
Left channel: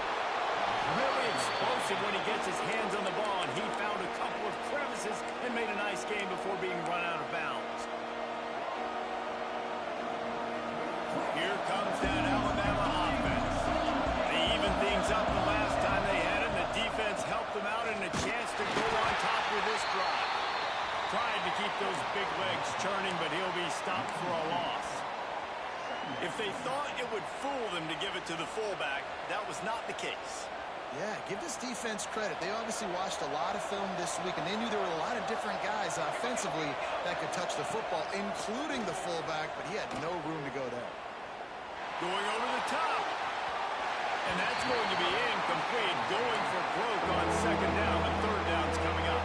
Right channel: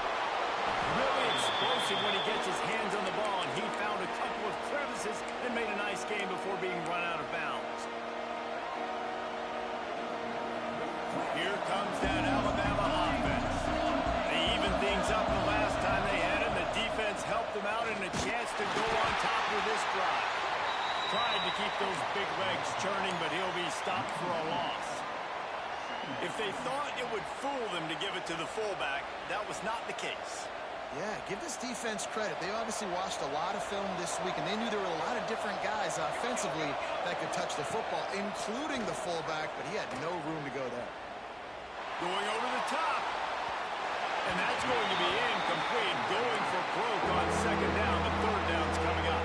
Really explosive when he gets his hands on the ball, and he found a couple of crevices and made a nice game before being run out of bounds. Here comes that Alabama offense. They evened things up the last time they had it. The defense helped them out and a chance to go on top with this drive. Tried to keep those big legs churning, but he'll be stopped for a loss. If they thought it would fool them to give it to the fullback, that was not the case. Yeah, give this defense credit. They obviously watched a lot of film this week, and they knew there were a lot of different guys offensively that could touch the football, including the fullback, but he had no room to go there. Going over the top. And that's going to be incomplete, going for broke on second down. The third down's coming up.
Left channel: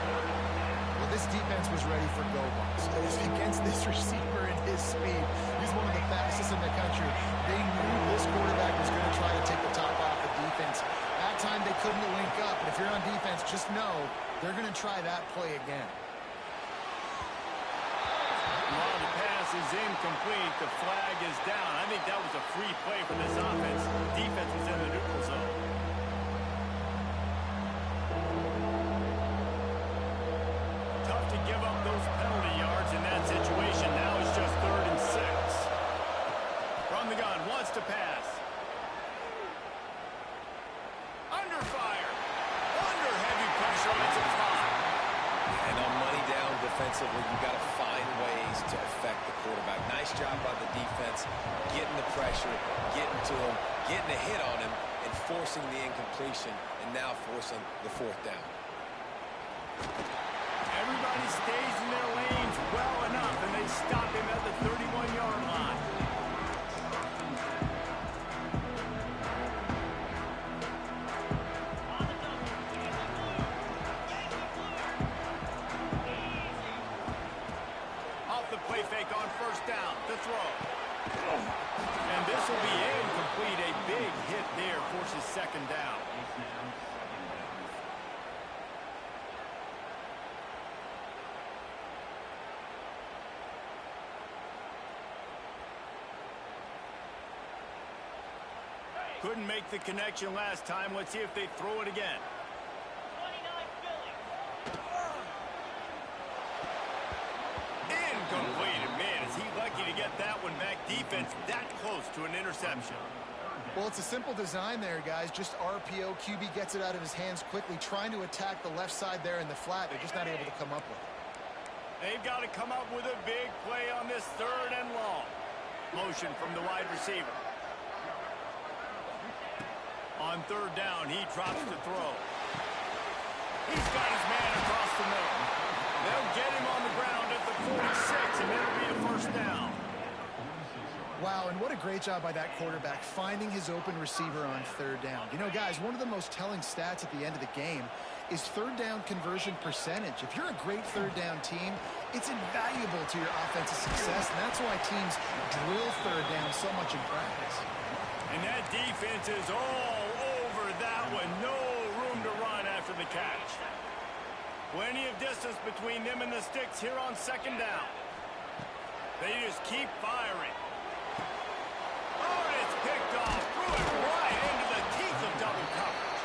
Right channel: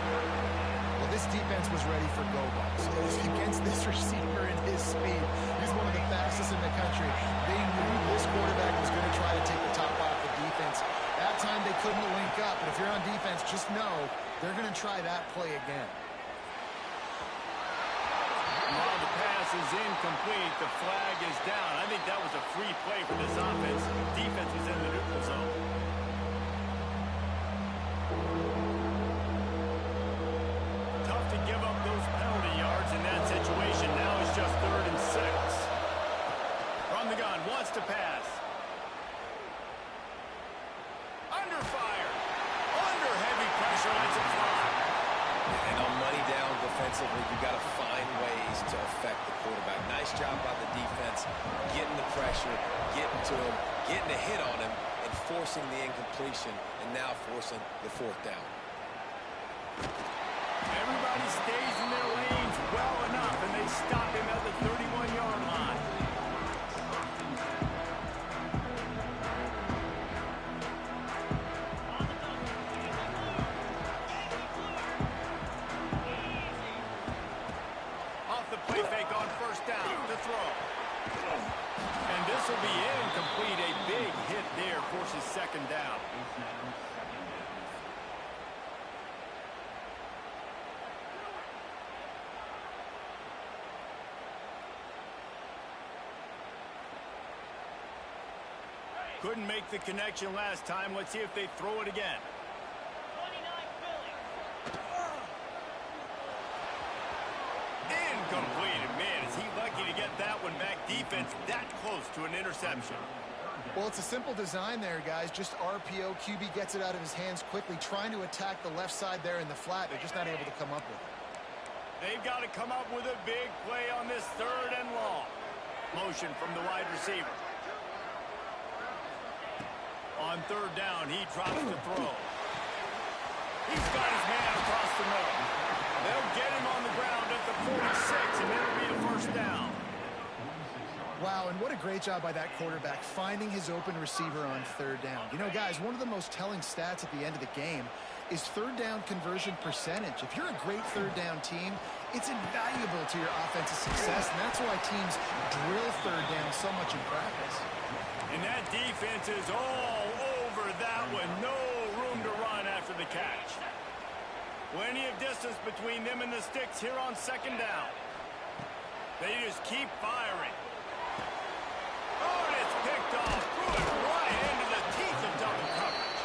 Well, this defense was ready for go balls. Against this receiver and his speed, he's one of the fastest in the country. They knew this quarterback was going to try to take the top off the defense. That time they couldn't link up, but if you're on defense, just know they're going to try that play again. While the pass is incomplete, the flag is down. I think that was a free play for this offense. Defense was in the neutral zone. Tough to give up those penalty yards in that situation. Now it's just 3rd and 6. From the gun, wants to pass. Under fire. Under heavy pressure, lets it fly. And on money down defensively, you've got to find ways to affect the quarterback. Nice job by the defense, getting the pressure, getting to him, getting a hit on him, and forcing the incompletion, and now forcing the 4th down. Everybody stays in their lanes well enough, and they stop him at the 31-yard line. Off the play fake on 1st down to throw. And this will be incomplete. A big hit there forces 2nd down. It's now 2nd down. Couldn't make the connection last time. Let's see if they throw it again. 29 Philly. Incomplete. And man, is he lucky to get that one back. Defense that close to an interception. Well, it's a simple design there, guys. Just RPO. QB gets it out of his hands quickly, trying to attack the left side there in the flat. They're just not able to come up with it. They've got to come up with a big play on this 3rd and long. Motion from the wide receiver. On 3rd down, he drops to throw. He's got his man across the middle. They'll get him on the ground at the 46, and it'll be a 1st down. Wow, and what a great job by that quarterback finding his open receiver on 3rd down. You know, guys, one of the most telling stats at the end of the game is 3rd down conversion percentage. If you're a great 3rd down team, it's invaluable to your offensive success, and that's why teams drill 3rd down so much in practice. And that defense is all over that one. No room to run after the catch. Plenty of distance between them and the sticks here on 2nd down. They just keep firing. Oh, and it's picked off. Threw it right into the teeth of double coverage.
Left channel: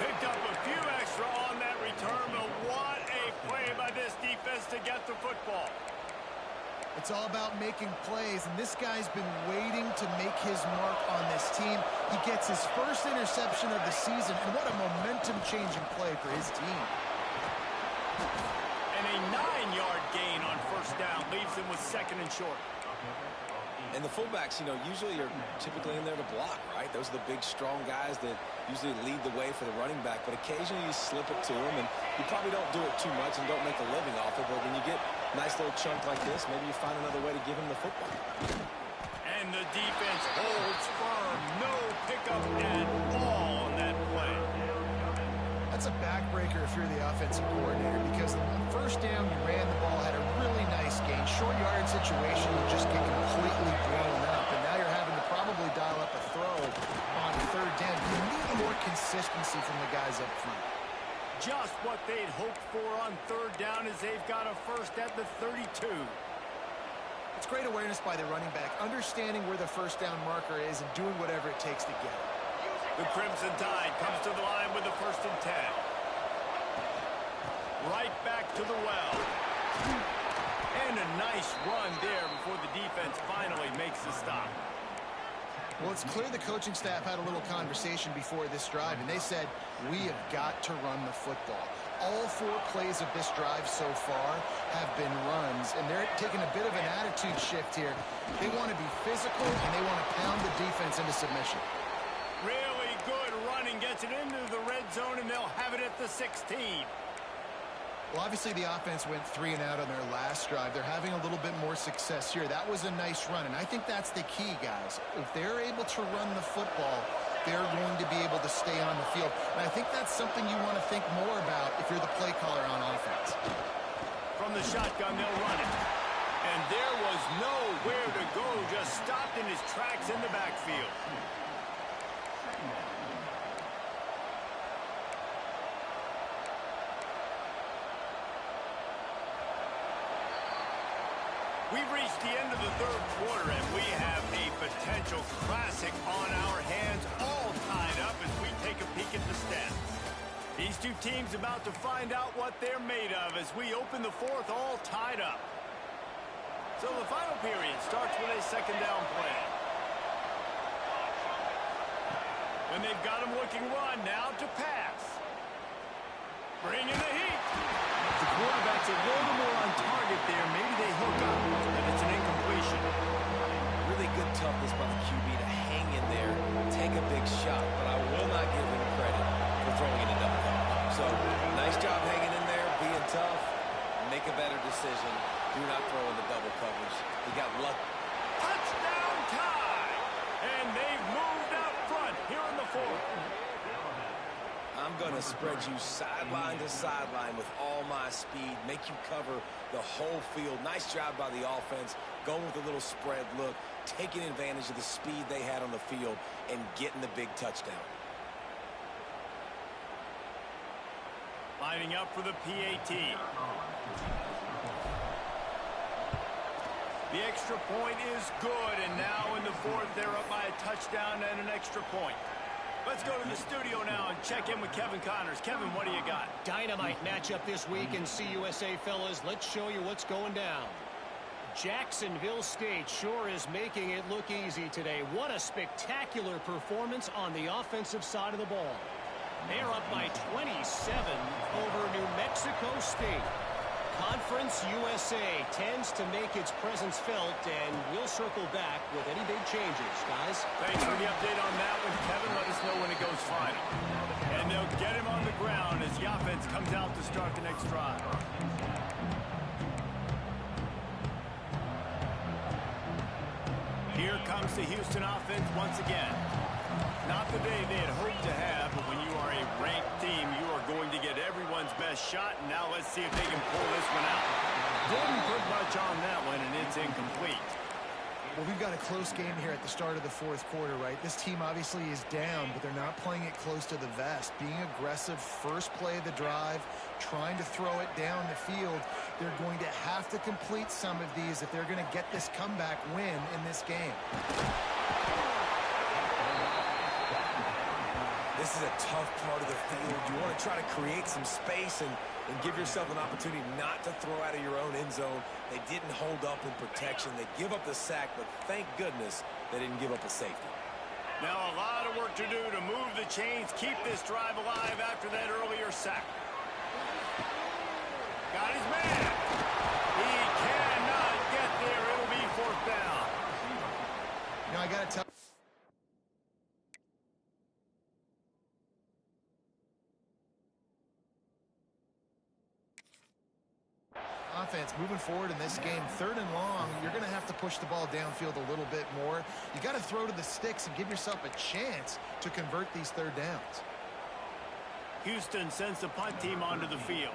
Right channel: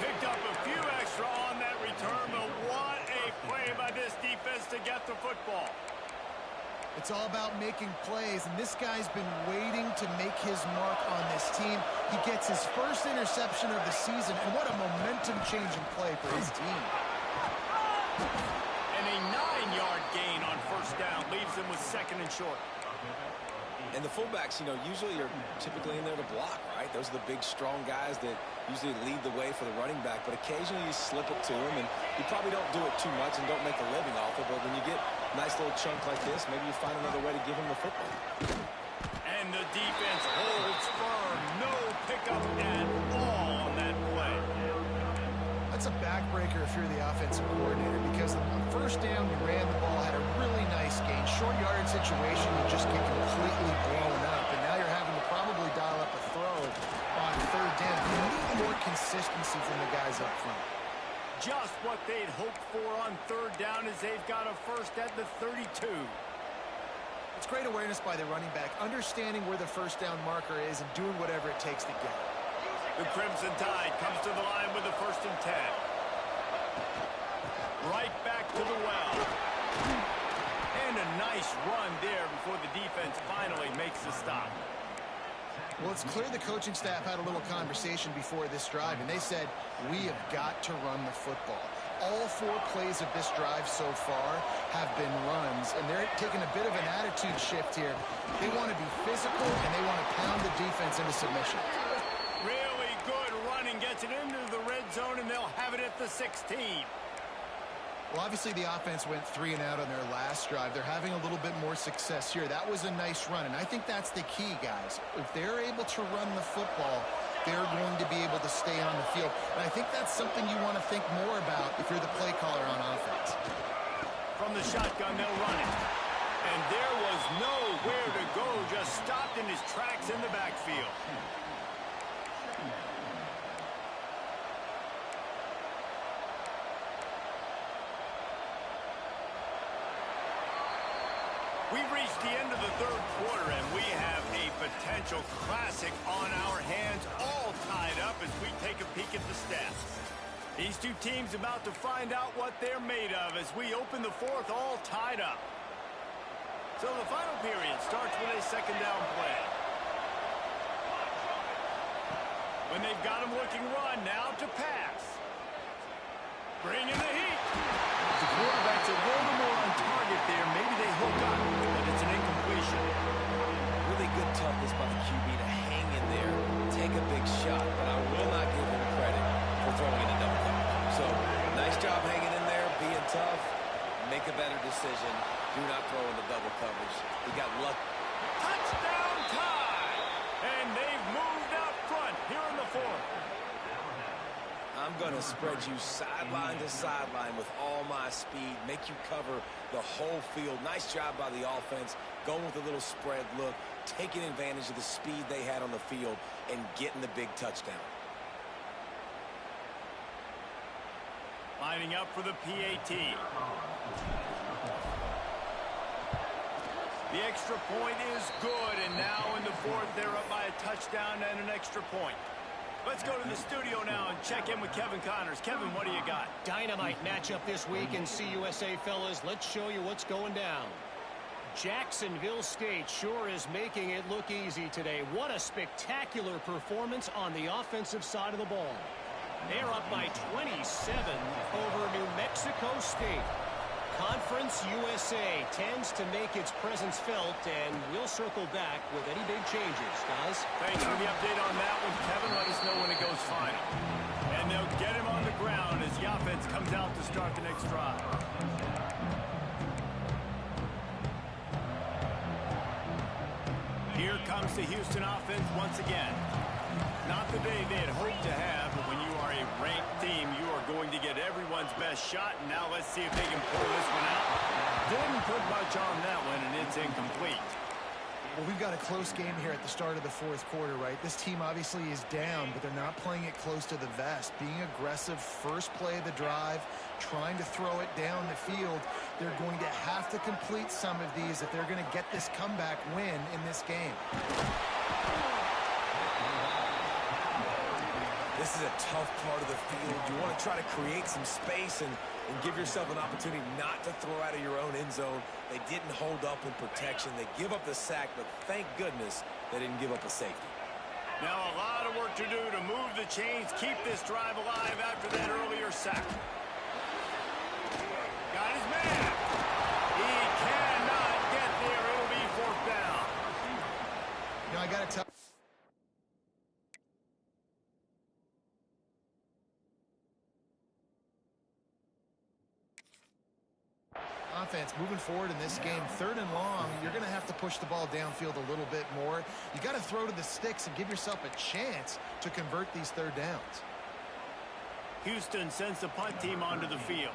Picked up a few extra on that return, but what a play by this defense to get the football. It's all about making plays, and this guy's been waiting to make his mark on this team. He gets his 1st interception of the season, and what a momentum-changing play for his team. And a 9-yard gain on 1st down leaves them with 2nd and short. And the fullbacks, you know, usually are typically in there to block, right? Those are the big, strong guys that usually lead the way for the running back. But occasionally you slip it to them, and you probably don't do it too much and don't make a living off it. But when you get a nice little chunk like this, maybe you find another way to give him the football. And the defense holds firm. No pickup at all on that play. That's a backbreaker if you're the offensive coordinator, because on 1st down, you ran the ball, had a really nice gain. Short yardage situation, you just get completely blown up, and now you're having to probably dial up a throw on 3rd down. You need more consistency from the guys up front. Just what they'd hoped for on 3rd down as they've got a 1st at the 32. It's great awareness by the running back, understanding where the 1st down marker is and doing whatever it takes to get it. The Crimson Tide comes to the line with the 1st and 10. Right back to the well. And a nice run there before the defense finally makes the stop. Well, it's clear the coaching staff had a little conversation before this drive, and they said, we have got to run the football. All 4 plays of this drive so far have been runs, and they're taking a bit of an attitude shift here. They want to be physical, and they want to pound the defense into submission. Really good running, gets it into the red zone, and they'll have it at the 16. Well, obviously the offense went 3 and out on their last drive. They're having a little bit more success here. That was a nice run, and I think that's the key, guys. If they're able to run the football, they're going to be able to stay on the field. And I think that's something you want to think more about if you're the play caller on offense. From the shotgun, they'll run it. And there was nowhere to go, just stopped in his tracks in the backfield. We've reached the end of the third quarter, and we have a potential classic on our hands, all tied up as we take a peek at the stats. These two teams about to find out what they're made of as we open the fourth, all tied up. So the final period starts with a second down play. When they've got him looking run, now to pass. Bring in the heat. The quarterback's a little more on target there. Maybe they hook up, but it's an incompletion. Really good toughness by the QB to hang in there, take a big shot, but I will not give him credit for throwing in a double coverage. So, nice job hanging in there, being tough, make a better decision. Do not throw in the double coverage. He got lucky. Touchdown tie! And they've moved out front here in the fourth. I'm going to spread you sideline to sideline with all my speed, make you cover the whole field. Nice job by the offense, going with a little spread look, taking advantage of the speed they had on the field, and getting the big touchdown. Lining up for the PAT. The extra point is good, and now in the fourth, they're up by a touchdown and an extra point. Let's go to the studio now and check in with Kevin Connors. Kevin, what do you got? Dynamite matchup this week in CUSA, fellas. Let's show you what's going down. Jacksonville State sure is making it look easy today. What a spectacular performance on the offensive side of the ball. They're up by 27 over New Mexico State. Conference USA tends to make its presence felt, and we'll circle back with any big changes, guys. Thanks for the update on that one, Kevin. Let us know when it goes final. And they'll get him on the ground as the offense comes out to start the next drive. Here comes the Houston offense once again. Not the day they had hoped to have, but when you are a ranked team, you are going to get everyone's best shot. And now let's see if they can pull this one out. Didn't put much on that one, and it's incomplete. Well, we've got a close game here at the start of the fourth quarter, right? This team obviously is down, but they're not playing it close to the vest. Being aggressive, first play of the drive, trying to throw it down the field. They're going to have to complete some of these if they're going to get this comeback win in this game. This is a tough part of the field. You want to try to create some space and give yourself an opportunity not to throw out of your own end zone. They didn't hold up in protection. They give up the sack, but thank goodness they didn't give up a safety. Now a lot of work to do to move the chains, keep this drive alive after that earlier sack. Got his man. He cannot get there. It'll be fourth down. You know, I got to tell offense moving forward in this game, third and long, you're going to have to push the ball downfield a little bit more. You got to throw to the sticks and give yourself a chance to convert these third downs. Houston sends the punt team onto the field.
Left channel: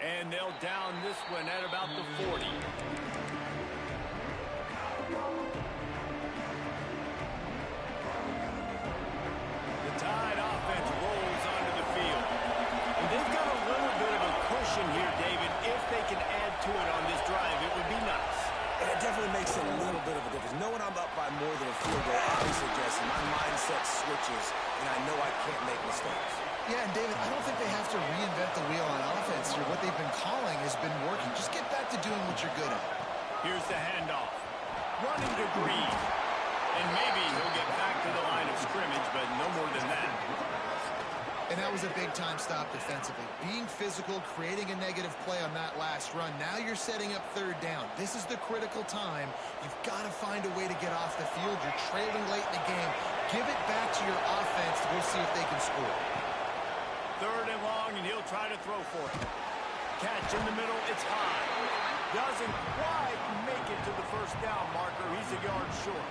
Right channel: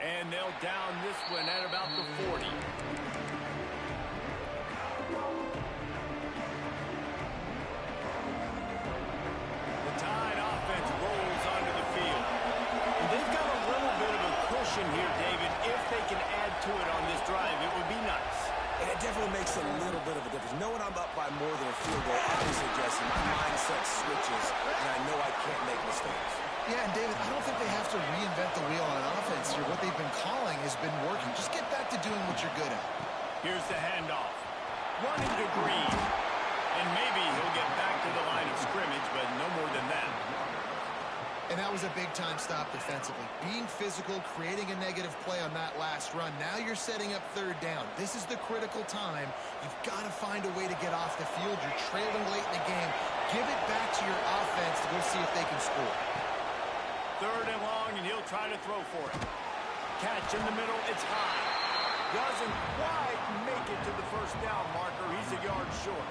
And they'll down this one at about the 40. Tide offense rolls onto the field. And they've got a little bit of a cushion here, David. If they can add to it on this drive, it would be nice. And it definitely makes a little bit of a difference. Knowing I'm up by more than a field goal, obviously, Jesse, my mindset switches, and I know I can't make mistakes. Yeah, and David, I don't think they have to reinvent the wheel on offense here. What they've been calling has been working. Just get back to doing what you're good at. Here's the handoff. Running to Green. And maybe he'll get back to the line of scrimmage, but no more than that. And that was a big-time stop defensively. Being physical, creating a negative play on that last run. Now you're setting up third down. This is the critical time. You've got to find a way to get off the field. You're trailing late in the game. Give it back to your offense to go see if they can score. Third and long, and he'll try to throw for it. Catch in the middle, it's high. Doesn't quite make it to the first down marker. He's a yard short.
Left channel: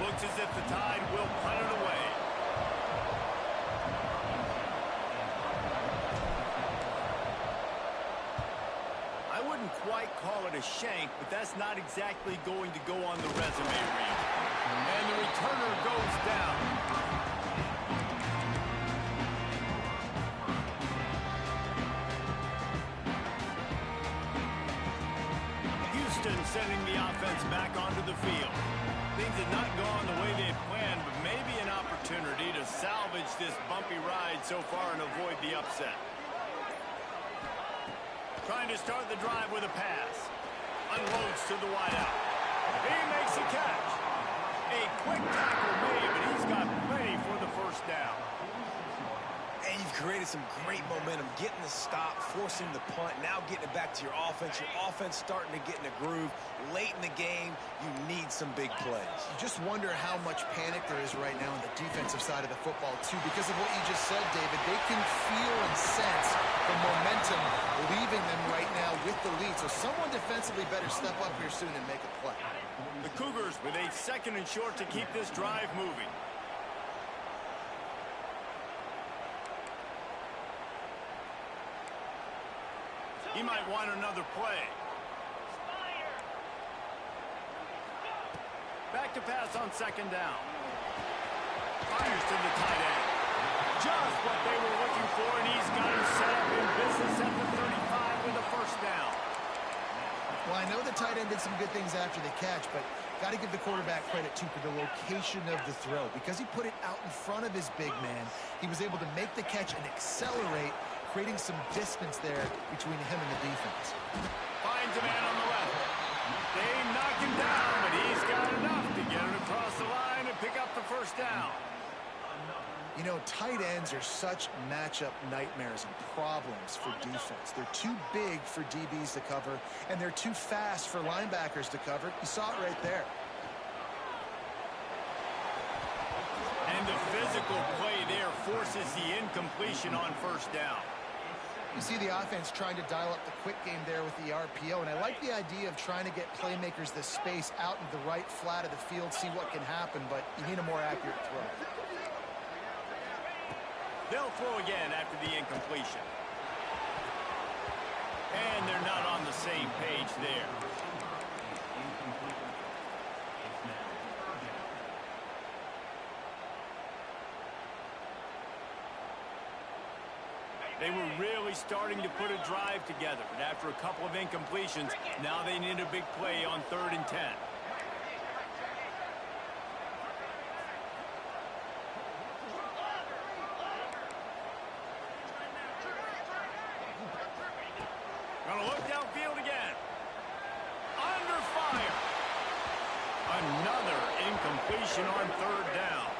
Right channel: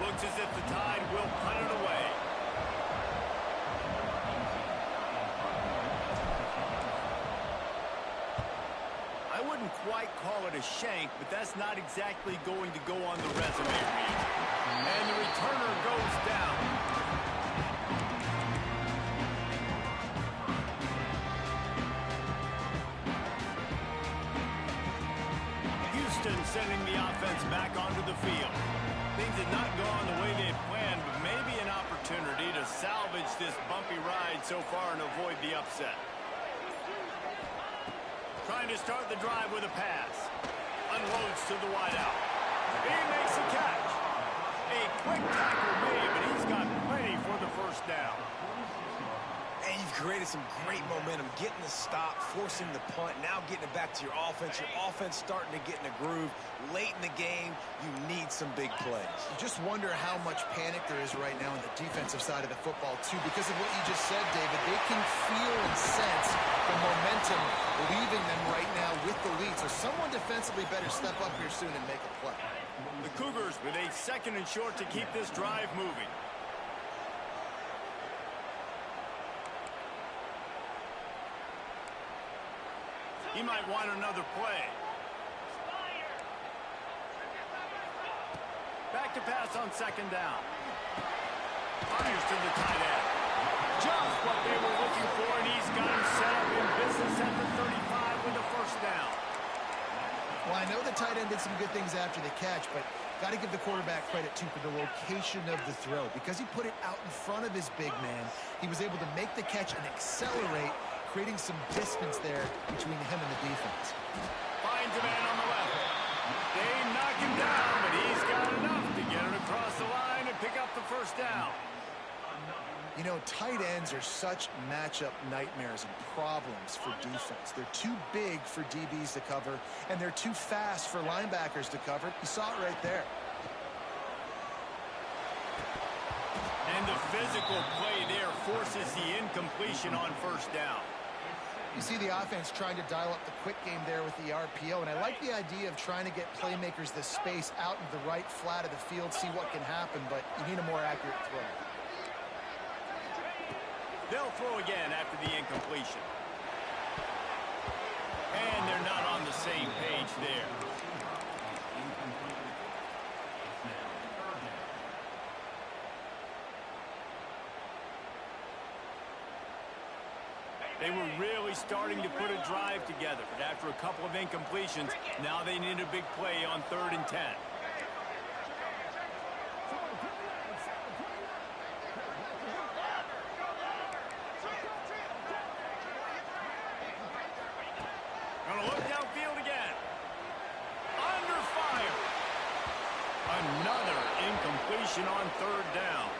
Looks as if the Tide will punt it away. I wouldn't quite call it a shank, but that's not exactly going to go on the resume reel. And the returner goes down. Houston sending the offense back onto the field. Things have not gone the way they planned, but maybe an opportunity to salvage this bumpy ride so far and avoid the upset. Trying to start the drive with a pass. Unloads to the wideout. He makes a catch. A quick tackle made, but he's got plenty for the first down. And you've created some great momentum, getting the stop, forcing the punt, now getting it back to your offense. Your offense starting to get in a groove. Late in the game, you need some big plays. You just wonder how much panic there is right now on the defensive side of the football, too. Because of what you just said, David, they can feel and sense the momentum leaving them right now with the lead. So someone defensively better step up here soon and make a play. The Cougars with a 2nd and short to keep this drive moving. He might want another play. Back to pass on 2nd down. Fires to the tight end. Just what they were looking for, and he's got him set up in business at the 35 with a first down. Well, I know the tight end did some good things after the catch, but got to give the quarterback credit, too, for the location of the throw. Because he put it out in front of his big man, he was able to make the catch and accelerate, creating some distance there between him and the defense. Finds a man on the left. They knock him down, but he's got enough to get it across the line and pick up the first down. You know, tight ends are such matchup nightmares and problems for defense. They're too big for DBs to cover, and they're too fast for linebackers to cover. You saw it right there. And the physical play there forces the incompletion on first down. You see the offense trying to dial up the quick game there with the RPO, and I like the idea of trying to get playmakers the space out into the right flat of the field, see what can happen, but you need a more accurate throw. They'll throw again after the incompletion. And they're not on the same page there. They were really starting to put a drive together, but after a couple of incompletions, now they need a big play on 3rd and 10. Gonna look downfield again. Under fire. Another incompletion on 3rd down.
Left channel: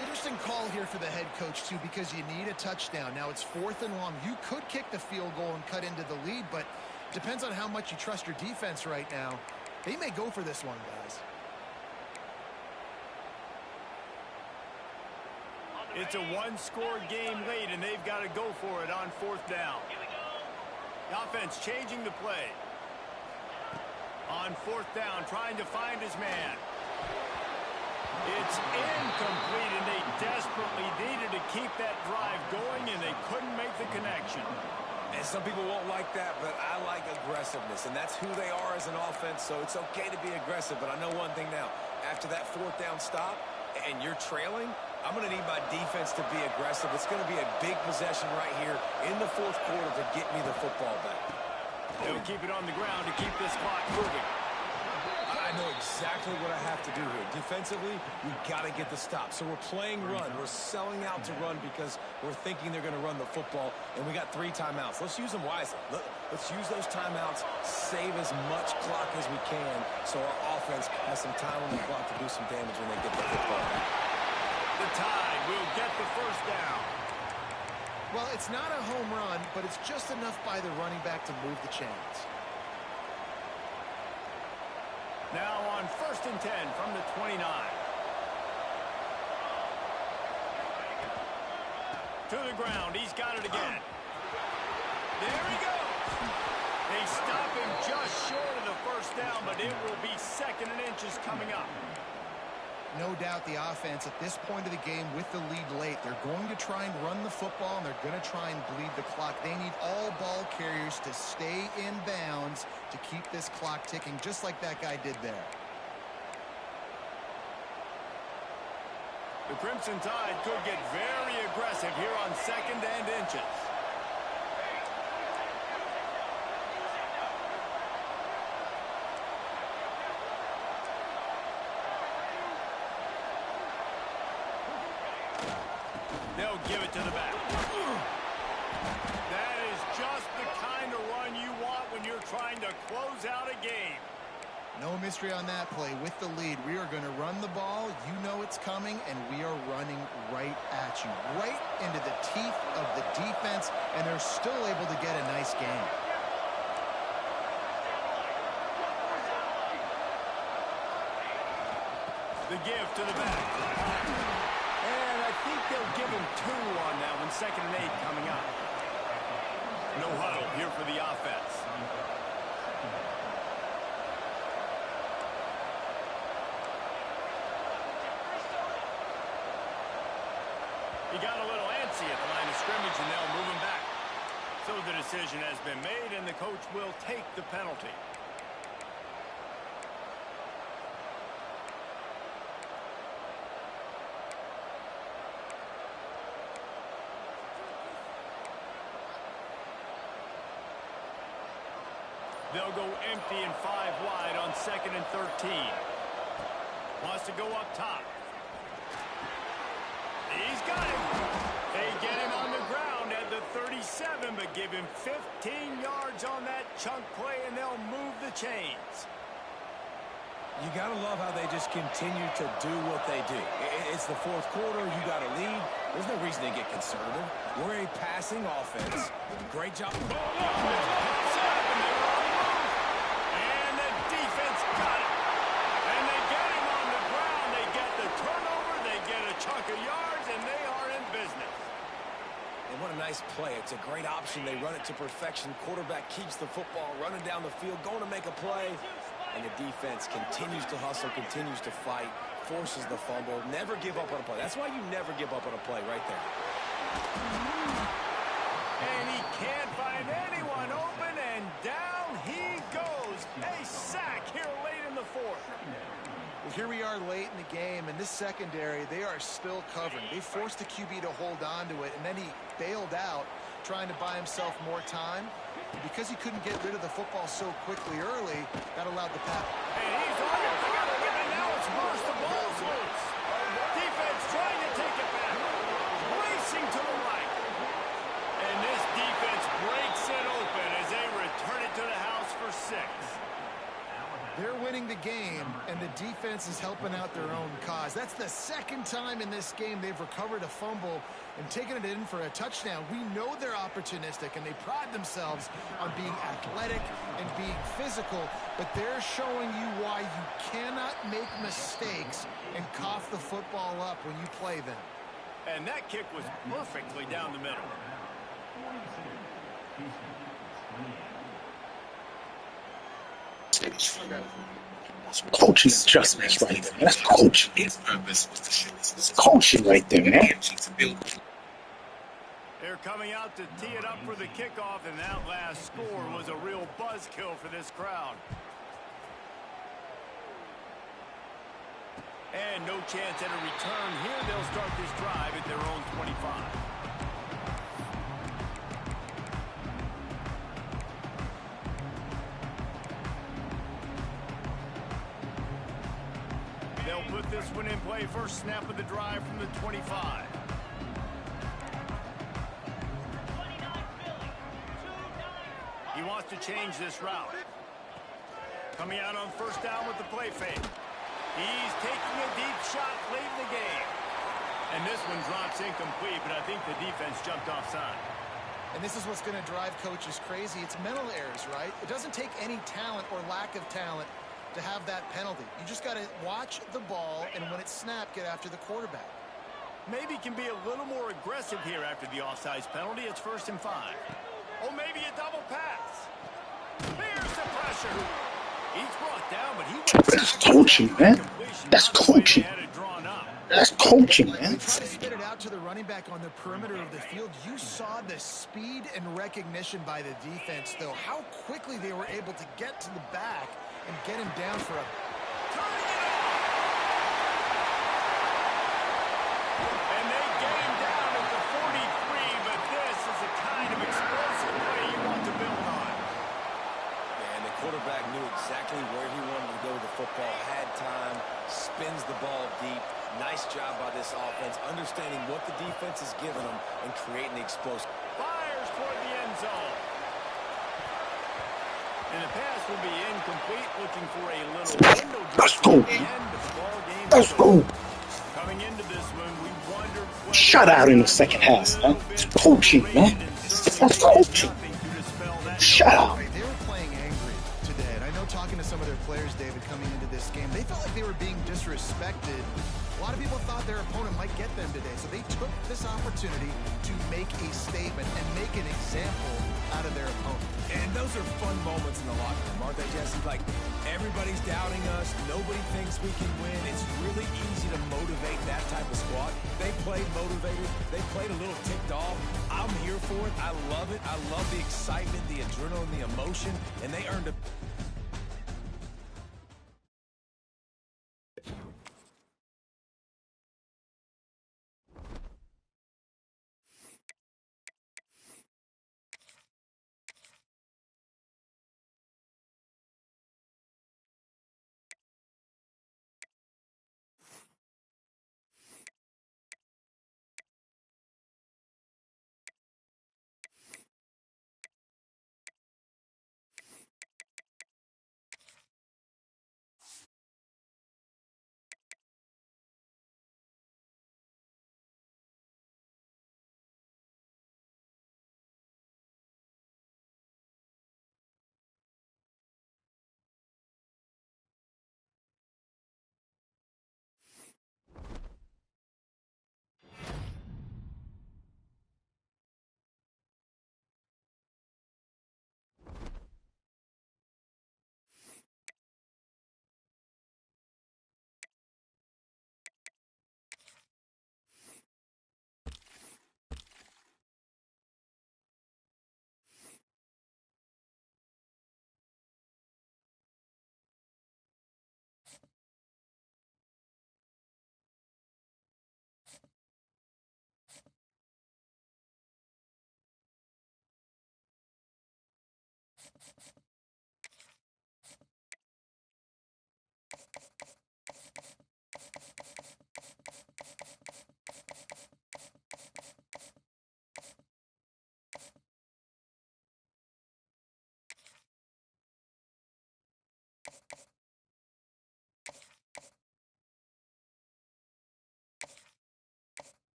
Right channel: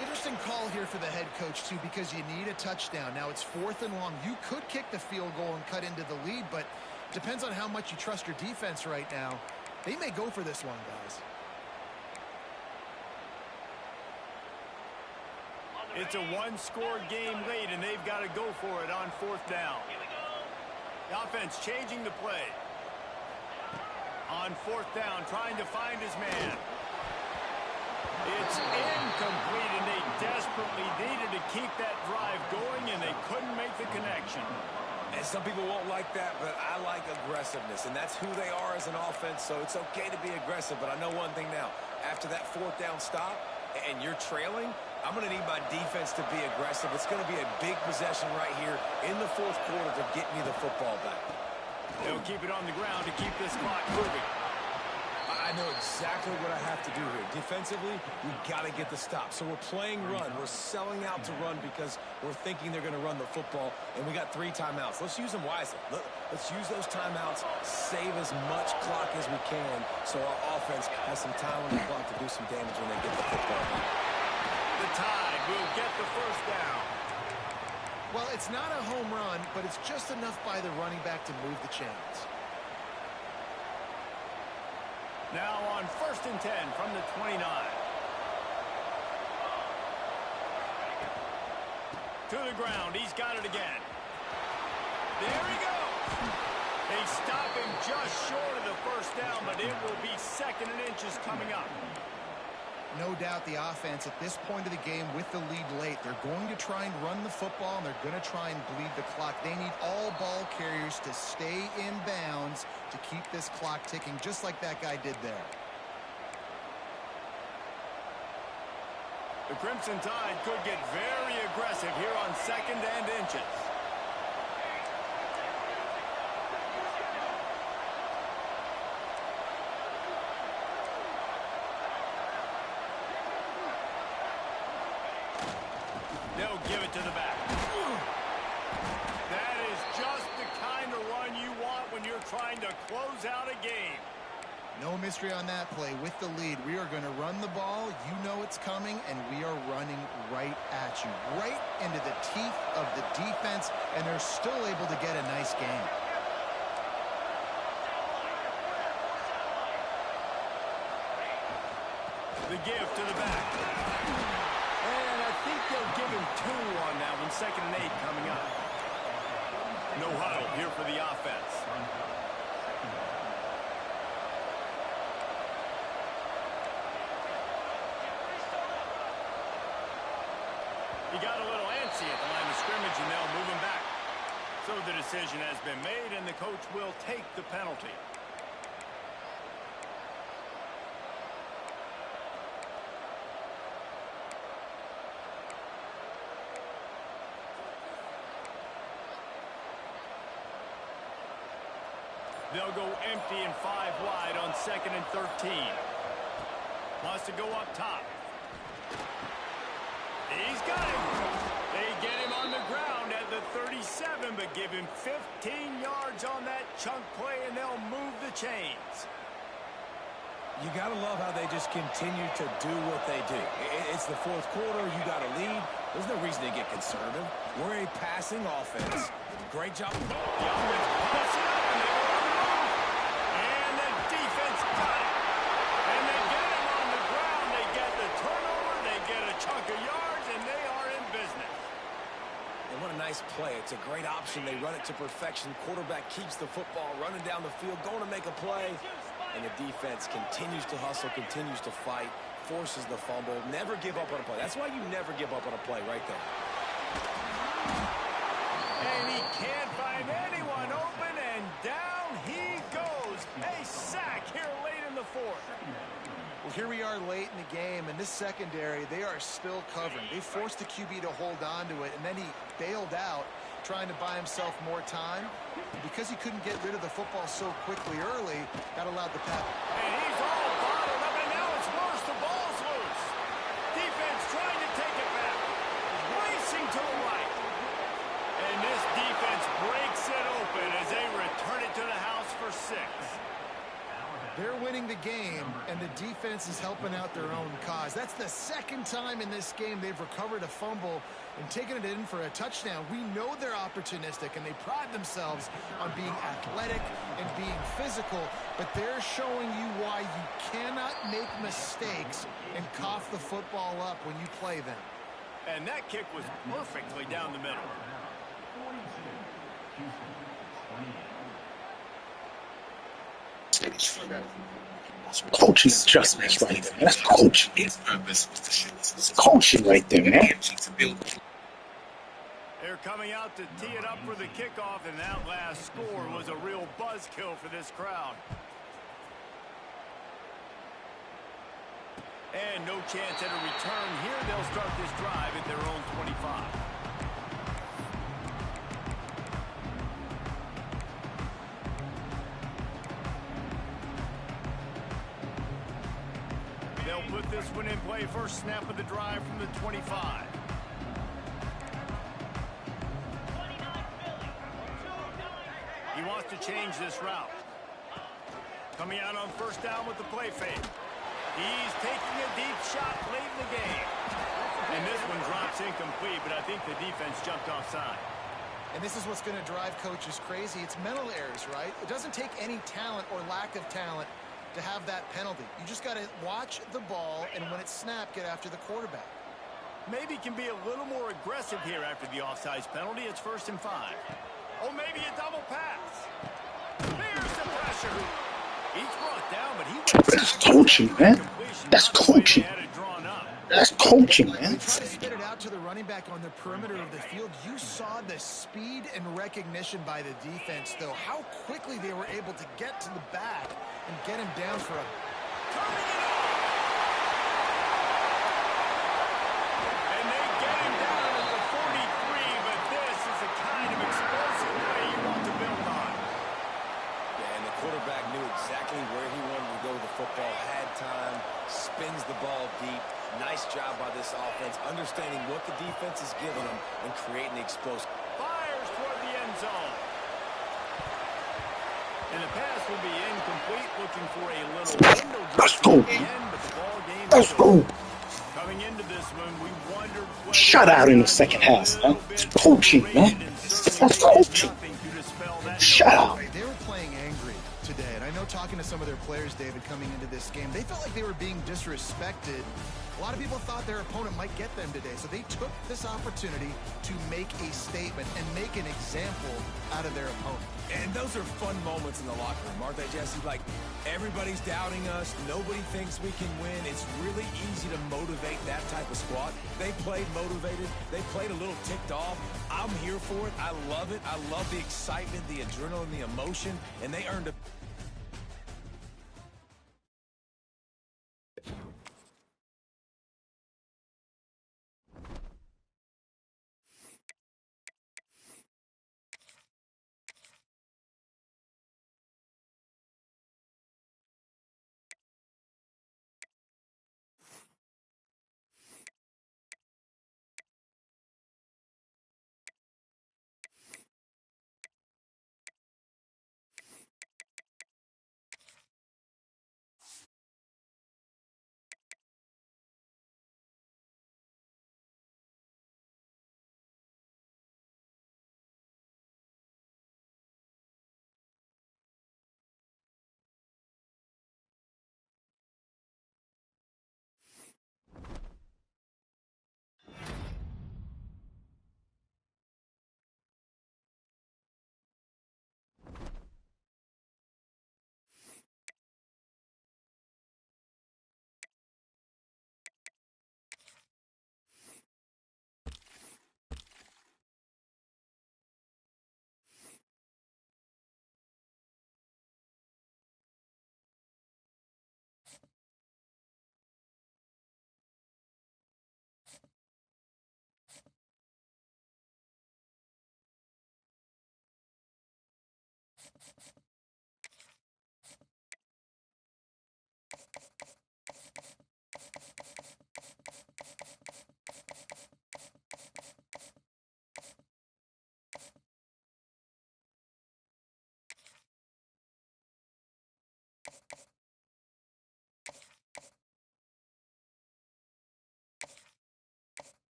Interesting call here for the head coach, too, because you need a touchdown. Now it's 4th and long. You could kick the field goal and cut into the lead, but depends on how much you trust your defense right now. They may go for this one, guys. It's a one-score game late, and they've got to go for it on 4th down. The offense changing the play. On 4th down, trying to find his man. It's incomplete, and they desperately needed to keep that drive going, and they couldn't make the connection. And some people won't like that, but I like aggressiveness, and that's who they are as an offense, so it's okay to be aggressive. But I know one thing now. After that 4th down stop, and you're trailing, I'm going to need my defense to be aggressive. It's going to be a big possession right here in the 4th quarter to get me the football back. They'll keep it on the ground to keep this clock moving. I know exactly what I have to do here. Defensively, we got to get the stop. So we're playing run. We're selling out to run because we're thinking they're going to run the football, and we got 3 timeouts. Let's use them wisely. Let's use those timeouts, save as much clock as we can so our offense has some time on the clock to do some damage when they get the football back. The Tide will get the first down. Well, it's not a home run, but it's just enough by the running back to move the chains. Now on 1st and 10 from the 29. To the ground. He's got it again. There he goes. They stop him just short of the first down, but it will be 2nd and inches coming up. No doubt the offense at this point of the game with the lead late, they're going to try and run the football, and they're going to try and bleed the clock. They need all ball carriers to stay in bounds to keep this clock ticking, just like that guy did there. The Crimson Tide could get very aggressive here on 2nd and inches. They'll give it to the back. That is just the kind of run you want when you're trying to close out a game. No mystery on that play. With the lead, we are going to run the ball. You know it's coming, and we are running right at you, right into the teeth of the defense, and they're still able to get a nice game. The give to the back. And I think they'll give him 2 on that one. 2nd and 8 coming up. No huddle here for the offense. He got a little antsy at the line of scrimmage, and they'll move him back. So the decision has been made, and the coach will take the penalty. They'll go empty and 5 wide on 2nd and 13. Wants to go up top. He's got him. They get him on the ground at the 37, but give him 15 yards on that chunk play, and they'll move the chains. You got to love how they just continue to do what they do. It's the 4th quarter. You got a lead. There's no reason to get conservative. We're a passing offense. Great job. The offense pops it up, and they were on the move. And the defense got it. And they get him on the ground. They get the turnover. They get a chunk of yards, and they are in business. And what a nice play. It's a great option. They run it to perfection. Quarterback keeps the football, running down the field, going to make a play. And the defense continues to hustle, continues to fight, forces the fumble. Never give up on a play. That's why you never give up on a play right there. And he can't find anyone open, and down he goes. A sack here late in the 4th. Well, here we are late in the game, and this secondary, they are still covering. They forced the QB to hold on to it, and then he bailed out, trying to buy himself more time. And because he couldn't get rid of the football so quickly early, that allowed the pass. And he's all bottled up, and now it's worse. The ball's loose. Defense trying to take it back. Racing to the right. And this defense breaks it open as they return it to the house for 6. They're winning the game, and the defense is helping out their own cause. That's the 2nd time in this game they've recovered a fumble and taken it in for a touchdown. We know they're opportunistic, and they pride themselves on being athletic and being physical, but they're showing you why you cannot make mistakes and cough the football up when you play them. And that kick was perfectly down the middle. 42, Houston, 28. That's coaching adjustments right there. That's coaching. It's coaching right there, man. They're coming out to tee it up for the kickoff, and that last score was a real buzzkill for this crowd. And no chance at a return here. They'll start this drive at their own 25. They'll put this one in play. First snap of the drive from the 25. He wants to change this route. Coming out on first down with the play fake. He's taking a deep shot late in the game. And this one drops incomplete, but I think the defense jumped offside. And this is what's going to drive coaches crazy. It's mental errors, right? It doesn't take any talent or lack of talent to have that penalty. You just got to watch the ball, and when it's snapped, get after the quarterback. Maybe can be a little more aggressive here after the offsides penalty. It's 1st and 5. Oh, maybe a double pass. Here's the pressure. He's brought down, but he went That's backwards coaching, after that man. completion. That's Not the way they coaching. had it drawn up. That's coaching, man. They try to spit it out to the running back on the perimeter of the field. You saw the speed and recognition by the defense, though. How quickly they were able to get to the back and get him down for a... Turning it off. And they get him down at the 43, but this is the kind of explosive play you want to build on. And the quarterback knew exactly where he wanted to go with the football, had time, spins the ball deep. Nice job by this offense, understanding what the defense is giving them and creating the explosive. Fires toward the end zone. And the pass will be incomplete, looking for a little window dressing at the end, but the ball game Let's is go. over. Coming into this one, we wondered whether Shut out in the second half, man. It's coaching, man. That's coaching. Shut out. They were playing angry today, and I know talking to some of their players, David, coming into this game, they felt like they were being disrespected. A lot of people thought their opponent might get them today, so they took this opportunity to make a statement and make an example out of their opponent. And those are fun moments in the locker room, aren't they, Jesse? Like, everybody's doubting us. Nobody thinks we can win. It's really easy to motivate that type of squad. They played motivated. They played a little ticked off. I'm here for it. I love it. I love the excitement, the adrenaline, the emotion, and they earned a...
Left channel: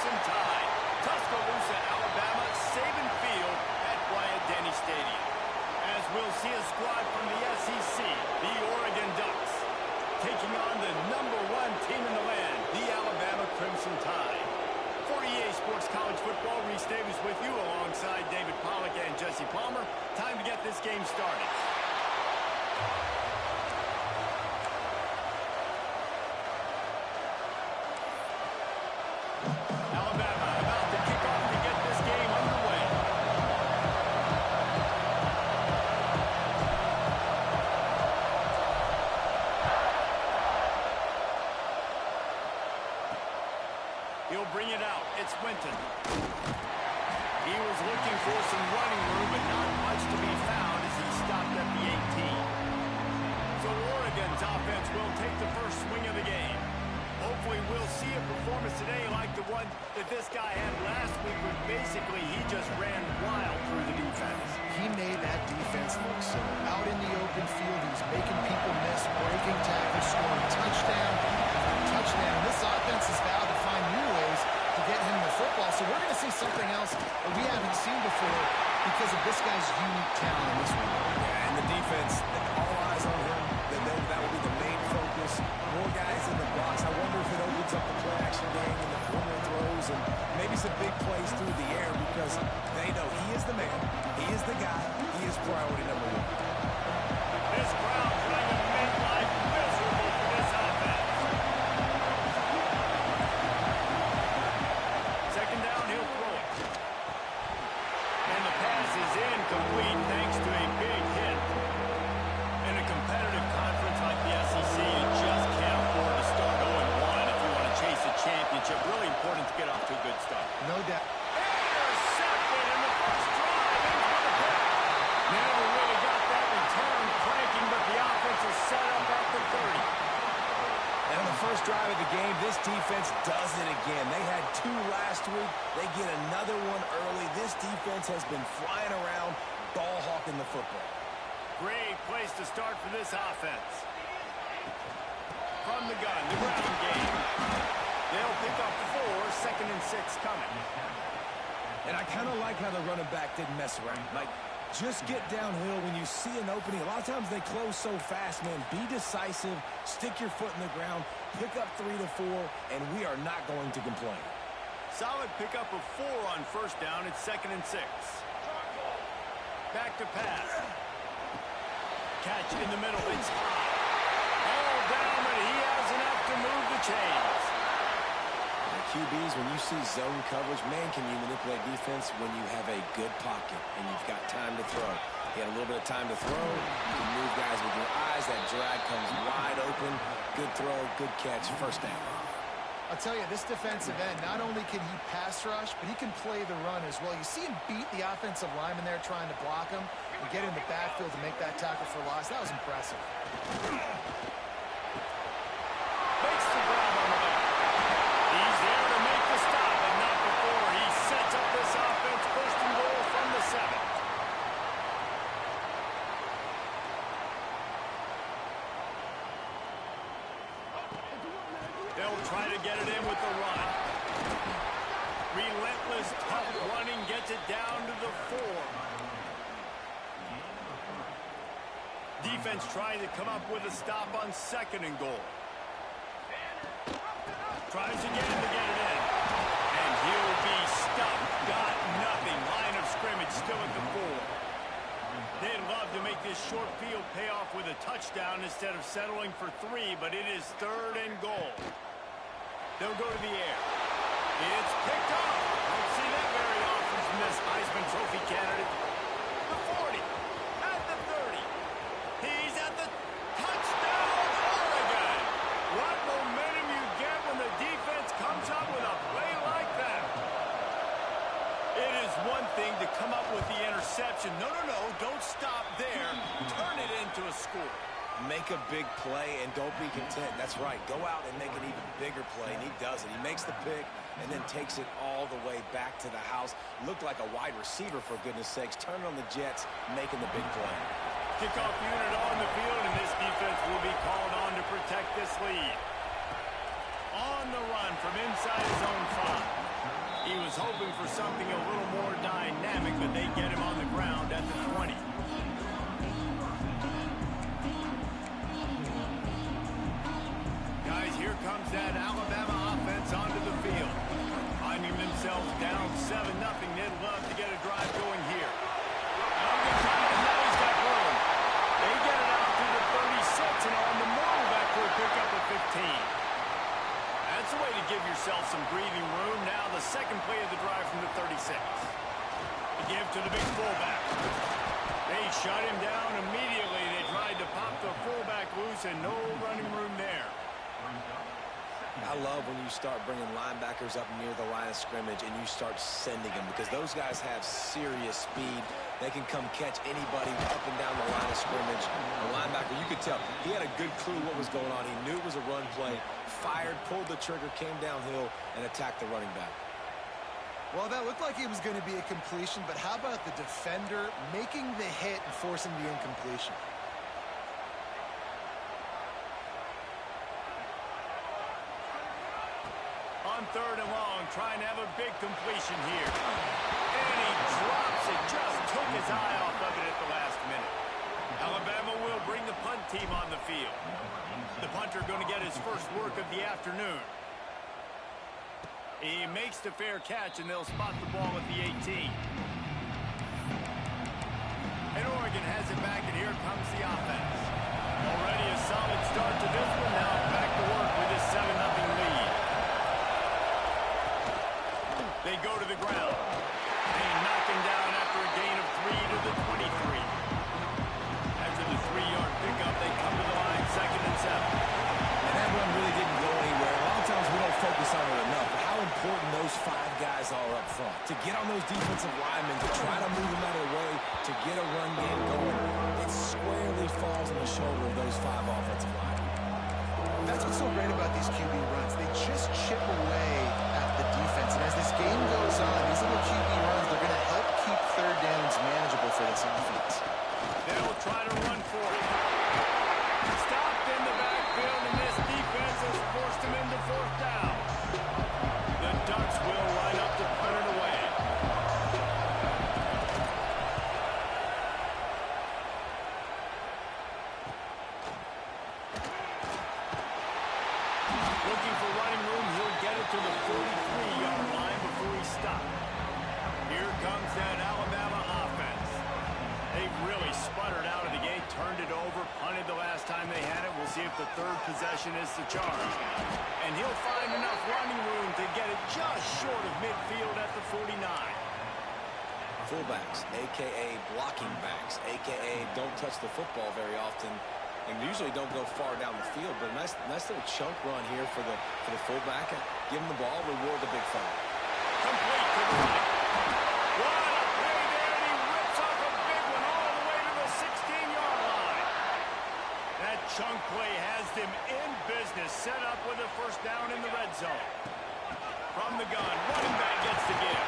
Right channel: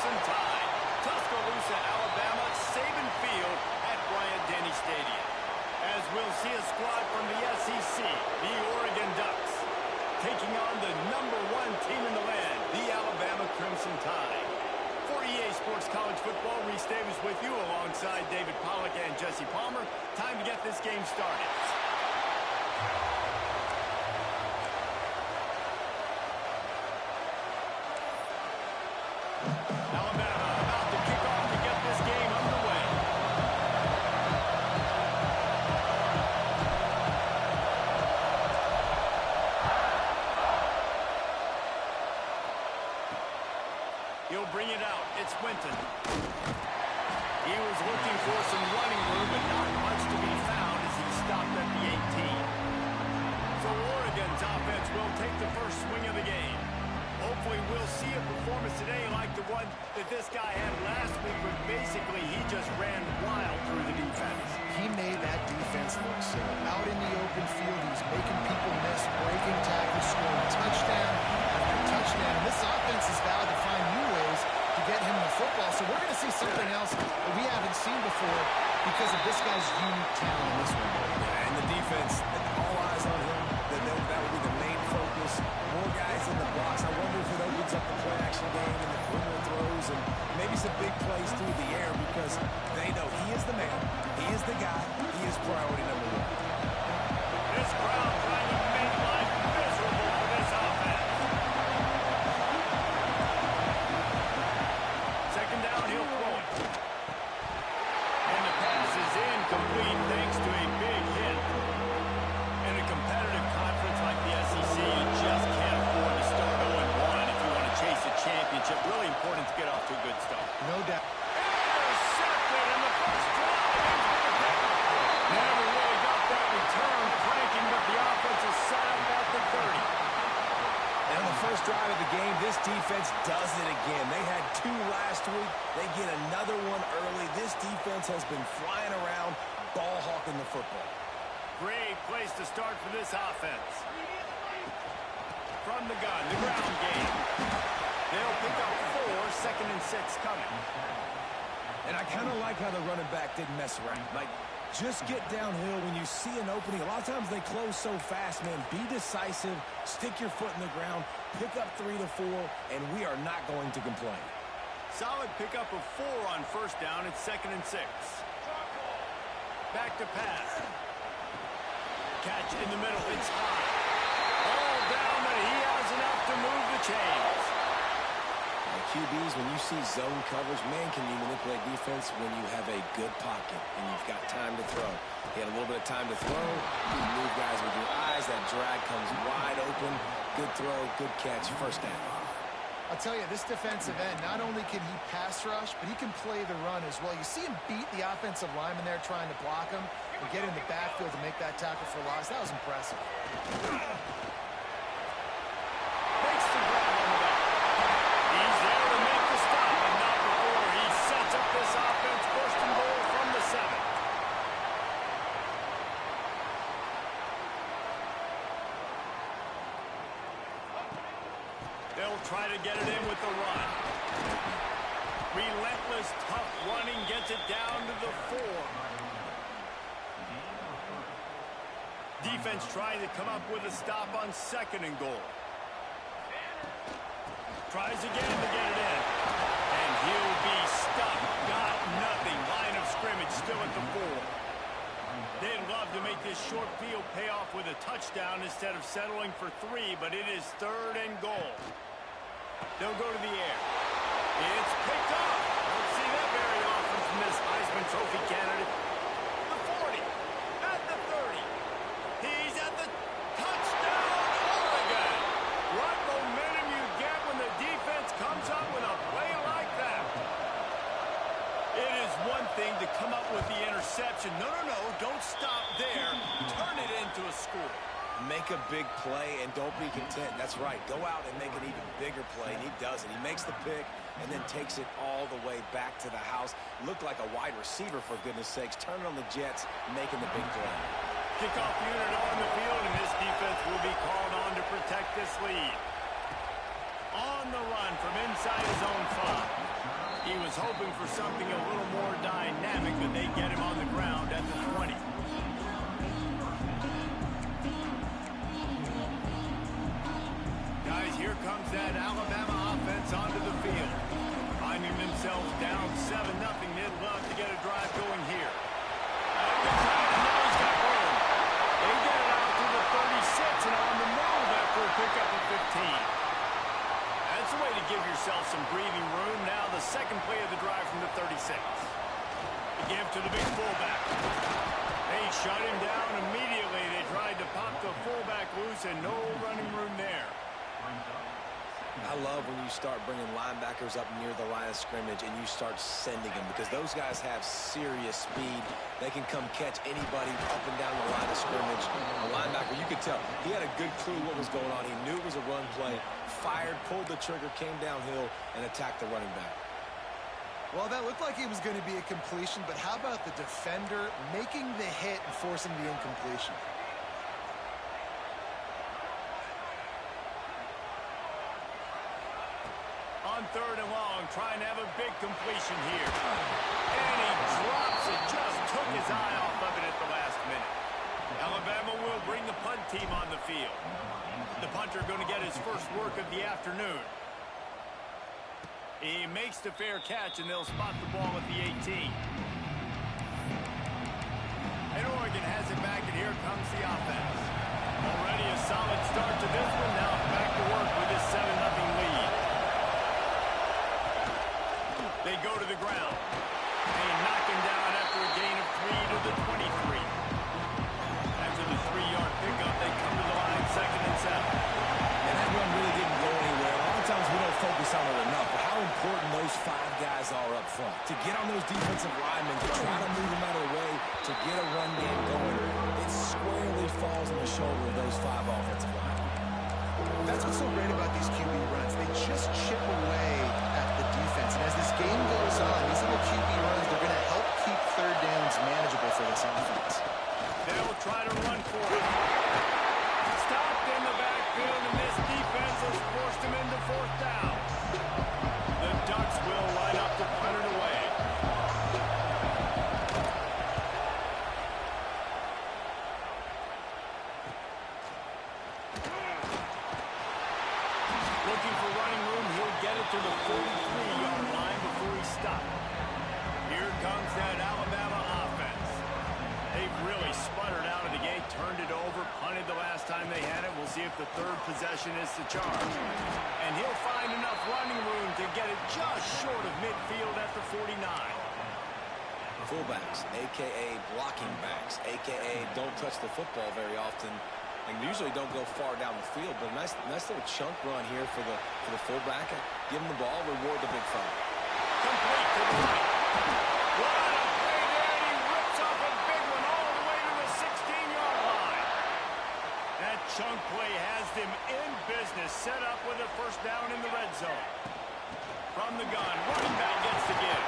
Crimson Tide. Tuscaloosa, Alabama, Saban Field at Bryant-Denny Stadium. As we'll see a squad from the SEC, the Oregon Ducks, taking on the #1 team in the land, the Alabama Crimson Tide. For EA Sports College Football, Reese Davis with you alongside David Pollack and Jesse Palmer. Time to get this game started. Alabama about to kick off to get this game underway. He'll bring it out. It's Winton. He was looking for some running room, but not much to be found as he stopped at the 18. So Oregon's offense will take the first swing of the game. Hopefully we'll see a performance today like the one that this guy had last week, where basically he just ran wild through the defense. He made that defense look silly. Out in the open field, he's making people miss, breaking tackles, scoring touchdown after touchdown. This offense has vowed to find new ways to get him the football, so we're going to see something else that we haven't seen before because of this guy's unique talent in this one. Yeah, and the defense, all eyes on him. That will be the main focus. More guys in the box. I wonder if it opens up the play-action game and the perimeter throws and maybe some big plays through the air, because they know he is the man. He is the guy. He is priority #1. This crowd trying to make life miserable for this offense. Second down, he'll throw it. And the pass is incomplete thanks to a big hit. In a competitive conference like the SEC, you just can't afford to start 0-1 if you want to chase a championship. Really important to get off to a good start. No doubt. Intercepted in the first drive into the pick. Never really got that return cranking, but the offense is set up at the 30. And on the first drive of the game, this defense does it again. They had 2 last week. They get another one early. This defense has been flying around, ball hawking the football. Great place to start for this offense. From the gun, the ground game. They'll pick up 4, 2nd and 6 coming. And I kind of like how the running back didn't mess around. Like, just get downhill when you see an opening. A lot of times they close so fast, man. Be decisive, stick your foot in the ground, pick up 3 to 4, and we are not going to complain. Solid pickup of 4 on first down. It's 2nd and 6. Back to pass. Catch in the middle. It's high. All down, but he has enough to move the chains. The QBs, when you see zone coverage, man, can you manipulate defense when you have a good pocket and you've got time to throw. He had a little bit of time to throw. You can move guys with your eyes. That drag comes wide open. Good throw, good catch, first down. I'll tell you, this defensive end, not only can he pass rush, but he can play the run as well. You see him beat the offensive lineman there trying to block him and get in the backfield to make that tackle for loss. That was impressive. Makes the grab on the back. He's there to make the stop, but not before he sets up this offense. 1st and goal from the 7. They'll try to get it in with the run. Relentless, tough running gets it down to the 4. Defense trying to come up with a stop on 2nd and goal. Tries again to get it in. And he'll be stuck. Got nothing. Line of scrimmage still at the 4. They'd love to make this short field pay off with a touchdown instead of settling for 3, but it is 3rd and goal. They'll go to the air. It's picked off. Don't see that very often from this Heisman Trophy candidate. The 40. At the 30. He's at the touchdown, Oregon. What momentum you get when the defense comes up with a play like that. It is one thing to come up with the interception. No, don't stop there. Turn it into a score. Make a big play and don't be content. That's right. Go out and make an even bigger play, and he does it. He makes the pick and then takes it all the way back to the house. Looked like a wide receiver, for goodness sakes. Turning on the Jets, making the big play. Kickoff unit on the field, and this defense will be called on to protect this lead. On the run from inside his own 5. He was hoping for something a little more dynamic, but they get him on the ground at the 20. Guys, here comes that Alabama offense onto the field. Finding themselves down 7-0, they'd love to get a drive going here. Ncaa, now he's got room. They get it out to the 36 and on the move after a pickup of 15. That's a way to give yourself some breathing room. Now the second play of the drive from the 36. To give to the big fullback. They shut him down immediately. They tried to pop the fullback loose and no running room there. I love when you start bringing linebackers up near the line of scrimmage and you start sending them, because those guys have serious speed. They can come catch anybody up and down the line of scrimmage. A linebacker, you could tell, he had a good clue what was going on. He knew it was a run play, fired, pulled the trigger, came downhill, and attacked the running back. Well, that looked like it was going to be a completion, but how about the defender making the hit and forcing the incompletion? On 3rd and long, trying to have a big completion here. And he drops it, just took his eye off of it at the last minute. Alabama will bring the punt team on the field. The punter going to get his first work of the afternoon. He makes the fair catch, and they'll spot the ball at the 18. And Oregon has it back, and here comes the offense. Already a solid start to this one. Now back to work with this 7-0 lead. They go to the ground. They knock him down after a gain of 3 to the 23. After the 3-yard pickup, they come to the line 2nd and 7. And that run really didn't go anywhere. A lot of times we don't focus on it enough, but how important those 5 guys are up front. To get on those defensive linemen, to try to move them out of the way, to get a run game going, it squarely falls on the shoulder of those 5 offensive linemen. That's what's so great about these QB runs. They just chip away at the defense. And as this game goes on, these little QB runs, they're going to help keep 3rd downs manageable for this offense. They'll try to run for it. Stopped in the backfield, and this defense has forced him into 4th down. The Ducks will line up to punt it away. Looking for running room, he'll get it to the 43-yard line before he stopped. Here comes that Alabama offense. They've really sputtered out of the gate, turned it over, punted the last time they had it. We'll see if the 3rd possession is the charm. And he'll find enough running room to get it just short of midfield at the 49. Fullbacks, a.k.a. blocking backs, a.k.a. don't touch the football very often, and usually don't go far down the field. But a nice little chunk run here for the fullback. Give him the ball, reward the big fella. Complete to the right. What a play there, and he rips off a big one all the way to the 16-yard line. That chunk play has them in business, set up with a 1st down in the red zone. From the gun, running back gets the give.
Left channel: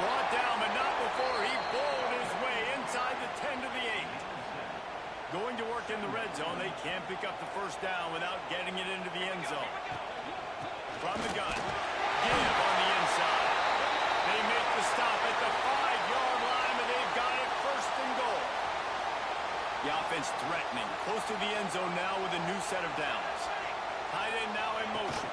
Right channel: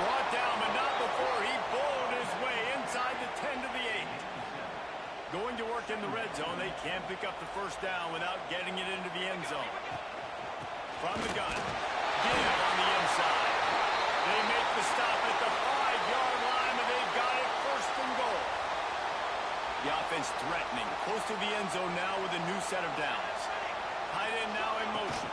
Brought down, but not before he bowled his way inside the 10 to the 8. Going to work in the red zone, they can't pick up the 1st down without getting it into the end zone. From the gun, give on the inside. They make the stop at the 5-yard line, and they've got it 1st and goal. The offense threatening, close to the end zone now with a new set of downs. Tight end now in motion.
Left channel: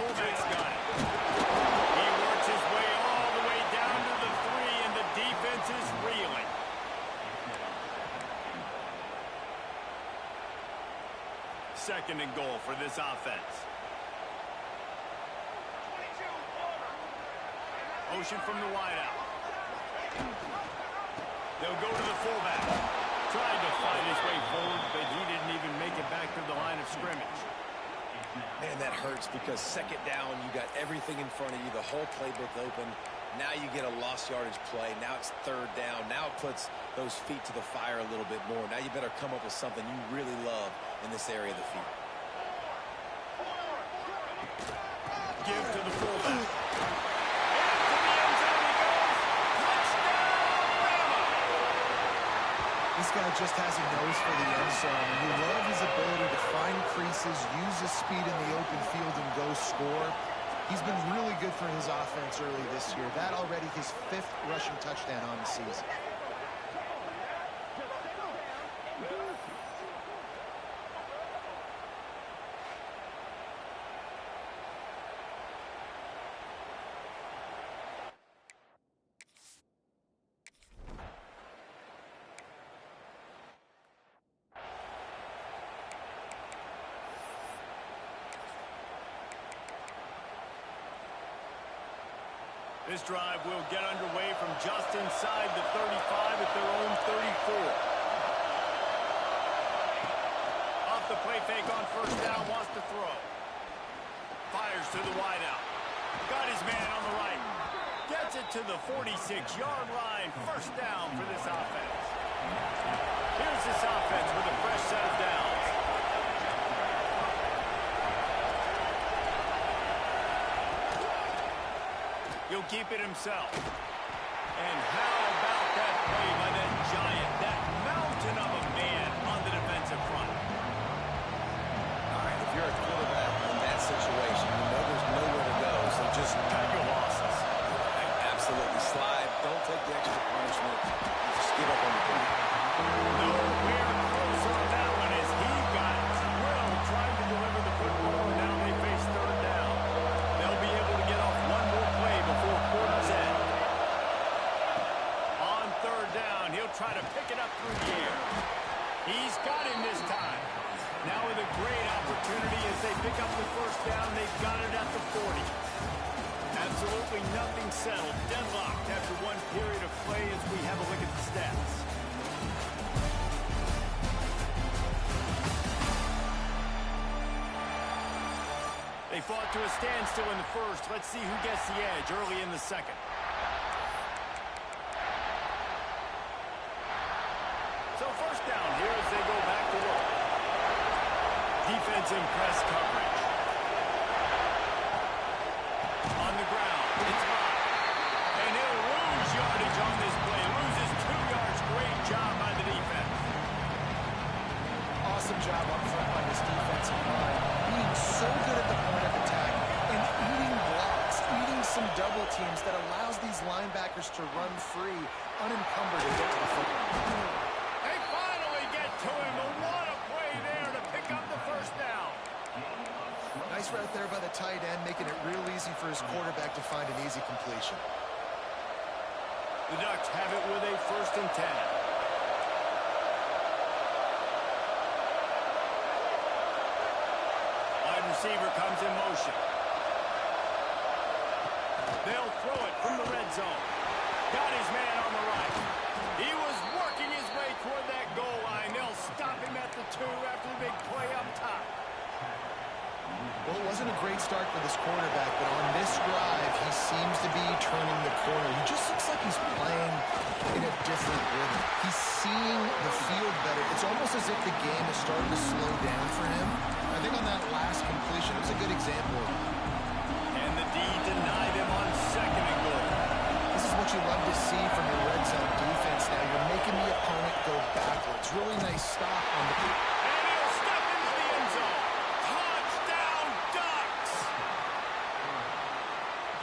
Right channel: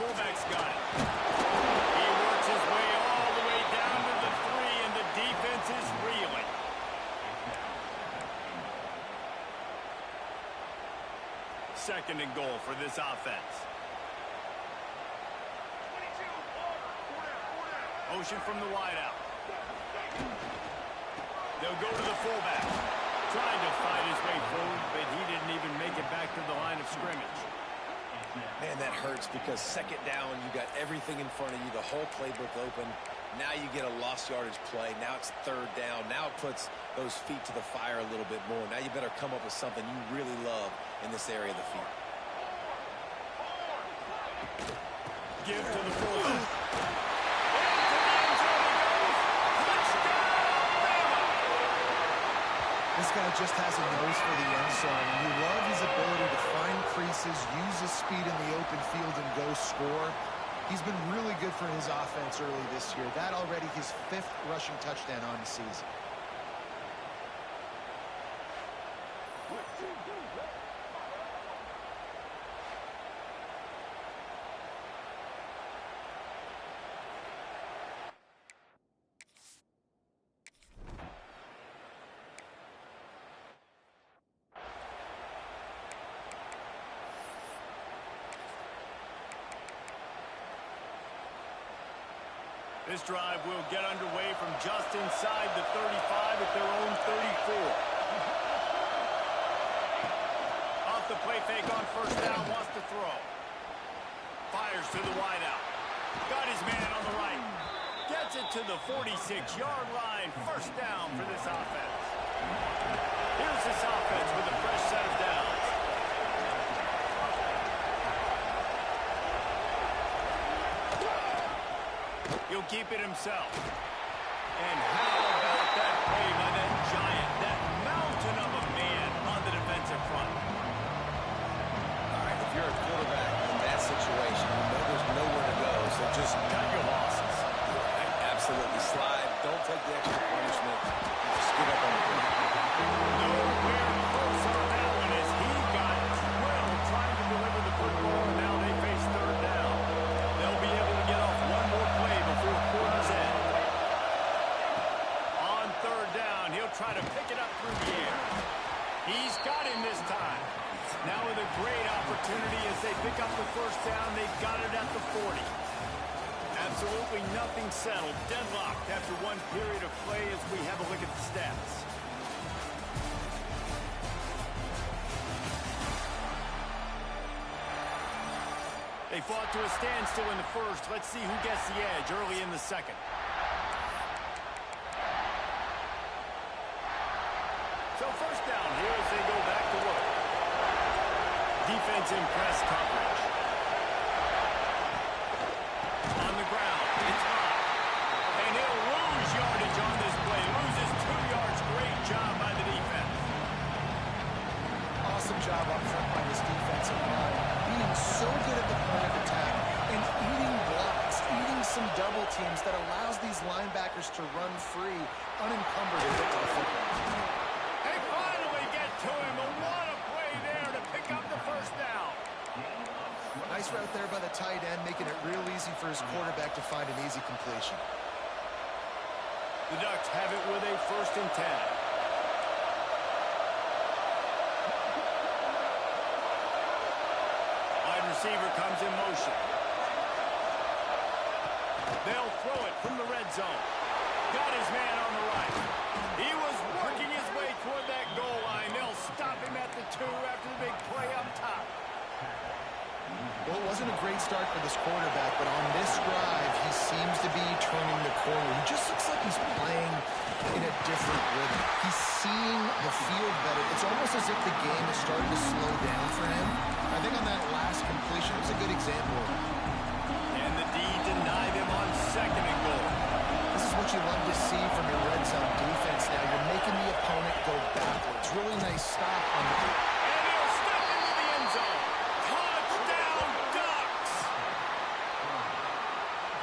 Fullback's got it. He works his way all the way down to the 3, and the defense is reeling. Second and goal for this offense. Motion from the wideout. They'll go to the fullback. Tried to fight his way forward, but he didn't even make it back to the line of scrimmage. Man, that hurts, because 2nd down, you got everything in front of you, the whole playbook open. Now you get a lost yardage play. Now it's 3rd down. Now it puts those feet to the fire a little bit more. Now you better come up with something you really love in this area of the field. Give to the fullback. Into the end zone he goes. Touchdown, Bama! This guy just has a nose for the end zone, and you love his ability to find creases, use his speed in the open field, and go score. He's been really good for his offense early this year. That already his 5th rushing touchdown on the season. This drive will get underway from just inside the 35 at their own 34. Off the play fake on first down, wants to throw. Fires to the wideout. Got his man on the right. Gets it to the 46-yard line. First down for this offense. Here's this offense with a fresh set of downs. He'll keep it himself. And how about that play by that giant, that mountain of a man on the defensive front? All right, if you're a quarterback in that situation, you know there's nowhere to go, so just Cut your losses. right, absolutely slide. Don't take the extra punishment. Just get up on the play. Nowhere close on that one as he got drilled trying to deliver the football, and now they face third down. They'll be able to get off one more play before quarter's end. On third down, he'll try to pick it up through the air. He's got him this time. Now with a great opportunity as they pick up the first down, they've got it at the 40. Absolutely nothing settled. Deadlocked after one period of play as we have a look at the stats. They fought to a standstill in the first. Let's see who gets the edge early in the second. So first down here as they go back to work. Defense in press coverage. On the ground, it's high. And he'll lose yardage on this play. Loses 2 yards. Great job by the defense. Awesome job up front by this defensive line. Being so good at the point of attack and eating blocks, eating some double teams that allows these linebackers to run free, unencumbered and get to the football. They finally get to him. And what a play there to pick up the first down. Nice route there by the tight end, making it real easy for his quarterback to find an easy completion. The Ducks have it with a 1st and 10. Wide receiver comes in motion. They'll throw it from the red zone. Got his man on the right. He was working his way toward that goal line. They'll stop him at the 2 after the big play up top. Well, it wasn't a great start for this quarterback, but on this drive, he seems to be turning the corner. He just looks like he's playing in a different rhythm. He's seeing the field better. It's almost as if the game is starting to slow down for him. I think on that last completion, it was a good example. And the D denied him on 2nd and goal. This is what you love to see from your red zone defense now. You're making the opponent go backwards. Really nice stop on the... And he'll step into the end zone. Touchdown, Ducks!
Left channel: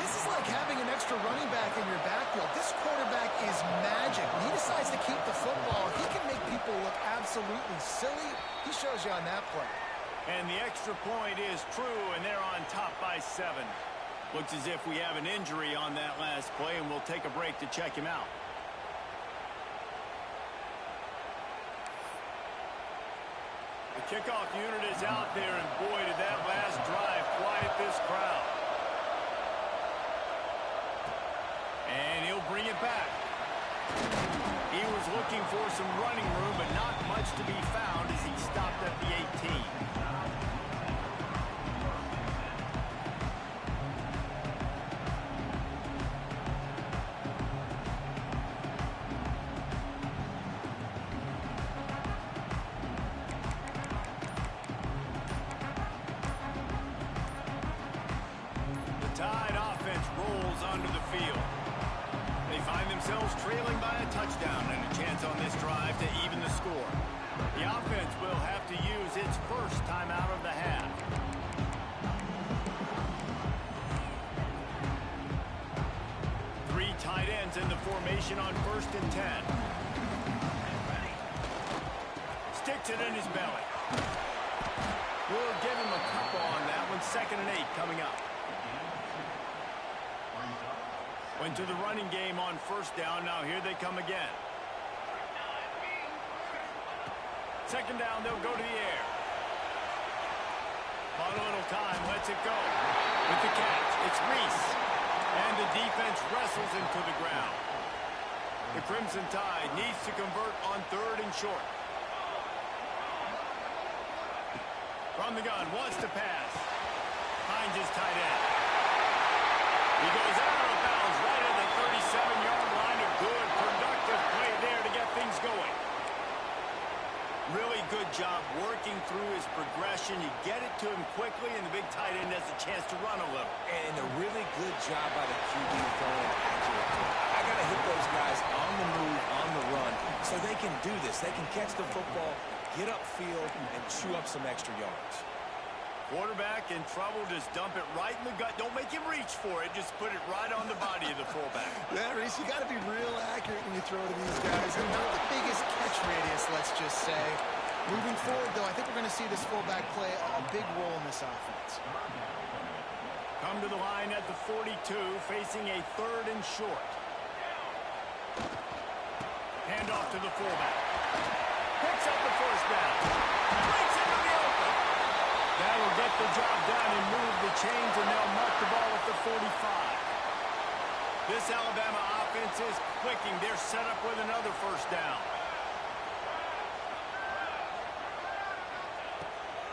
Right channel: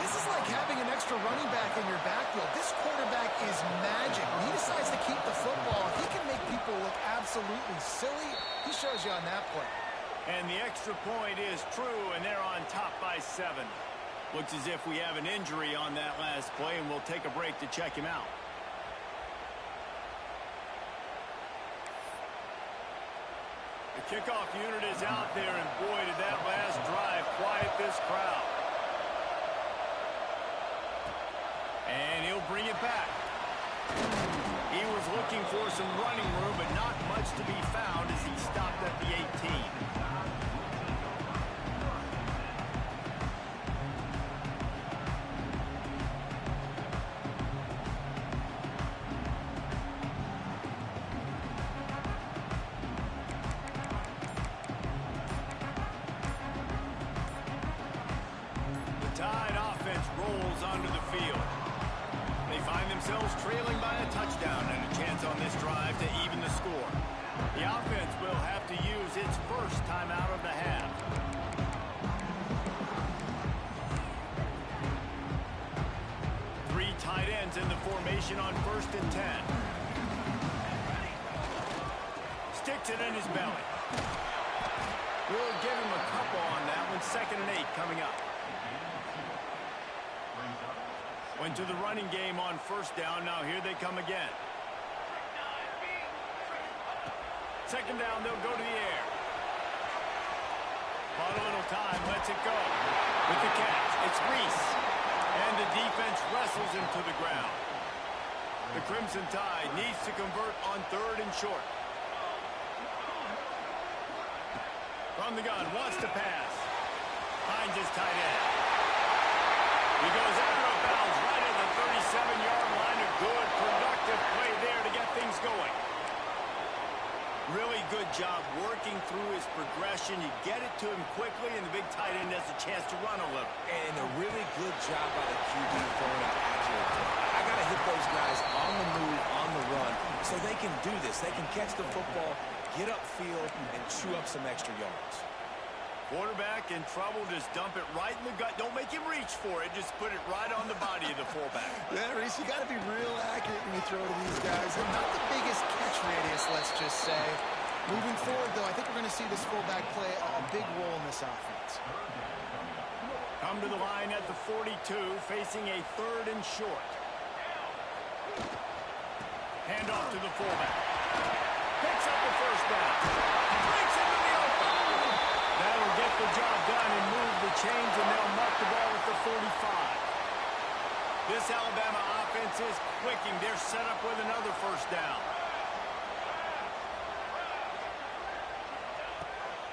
This is like having an extra running back in your backfield. This quarterback is magic. When he decides to keep the football, he can make people look absolutely silly. He shows you on that play. And the extra point is true, and they're on top by 7. Looks as if we have an injury on that last play, and we'll take a break to check him out. The kickoff unit is out there, and boy, did that last drive quiet this crowd. And he'll bring it back. He was looking for some running room, but not much to be found as he stopped at the 18. Tide offense rolls onto the field. They find themselves trailing by a touchdown and a chance on this drive to even the score. The offense will have to use its first timeout of the half. defense in the formation on 1st and 10. Sticks it in his belly. We'll give him a couple on that one. 2nd and 8 coming up. Went to the running game on 1st down. Now here they come again. 2nd down, they'll go to the air. Bought a little time, lets it go. With the catch, it's Reese. And the defense wrestles him to the ground. The Crimson Tide needs to convert on 3rd and short. From the gun, wants to pass. Finds his tight end. He goes out of bounds right at the 37-yard line. A good, productive play there to get things going. Really good job working through his progression. You get it to him quickly, and the big tight end has a chance to run a little. And a really good job by the QB throwing an accurate throw. I got to hit those guys on the move, on the run, so they can do this. They can catch the football, get upfield, and chew up some extra yards. Quarterback in trouble, just dump it right in the gut. Don't make him reach for it. Just put it right on the body of the fullback. Yeah, Reese, you got to be real accurate when you throw to these guys. And not the biggest catch radius, let's just say. Moving forward, though, I think we're going to see this fullback play a big role in this offense. Come to the line at the 42, facing a 3rd and short. Hand off to the fullback. Picks up the 1st down. Breaks into the open. That'll get the job done and move the chains, and they'll mark the ball at the 45. This Alabama offense is clicking. They're set up with another 1st down.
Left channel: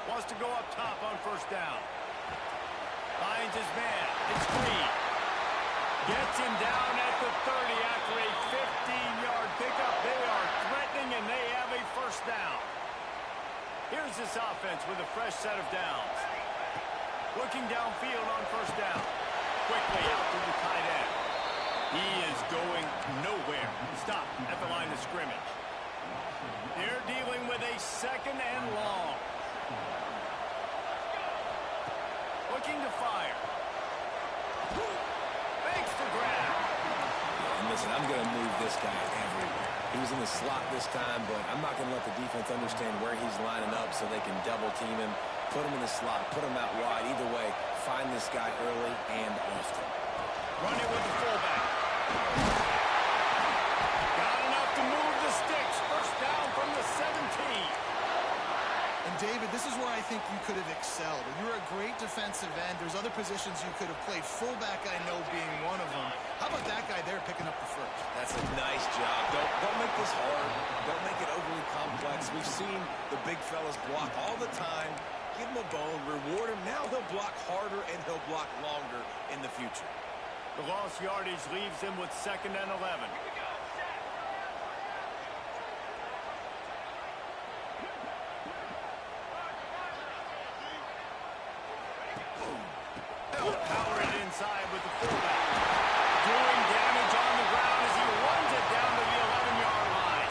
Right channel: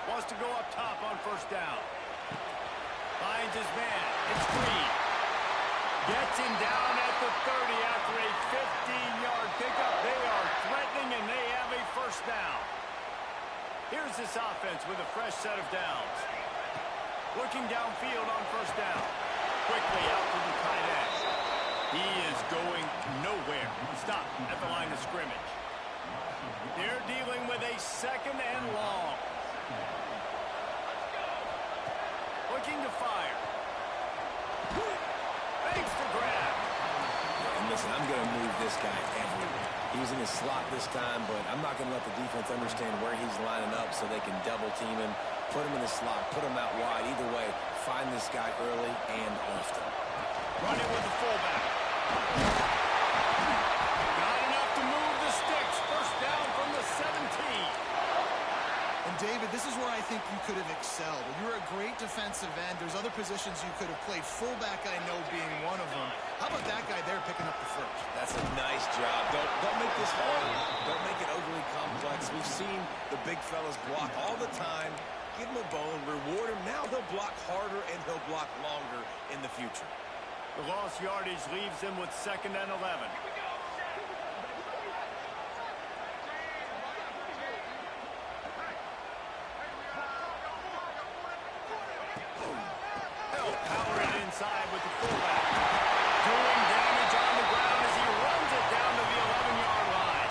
Wants to go up top on 1st down. Finds his man. It's Green. Gets him down at the 30 after a 15-yard pickup. They are threatening, and they have a 1st down. Here's this offense with a fresh set of downs. Looking downfield on 1st down. Quickly out to the tight end. He is going nowhere. Stop at the line of scrimmage. They're dealing with a 2nd and long. Looking to fire. Fakes to grab. And listen, I'm going to move this guy everywhere. He was in the slot this time, but I'm not going to let the defense understand where he's lining up so they can double team him, put him in the slot, put him out wide. Either way, find this guy early and often. Running with the fullback. Got enough to move the sticks. 1st down from the 17. And, David, this is where I think you could have excelled. You're a great defensive end. There's other positions you could have played. Fullback, I know, being one of them. How about that guy there picking up the 1st? That's a nice job. Don't make this hard. Don't make it overly complex. We've seen the big fellas block all the time. Give him a bone. Reward him. Now he'll block harder, and he'll block longer in the future. The lost yardage leaves him with 2nd and 11. They'll power it inside with the fullback. Doing damage on the ground as he runs it down to the 11-yard line.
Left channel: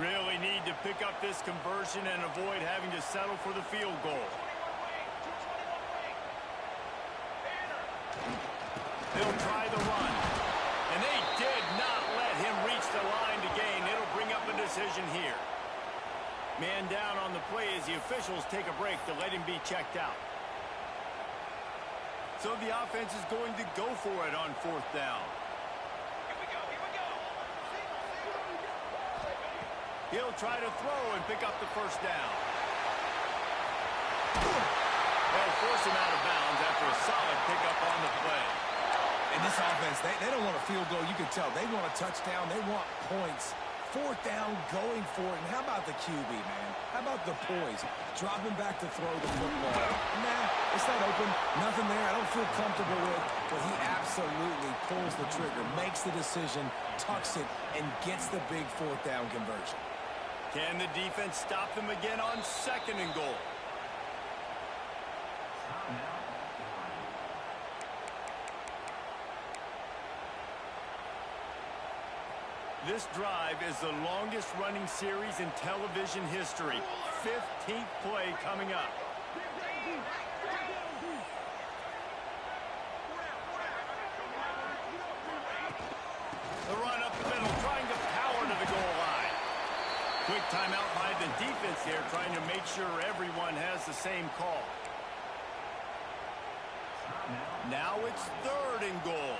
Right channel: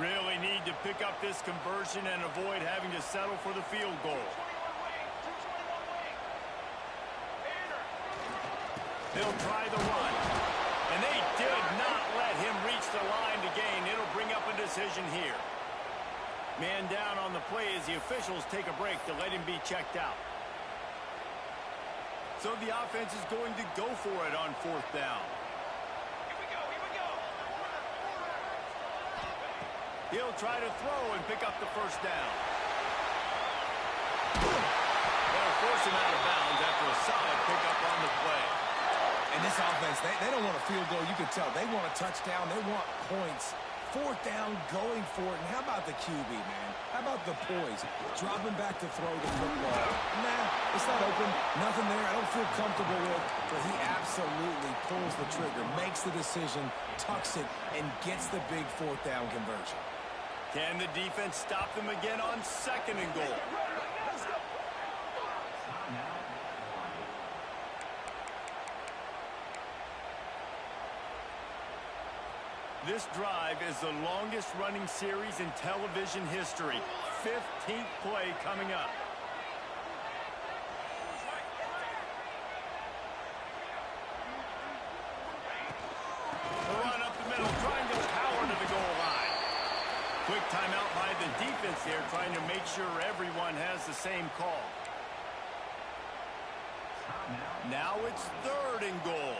Really need to pick up this conversion and avoid having to settle for the field goal. They'll try the run. And they did not let him reach the line to gain. It'll bring up a decision here. Man down on the play as the officials take a break to let him be checked out. So the offense is going to go for it on 4th down. Here we go. He'll try to throw and pick up the 1st down. They'll force him out of bounds after a solid pickup on the play. And this offense, they don't want a field goal. You can tell. They want a touchdown. They want points. 4th down, going for it. And how about the QB, man? How about the poise? Dropping back to throw the football. Nah, it's not open. Nothing there I don't feel comfortable with. But he absolutely pulls the trigger, makes the decision, tucks it, and gets the big 4th down conversion. Can the defense stop them again on 2nd and goal? This drive is the longest running series in television history. 15th play coming up. The run up the middle, trying to power to the goal line. Quick timeout by the defense here, trying to make sure everyone has the same call. Now it's 3rd and goal.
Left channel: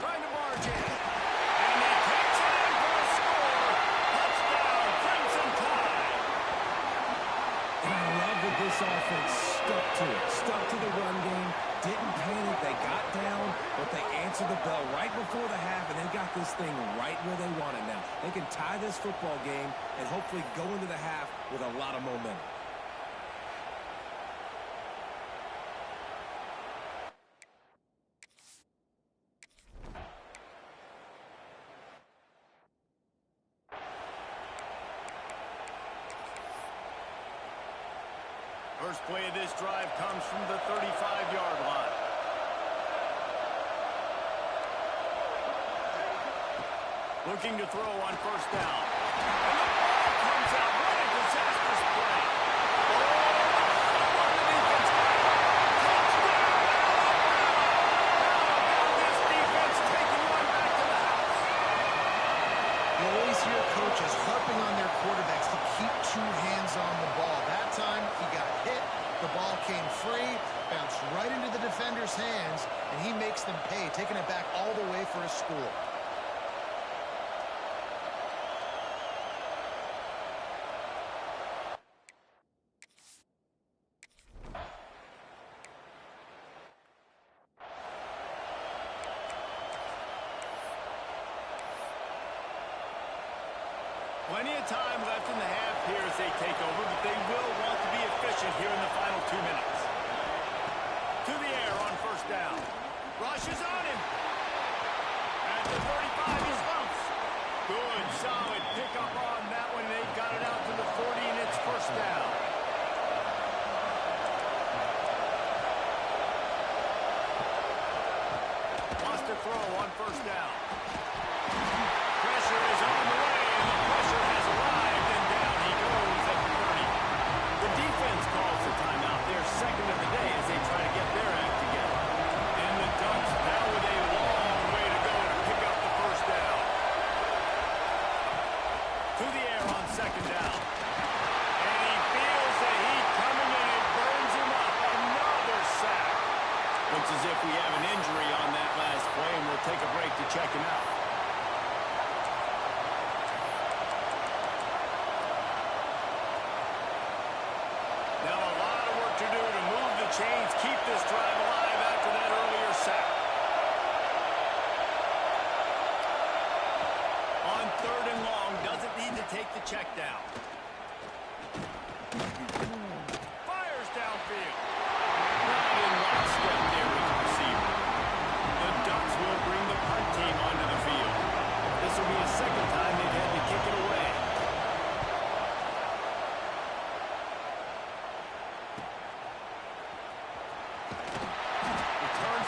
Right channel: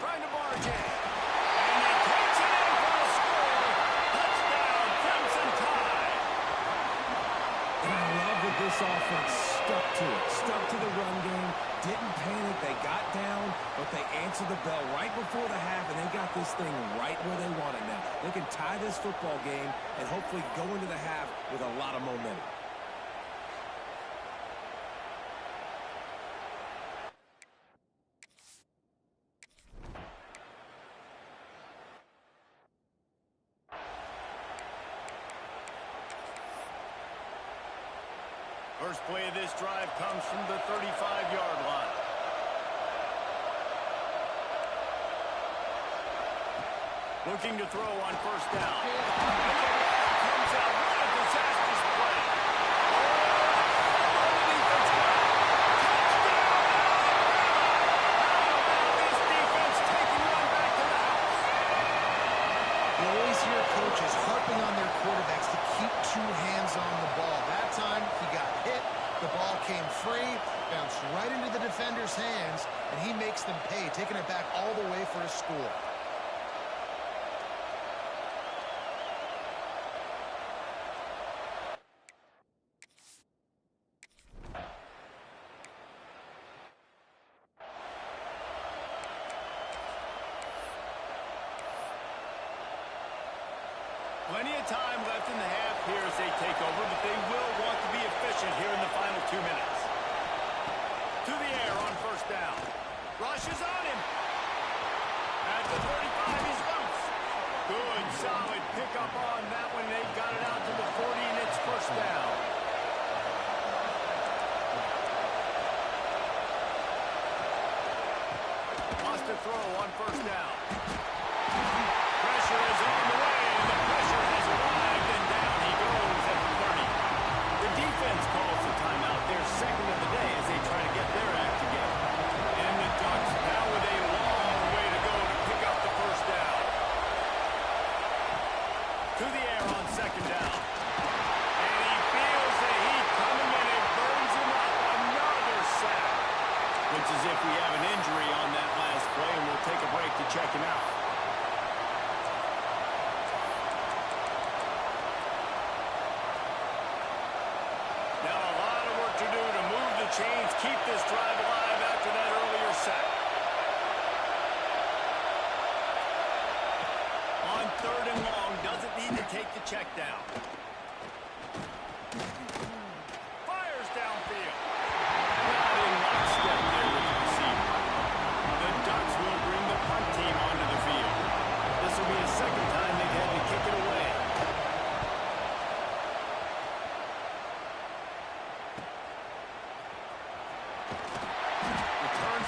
Trying to barge in. And he takes it in for a score. Touchdown, Crimson Tide. And I love that this offense stuck to it. Stuck to the run game. Didn't panic. They got down, but they answered the bell right before the half, and they got this thing right where they want it now. They can tie this football game and hopefully go into the half with a lot of momentum. First play of this drive comes from the 35-yard line. Looking to throw on 1st down. And the ball comes out. What a disastrous play. Oh, the fumble on the defense got it. Touchdown, Alabama! How about this defense taking one back to the house? You always hear coaches harping on their quarterbacks to keep 2 hands on the ball. That time, he got hit. The ball came free, bounced right into the defender's hands, and he makes them pay, taking it back all the way for a score. Plenty of time left in the half here as they take over, but they will want to be efficient here in the final 2 minutes. To the air on 1st down. Rush is on him. At the 35, he's loose. Good, solid pickup on that one. They've got it out to the 40, and it's 1st down. Wants to throw on 1st down. Pressure is on the way, and the pressure has arrived, and down he goes at the 30. The defense calls the timeout, their 2nd of the day as they try to get their act together. And the Ducks now with a long way to go to pick up the 1st down. To the air on 2nd down. And he feels the heat coming, and it burns him up. Another sack. Looks as if we have an injury on that last play, and we'll take a break to check him out. Now a lot of work to do to move the chains, keep this drive alive after that earlier sack. On 3rd and long, doesn't need to take the check down. Fires downfield. Not in lockstep there with the receiver. The Ducks will bring the punt team onto the field. This will be a 2nd time they've had to kick it away.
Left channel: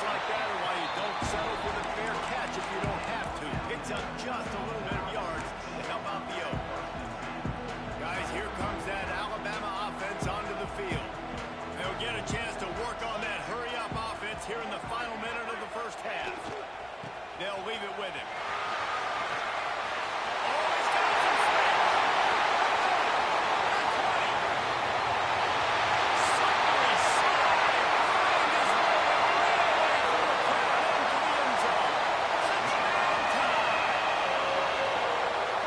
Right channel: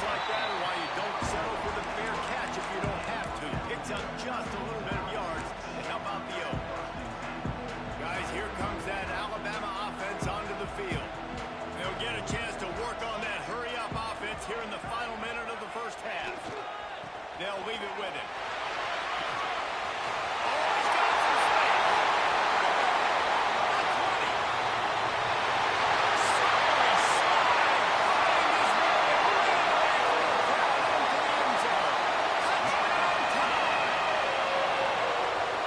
Like that, or why you don't settle for the fair catch if you don't have to. Picks up just a little bit of yards to help out the Oak. Guys, here comes that Alabama offense onto the field. They'll get a chance to work on that hurry-up offense here in the final minute of the 1st half. They'll leave it with him. Oh, he's got some space. The 20. Slippery slide. Find his way right away from the crowd into the end zone. Touchdown time.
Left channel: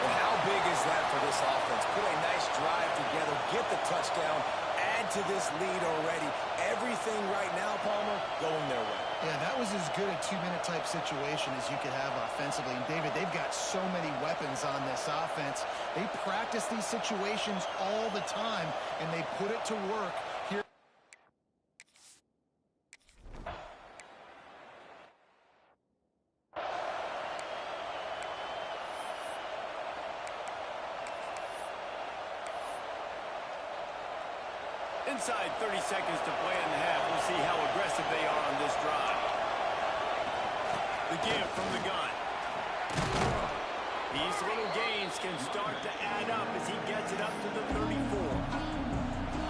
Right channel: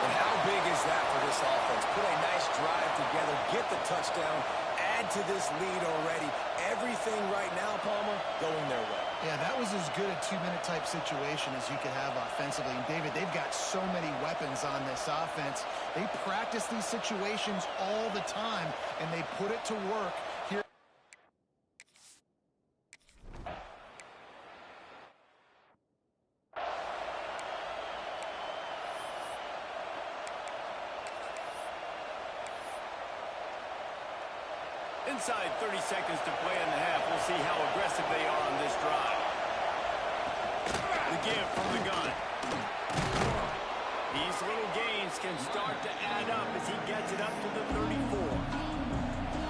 And how big is that for this offense? Put a nice drive together, get the touchdown, add to this lead already. Everything right now, Palmer, going their way. Yeah, that was as good a 2-minute type situation as you could have offensively. And, David, they've got so many weapons on this offense. They practice these situations all the time, and they put it to work here. Inside 30 seconds to play in the half. We'll see how aggressive they are on this drive. The give from the gun. These little gains can start to add up as he gets it up to the 34.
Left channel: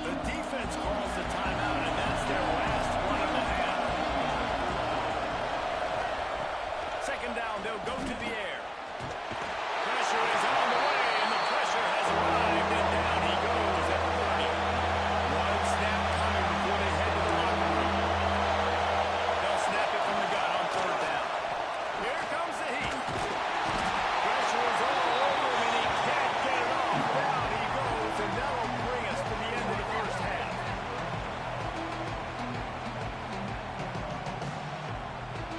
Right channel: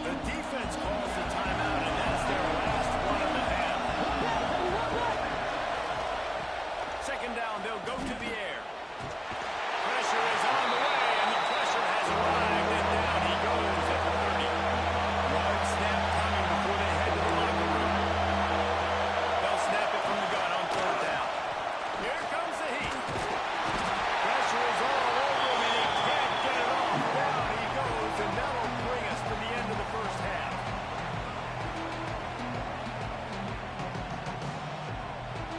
The defense calls the timeout, and that's their last one of the half. Second down, they'll go to the air. Pressure is on the way, and the pressure has arrived, and down he goes at the 30. One snap coming before they head to the locker room. They'll snap it from the gun on third down. Here comes the heat. Pressure is all over him, and he can't get it off. Down he goes, and that'll bring us to the end of the first half.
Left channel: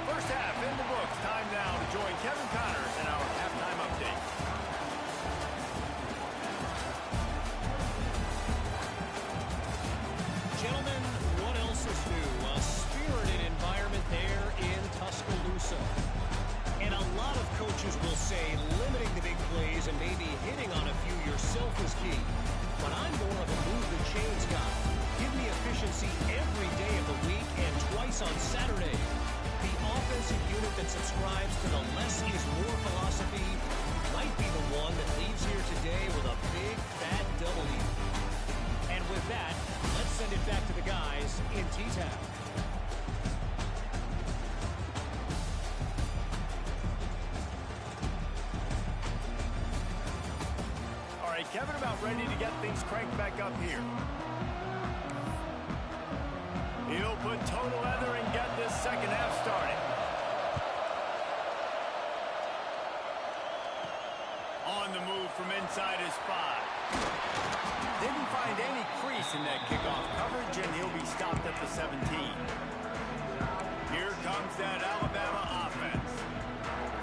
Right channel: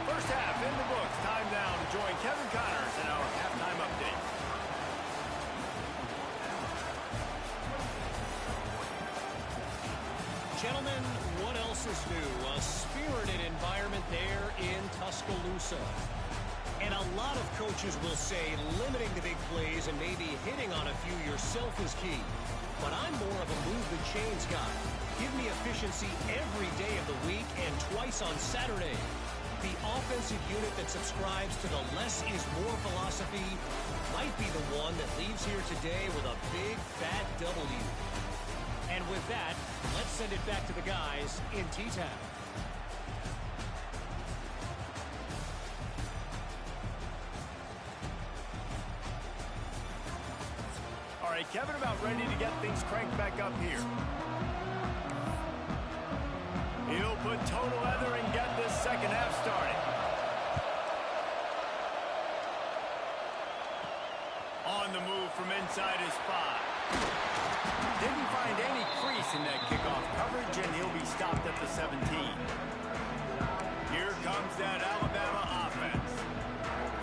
First half in the books. Time now to join Kevin Connors in our halftime update. Gentlemen, what else is new? A spirited environment there in Tuscaloosa. And a lot of coaches will say limiting the big plays and maybe hitting on a few yourself is key. But I'm more of a move the chains guy. Give me efficiency every day of the week and twice on Saturday. The offensive unit that subscribes to the less is more philosophy might be the one that leaves here today with a big fat W. And with that, let's send it back to the guys in T-Town. All right, Kevin, about ready to get things cranked back up here. He'll put total leather and get this second half started. On the move from inside his 5. Didn't find any crease in that kickoff coverage, and he'll be stopped at the 17. Here comes that Alabama offense.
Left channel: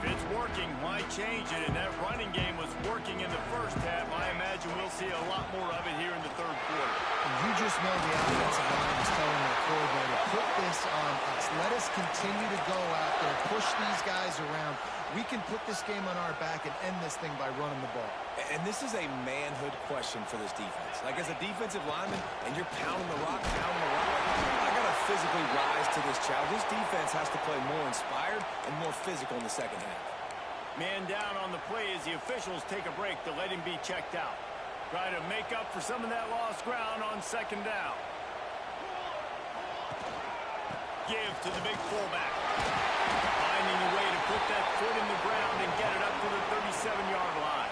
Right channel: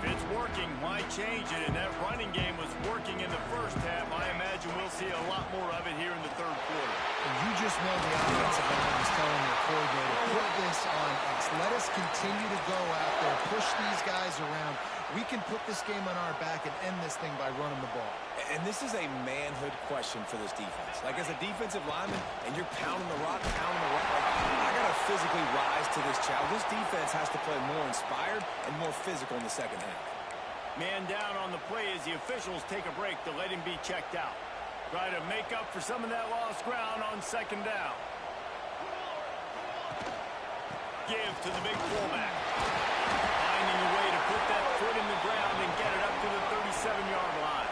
If it's working, why change it? And that running game was working in the first half. I imagine we'll see a lot more of it here in the third quarter. And you just know the offensive line was telling their coordinator, put this on us. Let us continue to go out there, push these guys around. We can put this game on our back and end this thing by running the ball. And this is a manhood question for this defense. Like, as a defensive lineman, and you're pounding the rock, like, I got to physically rise to this challenge. This defense has to play more inspired and more physical in the second half. Man down on the play as the officials take a break to let him be checked out. Try to make up for some of that lost ground on second down. Give to the big fullback. Finding a way to put that foot in the ground and get it up to the 37-yard line.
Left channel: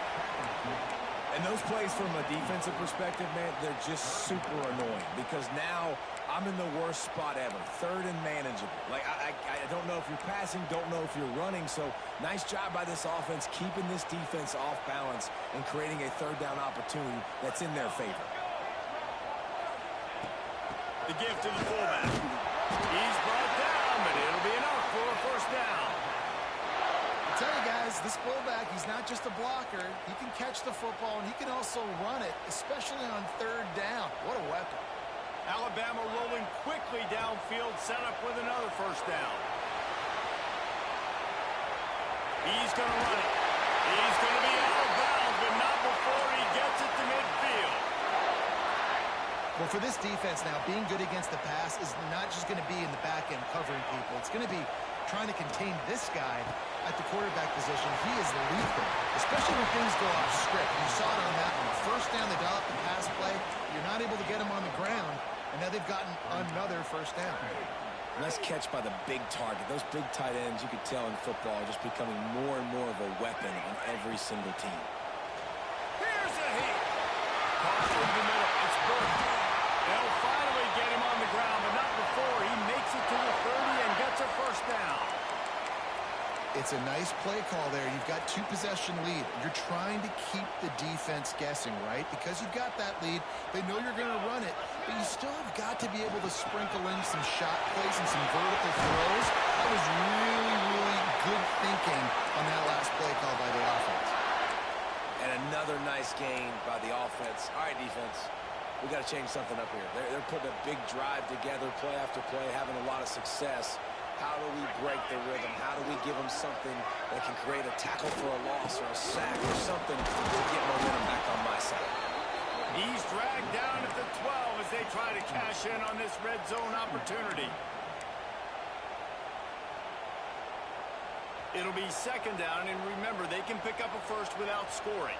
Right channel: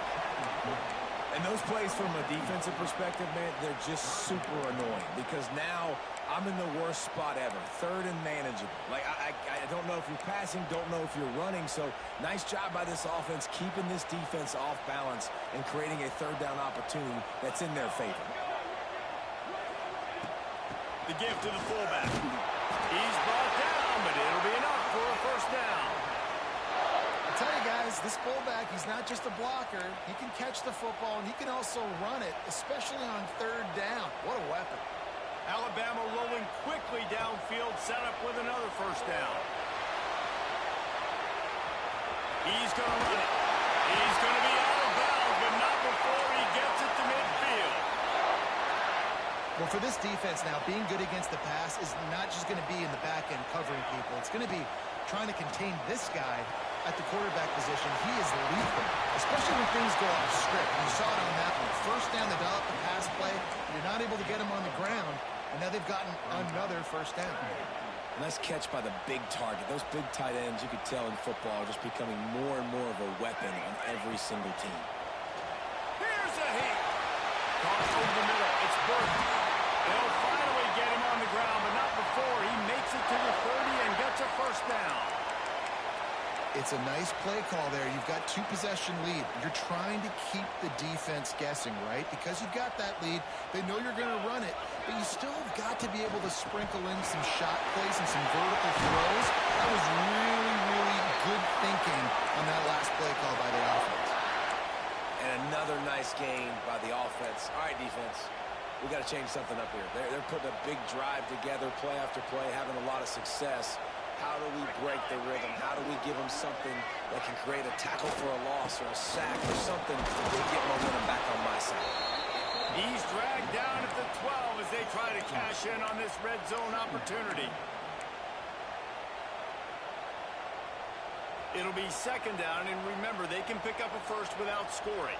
And those plays from a defensive perspective, man, they're just super annoying because now I'm in the worst spot ever. Third and manageable. Like, I don't know if you're passing, don't know if you're running. So nice job by this offense keeping this defense off balance and creating a third down opportunity that's in their favor. The give to the fullback. He's brought down, but it'll be enough for a first down. I tell you guys, this fullback, he's not just a blocker. He can catch the football, and he can also run it, especially on third down. What a weapon. Alabama rolling quickly downfield, set up with another first down. He's going to run it. He's going to be out of bounds, but not before he gets it to midfield. Well, for this defense now, being good against the pass is not just going to be in the back end covering people. It's going to be trying to contain this guy at the quarterback position. He is lethal, especially when things go off script. You saw it on that one. First down, they dial up the pass play. You're not able to get him on the ground, and now they've gotten another first down. Nice catch by the big target. Those big tight ends, you could tell in football, are just becoming more and more of a weapon on every single team. Here's a heat. Caught over the middle. It's Burke. They'll finally get him on the ground, but not before he makes it to the 30 and gets a first down. It's a nice play call there. You've got 2-possession lead. You're trying to keep the defense guessing, right? Because you've got that lead. They know you're going to run it, but you still have got to be able to sprinkle in some shot plays and some vertical throws. That was really, really good thinking on that last play call by the offense. And another nice gain by the offense. All right, defense. We got to change something up here. They're putting a big drive together, play after play, having a lot of success. How do we break the rhythm? How do we give them something that can create a tackle for a loss or a sack or something to get momentum back on my side? He's dragged down at the 12 as they try to cash in on this red zone opportunity. It'll be second down, and remember, they can pick up a first without scoring.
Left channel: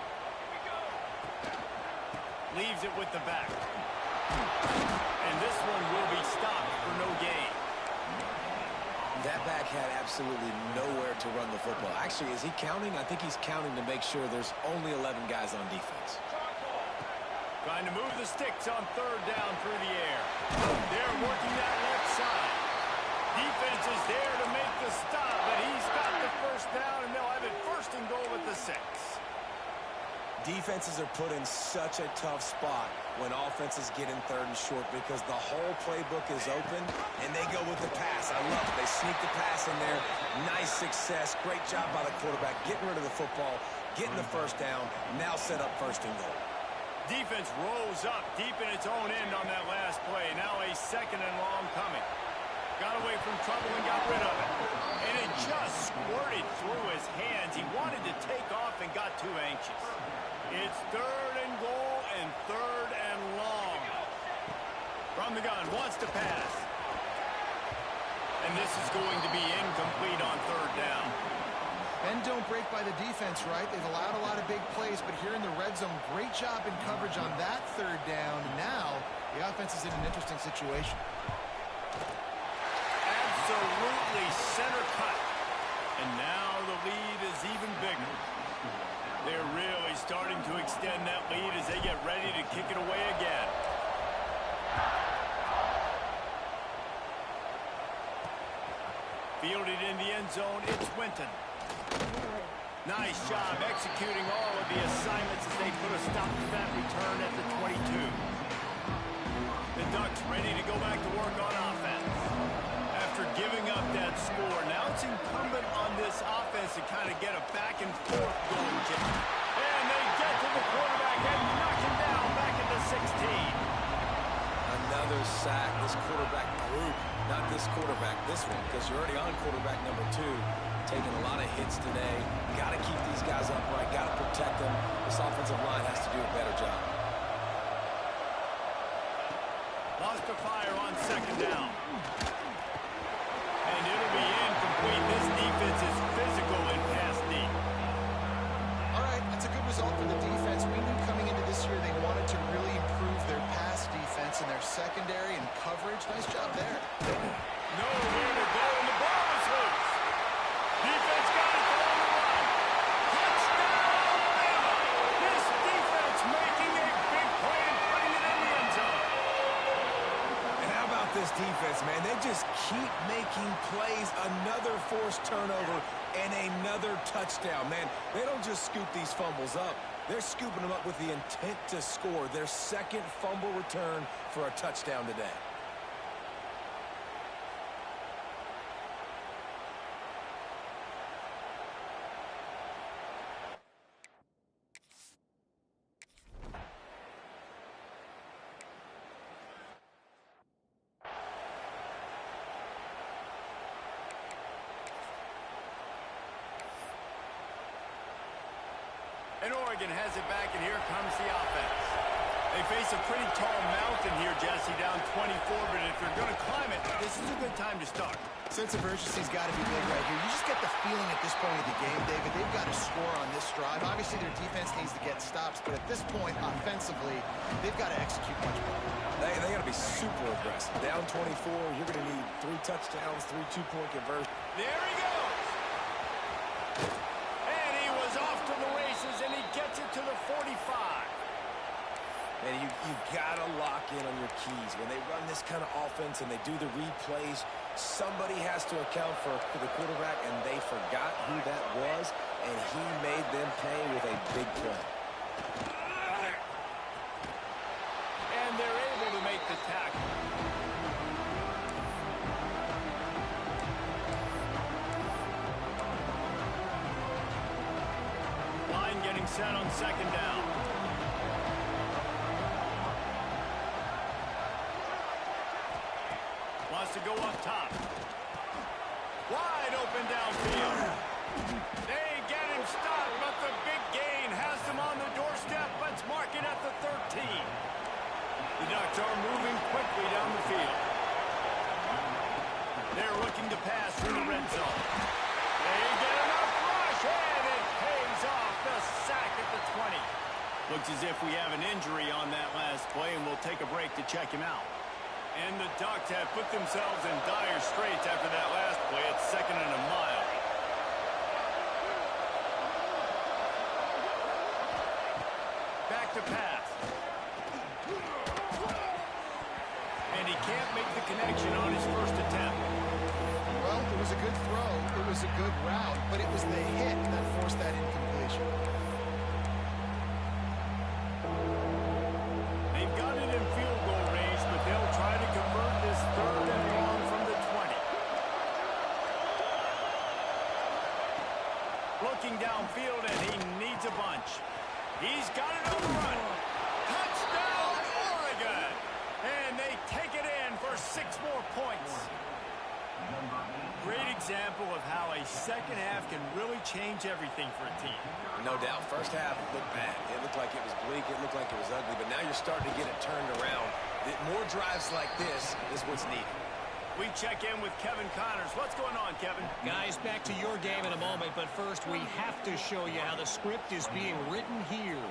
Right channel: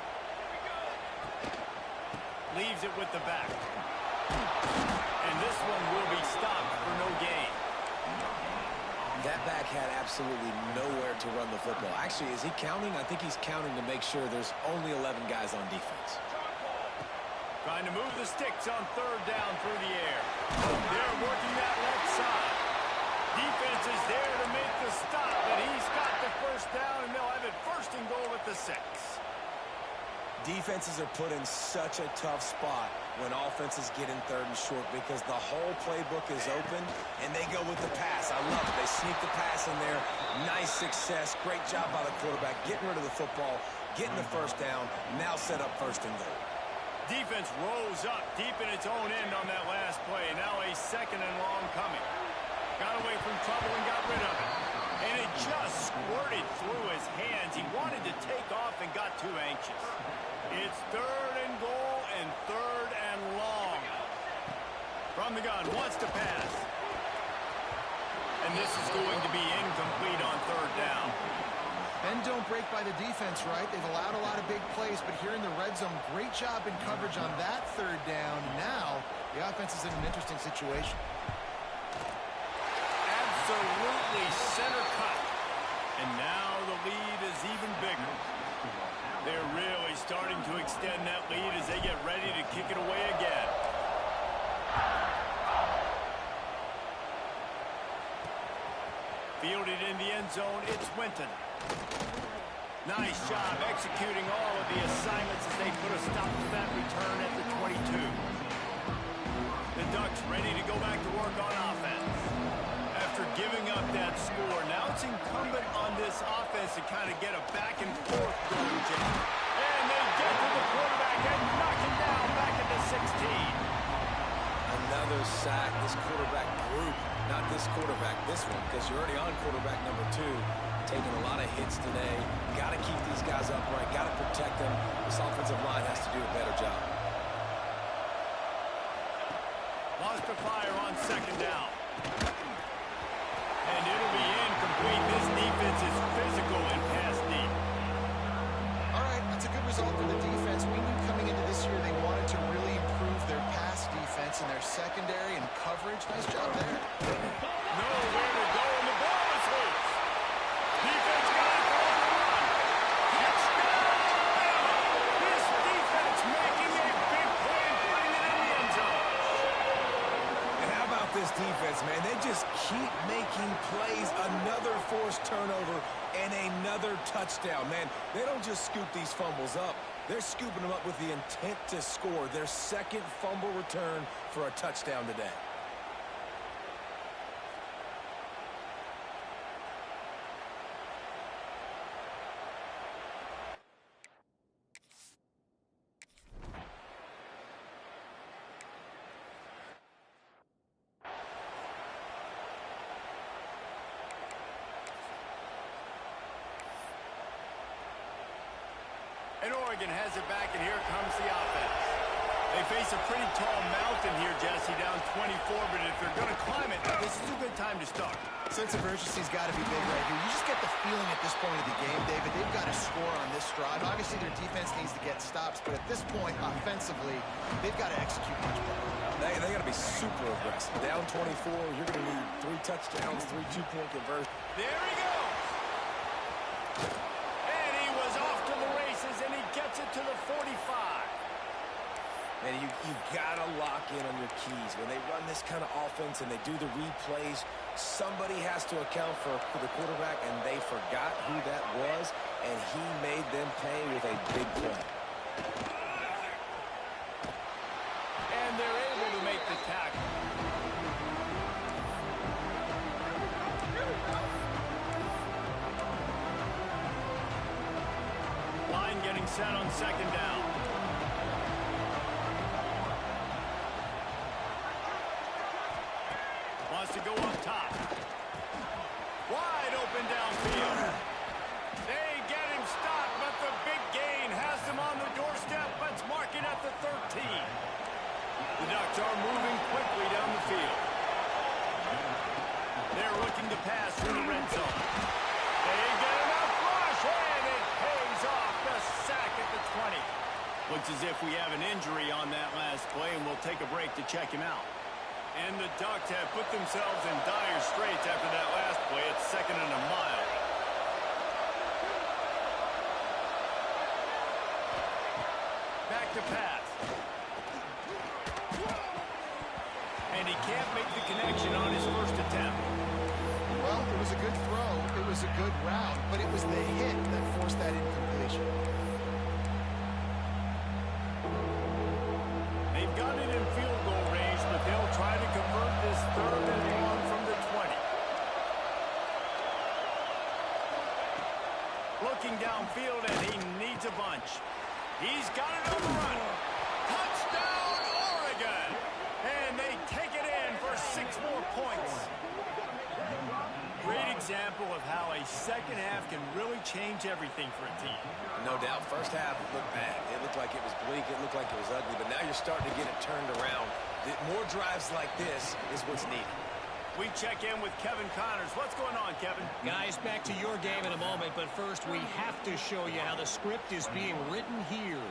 Leaves it with the back. And this one will be stopped for no gain. That back had absolutely nowhere to run the football. Actually, is he counting? I think he's counting to make sure there's only 11 guys on defense. Trying to move the sticks on third down through the air. They're working that left side. Defense is there to make the stop, but he's got the first down, and they'll have it first and goal at the 6. Defenses are put in such a tough spot when offenses get in third and short because the whole playbook is open, and they go with the pass. I love it. They sneak the pass in there. Nice success. Great job by the quarterback getting rid of the football, getting the first down, now set up first and goal. Defense rose up deep in its own end on that last play. Now a second and long coming. Got away from trouble and got rid of it. And it just squirted through his hands. He wanted to take off and got too anxious. It's third and goal and third and long. From the gun, wants to pass. And this is going to be incomplete on third down. And don't break by the defense, right? They've allowed a lot of big plays, but here in the red zone, great job in coverage on that third down. Now, the offense is in an interesting situation. Absolutely center cut. And now the lead is even bigger. They're really starting to extend that lead as they get ready to kick it away again. Fielded in the end zone, it's Winton. Nice job executing all of the assignments as they put a stop to that return at the 22. The Ducks ready to go back to work on offense. After giving up that score, now it's incumbent on this offense to kind of get a back and forth going, Jim. And they get to the quarterback and knock him down back at the 16. Another sack. This quarterback group, not this quarterback, this one, because you're already on quarterback number 2. Taking a lot of hits today. Got to keep these guys upright. Got to protect them. This offensive line has to do a better job. Lost to fire on second down. And it'll be incomplete. This defense is physical and pass deep. All right, that's a good result for the defense. We knew coming into this year they wanted to really improve their pass defense and their secondary and coverage. Nice job there. Nowhere to go, and the ball is loose. Defense got it on the run. Touchdown, Bama! This defense making a big play and putting it in the end zone. And how about this defense, man? They just keep making plays. Another forced turnover and another touchdown, man. They don't just scoop these fumbles up. They're scooping them up with the intent to score. Their second fumble return for a touchdown today. And Oregon has it back, and here comes the offense. They face a pretty tall mountain here, Jesse, down 24, but if they're going to climb it, this is a good time to start. Sense of urgency's got to be big right here. You just get the feeling at this point of the game, David, they've got to score on this drive. Obviously, their defense needs to get stops, but at this point, offensively, they've got to execute much better. They got to be super aggressive. Down 24, you're going to need 3 touchdowns, 3 two-point conversions. There he goes. And he was off to the races, and he gets it to the 45. Man, you got to lock in on your keys. When they run this kind of offense and they do the replays, somebody has to account for the quarterback, and they forgot who that was, and he made them pay with a big play. And they're able to make the tackle. Line getting set on second down. Wants to go up top. Wide open downfield. They get him stopped, but the big gain has them on the doorstep. Let's mark it at the 13. The Ducks are moving quickly down the field. They're looking to pass through the red zone. They get enough rush, and it pays off. The sack at the 20. Looks as if we have an injury on that last play, and we'll take a break to check him out. And the Ducks have put themselves in dire straits after that last play. It's 2nd and a mile. Back to pass. And he can't make the connection on his first attempt. Well, it was a good throw. It was a good route, but it was the hit that forced that incompletion. They've got it in field goal range, but they'll try to convert this 3rd and long from the 20. Looking downfield, and he needs a bunch. He's got it on the run. Touchdown, Oregon! And they take it in for 6 more points. Great example of how a second half can really change everything for a team. No doubt. First half looked bad. It looked like it was bleak. It looked like it was ugly. But now you're starting to get it turned around. More drives like this is what's needed. We check in with Kevin Connors. What's going on, Kevin? Guys, back to your game in a moment, but first we have to show you how the script is being written here.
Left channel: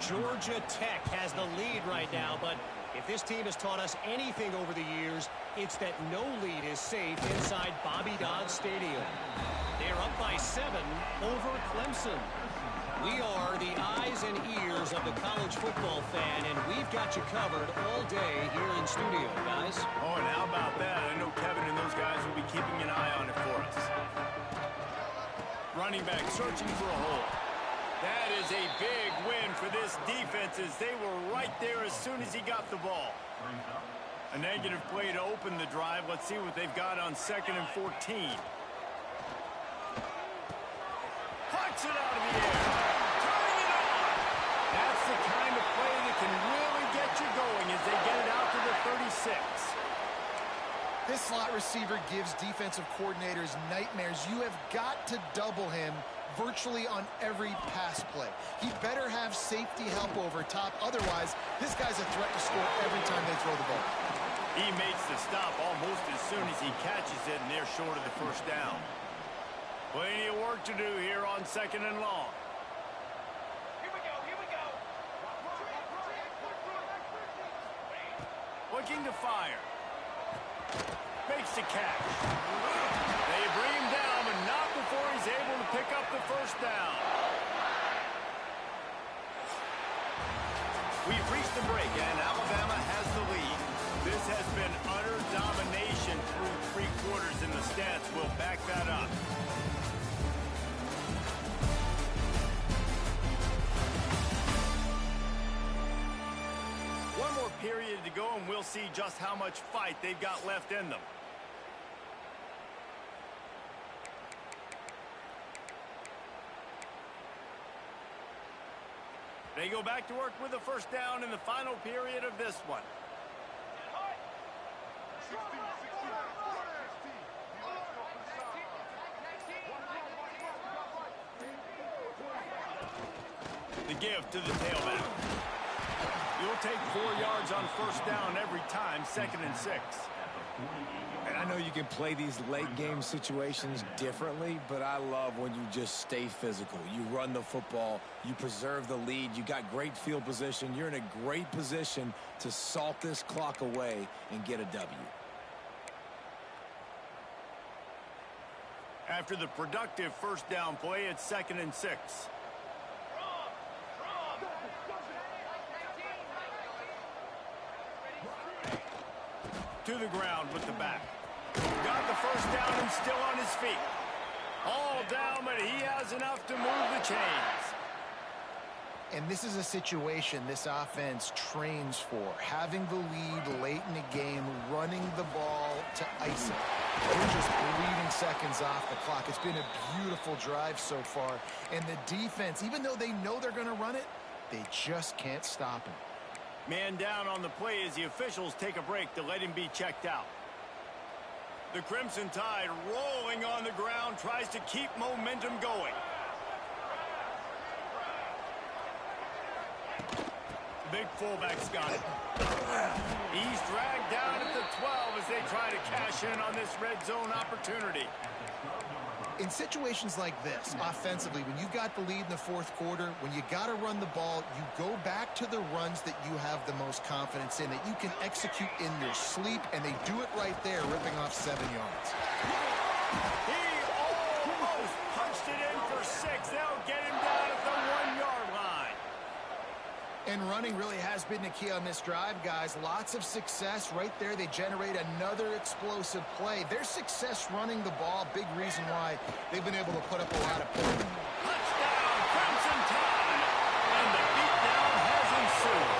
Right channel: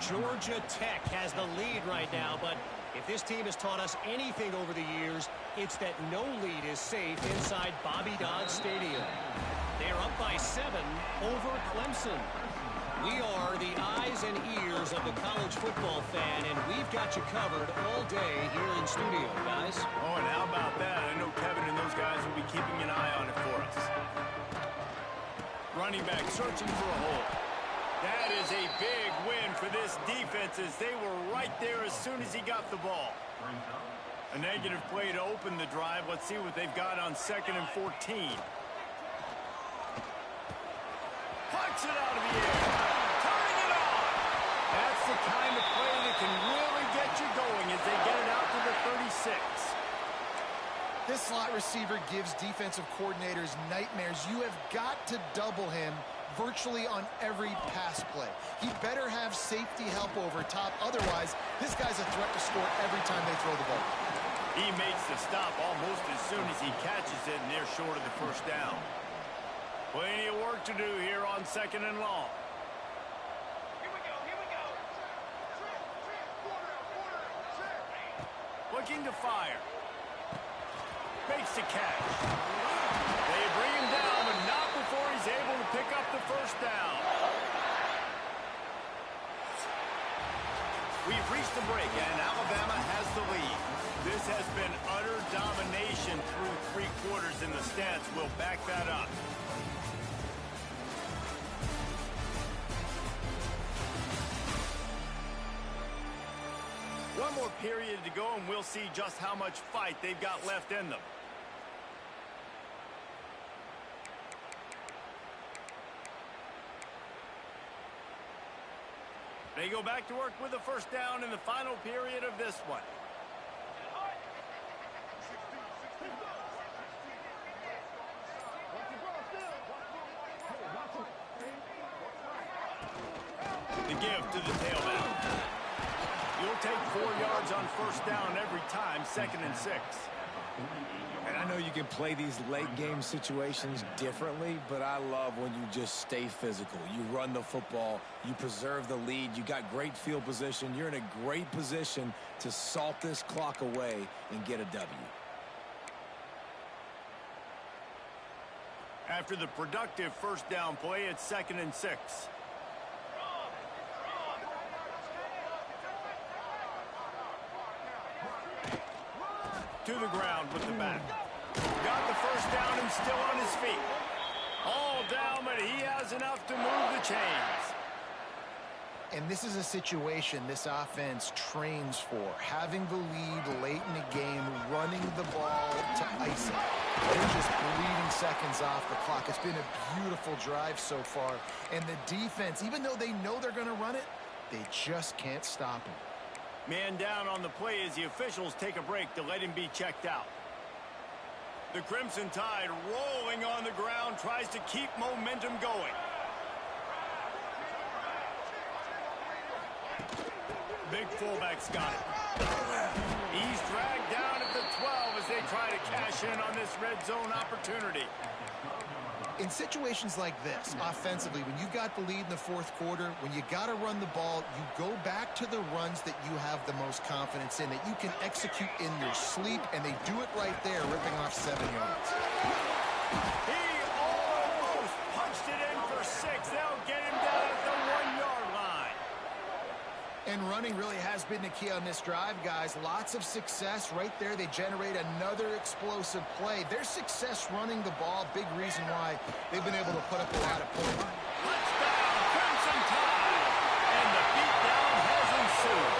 Georgia Tech has the lead right now, but if this team has taught us anything over the years, it's that no lead is safe inside Bobby Dodd Stadium. They're up by 7 over Clemson. We are the eyes and ears of the college football fan, and we've got you covered all day here in studio, guys. Oh, and how about that? I know Kevin and those guys will be keeping an eye on it for us. Running back searching for a hole. That is a big win for this defense as they were right there as soon as he got the ball. A negative play to open the drive. Let's see what they've got on 2nd and 14. Puts it out of the air. Turning it on. That's the kind of play that can really get you going as they get it out to the 36. This slot receiver gives defensive coordinators nightmares. You have got to double him virtually on every pass play. He better have safety help over top. Otherwise, this guy's a threat to score every time they throw the ball. He makes the stop almost as soon as he catches it, and they're short of the first down. Plenty of work to do here on 2nd and long. Here we go, here we go. Looking to fire. Makes the catch. They bring him down, but not before he's able to pick up the first down. We've reached the break, and Alabama has the lead. This has been utter domination through 3 quarters, and the stats will back that up. One more period to go, and we'll see just how much fight they've got left in them. They go back to work with a first down in the final period of this one. The give to the tailback. You'll take 4 yards on first down every time, 2nd and 6. And I know you can play these late game situations differently, but I love when you just stay physical. You run the football, you preserve the lead, you got great field position. You're in a great position to salt this clock away and get a W. After the productive first down play, it's 2nd and 6. To the ground with the back. Got the first down and still on his feet. All down, but he has enough to move the chains. And this is a situation this offense trains for. Having the lead late in the game, running the ball to ice it. They're just bleeding seconds off the clock. It's been a beautiful drive so far. And the defense, even though they know they're going to run it, they just can't stop him. Man down on the play as the officials take a break to let him be checked out. The Crimson Tide rolling on the ground, tries to keep momentum going. Big fullback's got it. He's dragged down at the 12 as they try to cash in on this red zone opportunity. In situations like this, offensively, when you got the lead in the fourth quarter, when you got to run the ball, you go back to the runs that you have the most confidence in, that you can execute in your sleep, and they do it right there, ripping off 7 yards. He almost punched it in for 6. They'll get him down at the 1-yard line. And running really has been the key on this drive, guys. Lots of success right there. They generate another explosive play. Their success running the ball, big reason why they've been able to put up a lot of points. Touchdown, Crimson Tide. And the beatdown has ensued.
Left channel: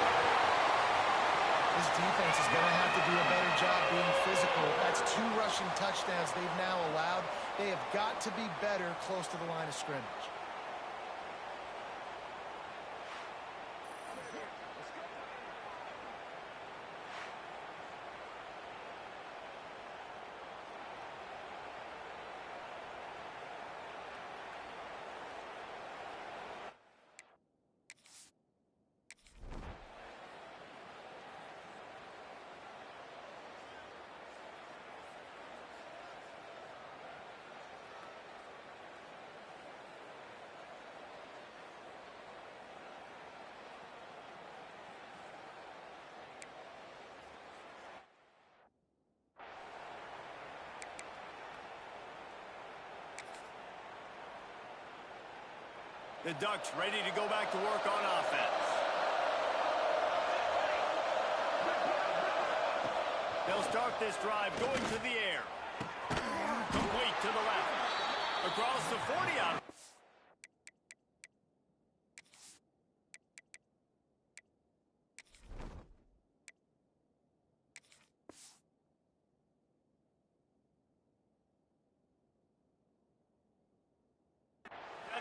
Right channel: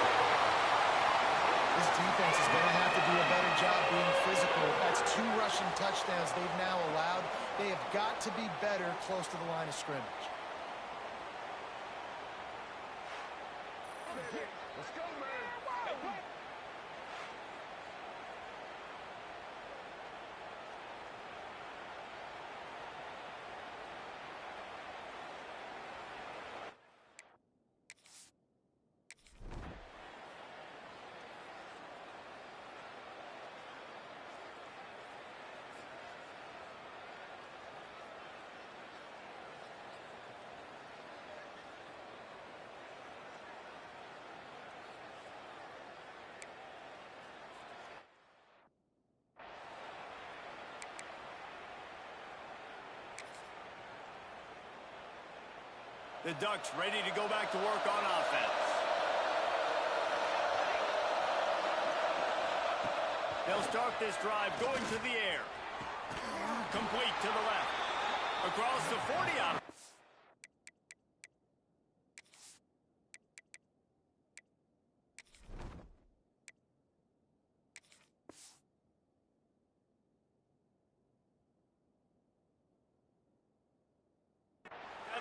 This defense is going to have to do a better job being physical. That's 2 rushing touchdowns they've now allowed. They have got to be better close to the line of scrimmage. Let's go, man. The Ducks ready to go back to work on offense. They'll start this drive going to the air. Complete to the left. Across the 40 out.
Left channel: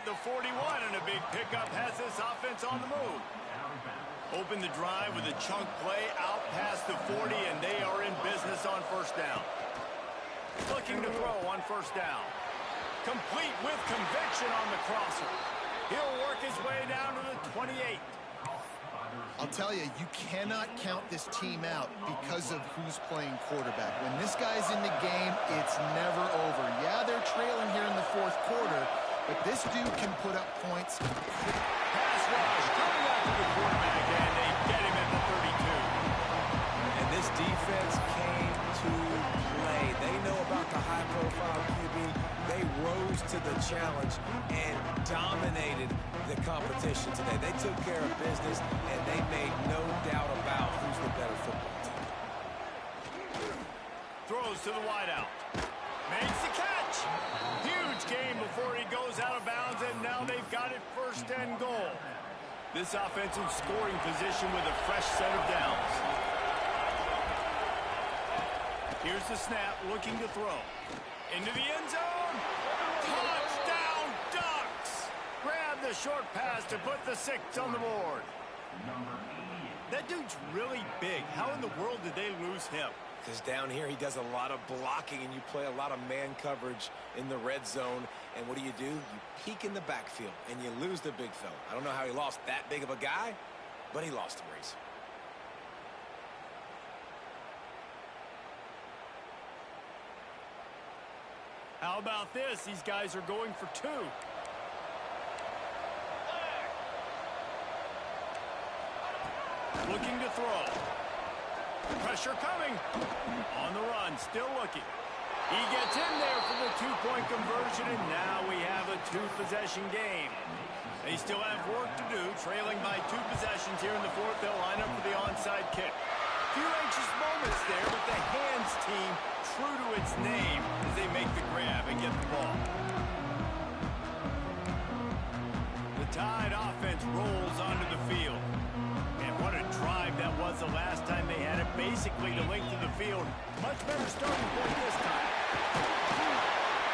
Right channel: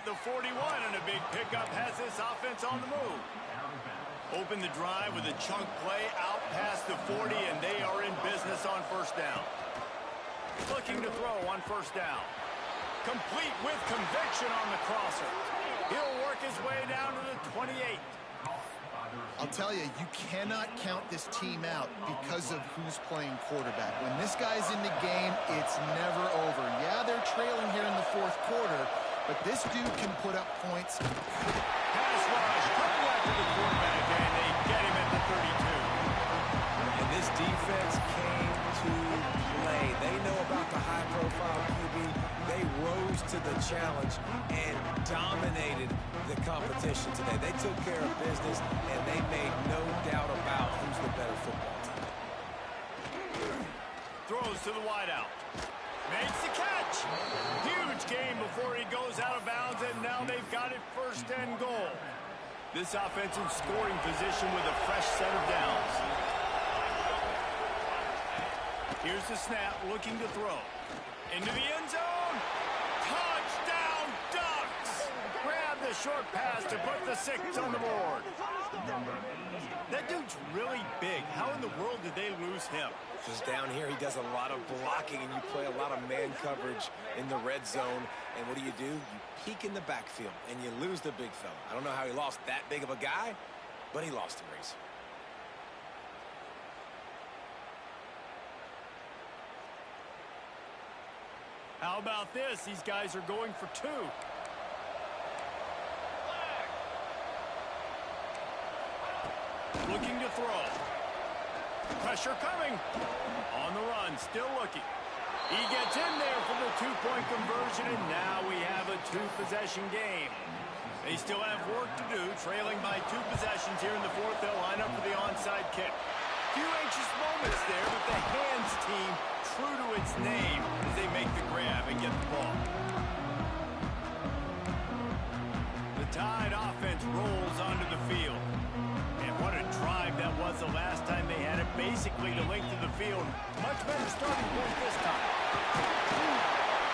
The 41 and a big pickup has this offense on the move. Open the drive with a chunk play out past the 40, and they are in business on first down. Looking to throw on first down. Complete with conviction on the crosser. He'll work his way down to the 28. I'll tell you, you cannot count this team out because of who's playing quarterback. When this guy's in the game, it's never over. Yeah, they're trailing here in the fourth quarter, but this dude can put up points. Pass rush coming after the quarterback, and they get him at the 32. And this defense came to play. They know about the high-profile QB. They rose to the challenge and dominated the competition today. They took care of business, and they made no doubt about who's the better football team. Throws to the wideout. Makes the catch. Huge gain before he goes out of bounds, and now they've got it first and goal. This offense in scoring position with a fresh set of downs. Here's the snap, looking to throw. Into the end zone. Touchdown, Ducks! Grab the short pass to put the 6 on the board. That dude's really big. How in the world did they lose him? Because down here he does a lot of blocking, and you play a lot of man coverage in the red zone. And what do? You peek in the backfield, and you lose the big fella. I don't know how he lost that big of a guy, but he lost him, Reese. How about this? These guys are going for 2. Looking to throw. Pressure coming. On the run, still looking. He gets in there for the 2-point conversion, and now we have a 2-possession game. They still have work to do, trailing by 2 possessions here in the fourth. They'll line up for the onside kick. Few anxious moments there, but the hands team true to its name as they make the grab and get the ball. The Tide offense rolls onto the field. And what a drive that was the last time they had it, basically the length of the field. Much better starting point this time.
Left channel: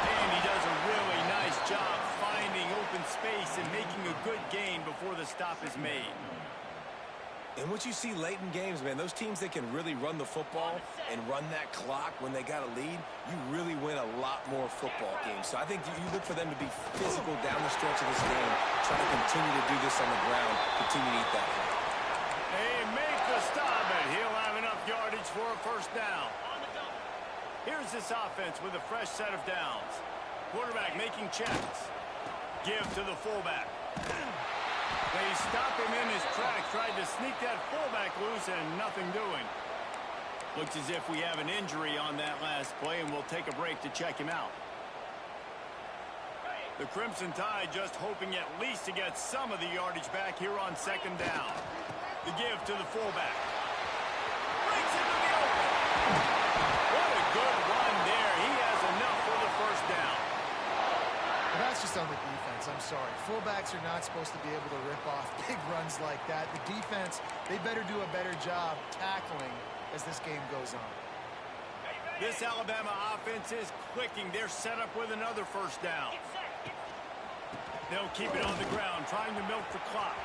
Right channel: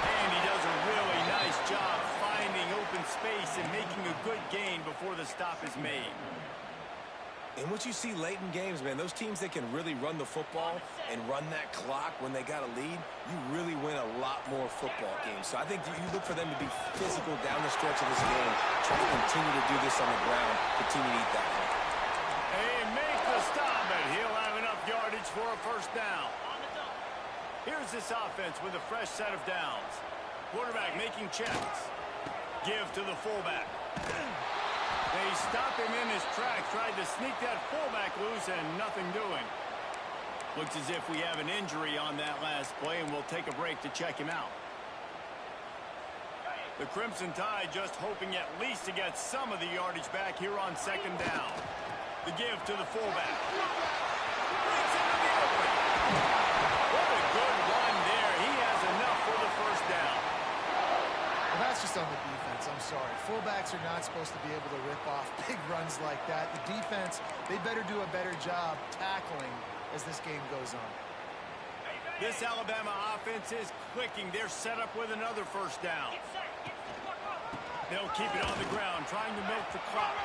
And he does a really nice job finding open space and making a good gain before the stop is made. And what you see late in games, man, those teams that can really run the football and run that clock when they got a lead, you really win a lot more football games. So I think you look for them to be physical down the stretch of this game, try to continue to do this on the ground, continue to eat that clock. They make the stop, and he'll have enough yardage for a first down. Here's this offense with a fresh set of downs. Quarterback making checks. Give to the fullback. They stop him in his tracks, tried to sneak that fullback loose, and nothing doing. Looks as if we have an injury on that last play, and we'll take a break to check him out. The Crimson Tide just hoping at least to get some of the yardage back here on second down. The give to the fullback. Breaks into the open. What a good run there. He has enough for the first down. Well, that's just on the defense. I'm sorry. Fullbacks are not supposed to be able to rip off big runs like that. The defense, they better do a better job tackling as this game goes on. This Alabama offense is clicking. They're set up with another first down. They'll keep it on the ground, trying to milk the clock.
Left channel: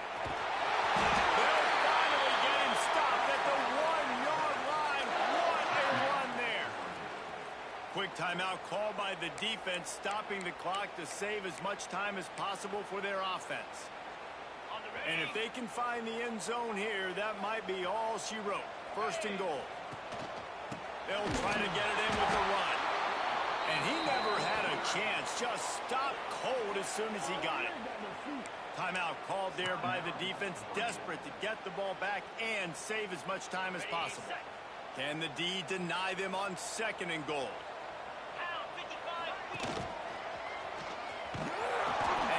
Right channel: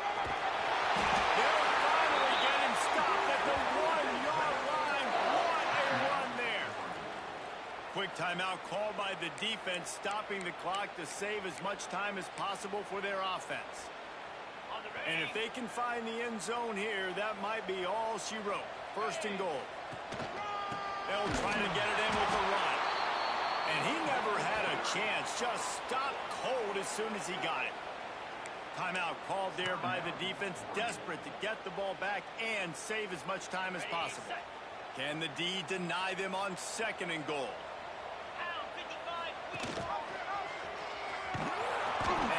They'll finally get him stopped at the 1-yard line. What a run there. Quick timeout called by the defense, stopping the clock to save as much time as possible for their offense. And if they can find the end zone here, that might be all she wrote. First and goal. They'll try to get it in with a run. And he never had a chance. Just stopped cold as soon as he got it. Timeout called there by the defense, desperate to get the ball back and save as much time as possible. Can the D deny them on second and goal?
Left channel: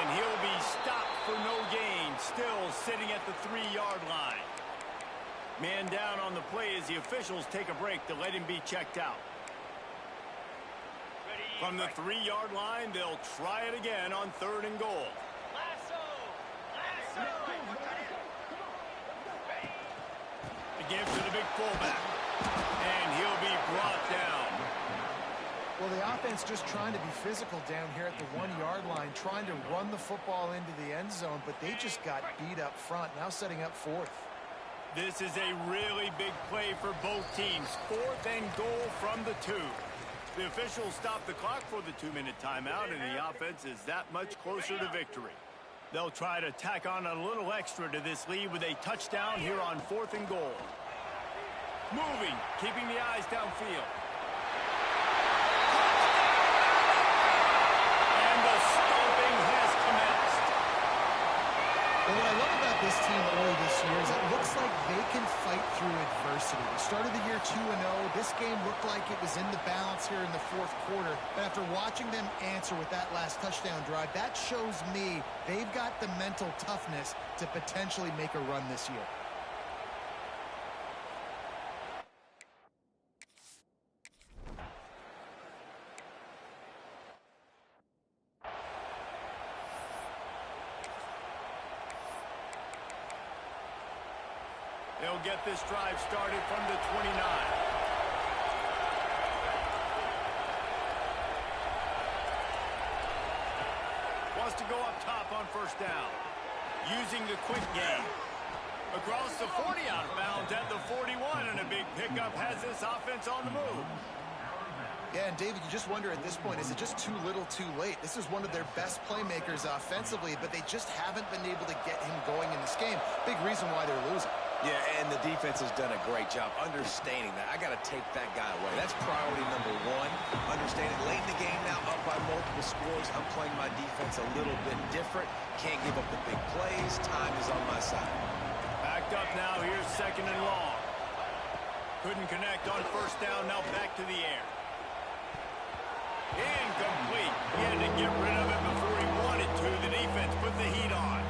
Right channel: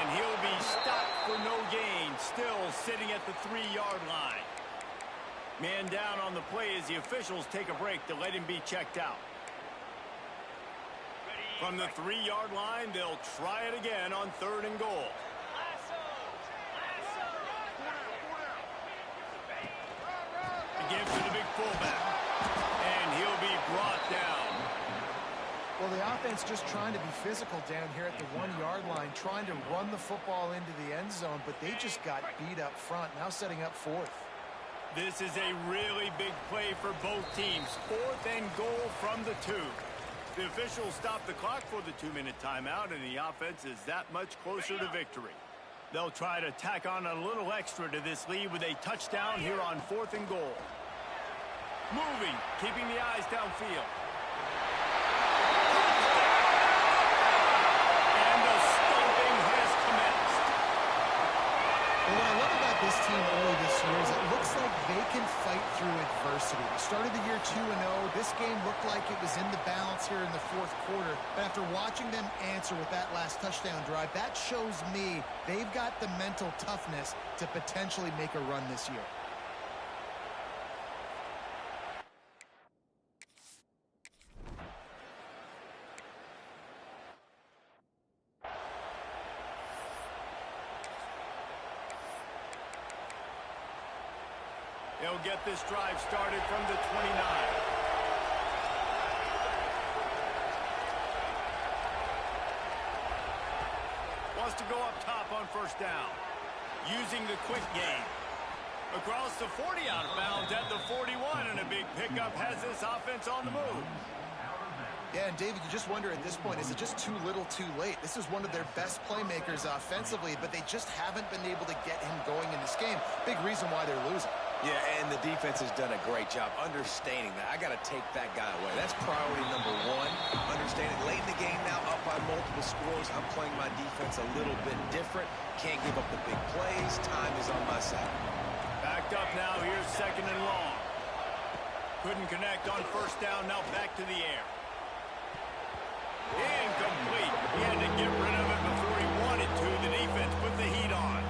And he'll be stopped for no gain, still sitting at the 3-yard line. Man down on the play as the officials take a break to let him be checked out. From the 3-yard line, they'll try it again on third and goal. The give to the big fullback. And he'll be brought down. Well, the offense just trying to be physical down here at the 1-yard line, trying to run the football into the end zone, but they just got beat up front, now setting up fourth. This is a really big play for both teams. Fourth and goal from the 2. The officials stop the clock for the 2-minute timeout, and the offense is that much closer to victory. They'll try to tack on a little extra to this lead with a touchdown here on fourth and goal. Moving, keeping the eyes downfield. And the stomping has commenced. Well, what I love about this team early this year is it looks like they can fight through adversity. They started the year 2-0. This game looked like it was in the balance here in the fourth quarter. But after watching them answer with that last touchdown drive, that shows me they've got the mental toughness to potentially make a run this year. They'll get this drive started from the 29. Wants to go up top on first down. Using the quick game. Across the 40 out of bounds at the 41, and a big pickup has this offense on the move. Yeah, and David, you just wonder at this point, is it just too little too late? This is one of their best playmakers offensively, but they just haven't been able to get him going in this game. Big reason why they're losing. Yeah, and the defense has done a great job understanding that. I got to take that guy away. That's priority number one. Understanding late in the game now, up by multiple scores. I'm playing my defense a little bit different. Can't give up the big plays. Time is on my side. Backed up now. Here's second and long. Couldn't connect on first down. Now back to the air. Incomplete. He had to get rid of it before he wanted to. The defense put the heat on.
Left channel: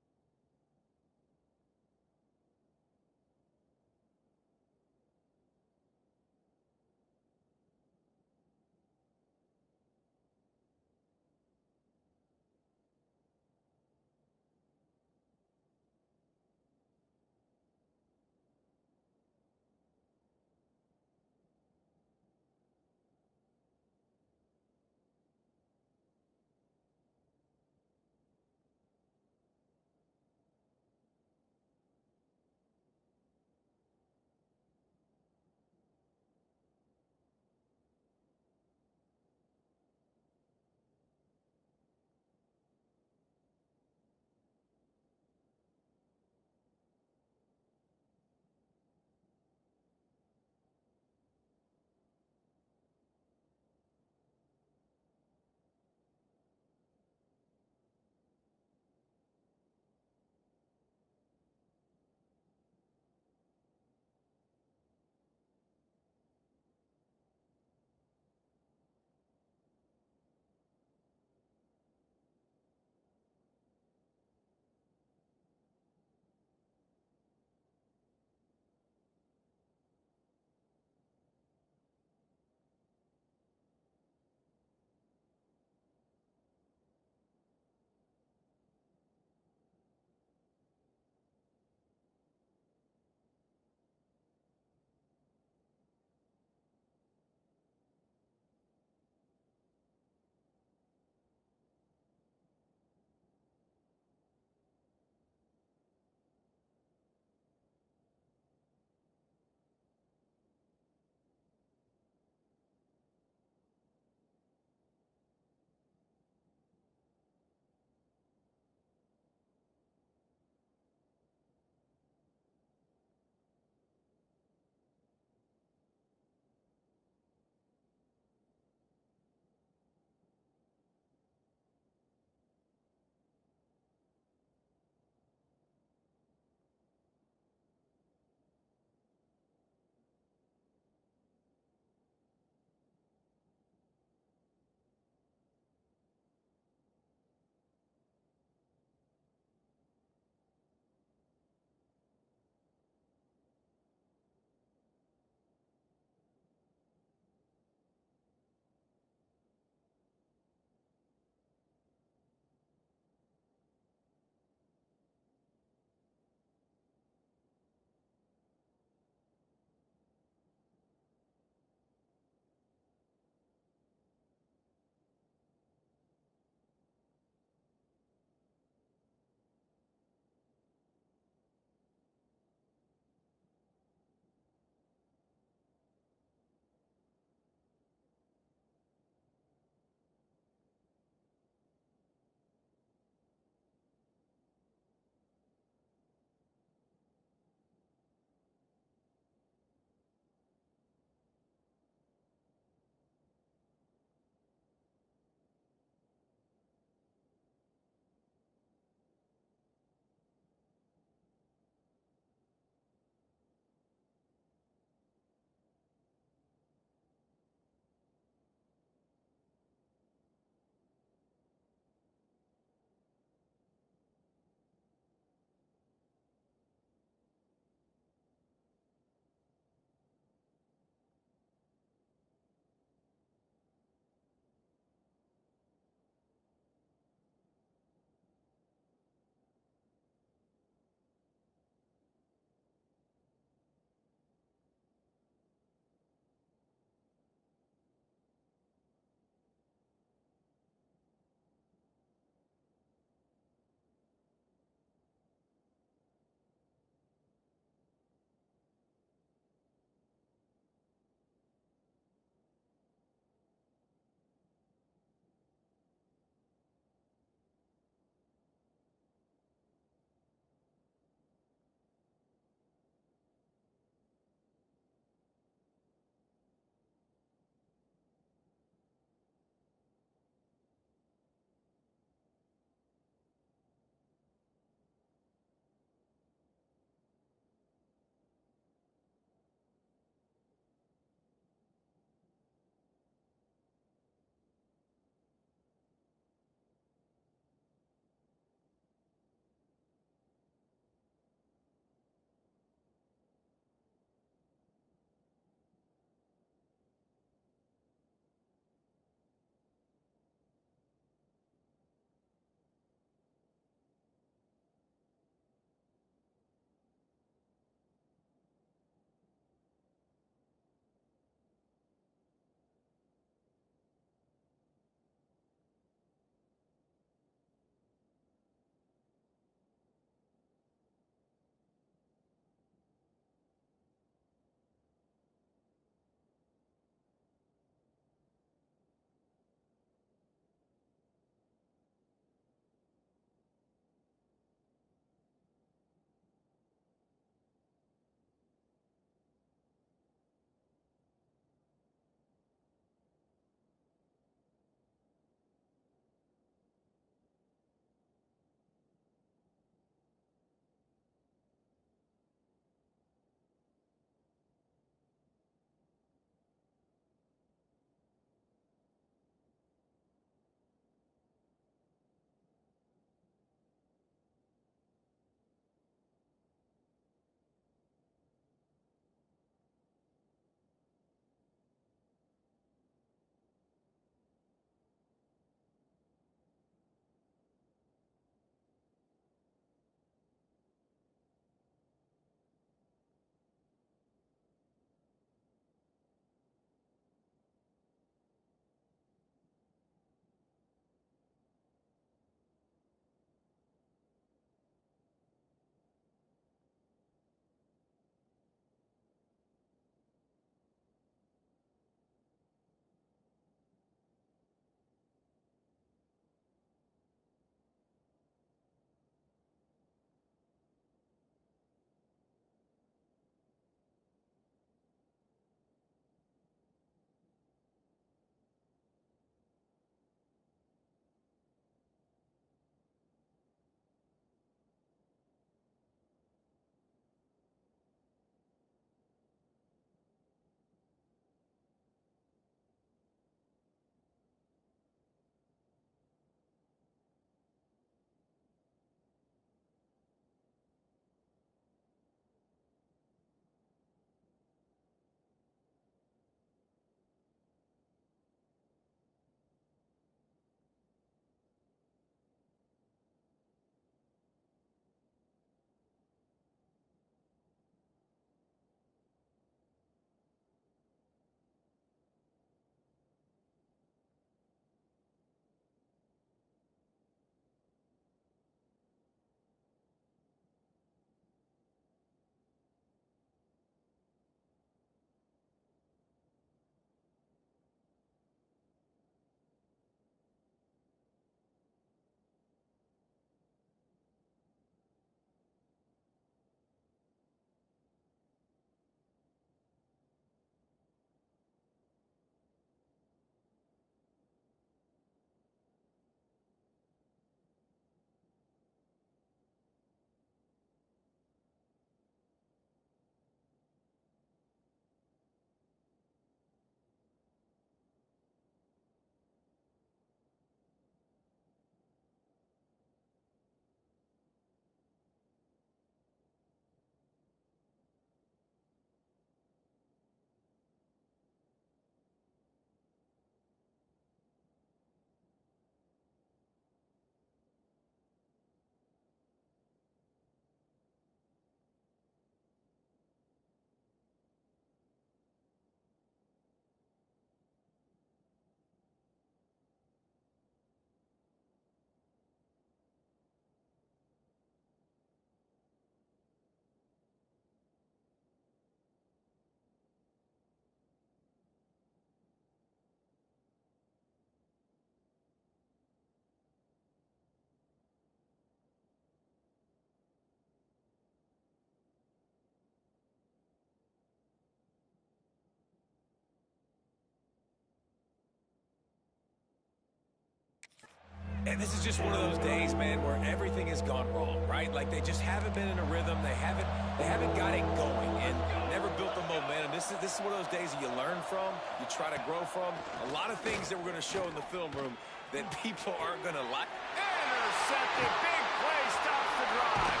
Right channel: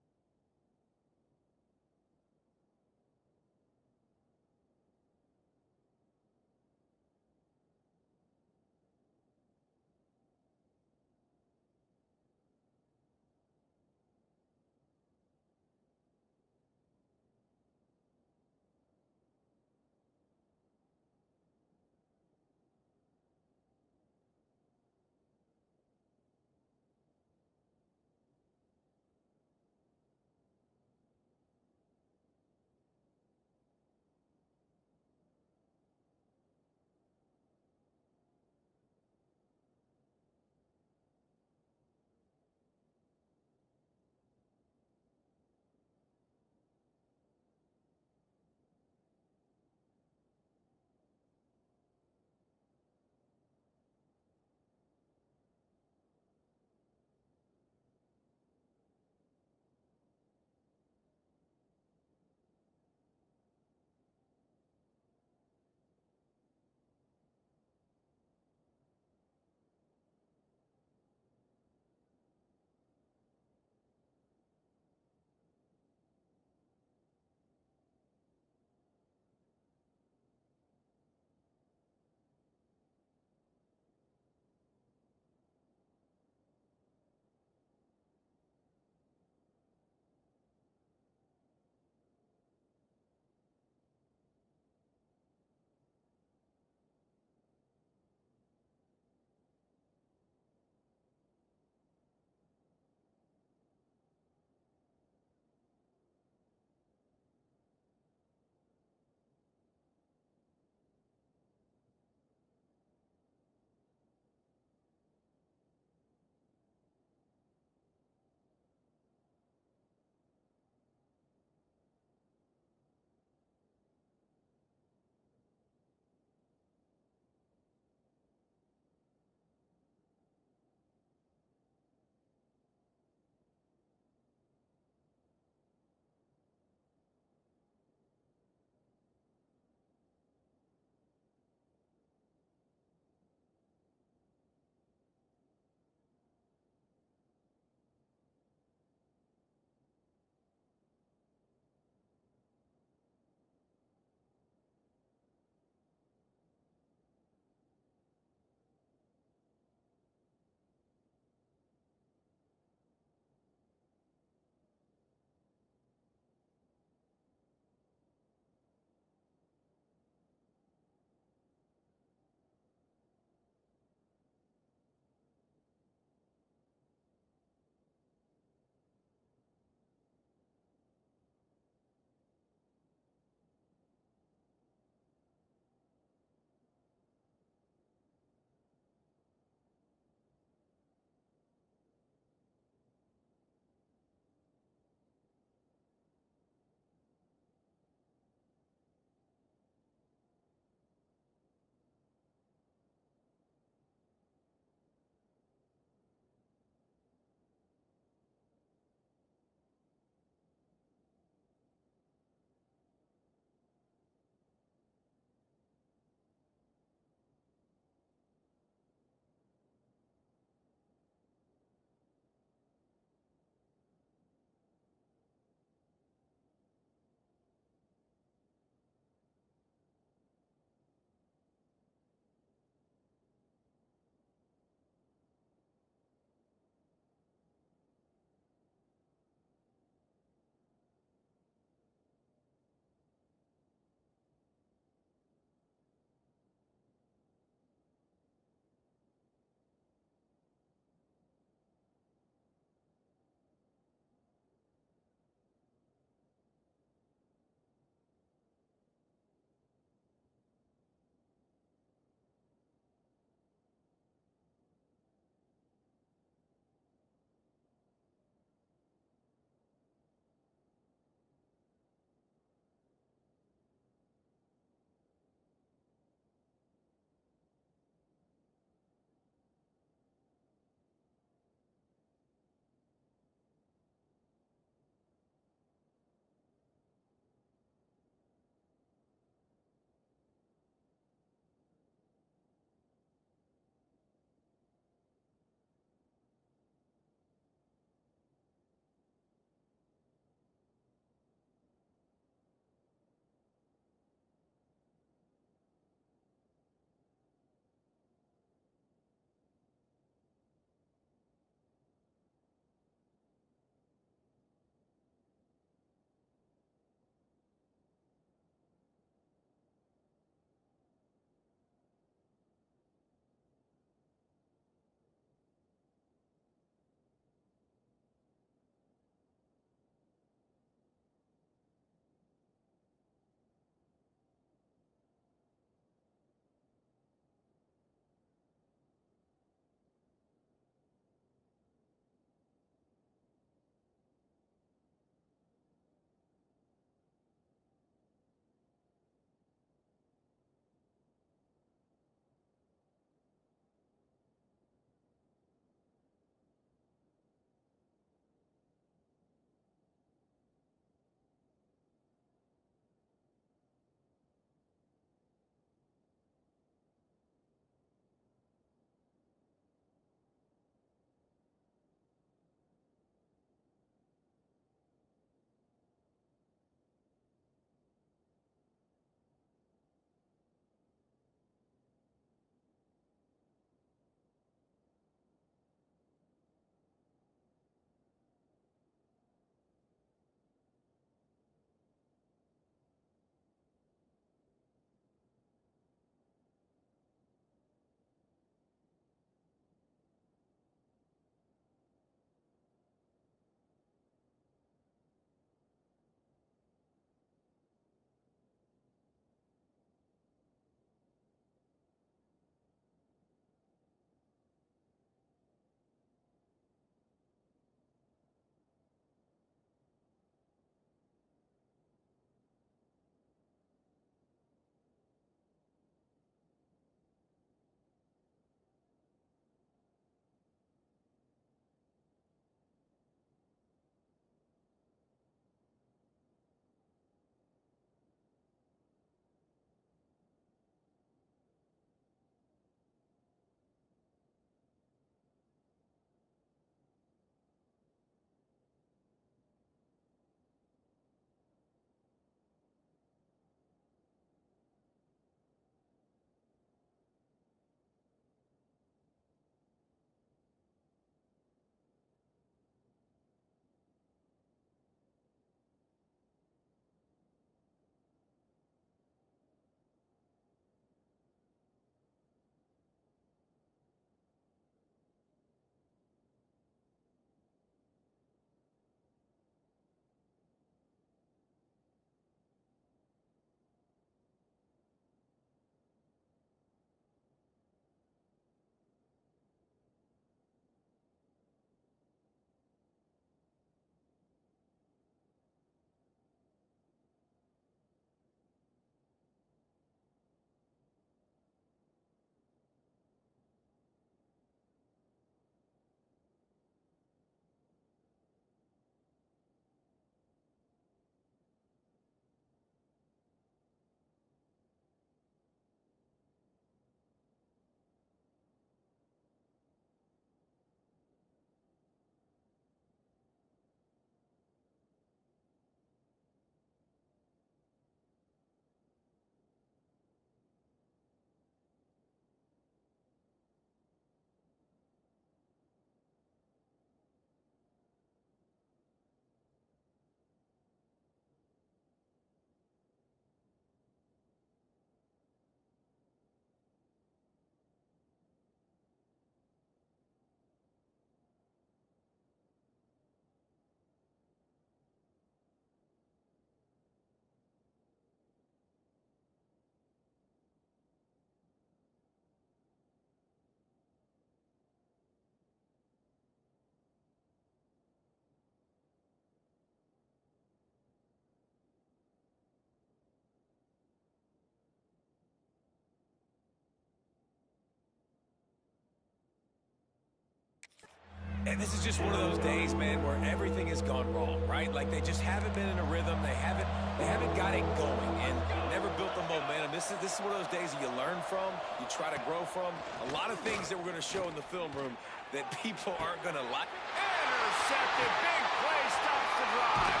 And this is just one of those days, man, where everything has gone wrong, right? Like they just haven't been in a rhythm. They haven't got it going and never built the momentum. This is one of those days that you learn from, you try to grow from. A lot of things that we're going to show in the film room that people aren't going to like. Intercepted. Big play stops the drive.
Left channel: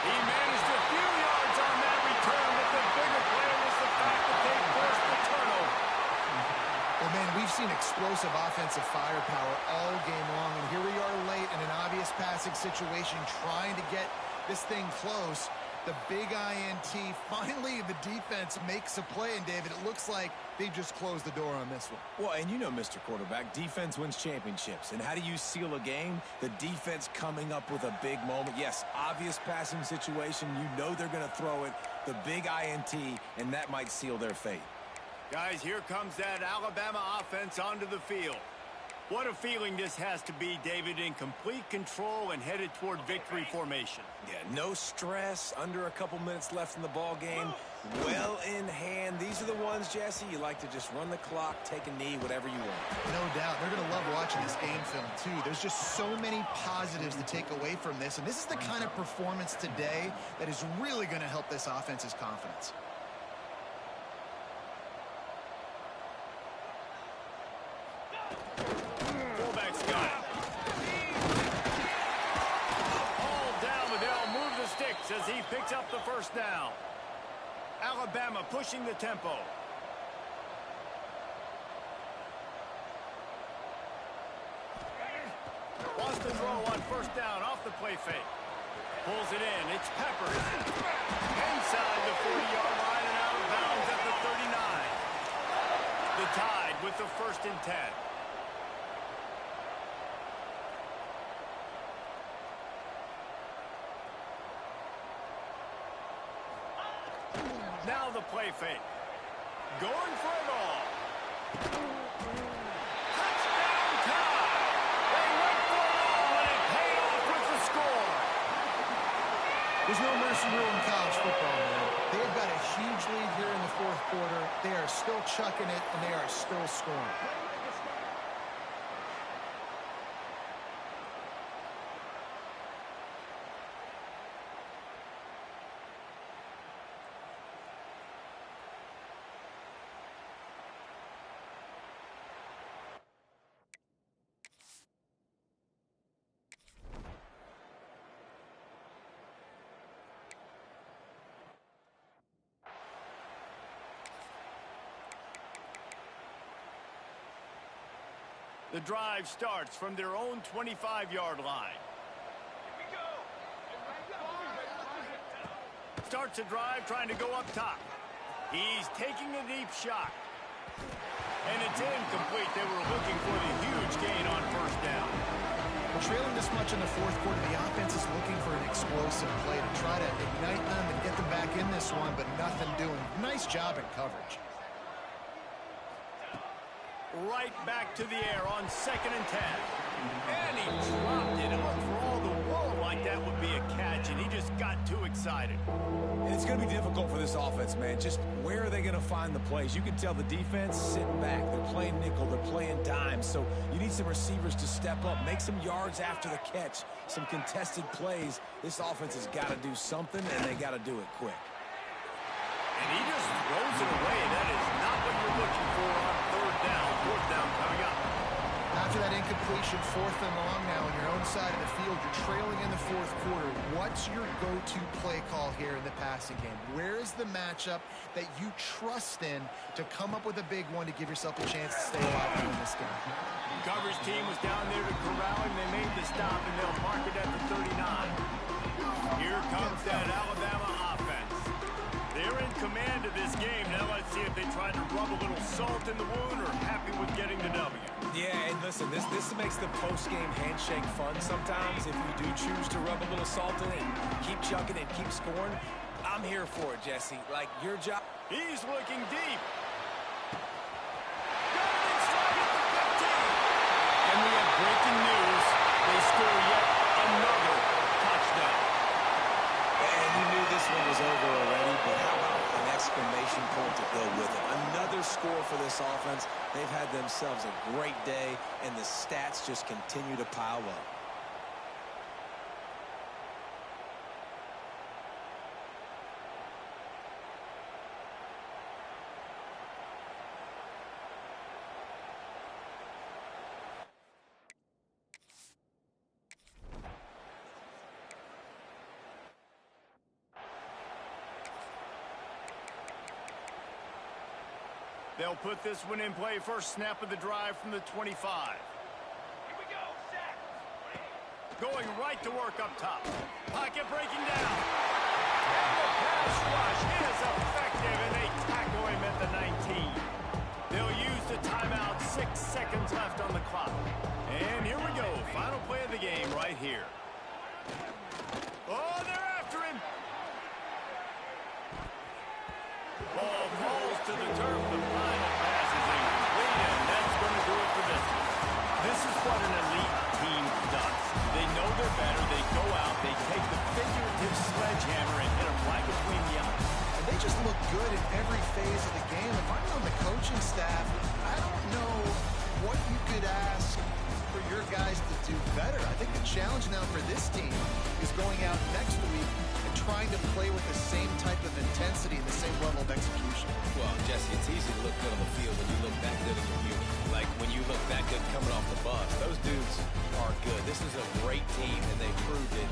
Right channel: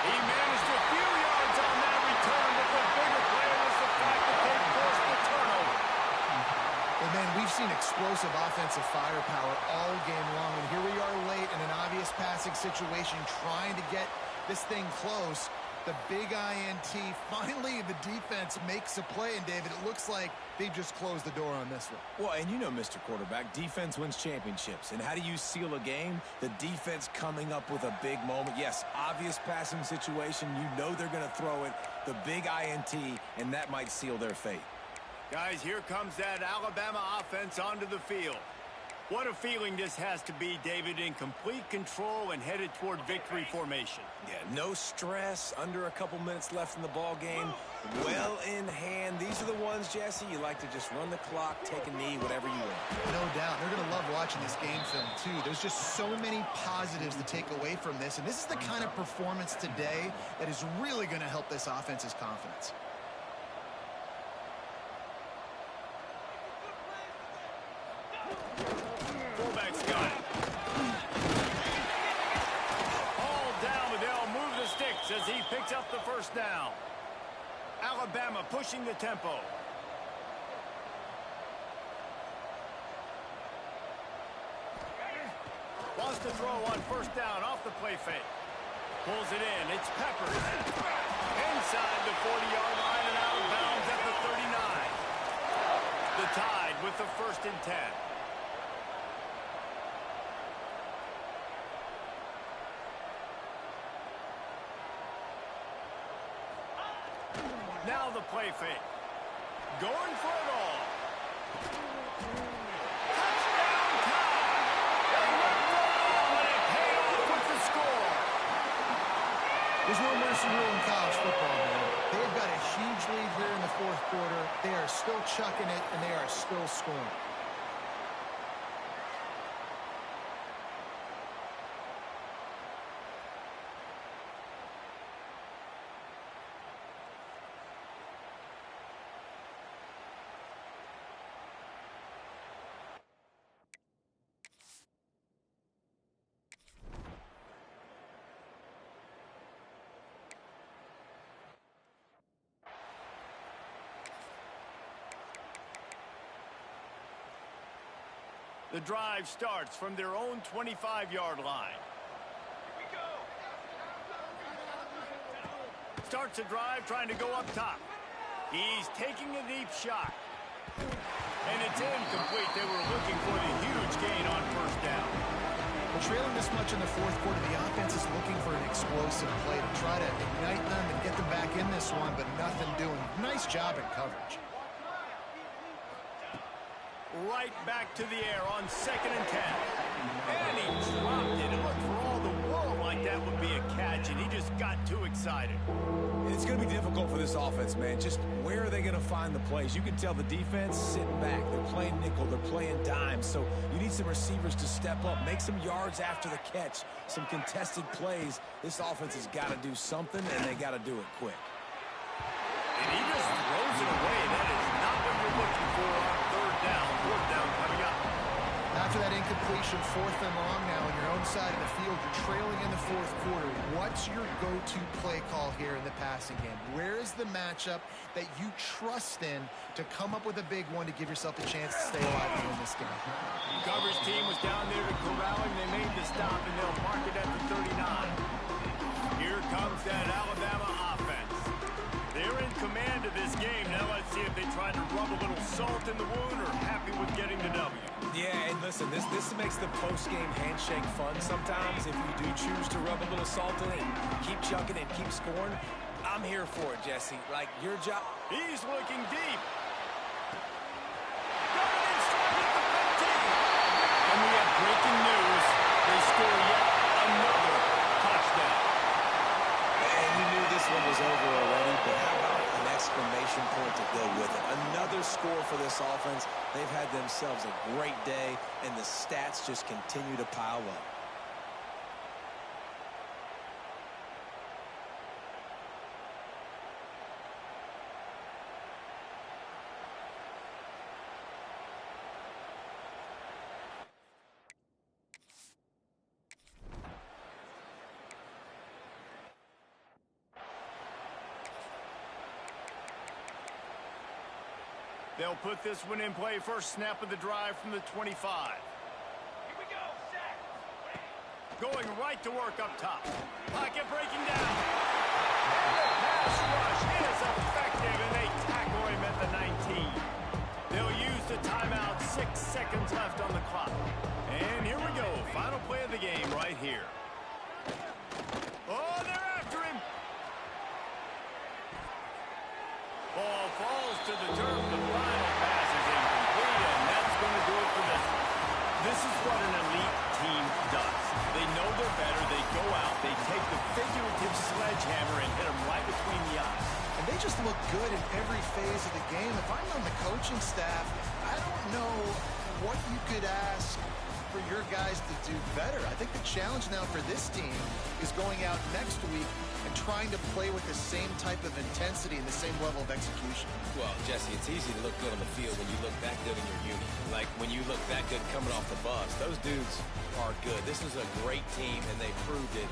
He managed a few yards on that return, but the bigger play was the fact that they forced the turnover. Well, man, we've seen explosive offensive firepower all game long, and here we are late in an obvious passing situation trying to get this thing close. The big INT, finally the defense makes a play, and David, it looks like they've just closed the door on this one. Well, and you know, Mr. Quarterback, defense wins championships. And how do you seal a game? The defense coming up with a big moment. Yes, obvious passing situation. You know they're going to throw it. The big INT, and that might seal their fate. Guys, here comes that Alabama offense onto the field. What a feeling this has to be, David, in complete control and headed toward victory formation. Yeah, no stress, under a couple minutes left in the ball game, well in hand. These are the ones, Jesse, you like to just run the clock, take a knee, whatever you want. No doubt. They're going to love watching this game film, too. There's just so many positives to take away from this, and this is the kind of performance today that is really going to help this offense's confidence. Fullback's got it. All down, but they'll move the sticks as he picks up the first down. Alabama pushing the tempo. Wants to throw on first down off the play fake. Pulls it in. It's Peppers. Inside the 40-yard line and out of bounds at the 39. The Tide with the 1st and 10. Now the play fake. Going for it all. Touchdown Tide. They went for it all and it paid off with the score. There's no mercy rule in college football, man. They've got a huge lead here in the 4th quarter. They are still chucking it, and they are still scoring. The drive starts from their own 25-yard line. Here we go. Starts a drive trying to go up top. He's taking a deep shot. And it's incomplete. They were looking for the huge gain on first down. Well, trailing this much in the 4th quarter, the offense is looking for an explosive play to try to ignite them and get them back in this one, but nothing doing. Nice job in coverage. Right back to the air on 2nd and 10. And he dropped it. It looked for all the world like that would be a catch, and he just got too excited. And it's going to be difficult for this offense, man. Just where are they going to find the plays? You can tell the defense sitting back. They're playing nickel. They're playing dime. So you need some receivers to step up, make some yards after the catch, some contested plays. This offense has got to do something, and they got to do it quick. And he just throws it away. That is not what you're looking for on 3rd down. 4th down coming up. After that incompletion, 4th and long now on your own side of the field, you're trailing in the 4th quarter. What's your go-to play call here in the passing game? Where is the matchup that you trust in to come up with a big one to give yourself a chance to stay alive in this game? Coverage team was down there to corral him. They made the stop, and they'll mark it at the 39. Here comes that Alabama offense. They're in command of this game. Now let's see if they try to rub a little salt in the wound or happy with getting the W. Yeah, and listen, this makes the post-game handshake fun sometimes. If you do choose to rub a little salt in it and keep chucking and keep scoring, I'm here for it, Jesse. Like, your job. He's looking deep. Got it in stride at the 15. And we have breaking news. They score yet another touchdown. And you knew this one was over already, but how about an exclamation point to go with it? Another score for this offense. They've had themselves a great day, and the stats just continue to pile up. They'll put this one in play first snap of the drive from the 25. Here we go, set. Going right to work up top. Pocket breaking down. And the pass rush is effective, and they tackle him at the 19. They'll use the timeout, 6 seconds left on the clock. And here we go, final play of the game right here. Oh, they're after him. Ball falls to the turf. The final pass is incomplete, and that's going to do it for this one. This is what an elite team does. They know they're better. They go out. They take the figurative sledgehammer and hit them right between the eyes. And they just look good in every phase of the game. If I'm on the coaching staff, I don't know what you could ask for your guys to do better. I think the challenge now for this team is going out next week and trying to play with the same type of intensity and the same level of execution. Well, Jesse, it's easy to look good on the field when you look that good in your uni. Like when you look that good coming off the bus. Those dudes are good. This is a great team, and they proved it.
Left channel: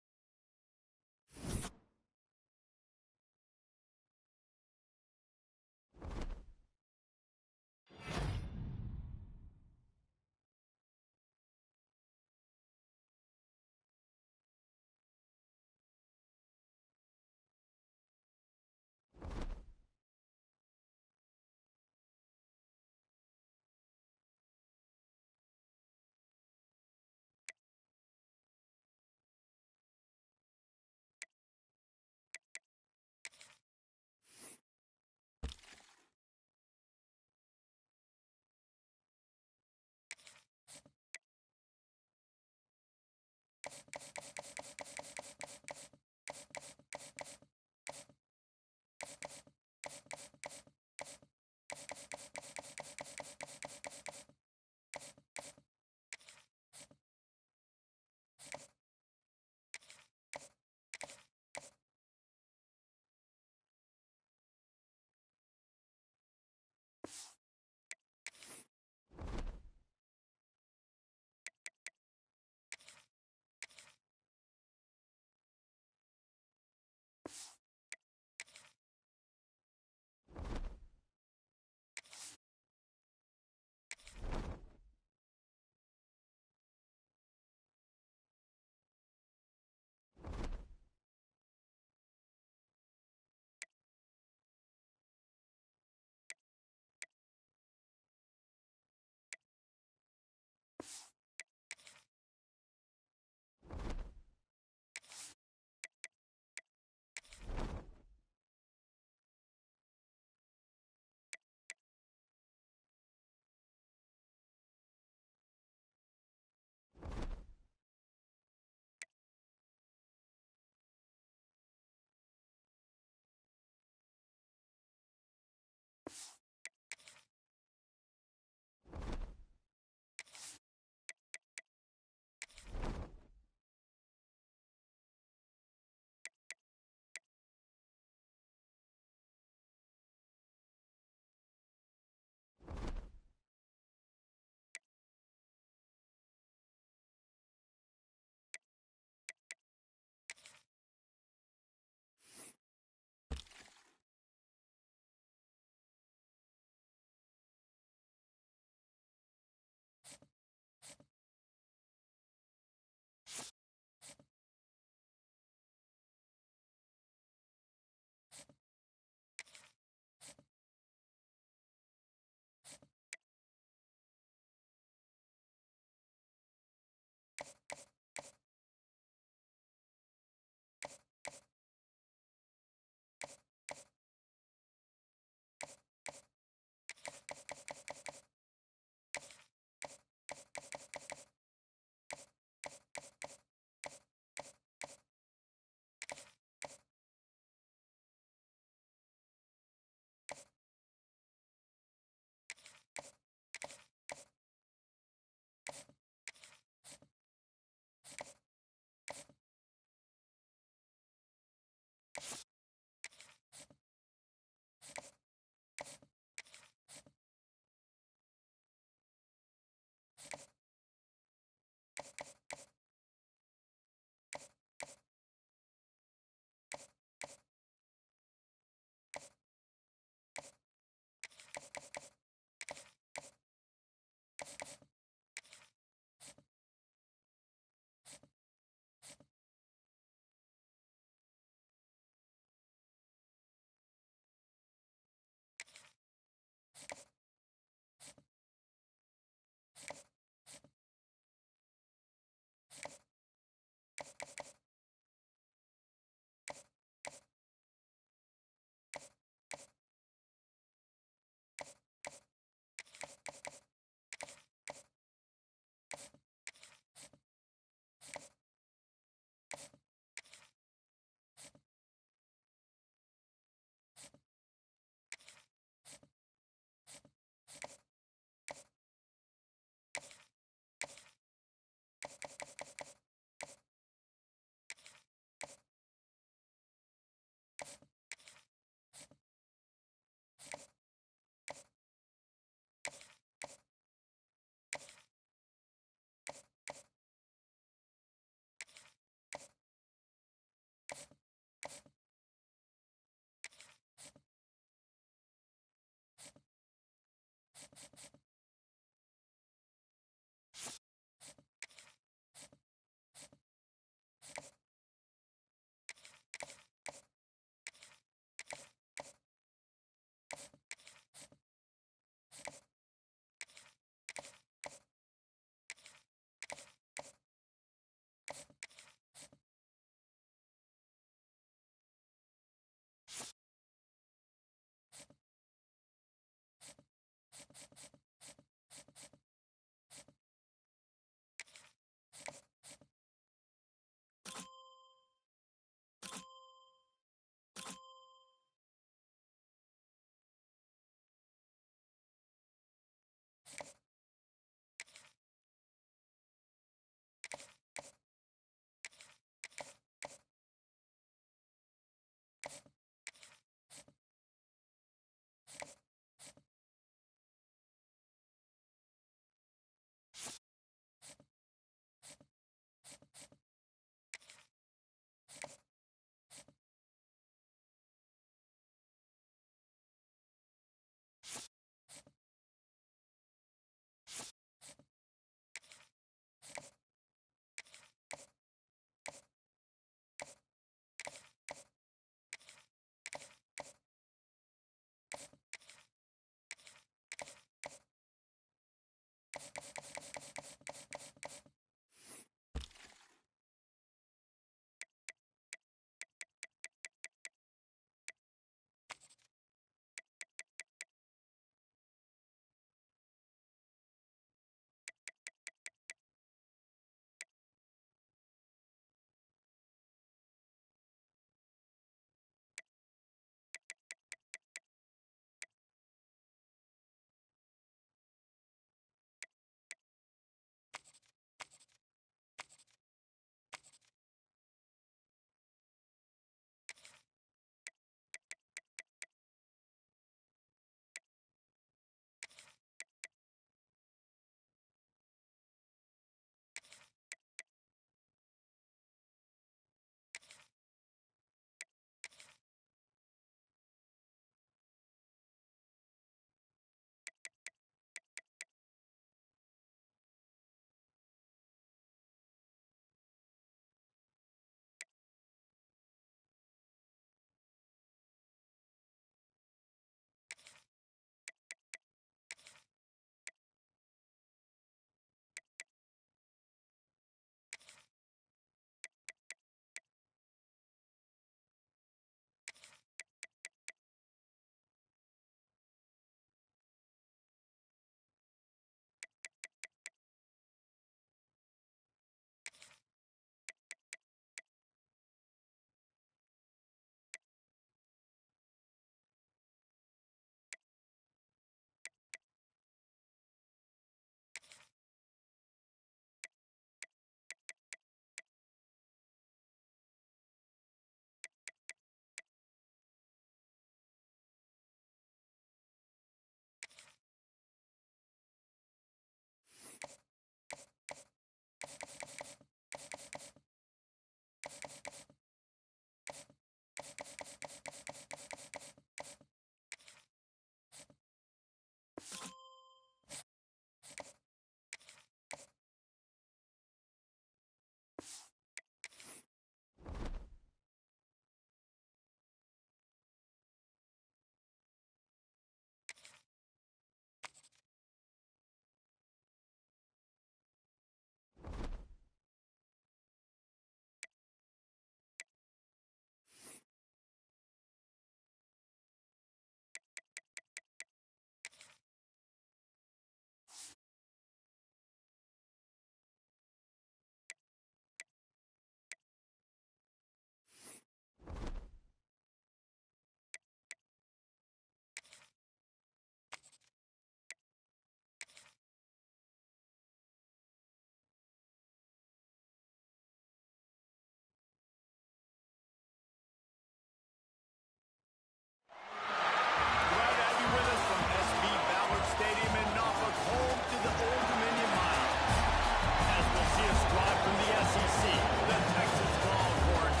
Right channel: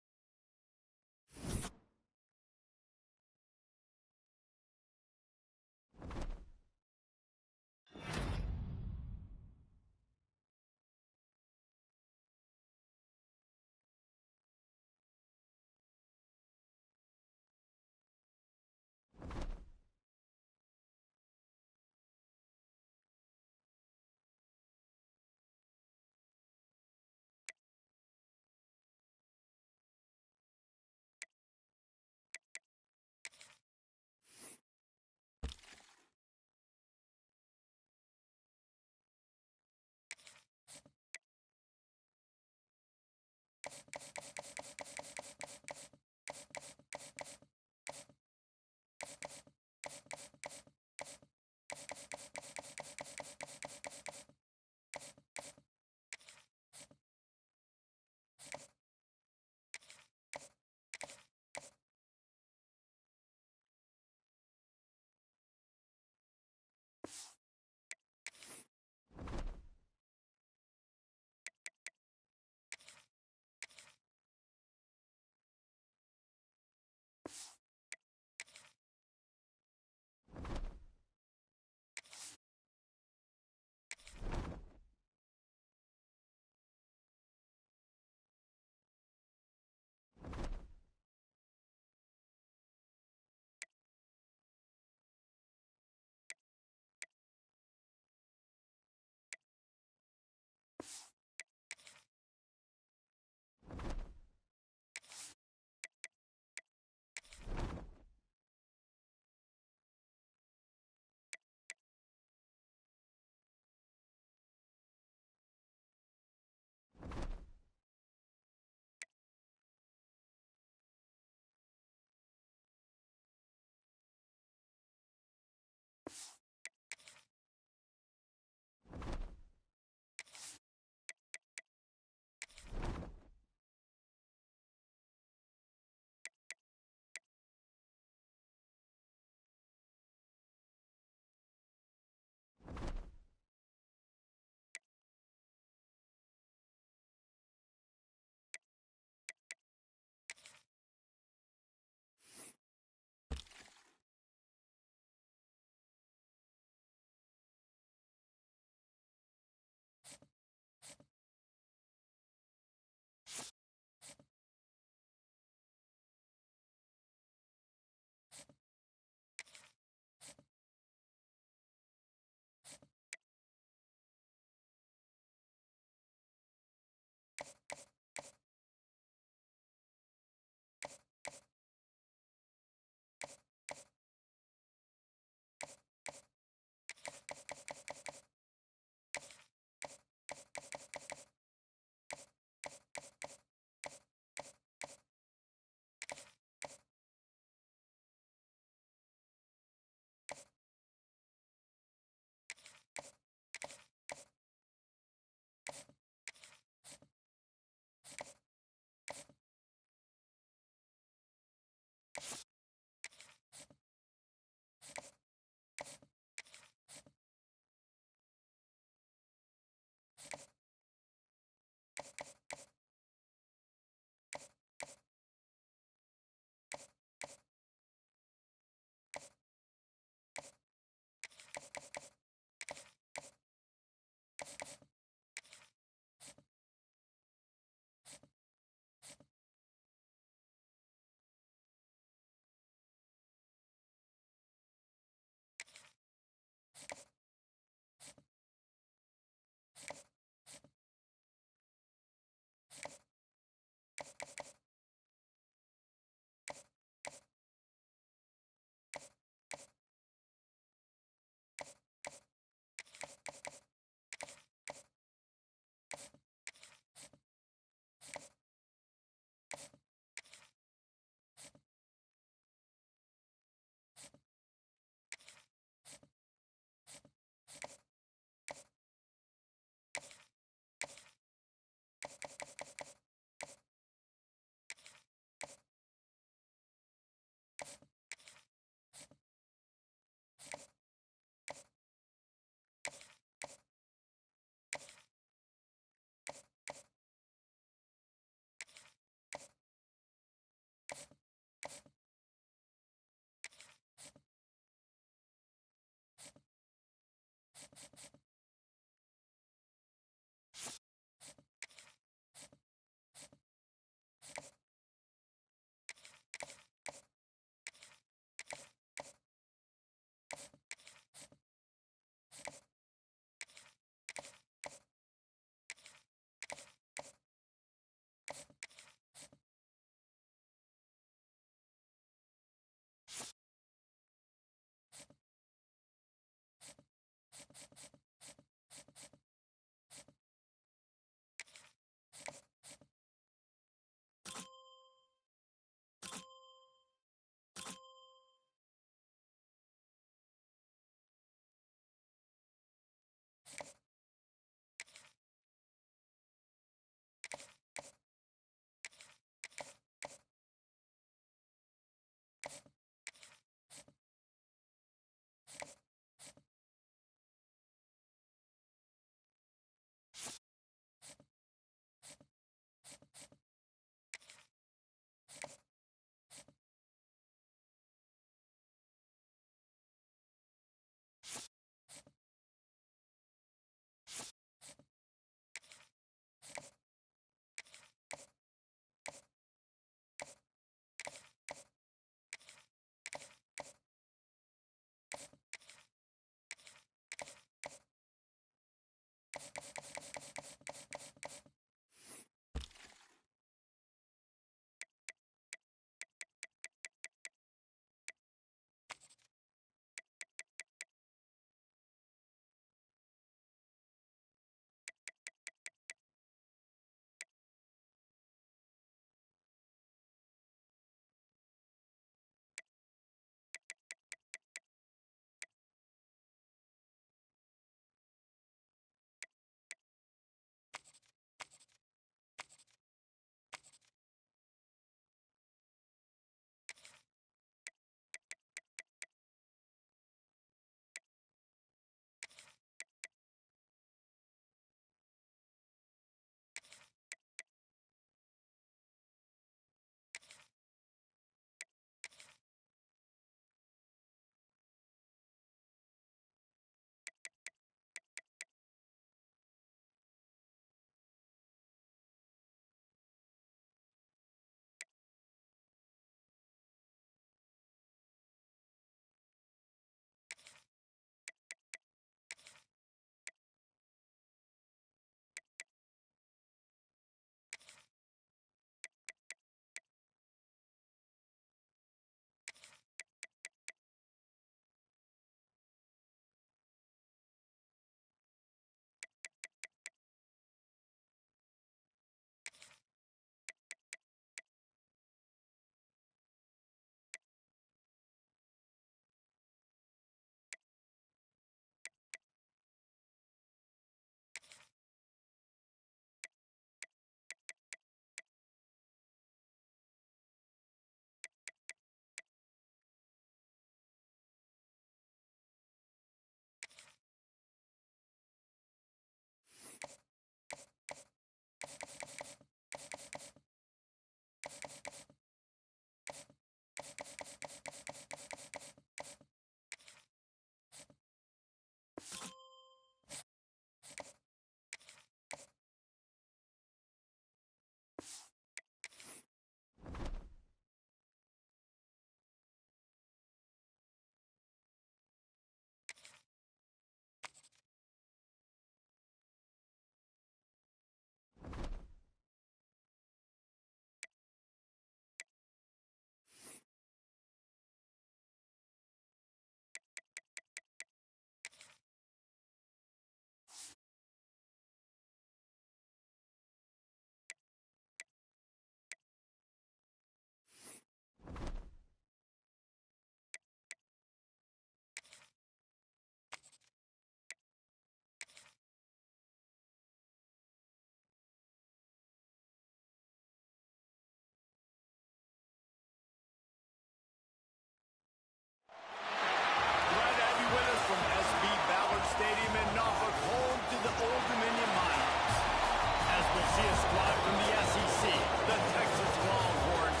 see a squad from the SEC, the Texas Longhorns,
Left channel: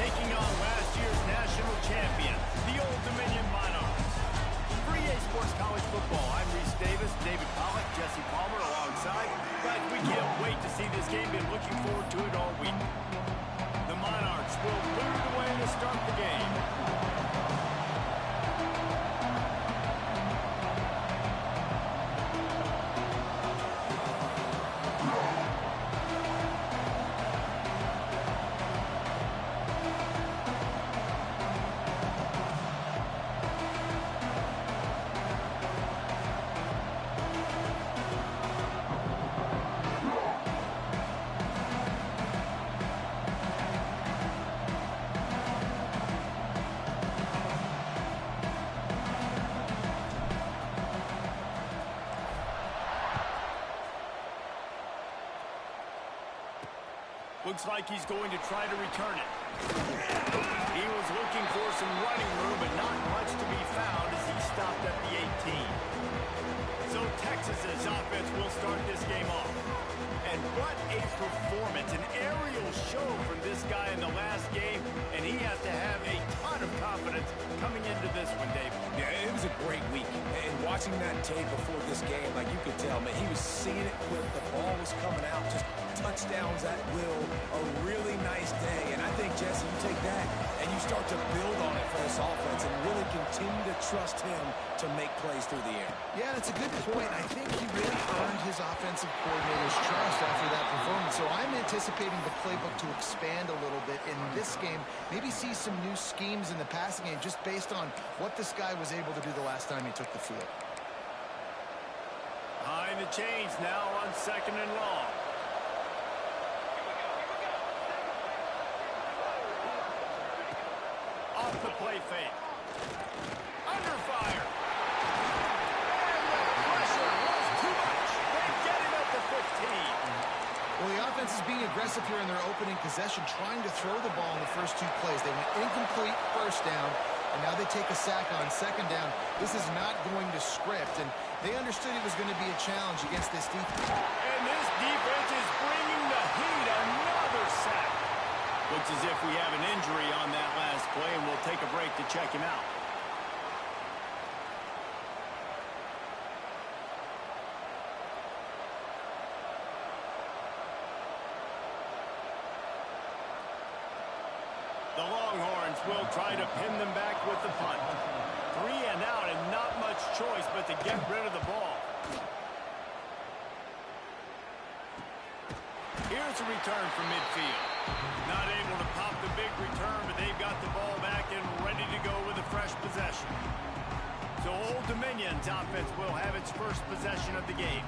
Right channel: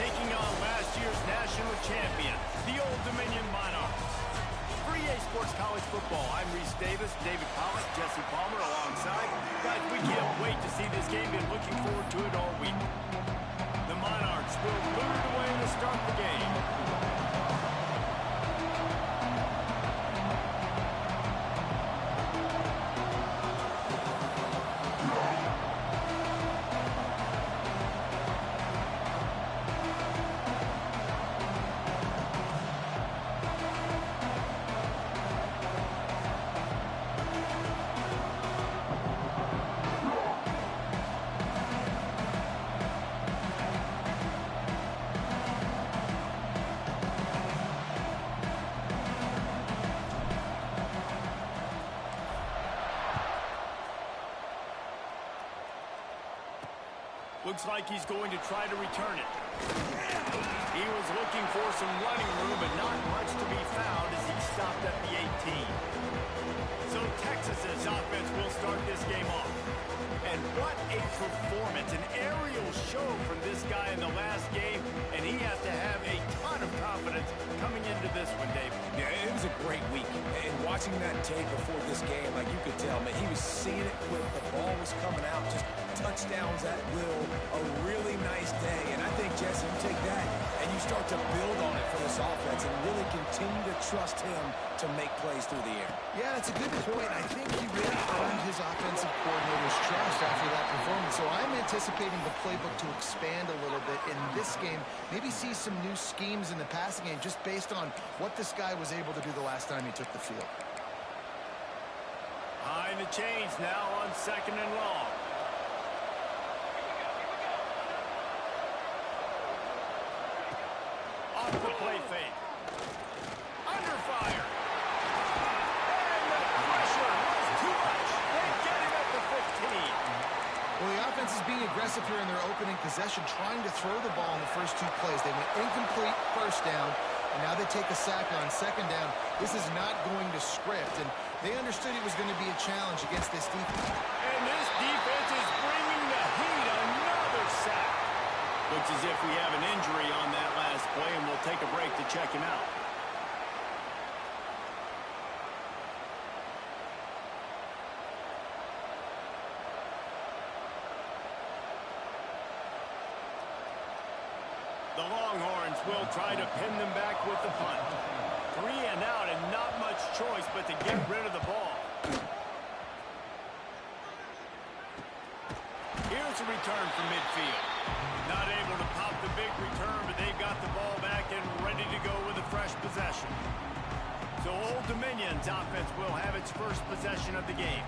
taking on last year's national champion, the Old Dominion Monarchs. For EA Sports College Football, I'm Reese Davis, David Pollack, Jesse Palmer alongside. Guys, we can't wait to see this game. Been looking forward to it all week. The Monarchs will boot it away to start the game. Looks like he's going to try to return it. He was looking for some running room, but not much to be found as he stopped at the 18. So Texas's offense will start this game off. And what a performance, an aerial show from this guy in the last game, and he has to have a ton of confidence coming into this one, Dave. Yeah, it was a great week. And watching that tape before this game, like you could tell, man, he was seeing it quick. The ball was coming out, just touchdowns at will. A really nice day. And I think, Jesse, you take that and you start to build on it for this offense and really continue to trust him to make plays through the air. Yeah, that's a good point. I think he really earned his offensive coordinator's trust after that performance. So I'm anticipating the playbook to expand a little bit in this game. Maybe see some new schemes in the passing game just based on what this guy was able to do the last time he took the field. Behind the chains now on 2nd and long. Off the play fake. Under fire. And the pressure was too much. They get him at the 15. Well, the offense is being aggressive here in their opening possession, trying to throw the ball in the first 2 plays. They went incomplete first down, and now they take a sack on 2nd down. This is not going to script, and they understood it was going to be a challenge against this defense. And this defense is bringing the heat. Another sack. Looks as if we have an injury on that last play, and we'll take a break to check him out. The Longhorns will try to pin them back with the punt. 3 and out and not much choice but to get rid of the ball. Here's a return from midfield. Not able to pop the big return, but they've got the ball back and ready to go with a fresh possession. So Old Dominion's offense will have its first possession of the game.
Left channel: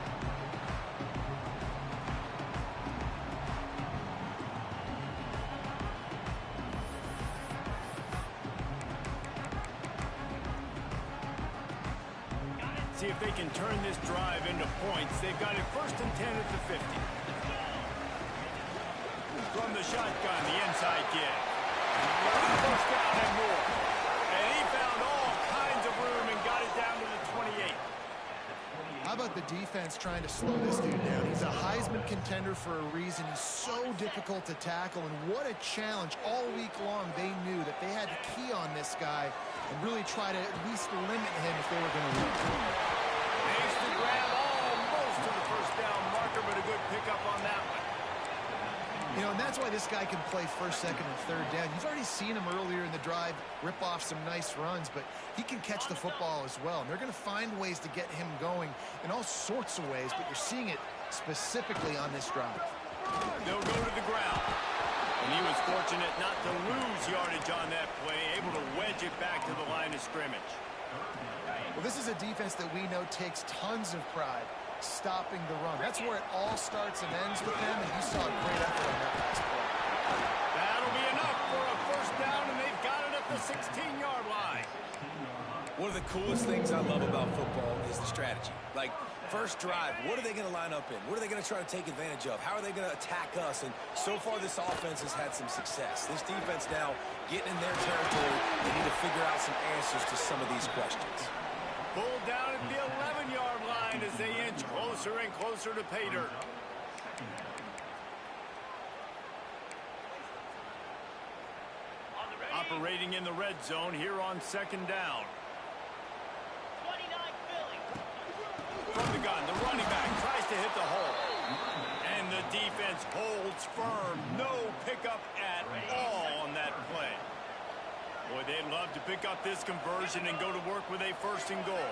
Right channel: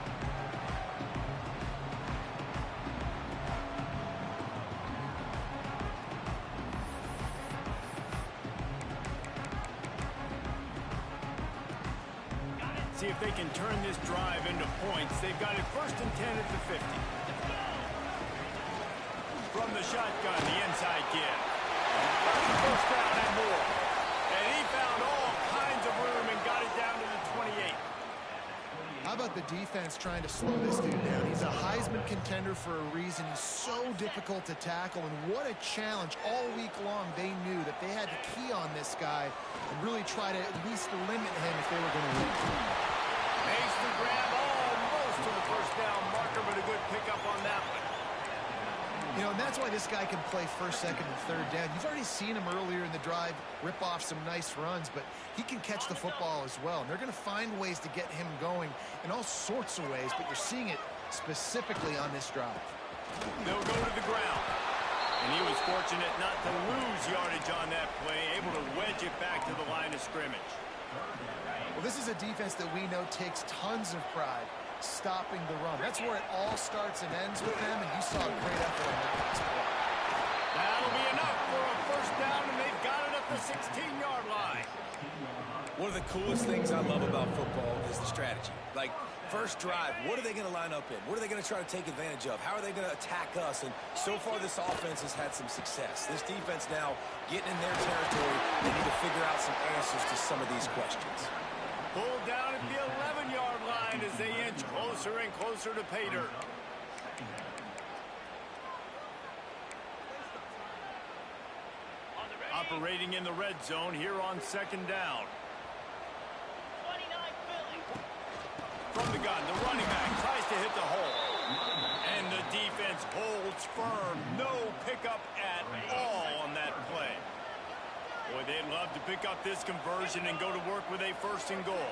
See if they can turn this drive into points. They've got it 1st and 10 at the 50. From the shotgun, the inside give. First down and more. And he found all kinds of room and got it down to the 28. How about the defense trying to slow this dude down? He's a Heisman contender for a reason. He's so difficult to tackle, and what a challenge. All week long, they knew that they had to key on this guy and really try to at least limit him if they were going to win. Makes the grab almost to the first down marker, but a good pickup on that one. You know, and that's why this guy can play 1st, 2nd, and 3rd down. You've already seen him earlier in the drive rip off some nice runs, but he can catch the football as well. And they're going to find ways to get him going in all sorts of ways, but you're seeing it specifically on this drive. They'll go to the ground. And he was fortunate not to lose yardage on that play, able to wedge it back to the line of scrimmage. Well, this is a defense that we know takes tons of pride stopping the run. That's where it all starts and ends with them, and you saw a great effort on that last play. That'll be enough for a first down, and they've got it at the 16-yard line. One of the coolest things I love about football is the strategy. Like, first drive, what are they going to line up in? What are they going to try to take advantage of? How are they going to attack us? And so far, this offense has had some success. This defense now getting in their territory. They need to figure out some answers to some of these questions. Pulled down at the 11-yard line as they inch closer and closer to pay dirt. operating in the red zone here on second down. 29 Philly. From the gun, the running back tries to hit the hole. And the defense holds firm. No pickup at all on that play. Boy, they'd love to pick up this conversion and go to work with a 1st and goal.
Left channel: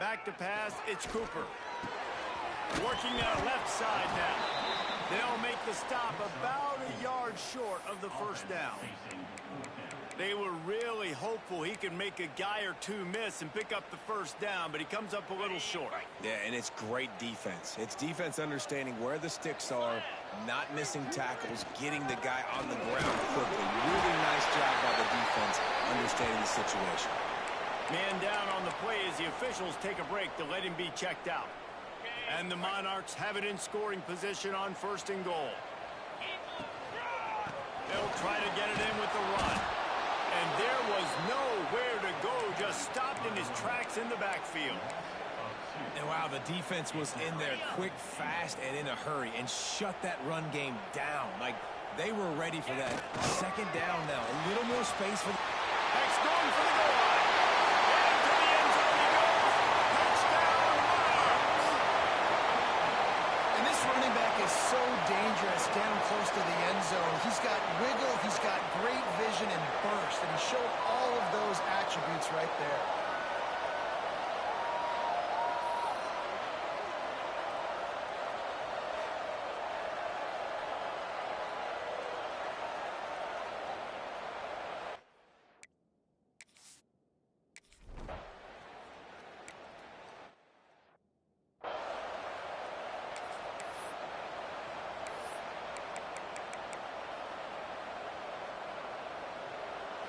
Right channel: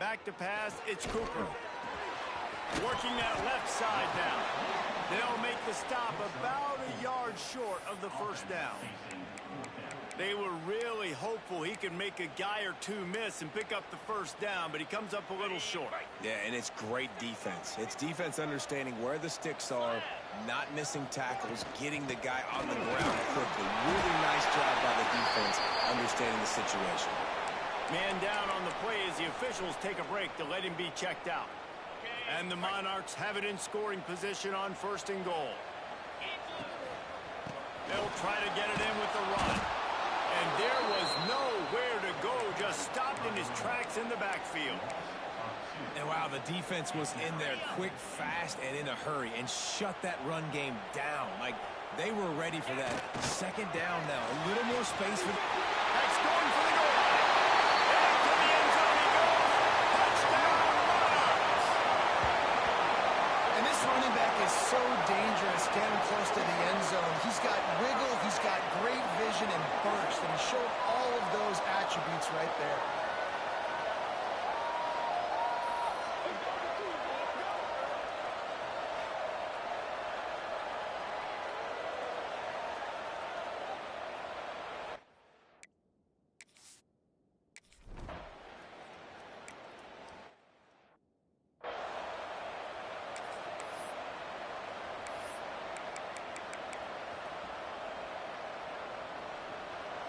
Back to pass, it's Cooper. Working that left side now. They'll make the stop about a yard short of the 1st down. They were really hopeful he could make a guy or two miss and pick up the 1st down, but he comes up a little short. Yeah, and it's great defense. It's defense understanding where the sticks are, not missing tackles, getting the guy on the ground quickly. Really nice job by the defense understanding the situation. Man down on the play as the officials take a break to let him be checked out. And the Monarchs have it in scoring position on 1st and goal. They'll try to get it in with the run. And there was nowhere to go, just stopped in his tracks in the backfield. And wow, the defense was in there quick, fast, and in a hurry and shut that run game down. Like, they were ready for that 2nd down now. A little more space for... That's going for the goal line. Into the end zone he goes. Touchdown, Monarchs. And this running back is so dangerous down close to the end zone. He's got wiggle, he's got great vision and burst, and he showed all of those attributes right there.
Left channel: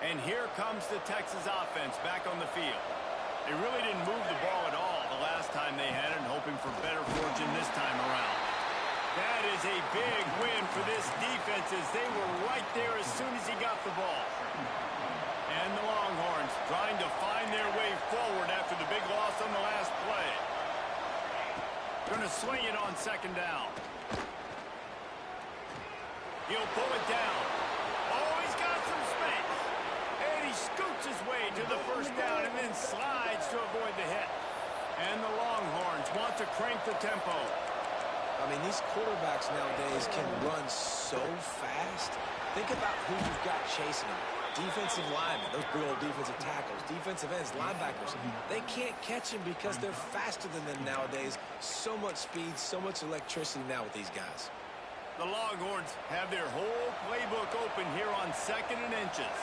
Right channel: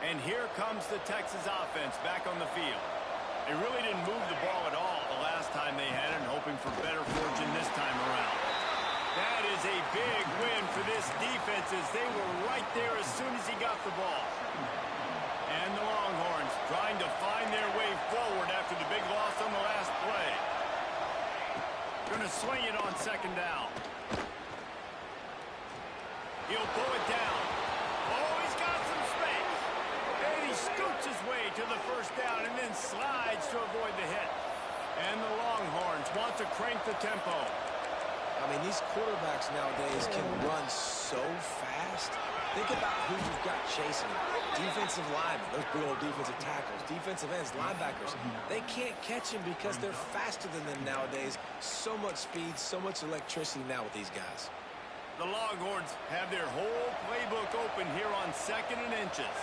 And here comes the Texas offense back on the field. They really didn't move the ball at all the last time they had it, and hoping for better fortune this time around. That is a big win for this defense, as they were right there as soon as he got the ball. And the Longhorns trying to find their way forward after the big loss on the last play. Going to swing it on second down. He'll pull it down. Oh, he's got some space. And he scoots his way to the first down and then slides to avoid the hit. And the Longhorns want to crank the tempo. I mean, these quarterbacks nowadays can run so fast. Think about who you've got chasing them. Defensive linemen, those big old defensive tackles, defensive ends, linebackers. They can't catch him because they're faster than them nowadays. So much speed, so much electricity now with these guys. The Longhorns have their whole playbook open here on 2nd and inches.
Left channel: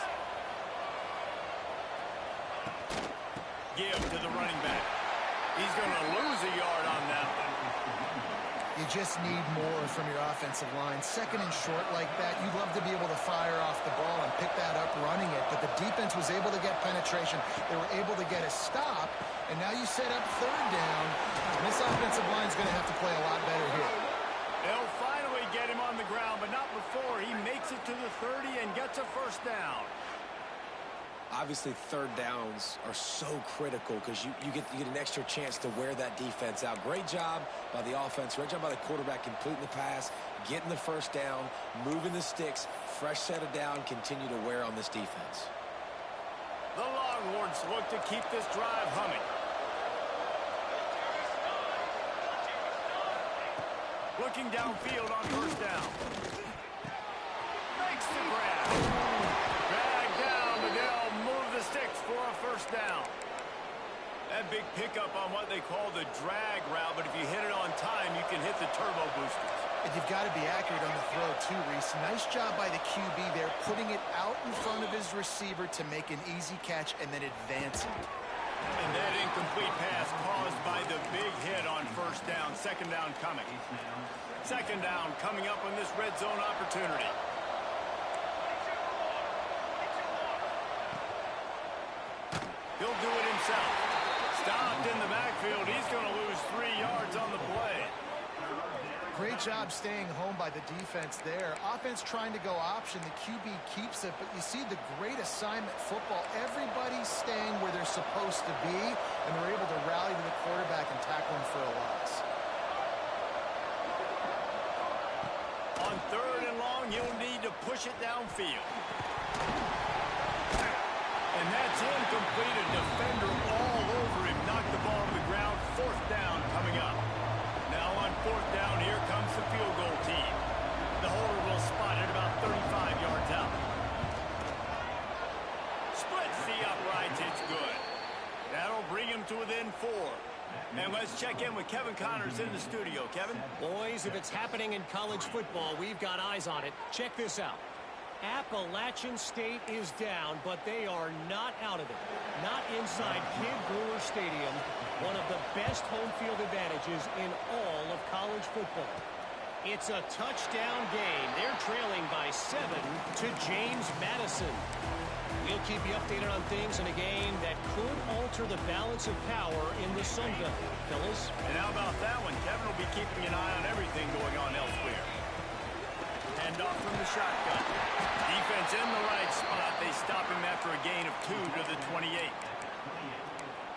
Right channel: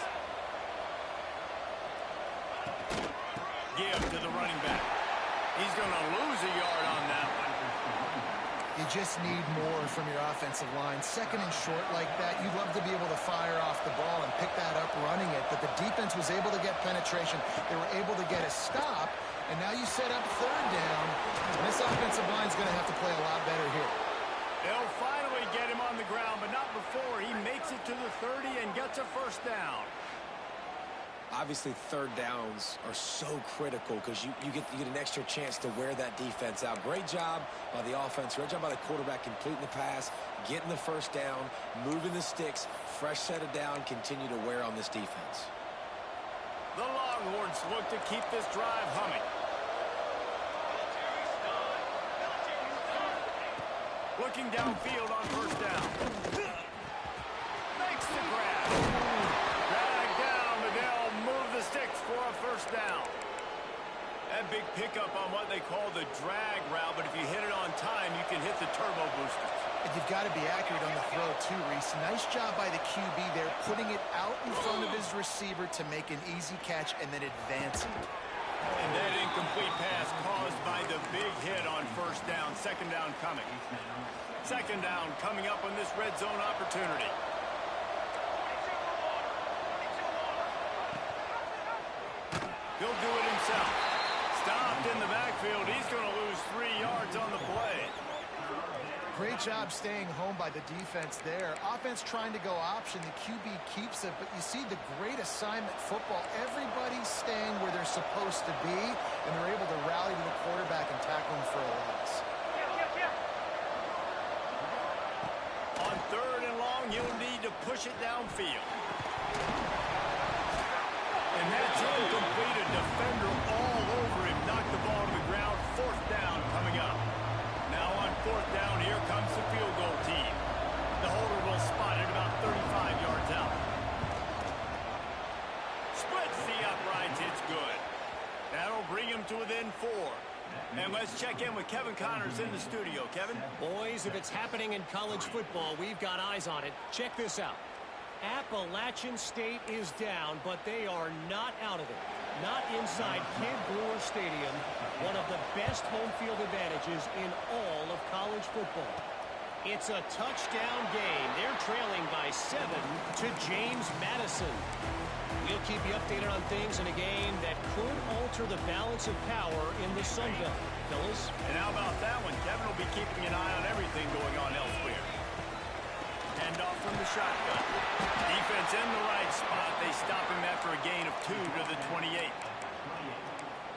Give to the running back. He's going to lose a yard on that one. You just need more from your offensive line. 2nd and short like that, you'd love to be able to fire off the ball and pick that up running it, but the defense was able to get penetration. They were able to get a stop, and now you set up 3rd down, and this offensive line is going to have to play a lot better here. They'll finally get him on the ground, but not before he makes it to the 30 and gets a first down. Obviously, 3rd downs are so critical because you get an extra chance to wear that defense out. Great job by the offense. Great job by the quarterback completing the pass, getting the first down, moving the sticks, fresh set of down, continue to wear on this defense. The Longhorns look to keep this drive humming. Looking downfield on first down. Makes the grab. Drag down, but they'll move the sticks for a first down. That big pickup on what they call the drag route, but if you hit it on time, you can hit the turbo boosters. And you've got to be accurate on the throw too, Reese. Nice job by the QB there, putting it out in front of his receiver to make an easy catch and then advancing. And that incomplete pass caused by the big hit on first down. 2nd down coming. 2nd down coming up on this red zone opportunity. He'll do it himself. Stopped in the backfield. He's going to lose 3 yards on the play. Great job staying home by the defense there. Offense trying to go option. The QB keeps it, but you see the great assignment football. Everybody's staying where they're supposed to be, and they're able to rally to the quarterback and tackle him for a loss. On 3rd and long, you'll need to push it downfield. And that's incomplete. A defender all over him. Knocked the ball to the ground. 4th down coming up. Now on 4th down, here comes the field goal team. The holder will spot it about 35 yards out. Splits the uprights. It's good. That'll bring him to within 4. And let's check in with Kevin Connors in the studio. Kevin? Boys, if it's happening in college football, we've got eyes on it. Check this out. Appalachian State is down, but they are not out of it. Not inside Kid Brewer Stadium, one of the best home field advantages in all of college football. It's a touchdown game. They're trailing by 7 to James Madison. We'll keep you updated on things in a game that could alter the balance of power in the Sun Belt. Fellas? And how about that one? Kevin will be keeping an eye on everything going on elsewhere. Handoff from the shotgun. Defense in the right spot. They stop him after a gain of 2 to the 28.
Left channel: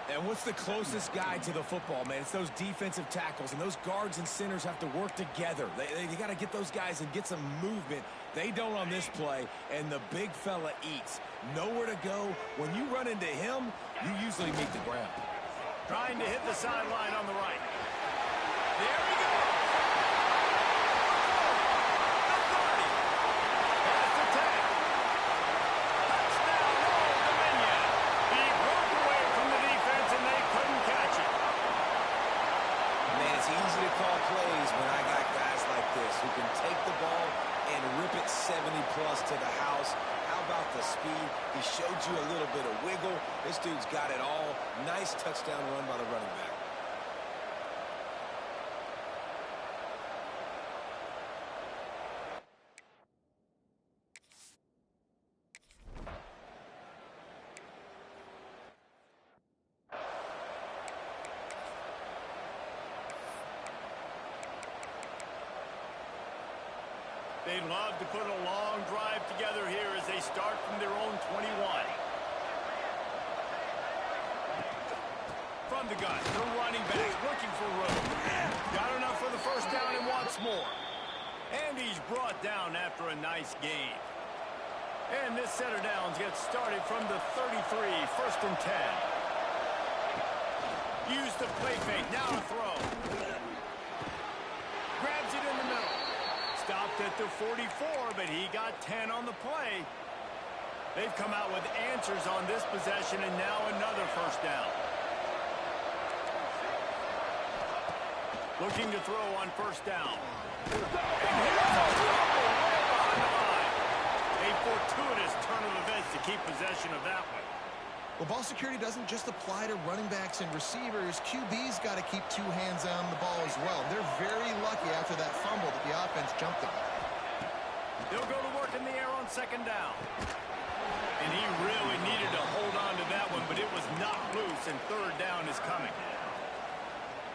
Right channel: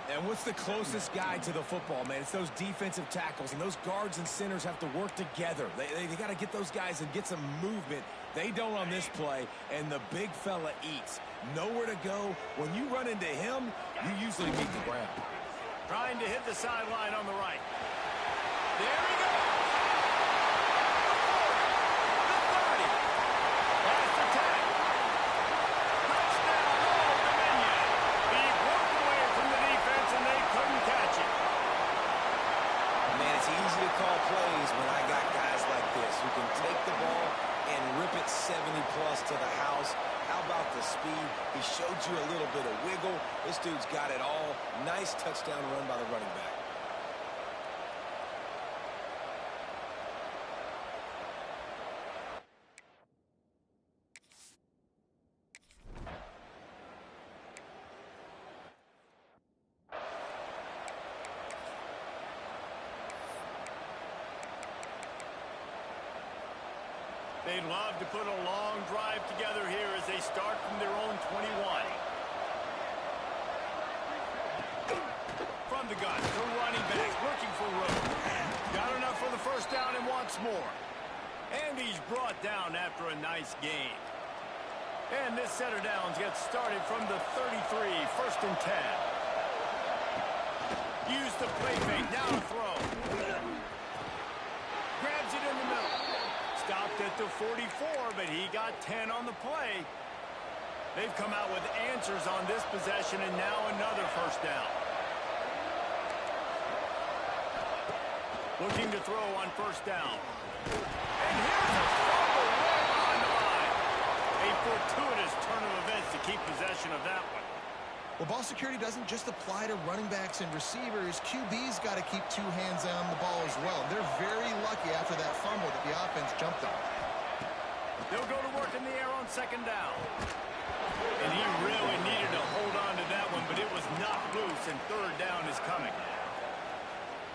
And what's the closest guy to the football, man? It's those defensive tackles, and those guards and centers have to work together. They got to get those guys and get some movement. They don't on this play, and the big fella eats. Nowhere to go. When you run into him, you usually meet the ground. Trying to hit the sideline on the right. There he goes. The 30. Pass attack. Touchdown, Old Dominion. He broke away from the defense, and they couldn't catch it. Man, it's easy to call plays when I got guys like this who can take the ball and rip it 70-plus to the house. How about the speed? He showed you a little bit of wiggle. This dude's got it all. Nice touchdown run by the running back. They'd love to put a long drive together here as they start from their own 21. From the gun, the running back looking for room. Got enough for the first down and wants more. And he's brought down after a nice gain. And this set of downs gets started from the 33, 1st and 10. Use the play fake, now to throw. Grabs it in the middle. Stopped at the 44, but he got 10 on the play. They've come out with answers on this possession, and now another first down. Looking to throw on first down. And here's a fumble way behind the line. A fortuitous turn of events to keep possession of that one. Well, ball security doesn't just apply to running backs and receivers. QB's got to keep 2 hands on the ball as well. They're very lucky after that fumble that the offense jumped on. They'll go to work in the air on 2nd down. And he really needed to hold on to that one, but it was knocked loose, and 3rd down is coming.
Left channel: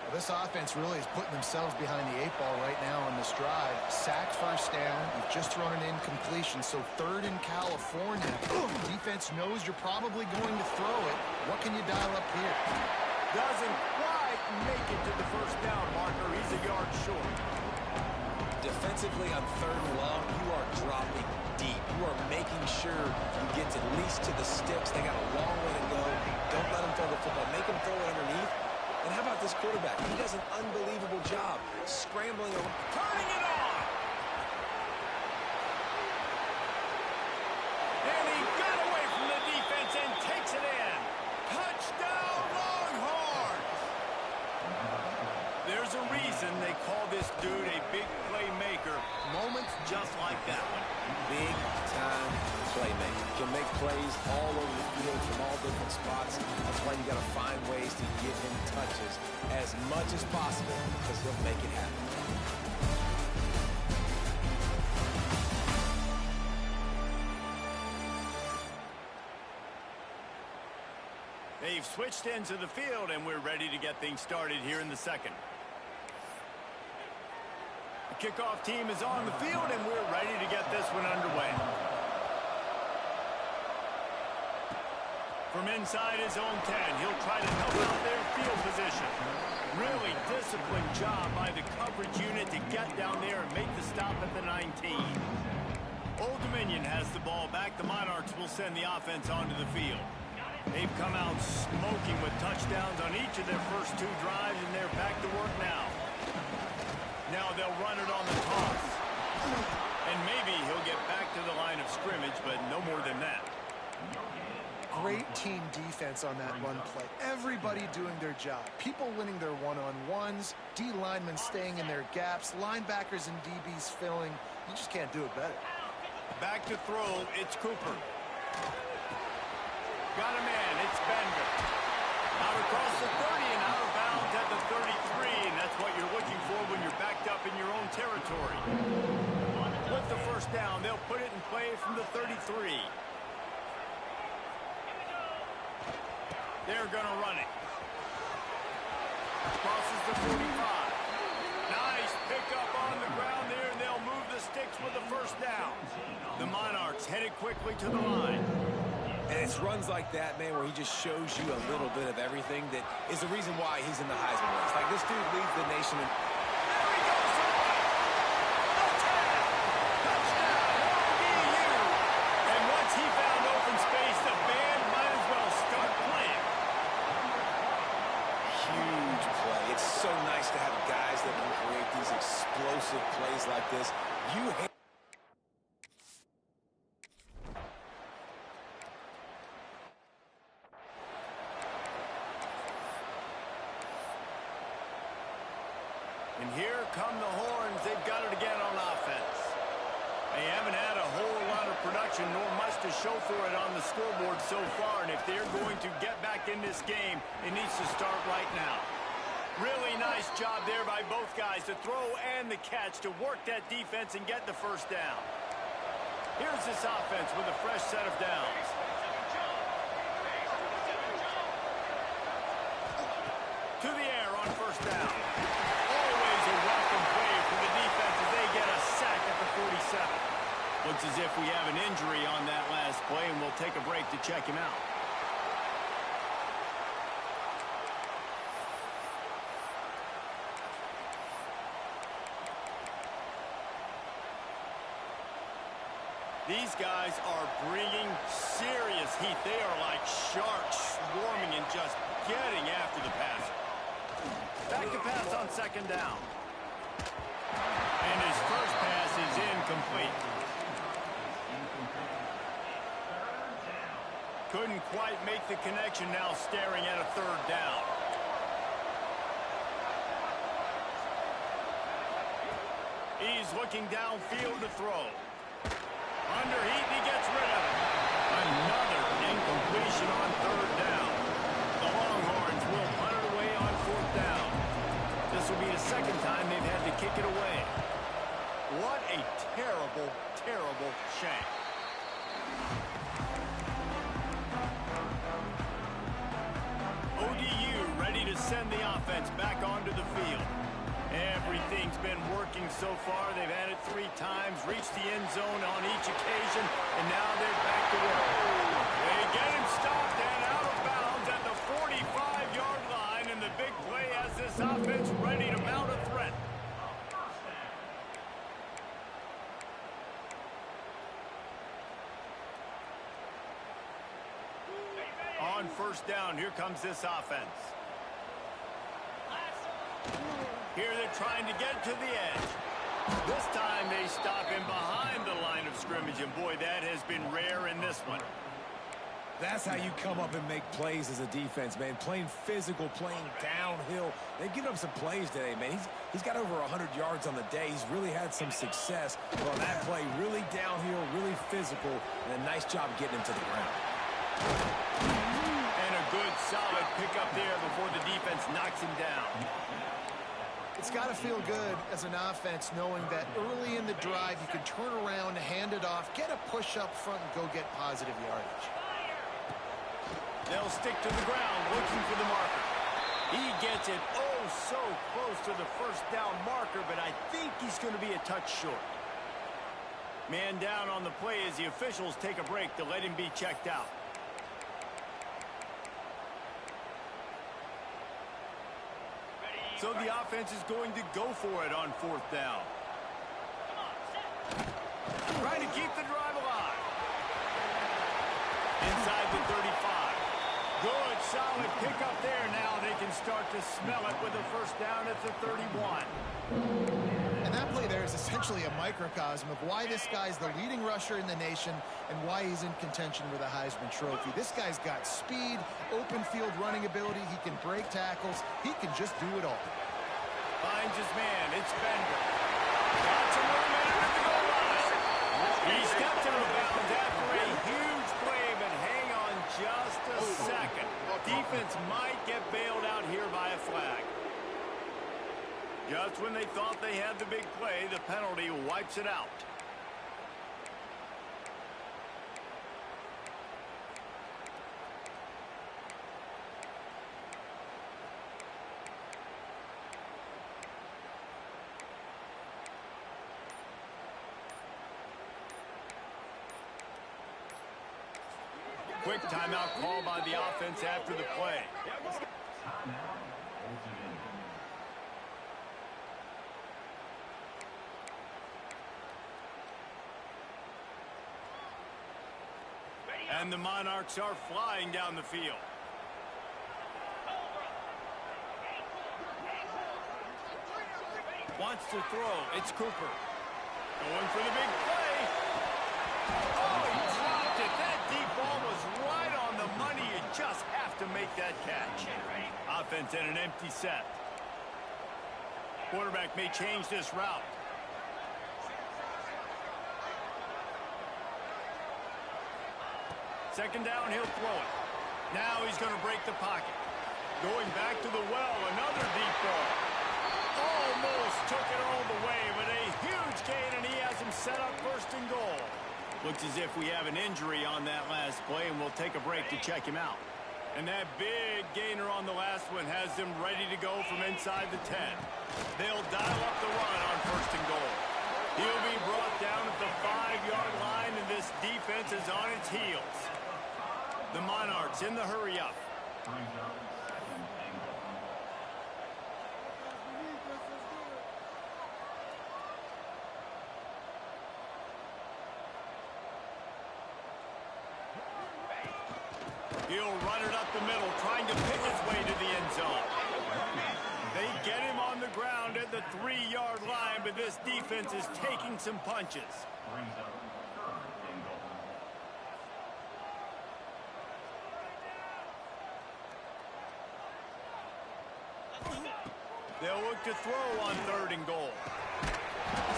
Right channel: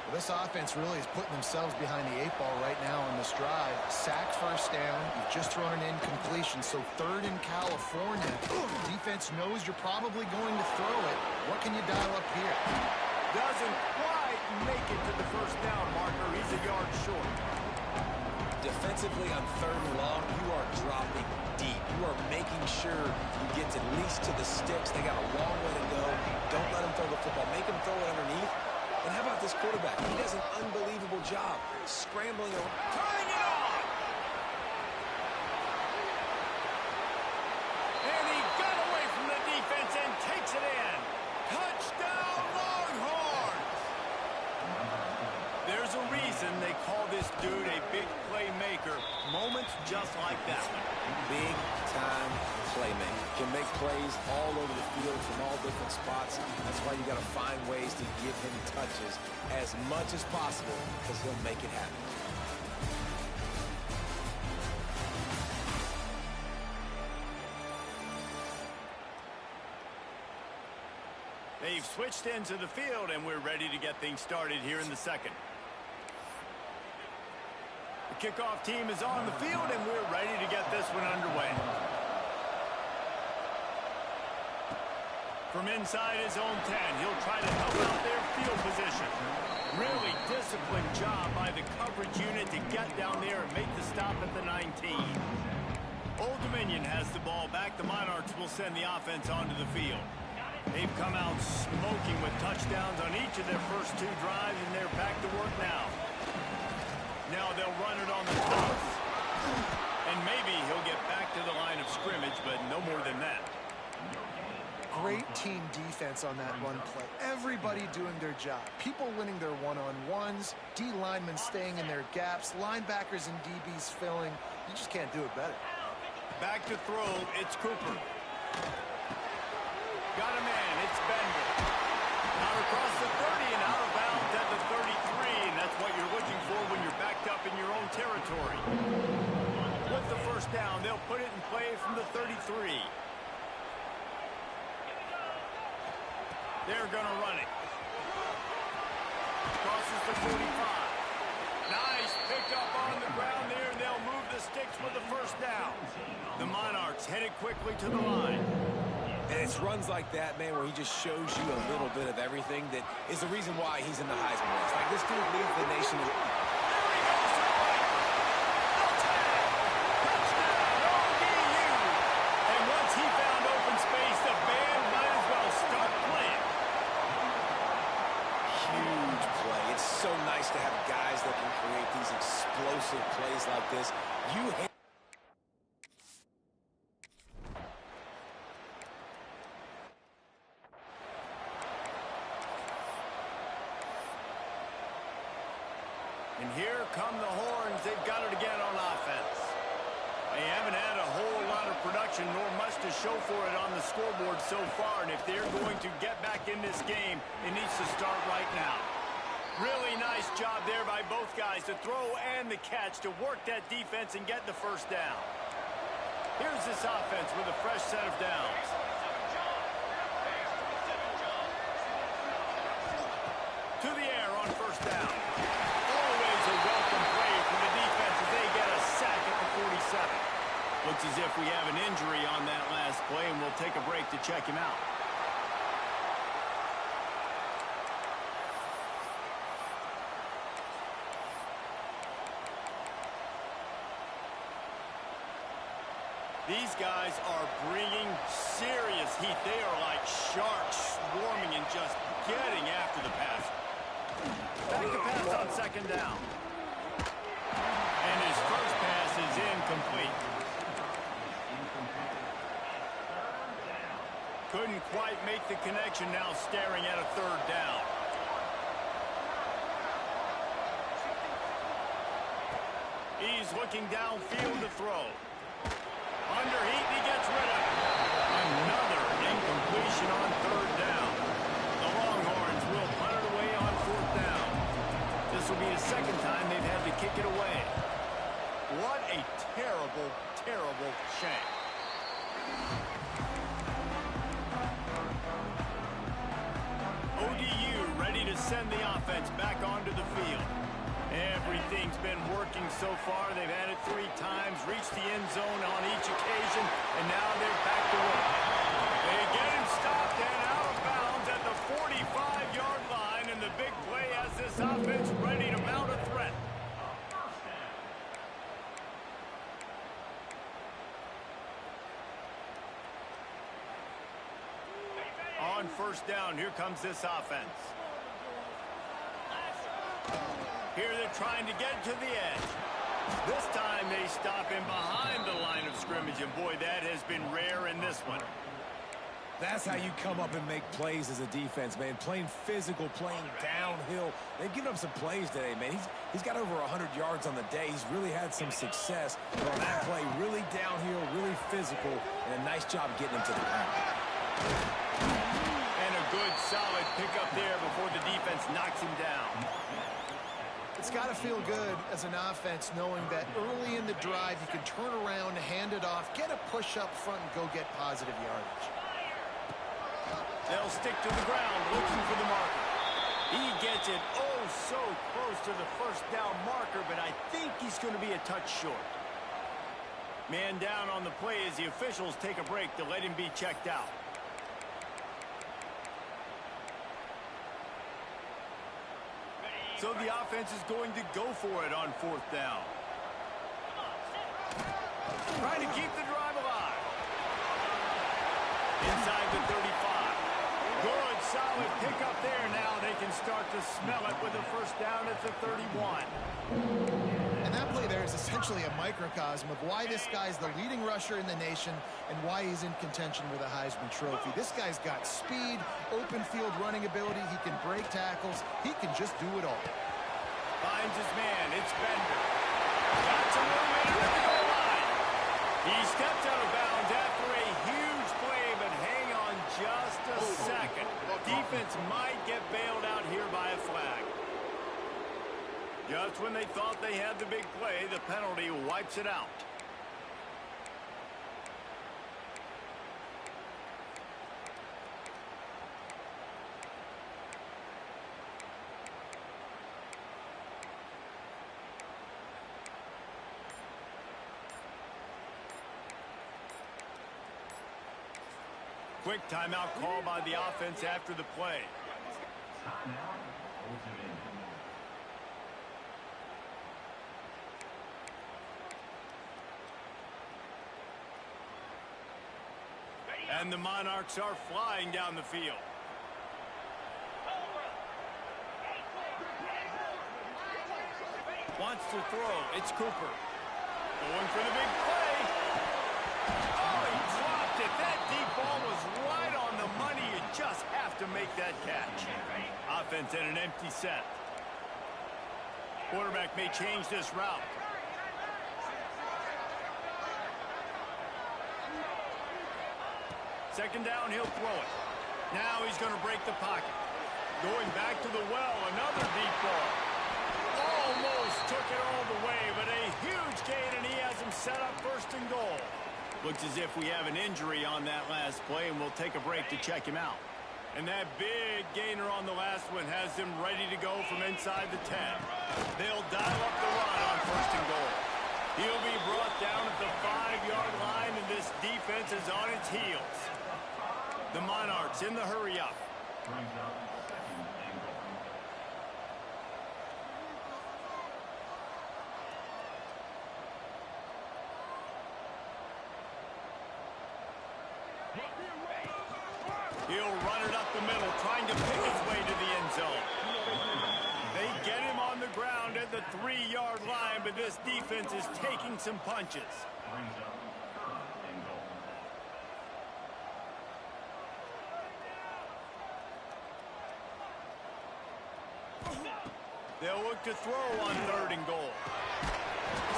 Well, this offense really is putting themselves behind the 8 ball right now on this drive. Sack first down. You've just thrown an incompletion, so 3rd in California. Defense knows you're probably going to throw it. What can you dial up here? Doesn't quite make it to the first down marker. He's a yard short. Defensively on 3rd and long, you are dropping deep. You are making sure you get at least to the sticks. They got a long way to go. Don't let them throw the football. Make them throw it underneath. And how about this quarterback? He does an unbelievable job scrambling around. Turning it on! And he got away from the defense and takes it in. Touchdown, Longhorns! There's a reason they call this dude a big playmaker. Moments just like that one. Big-time playmaker. Can make plays all over the field from all different spots. That's why you got to find ways to give him touches as much as possible, because he'll make it happen. They've switched into the field, and we're ready to get things started here in the 2nd. The kickoff team is on the field, and we're ready to get this one underway. From inside his own 10, he'll try to help out their field position. Really disciplined job by the coverage unit to get down there and make the stop at the 19. Old Dominion has the ball back. The Monarchs will send the offense onto the field. They've come out smoking with touchdowns on each of their first 2 drives, and they're back to work now. Now they'll run it on the toss. And maybe he'll get back to the line of scrimmage, but no more than that. Great team defense on that run play. Everybody doing their job. People winning their one-on-ones, D linemen staying in their gaps, linebackers and DBs filling. You just can't do it better. Back to throw, it's Cooper. Got a man, it's Bender. Out across the 30 and out of bounds at the 33, and that's what you're looking for when you're backed up in your own territory. With the first down, they'll put it in play from the 33. They're going to run it. Crosses the 45. Nice pickup on the ground there, and they'll move the sticks with the first down. The Monarchs headed quickly to the line. And it's runs like that, man, where he just shows you a little bit of everything that is the reason why he's in the Heisman race. Like, this dude leads the nation in... There he goes to the right. The tag. Touchdown, ODU. And once he found open space, the band might as well start playing. Huge play. It's so nice to have guys that can create these explosive plays like this. You hate... And here come the Horns. They've got it again on offense. They haven't had a whole lot of production, nor much to show for it on the scoreboard so far. And if they're going to get back in this game, it needs to start right now. Really nice job there by both guys, the throw and the catch, to work that defense and get the first down. Here's this offense with a fresh set of downs. To the air on first down. Always a welcome play for the defense as they get a sack at the 47. if we have an injury on that last play, and we'll take a break to check him out. These guys are bringing serious heat. They are like sharks swarming and just getting after the passer. Back to pass on second down. And his first pass is incomplete. Couldn't quite make the connection, now staring at a third down. He's looking downfield to throw. Under heat, and he gets rid of it. Another incompletion on third down. The Longhorns will punt it away on fourth down. This will be the second time they've had to kick it away. What a terrible, terrible shame. ODU ready to send the offense back onto the field. Everything's been working so far. They've had it 3 times, reached the end zone on each occasion, and now they're back to work. They get him stopped and out of bounds at the 45-yard line, and the big play has this offense ready to mount a threat. On first down, here comes this offense. Here they're trying to get to the edge. This time they stop him behind the line of scrimmage, and boy, that has been rare in this one. That's how you come up and make plays as a defense, man. Playing physical, playing downhill. They've given up some plays today, man. He's got over 100 yards on the day. He's really had some success. But on that play, really downhill, really physical, and a nice job getting him to the ground. And a good, solid pickup there before the defense knocks him down. It's got to feel good as an offense knowing that early in the drive you can turn around, hand it off, get a push up front, and go get positive yardage. They'll stick to the ground looking for the marker. He gets it oh so close to the first down marker, but I think he's going to be a touch short. Man down on the play as the officials take a break to let him be checked out. So the offense is going to go for it on fourth down. Trying to keep the drive alive. Inside the 35. Good, solid pickup there. Now they can start to smell it with a first down at the 31. And that play there is essentially a microcosm of why this guy's the leading rusher in the nation and why he's in contention for the Heisman Trophy. This guy's got speed, open field running ability. He can break tackles. He can just do it all. Finds his man. It's Bender. Got some room in it at the goal line. He steps out of bounds after a huge play, but hang on just a second. Defense might get bailed out here by a flag. Just when they thought they had the big play, the penalty wipes it out. Quick timeout call by the offense after the play. Timeout, ultimate. And the Monarchs are flying down the field. Wants to throw. It's Cooper. Going for the big play. Oh, he dropped it. That deep ball was right on the money. You just have to make that catch. Offense at an empty set. Quarterback may change this route. Second down, he'll throw it. Now he's going to break the pocket. Going back to the well, another deep ball. Almost took it all the way, but a huge gain, and he has him set up first and goal. Looks as if we have an injury on that last play, and we'll take a break to check him out. And that big gainer on the last one has them ready to go from inside the 10. They'll dial up the run on first and goal. He'll be brought down at the 5-yard line, and this defense is on its heels. The Monarchs in the hurry-up. Brings up second and goal. He'll run it up the middle, trying to pick his way to the end zone. They get him on the ground at the 3-yard line, but this defense is taking some punches. Brings up third and goal. They'll look to throw on 3rd and goal.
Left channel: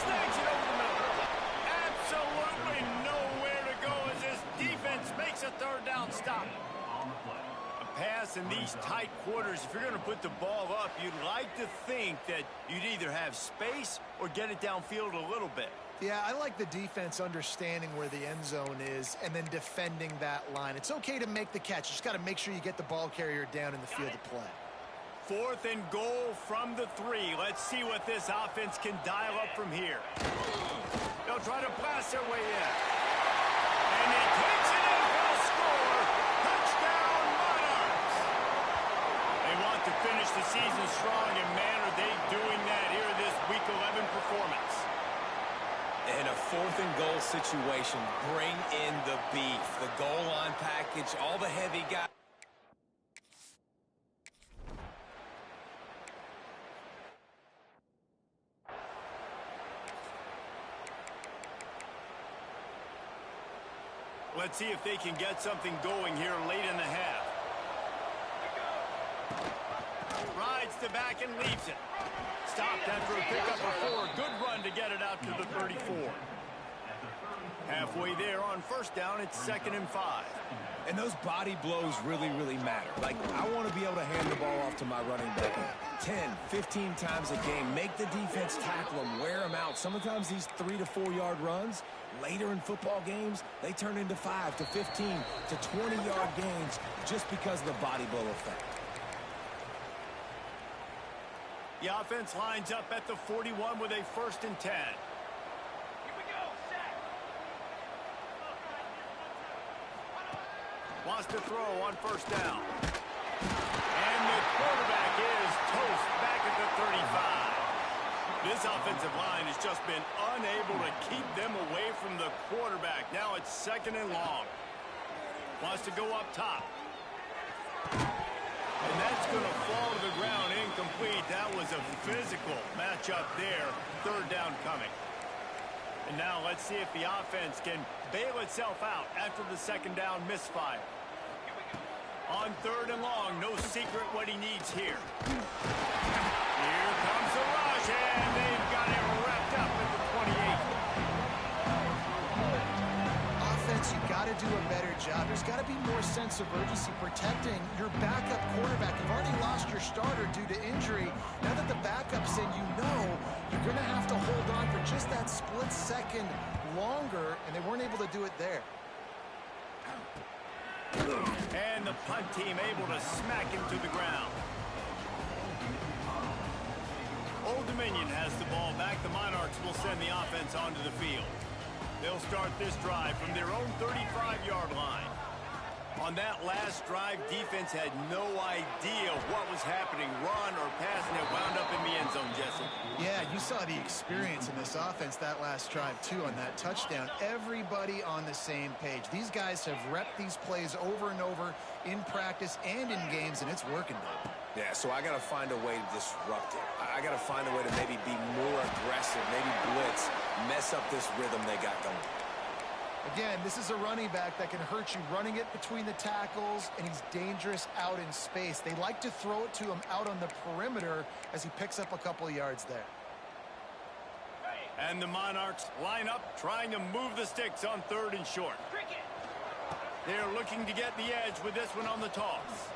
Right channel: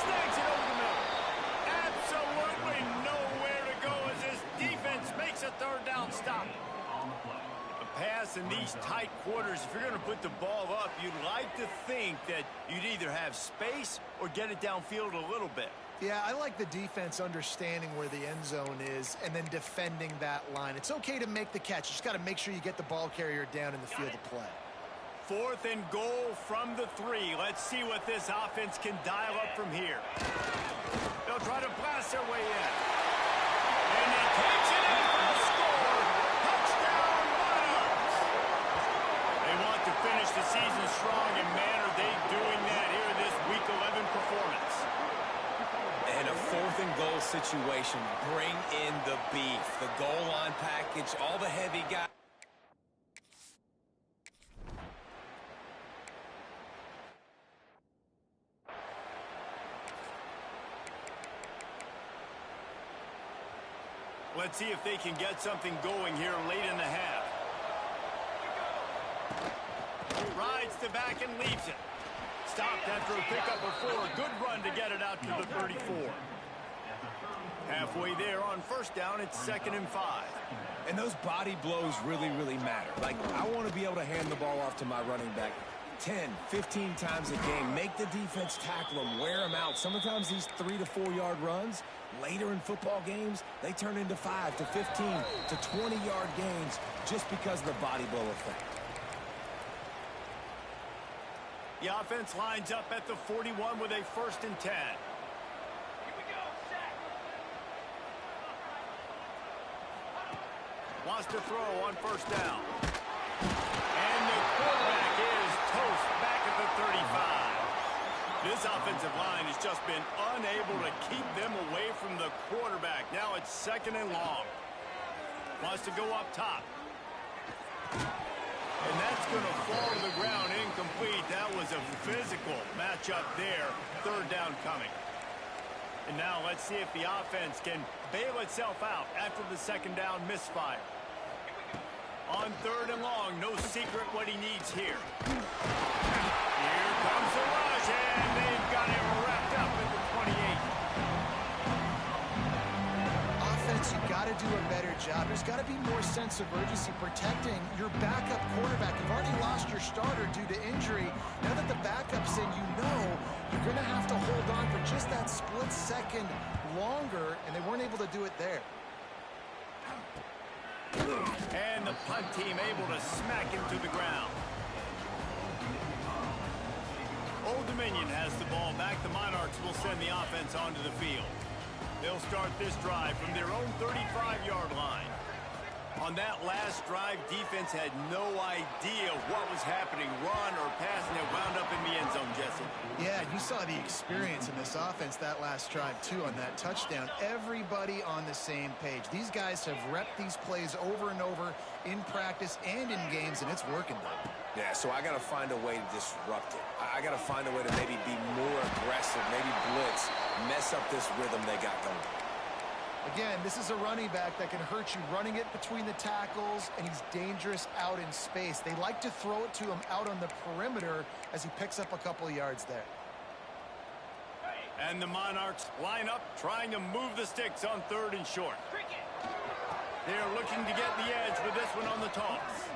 Snags it over the middle. Absolutely nowhere to go as this defense makes a 3rd down stop. On the play. A pass in these tight quarters, if you're going to put the ball up, you'd like to think that you'd either have space or get it downfield a little bit. Yeah, I like the defense understanding where the end zone is and then defending that line. It's okay to make the catch. You just got to make sure you get the ball carrier down in the field of play. 4th and goal from the 3. Let's see what this offense can dial up from here. They'll try to blast their way in. And he takes it in for a score. Touchdown, Monarchs. They want to finish the season strong, and man, are they doing that here in this Week 11 performance. In a 4th and goal situation, bring in the beef. The goal line package, all the heavy guys. Let's see if they can get something going here late in the half. Rides the back and leaves it. Stopped after a pickup of 4. Good run to get it out to the 34. Halfway there on 1st down, it's 2nd and 5. And those body blows really, really matter. Like, I want to be able to hand the ball off to my running back 10, 15 times a game. Make the defense tackle them, wear them out. Sometimes these 3 to 4 yard runs, later in football games, they turn into 5 to 15 to 20-yard gains just because of the body blow effect. The offense lines up at the 41 with a 1st and 10. Here we go, sack. Wants to throw on 1st down. And the quarterback is toast back at the 35. This offensive line has just been unable to keep them away from the quarterback. Now it's 2nd and long. Wants to go up top. And that's going to fall to the ground incomplete. That was a physical matchup there. 3rd down coming. And now let's see if the offense can bail itself out after the 2nd down misfire. On 3rd and long, no secret what he needs here. Here comes the rush, and they've got him wrapped up at the 28. Offense, you got to do a better job. There's got to be more sense of urgency protecting your backup quarterback. You've already lost your starter due to injury. Now that the backup's in, you know you're going to have to hold on for just that split second longer, and they weren't able to do it there. And the punt team able to smack him to the ground. Old Dominion has the ball back. The Monarchs will send the offense onto the field. They'll start this drive from their own 35-yard line. On that last drive, defense had no idea what was happening, run or pass, and it wound up in the end zone, Jesse. Yeah, you saw the experience in this offense that last drive, too, on that touchdown. Everybody on the same page. These guys have repped these plays over and over in practice and in games, and it's working, though. Yeah, so I got to find a way to disrupt it. I got to find a way to maybe be more aggressive, maybe blitz, mess up this rhythm they got going. Again, this is a running back that can hurt you running it between the tackles, and he's dangerous out in space. They like to throw it to him out on the perimeter as he picks up a couple of yards there. And the Monarchs line up, trying to move the sticks on 3rd and short. They're looking to get the edge with this one on the toss.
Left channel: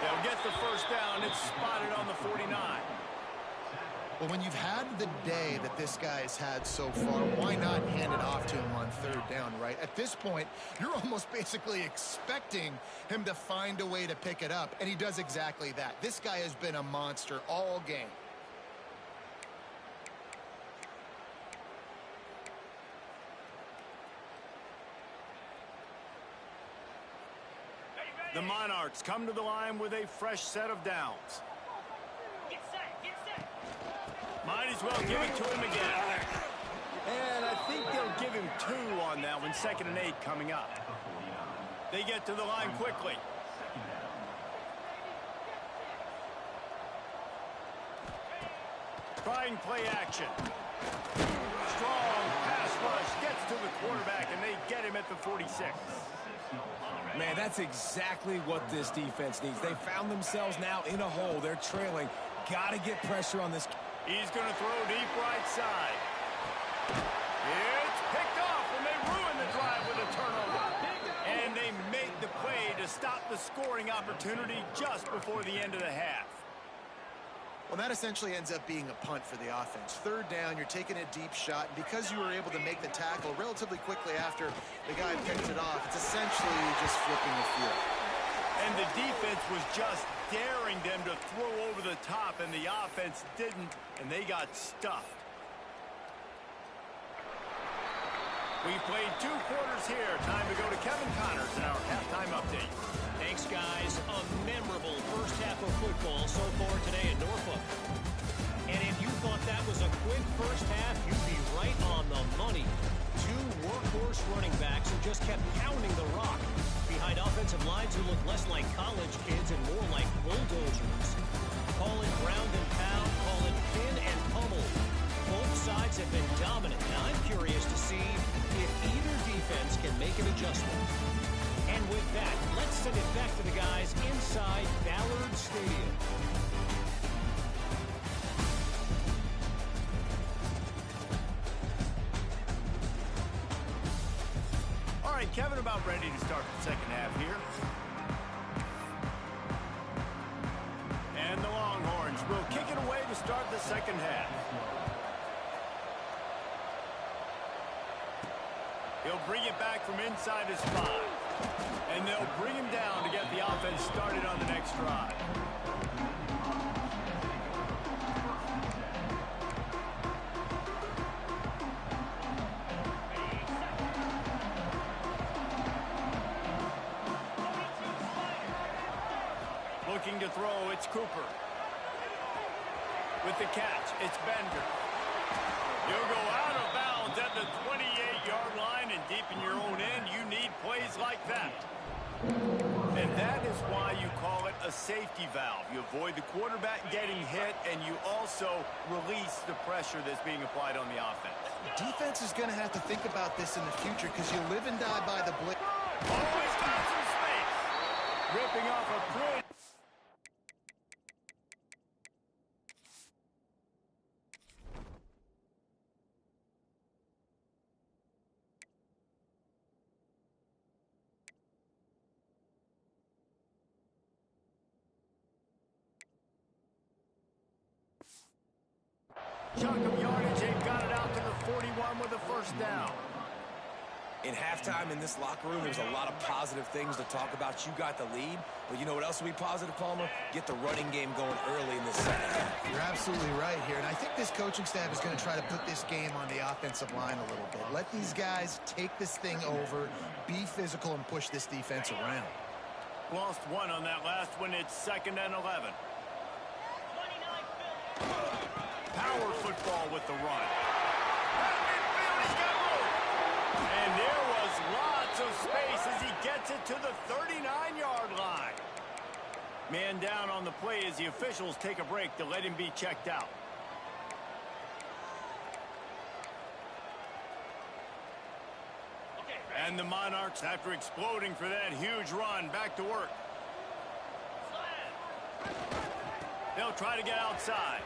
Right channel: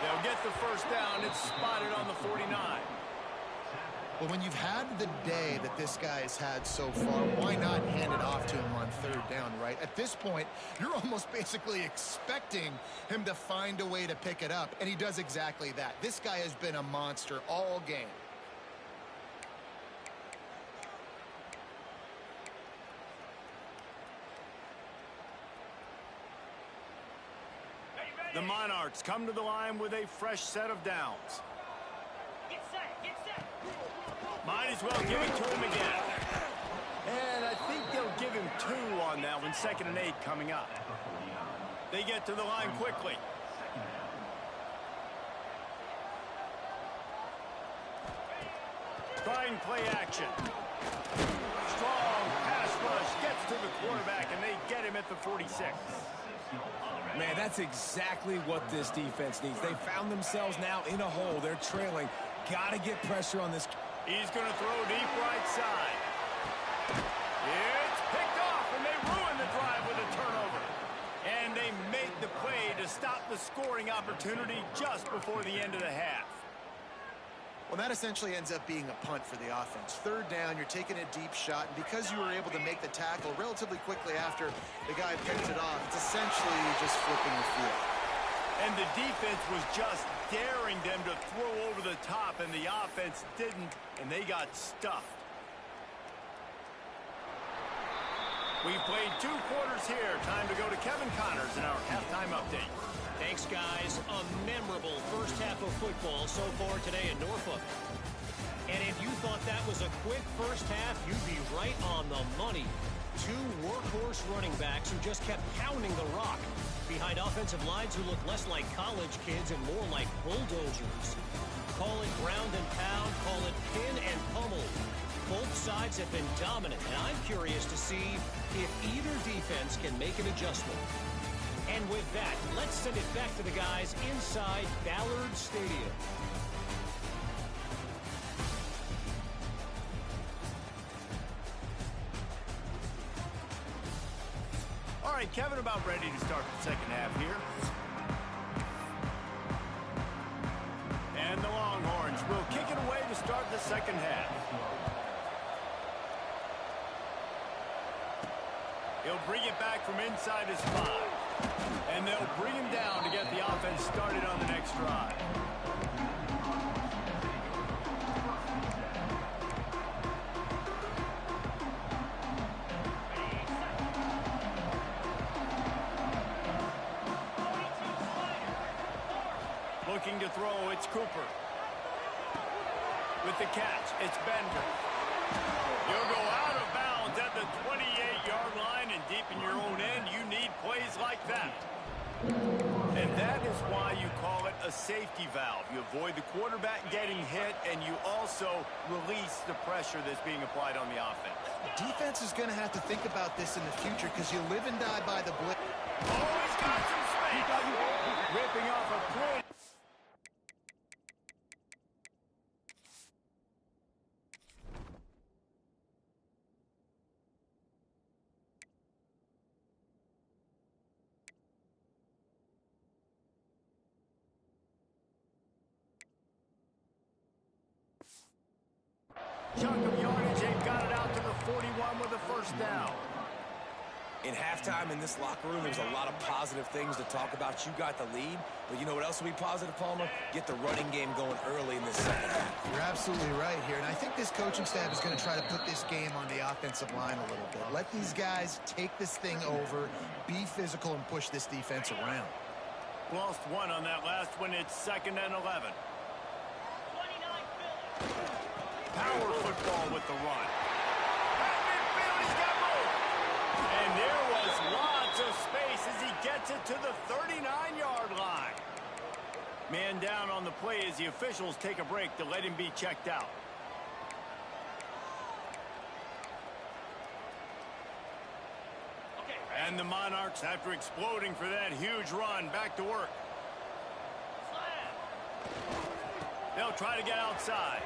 They'll get the 1st down. It's spotted on the 49. Well, when you've had the day that this guy's had so far, why not hand it off to him on 3rd down, right? At this point, you're almost basically expecting him to find a way to pick it up, and he does exactly that. This guy has been a monster all game. The Monarchs come to the line with a fresh set of downs. Get set, get set. Might as well give it to him again. And I think they'll give him 2 on that one, 2nd and 8 coming up. They get to the line quickly. Trying play action. Strong pass rush gets to the quarterback, and they get him at the 46. Man, that's exactly what this defense needs. They found themselves now in a hole. They're trailing. Got to get pressure on this. He's going to throw deep right side. It's picked off, and they ruin the drive with a turnover. And they make the play to stop the scoring opportunity just before the end of the half. Well, that essentially ends up being a punt for the offense. 3rd down, you're taking a deep shot, and because you were able to make the tackle relatively quickly after the guy picked it off, it's essentially just flipping the field. And the defense was just daring them to throw over the top, and the offense didn't, and they got stuffed. We've played 2 quarters here. Time to go to Kevin Connors in our halftime update. Thanks, guys. A memorable first half of football so far today in Norfolk. And if you thought that was a quick first half, you'd be right on the money. 2 workhorse running backs who just kept pounding the rock behind offensive lines who look less like college kids and more like bulldozers. Call it ground and pound, call it pin and pummel. Both sides have been dominant, and I'm curious to see if either defense can make an adjustment. And with that, let's send it back to the guys inside Ballard Stadium. All right, Kevin, about ready to start the second half here. And the Longhorns will kick it away to start the second half. He'll bring it back from inside his 5. And they'll bring him down to get the offense started on the next drive. Looking to throw, it's Cooper. With the catch, it's Bender. You'll go out of bounds at the 28-yard line, and deep in your own end, you need plays like that. And that is why you call it a safety valve. You avoid the quarterback getting hit, and you also release the pressure that's being applied on the offense. Defense is going to have to think about this in the future because you live and die by the blitz. Oh, he's got some space. Ripping off a print. Chunk of yardage, they've got it out to the 41 with a first down. In halftime in this locker room, there's a lot of positive things to talk about. You got the lead, but you know what else will be positive, Palmer? Get the running game going early in this second half. You're absolutely right here, and I think this coaching staff is going to try to put this game on the offensive line a little bit. Let these guys take this thing over, be physical, and push this defense around. Lost 1 on that last one. It's 2nd and 11. Power football with the run. At midfield, he's got room. And there was lots of space as he gets it to the 39-yard line. Man down on the play as the officials take a break to let him be checked out. And the Monarchs, after exploding for that huge run, back to work. They'll try to get outside.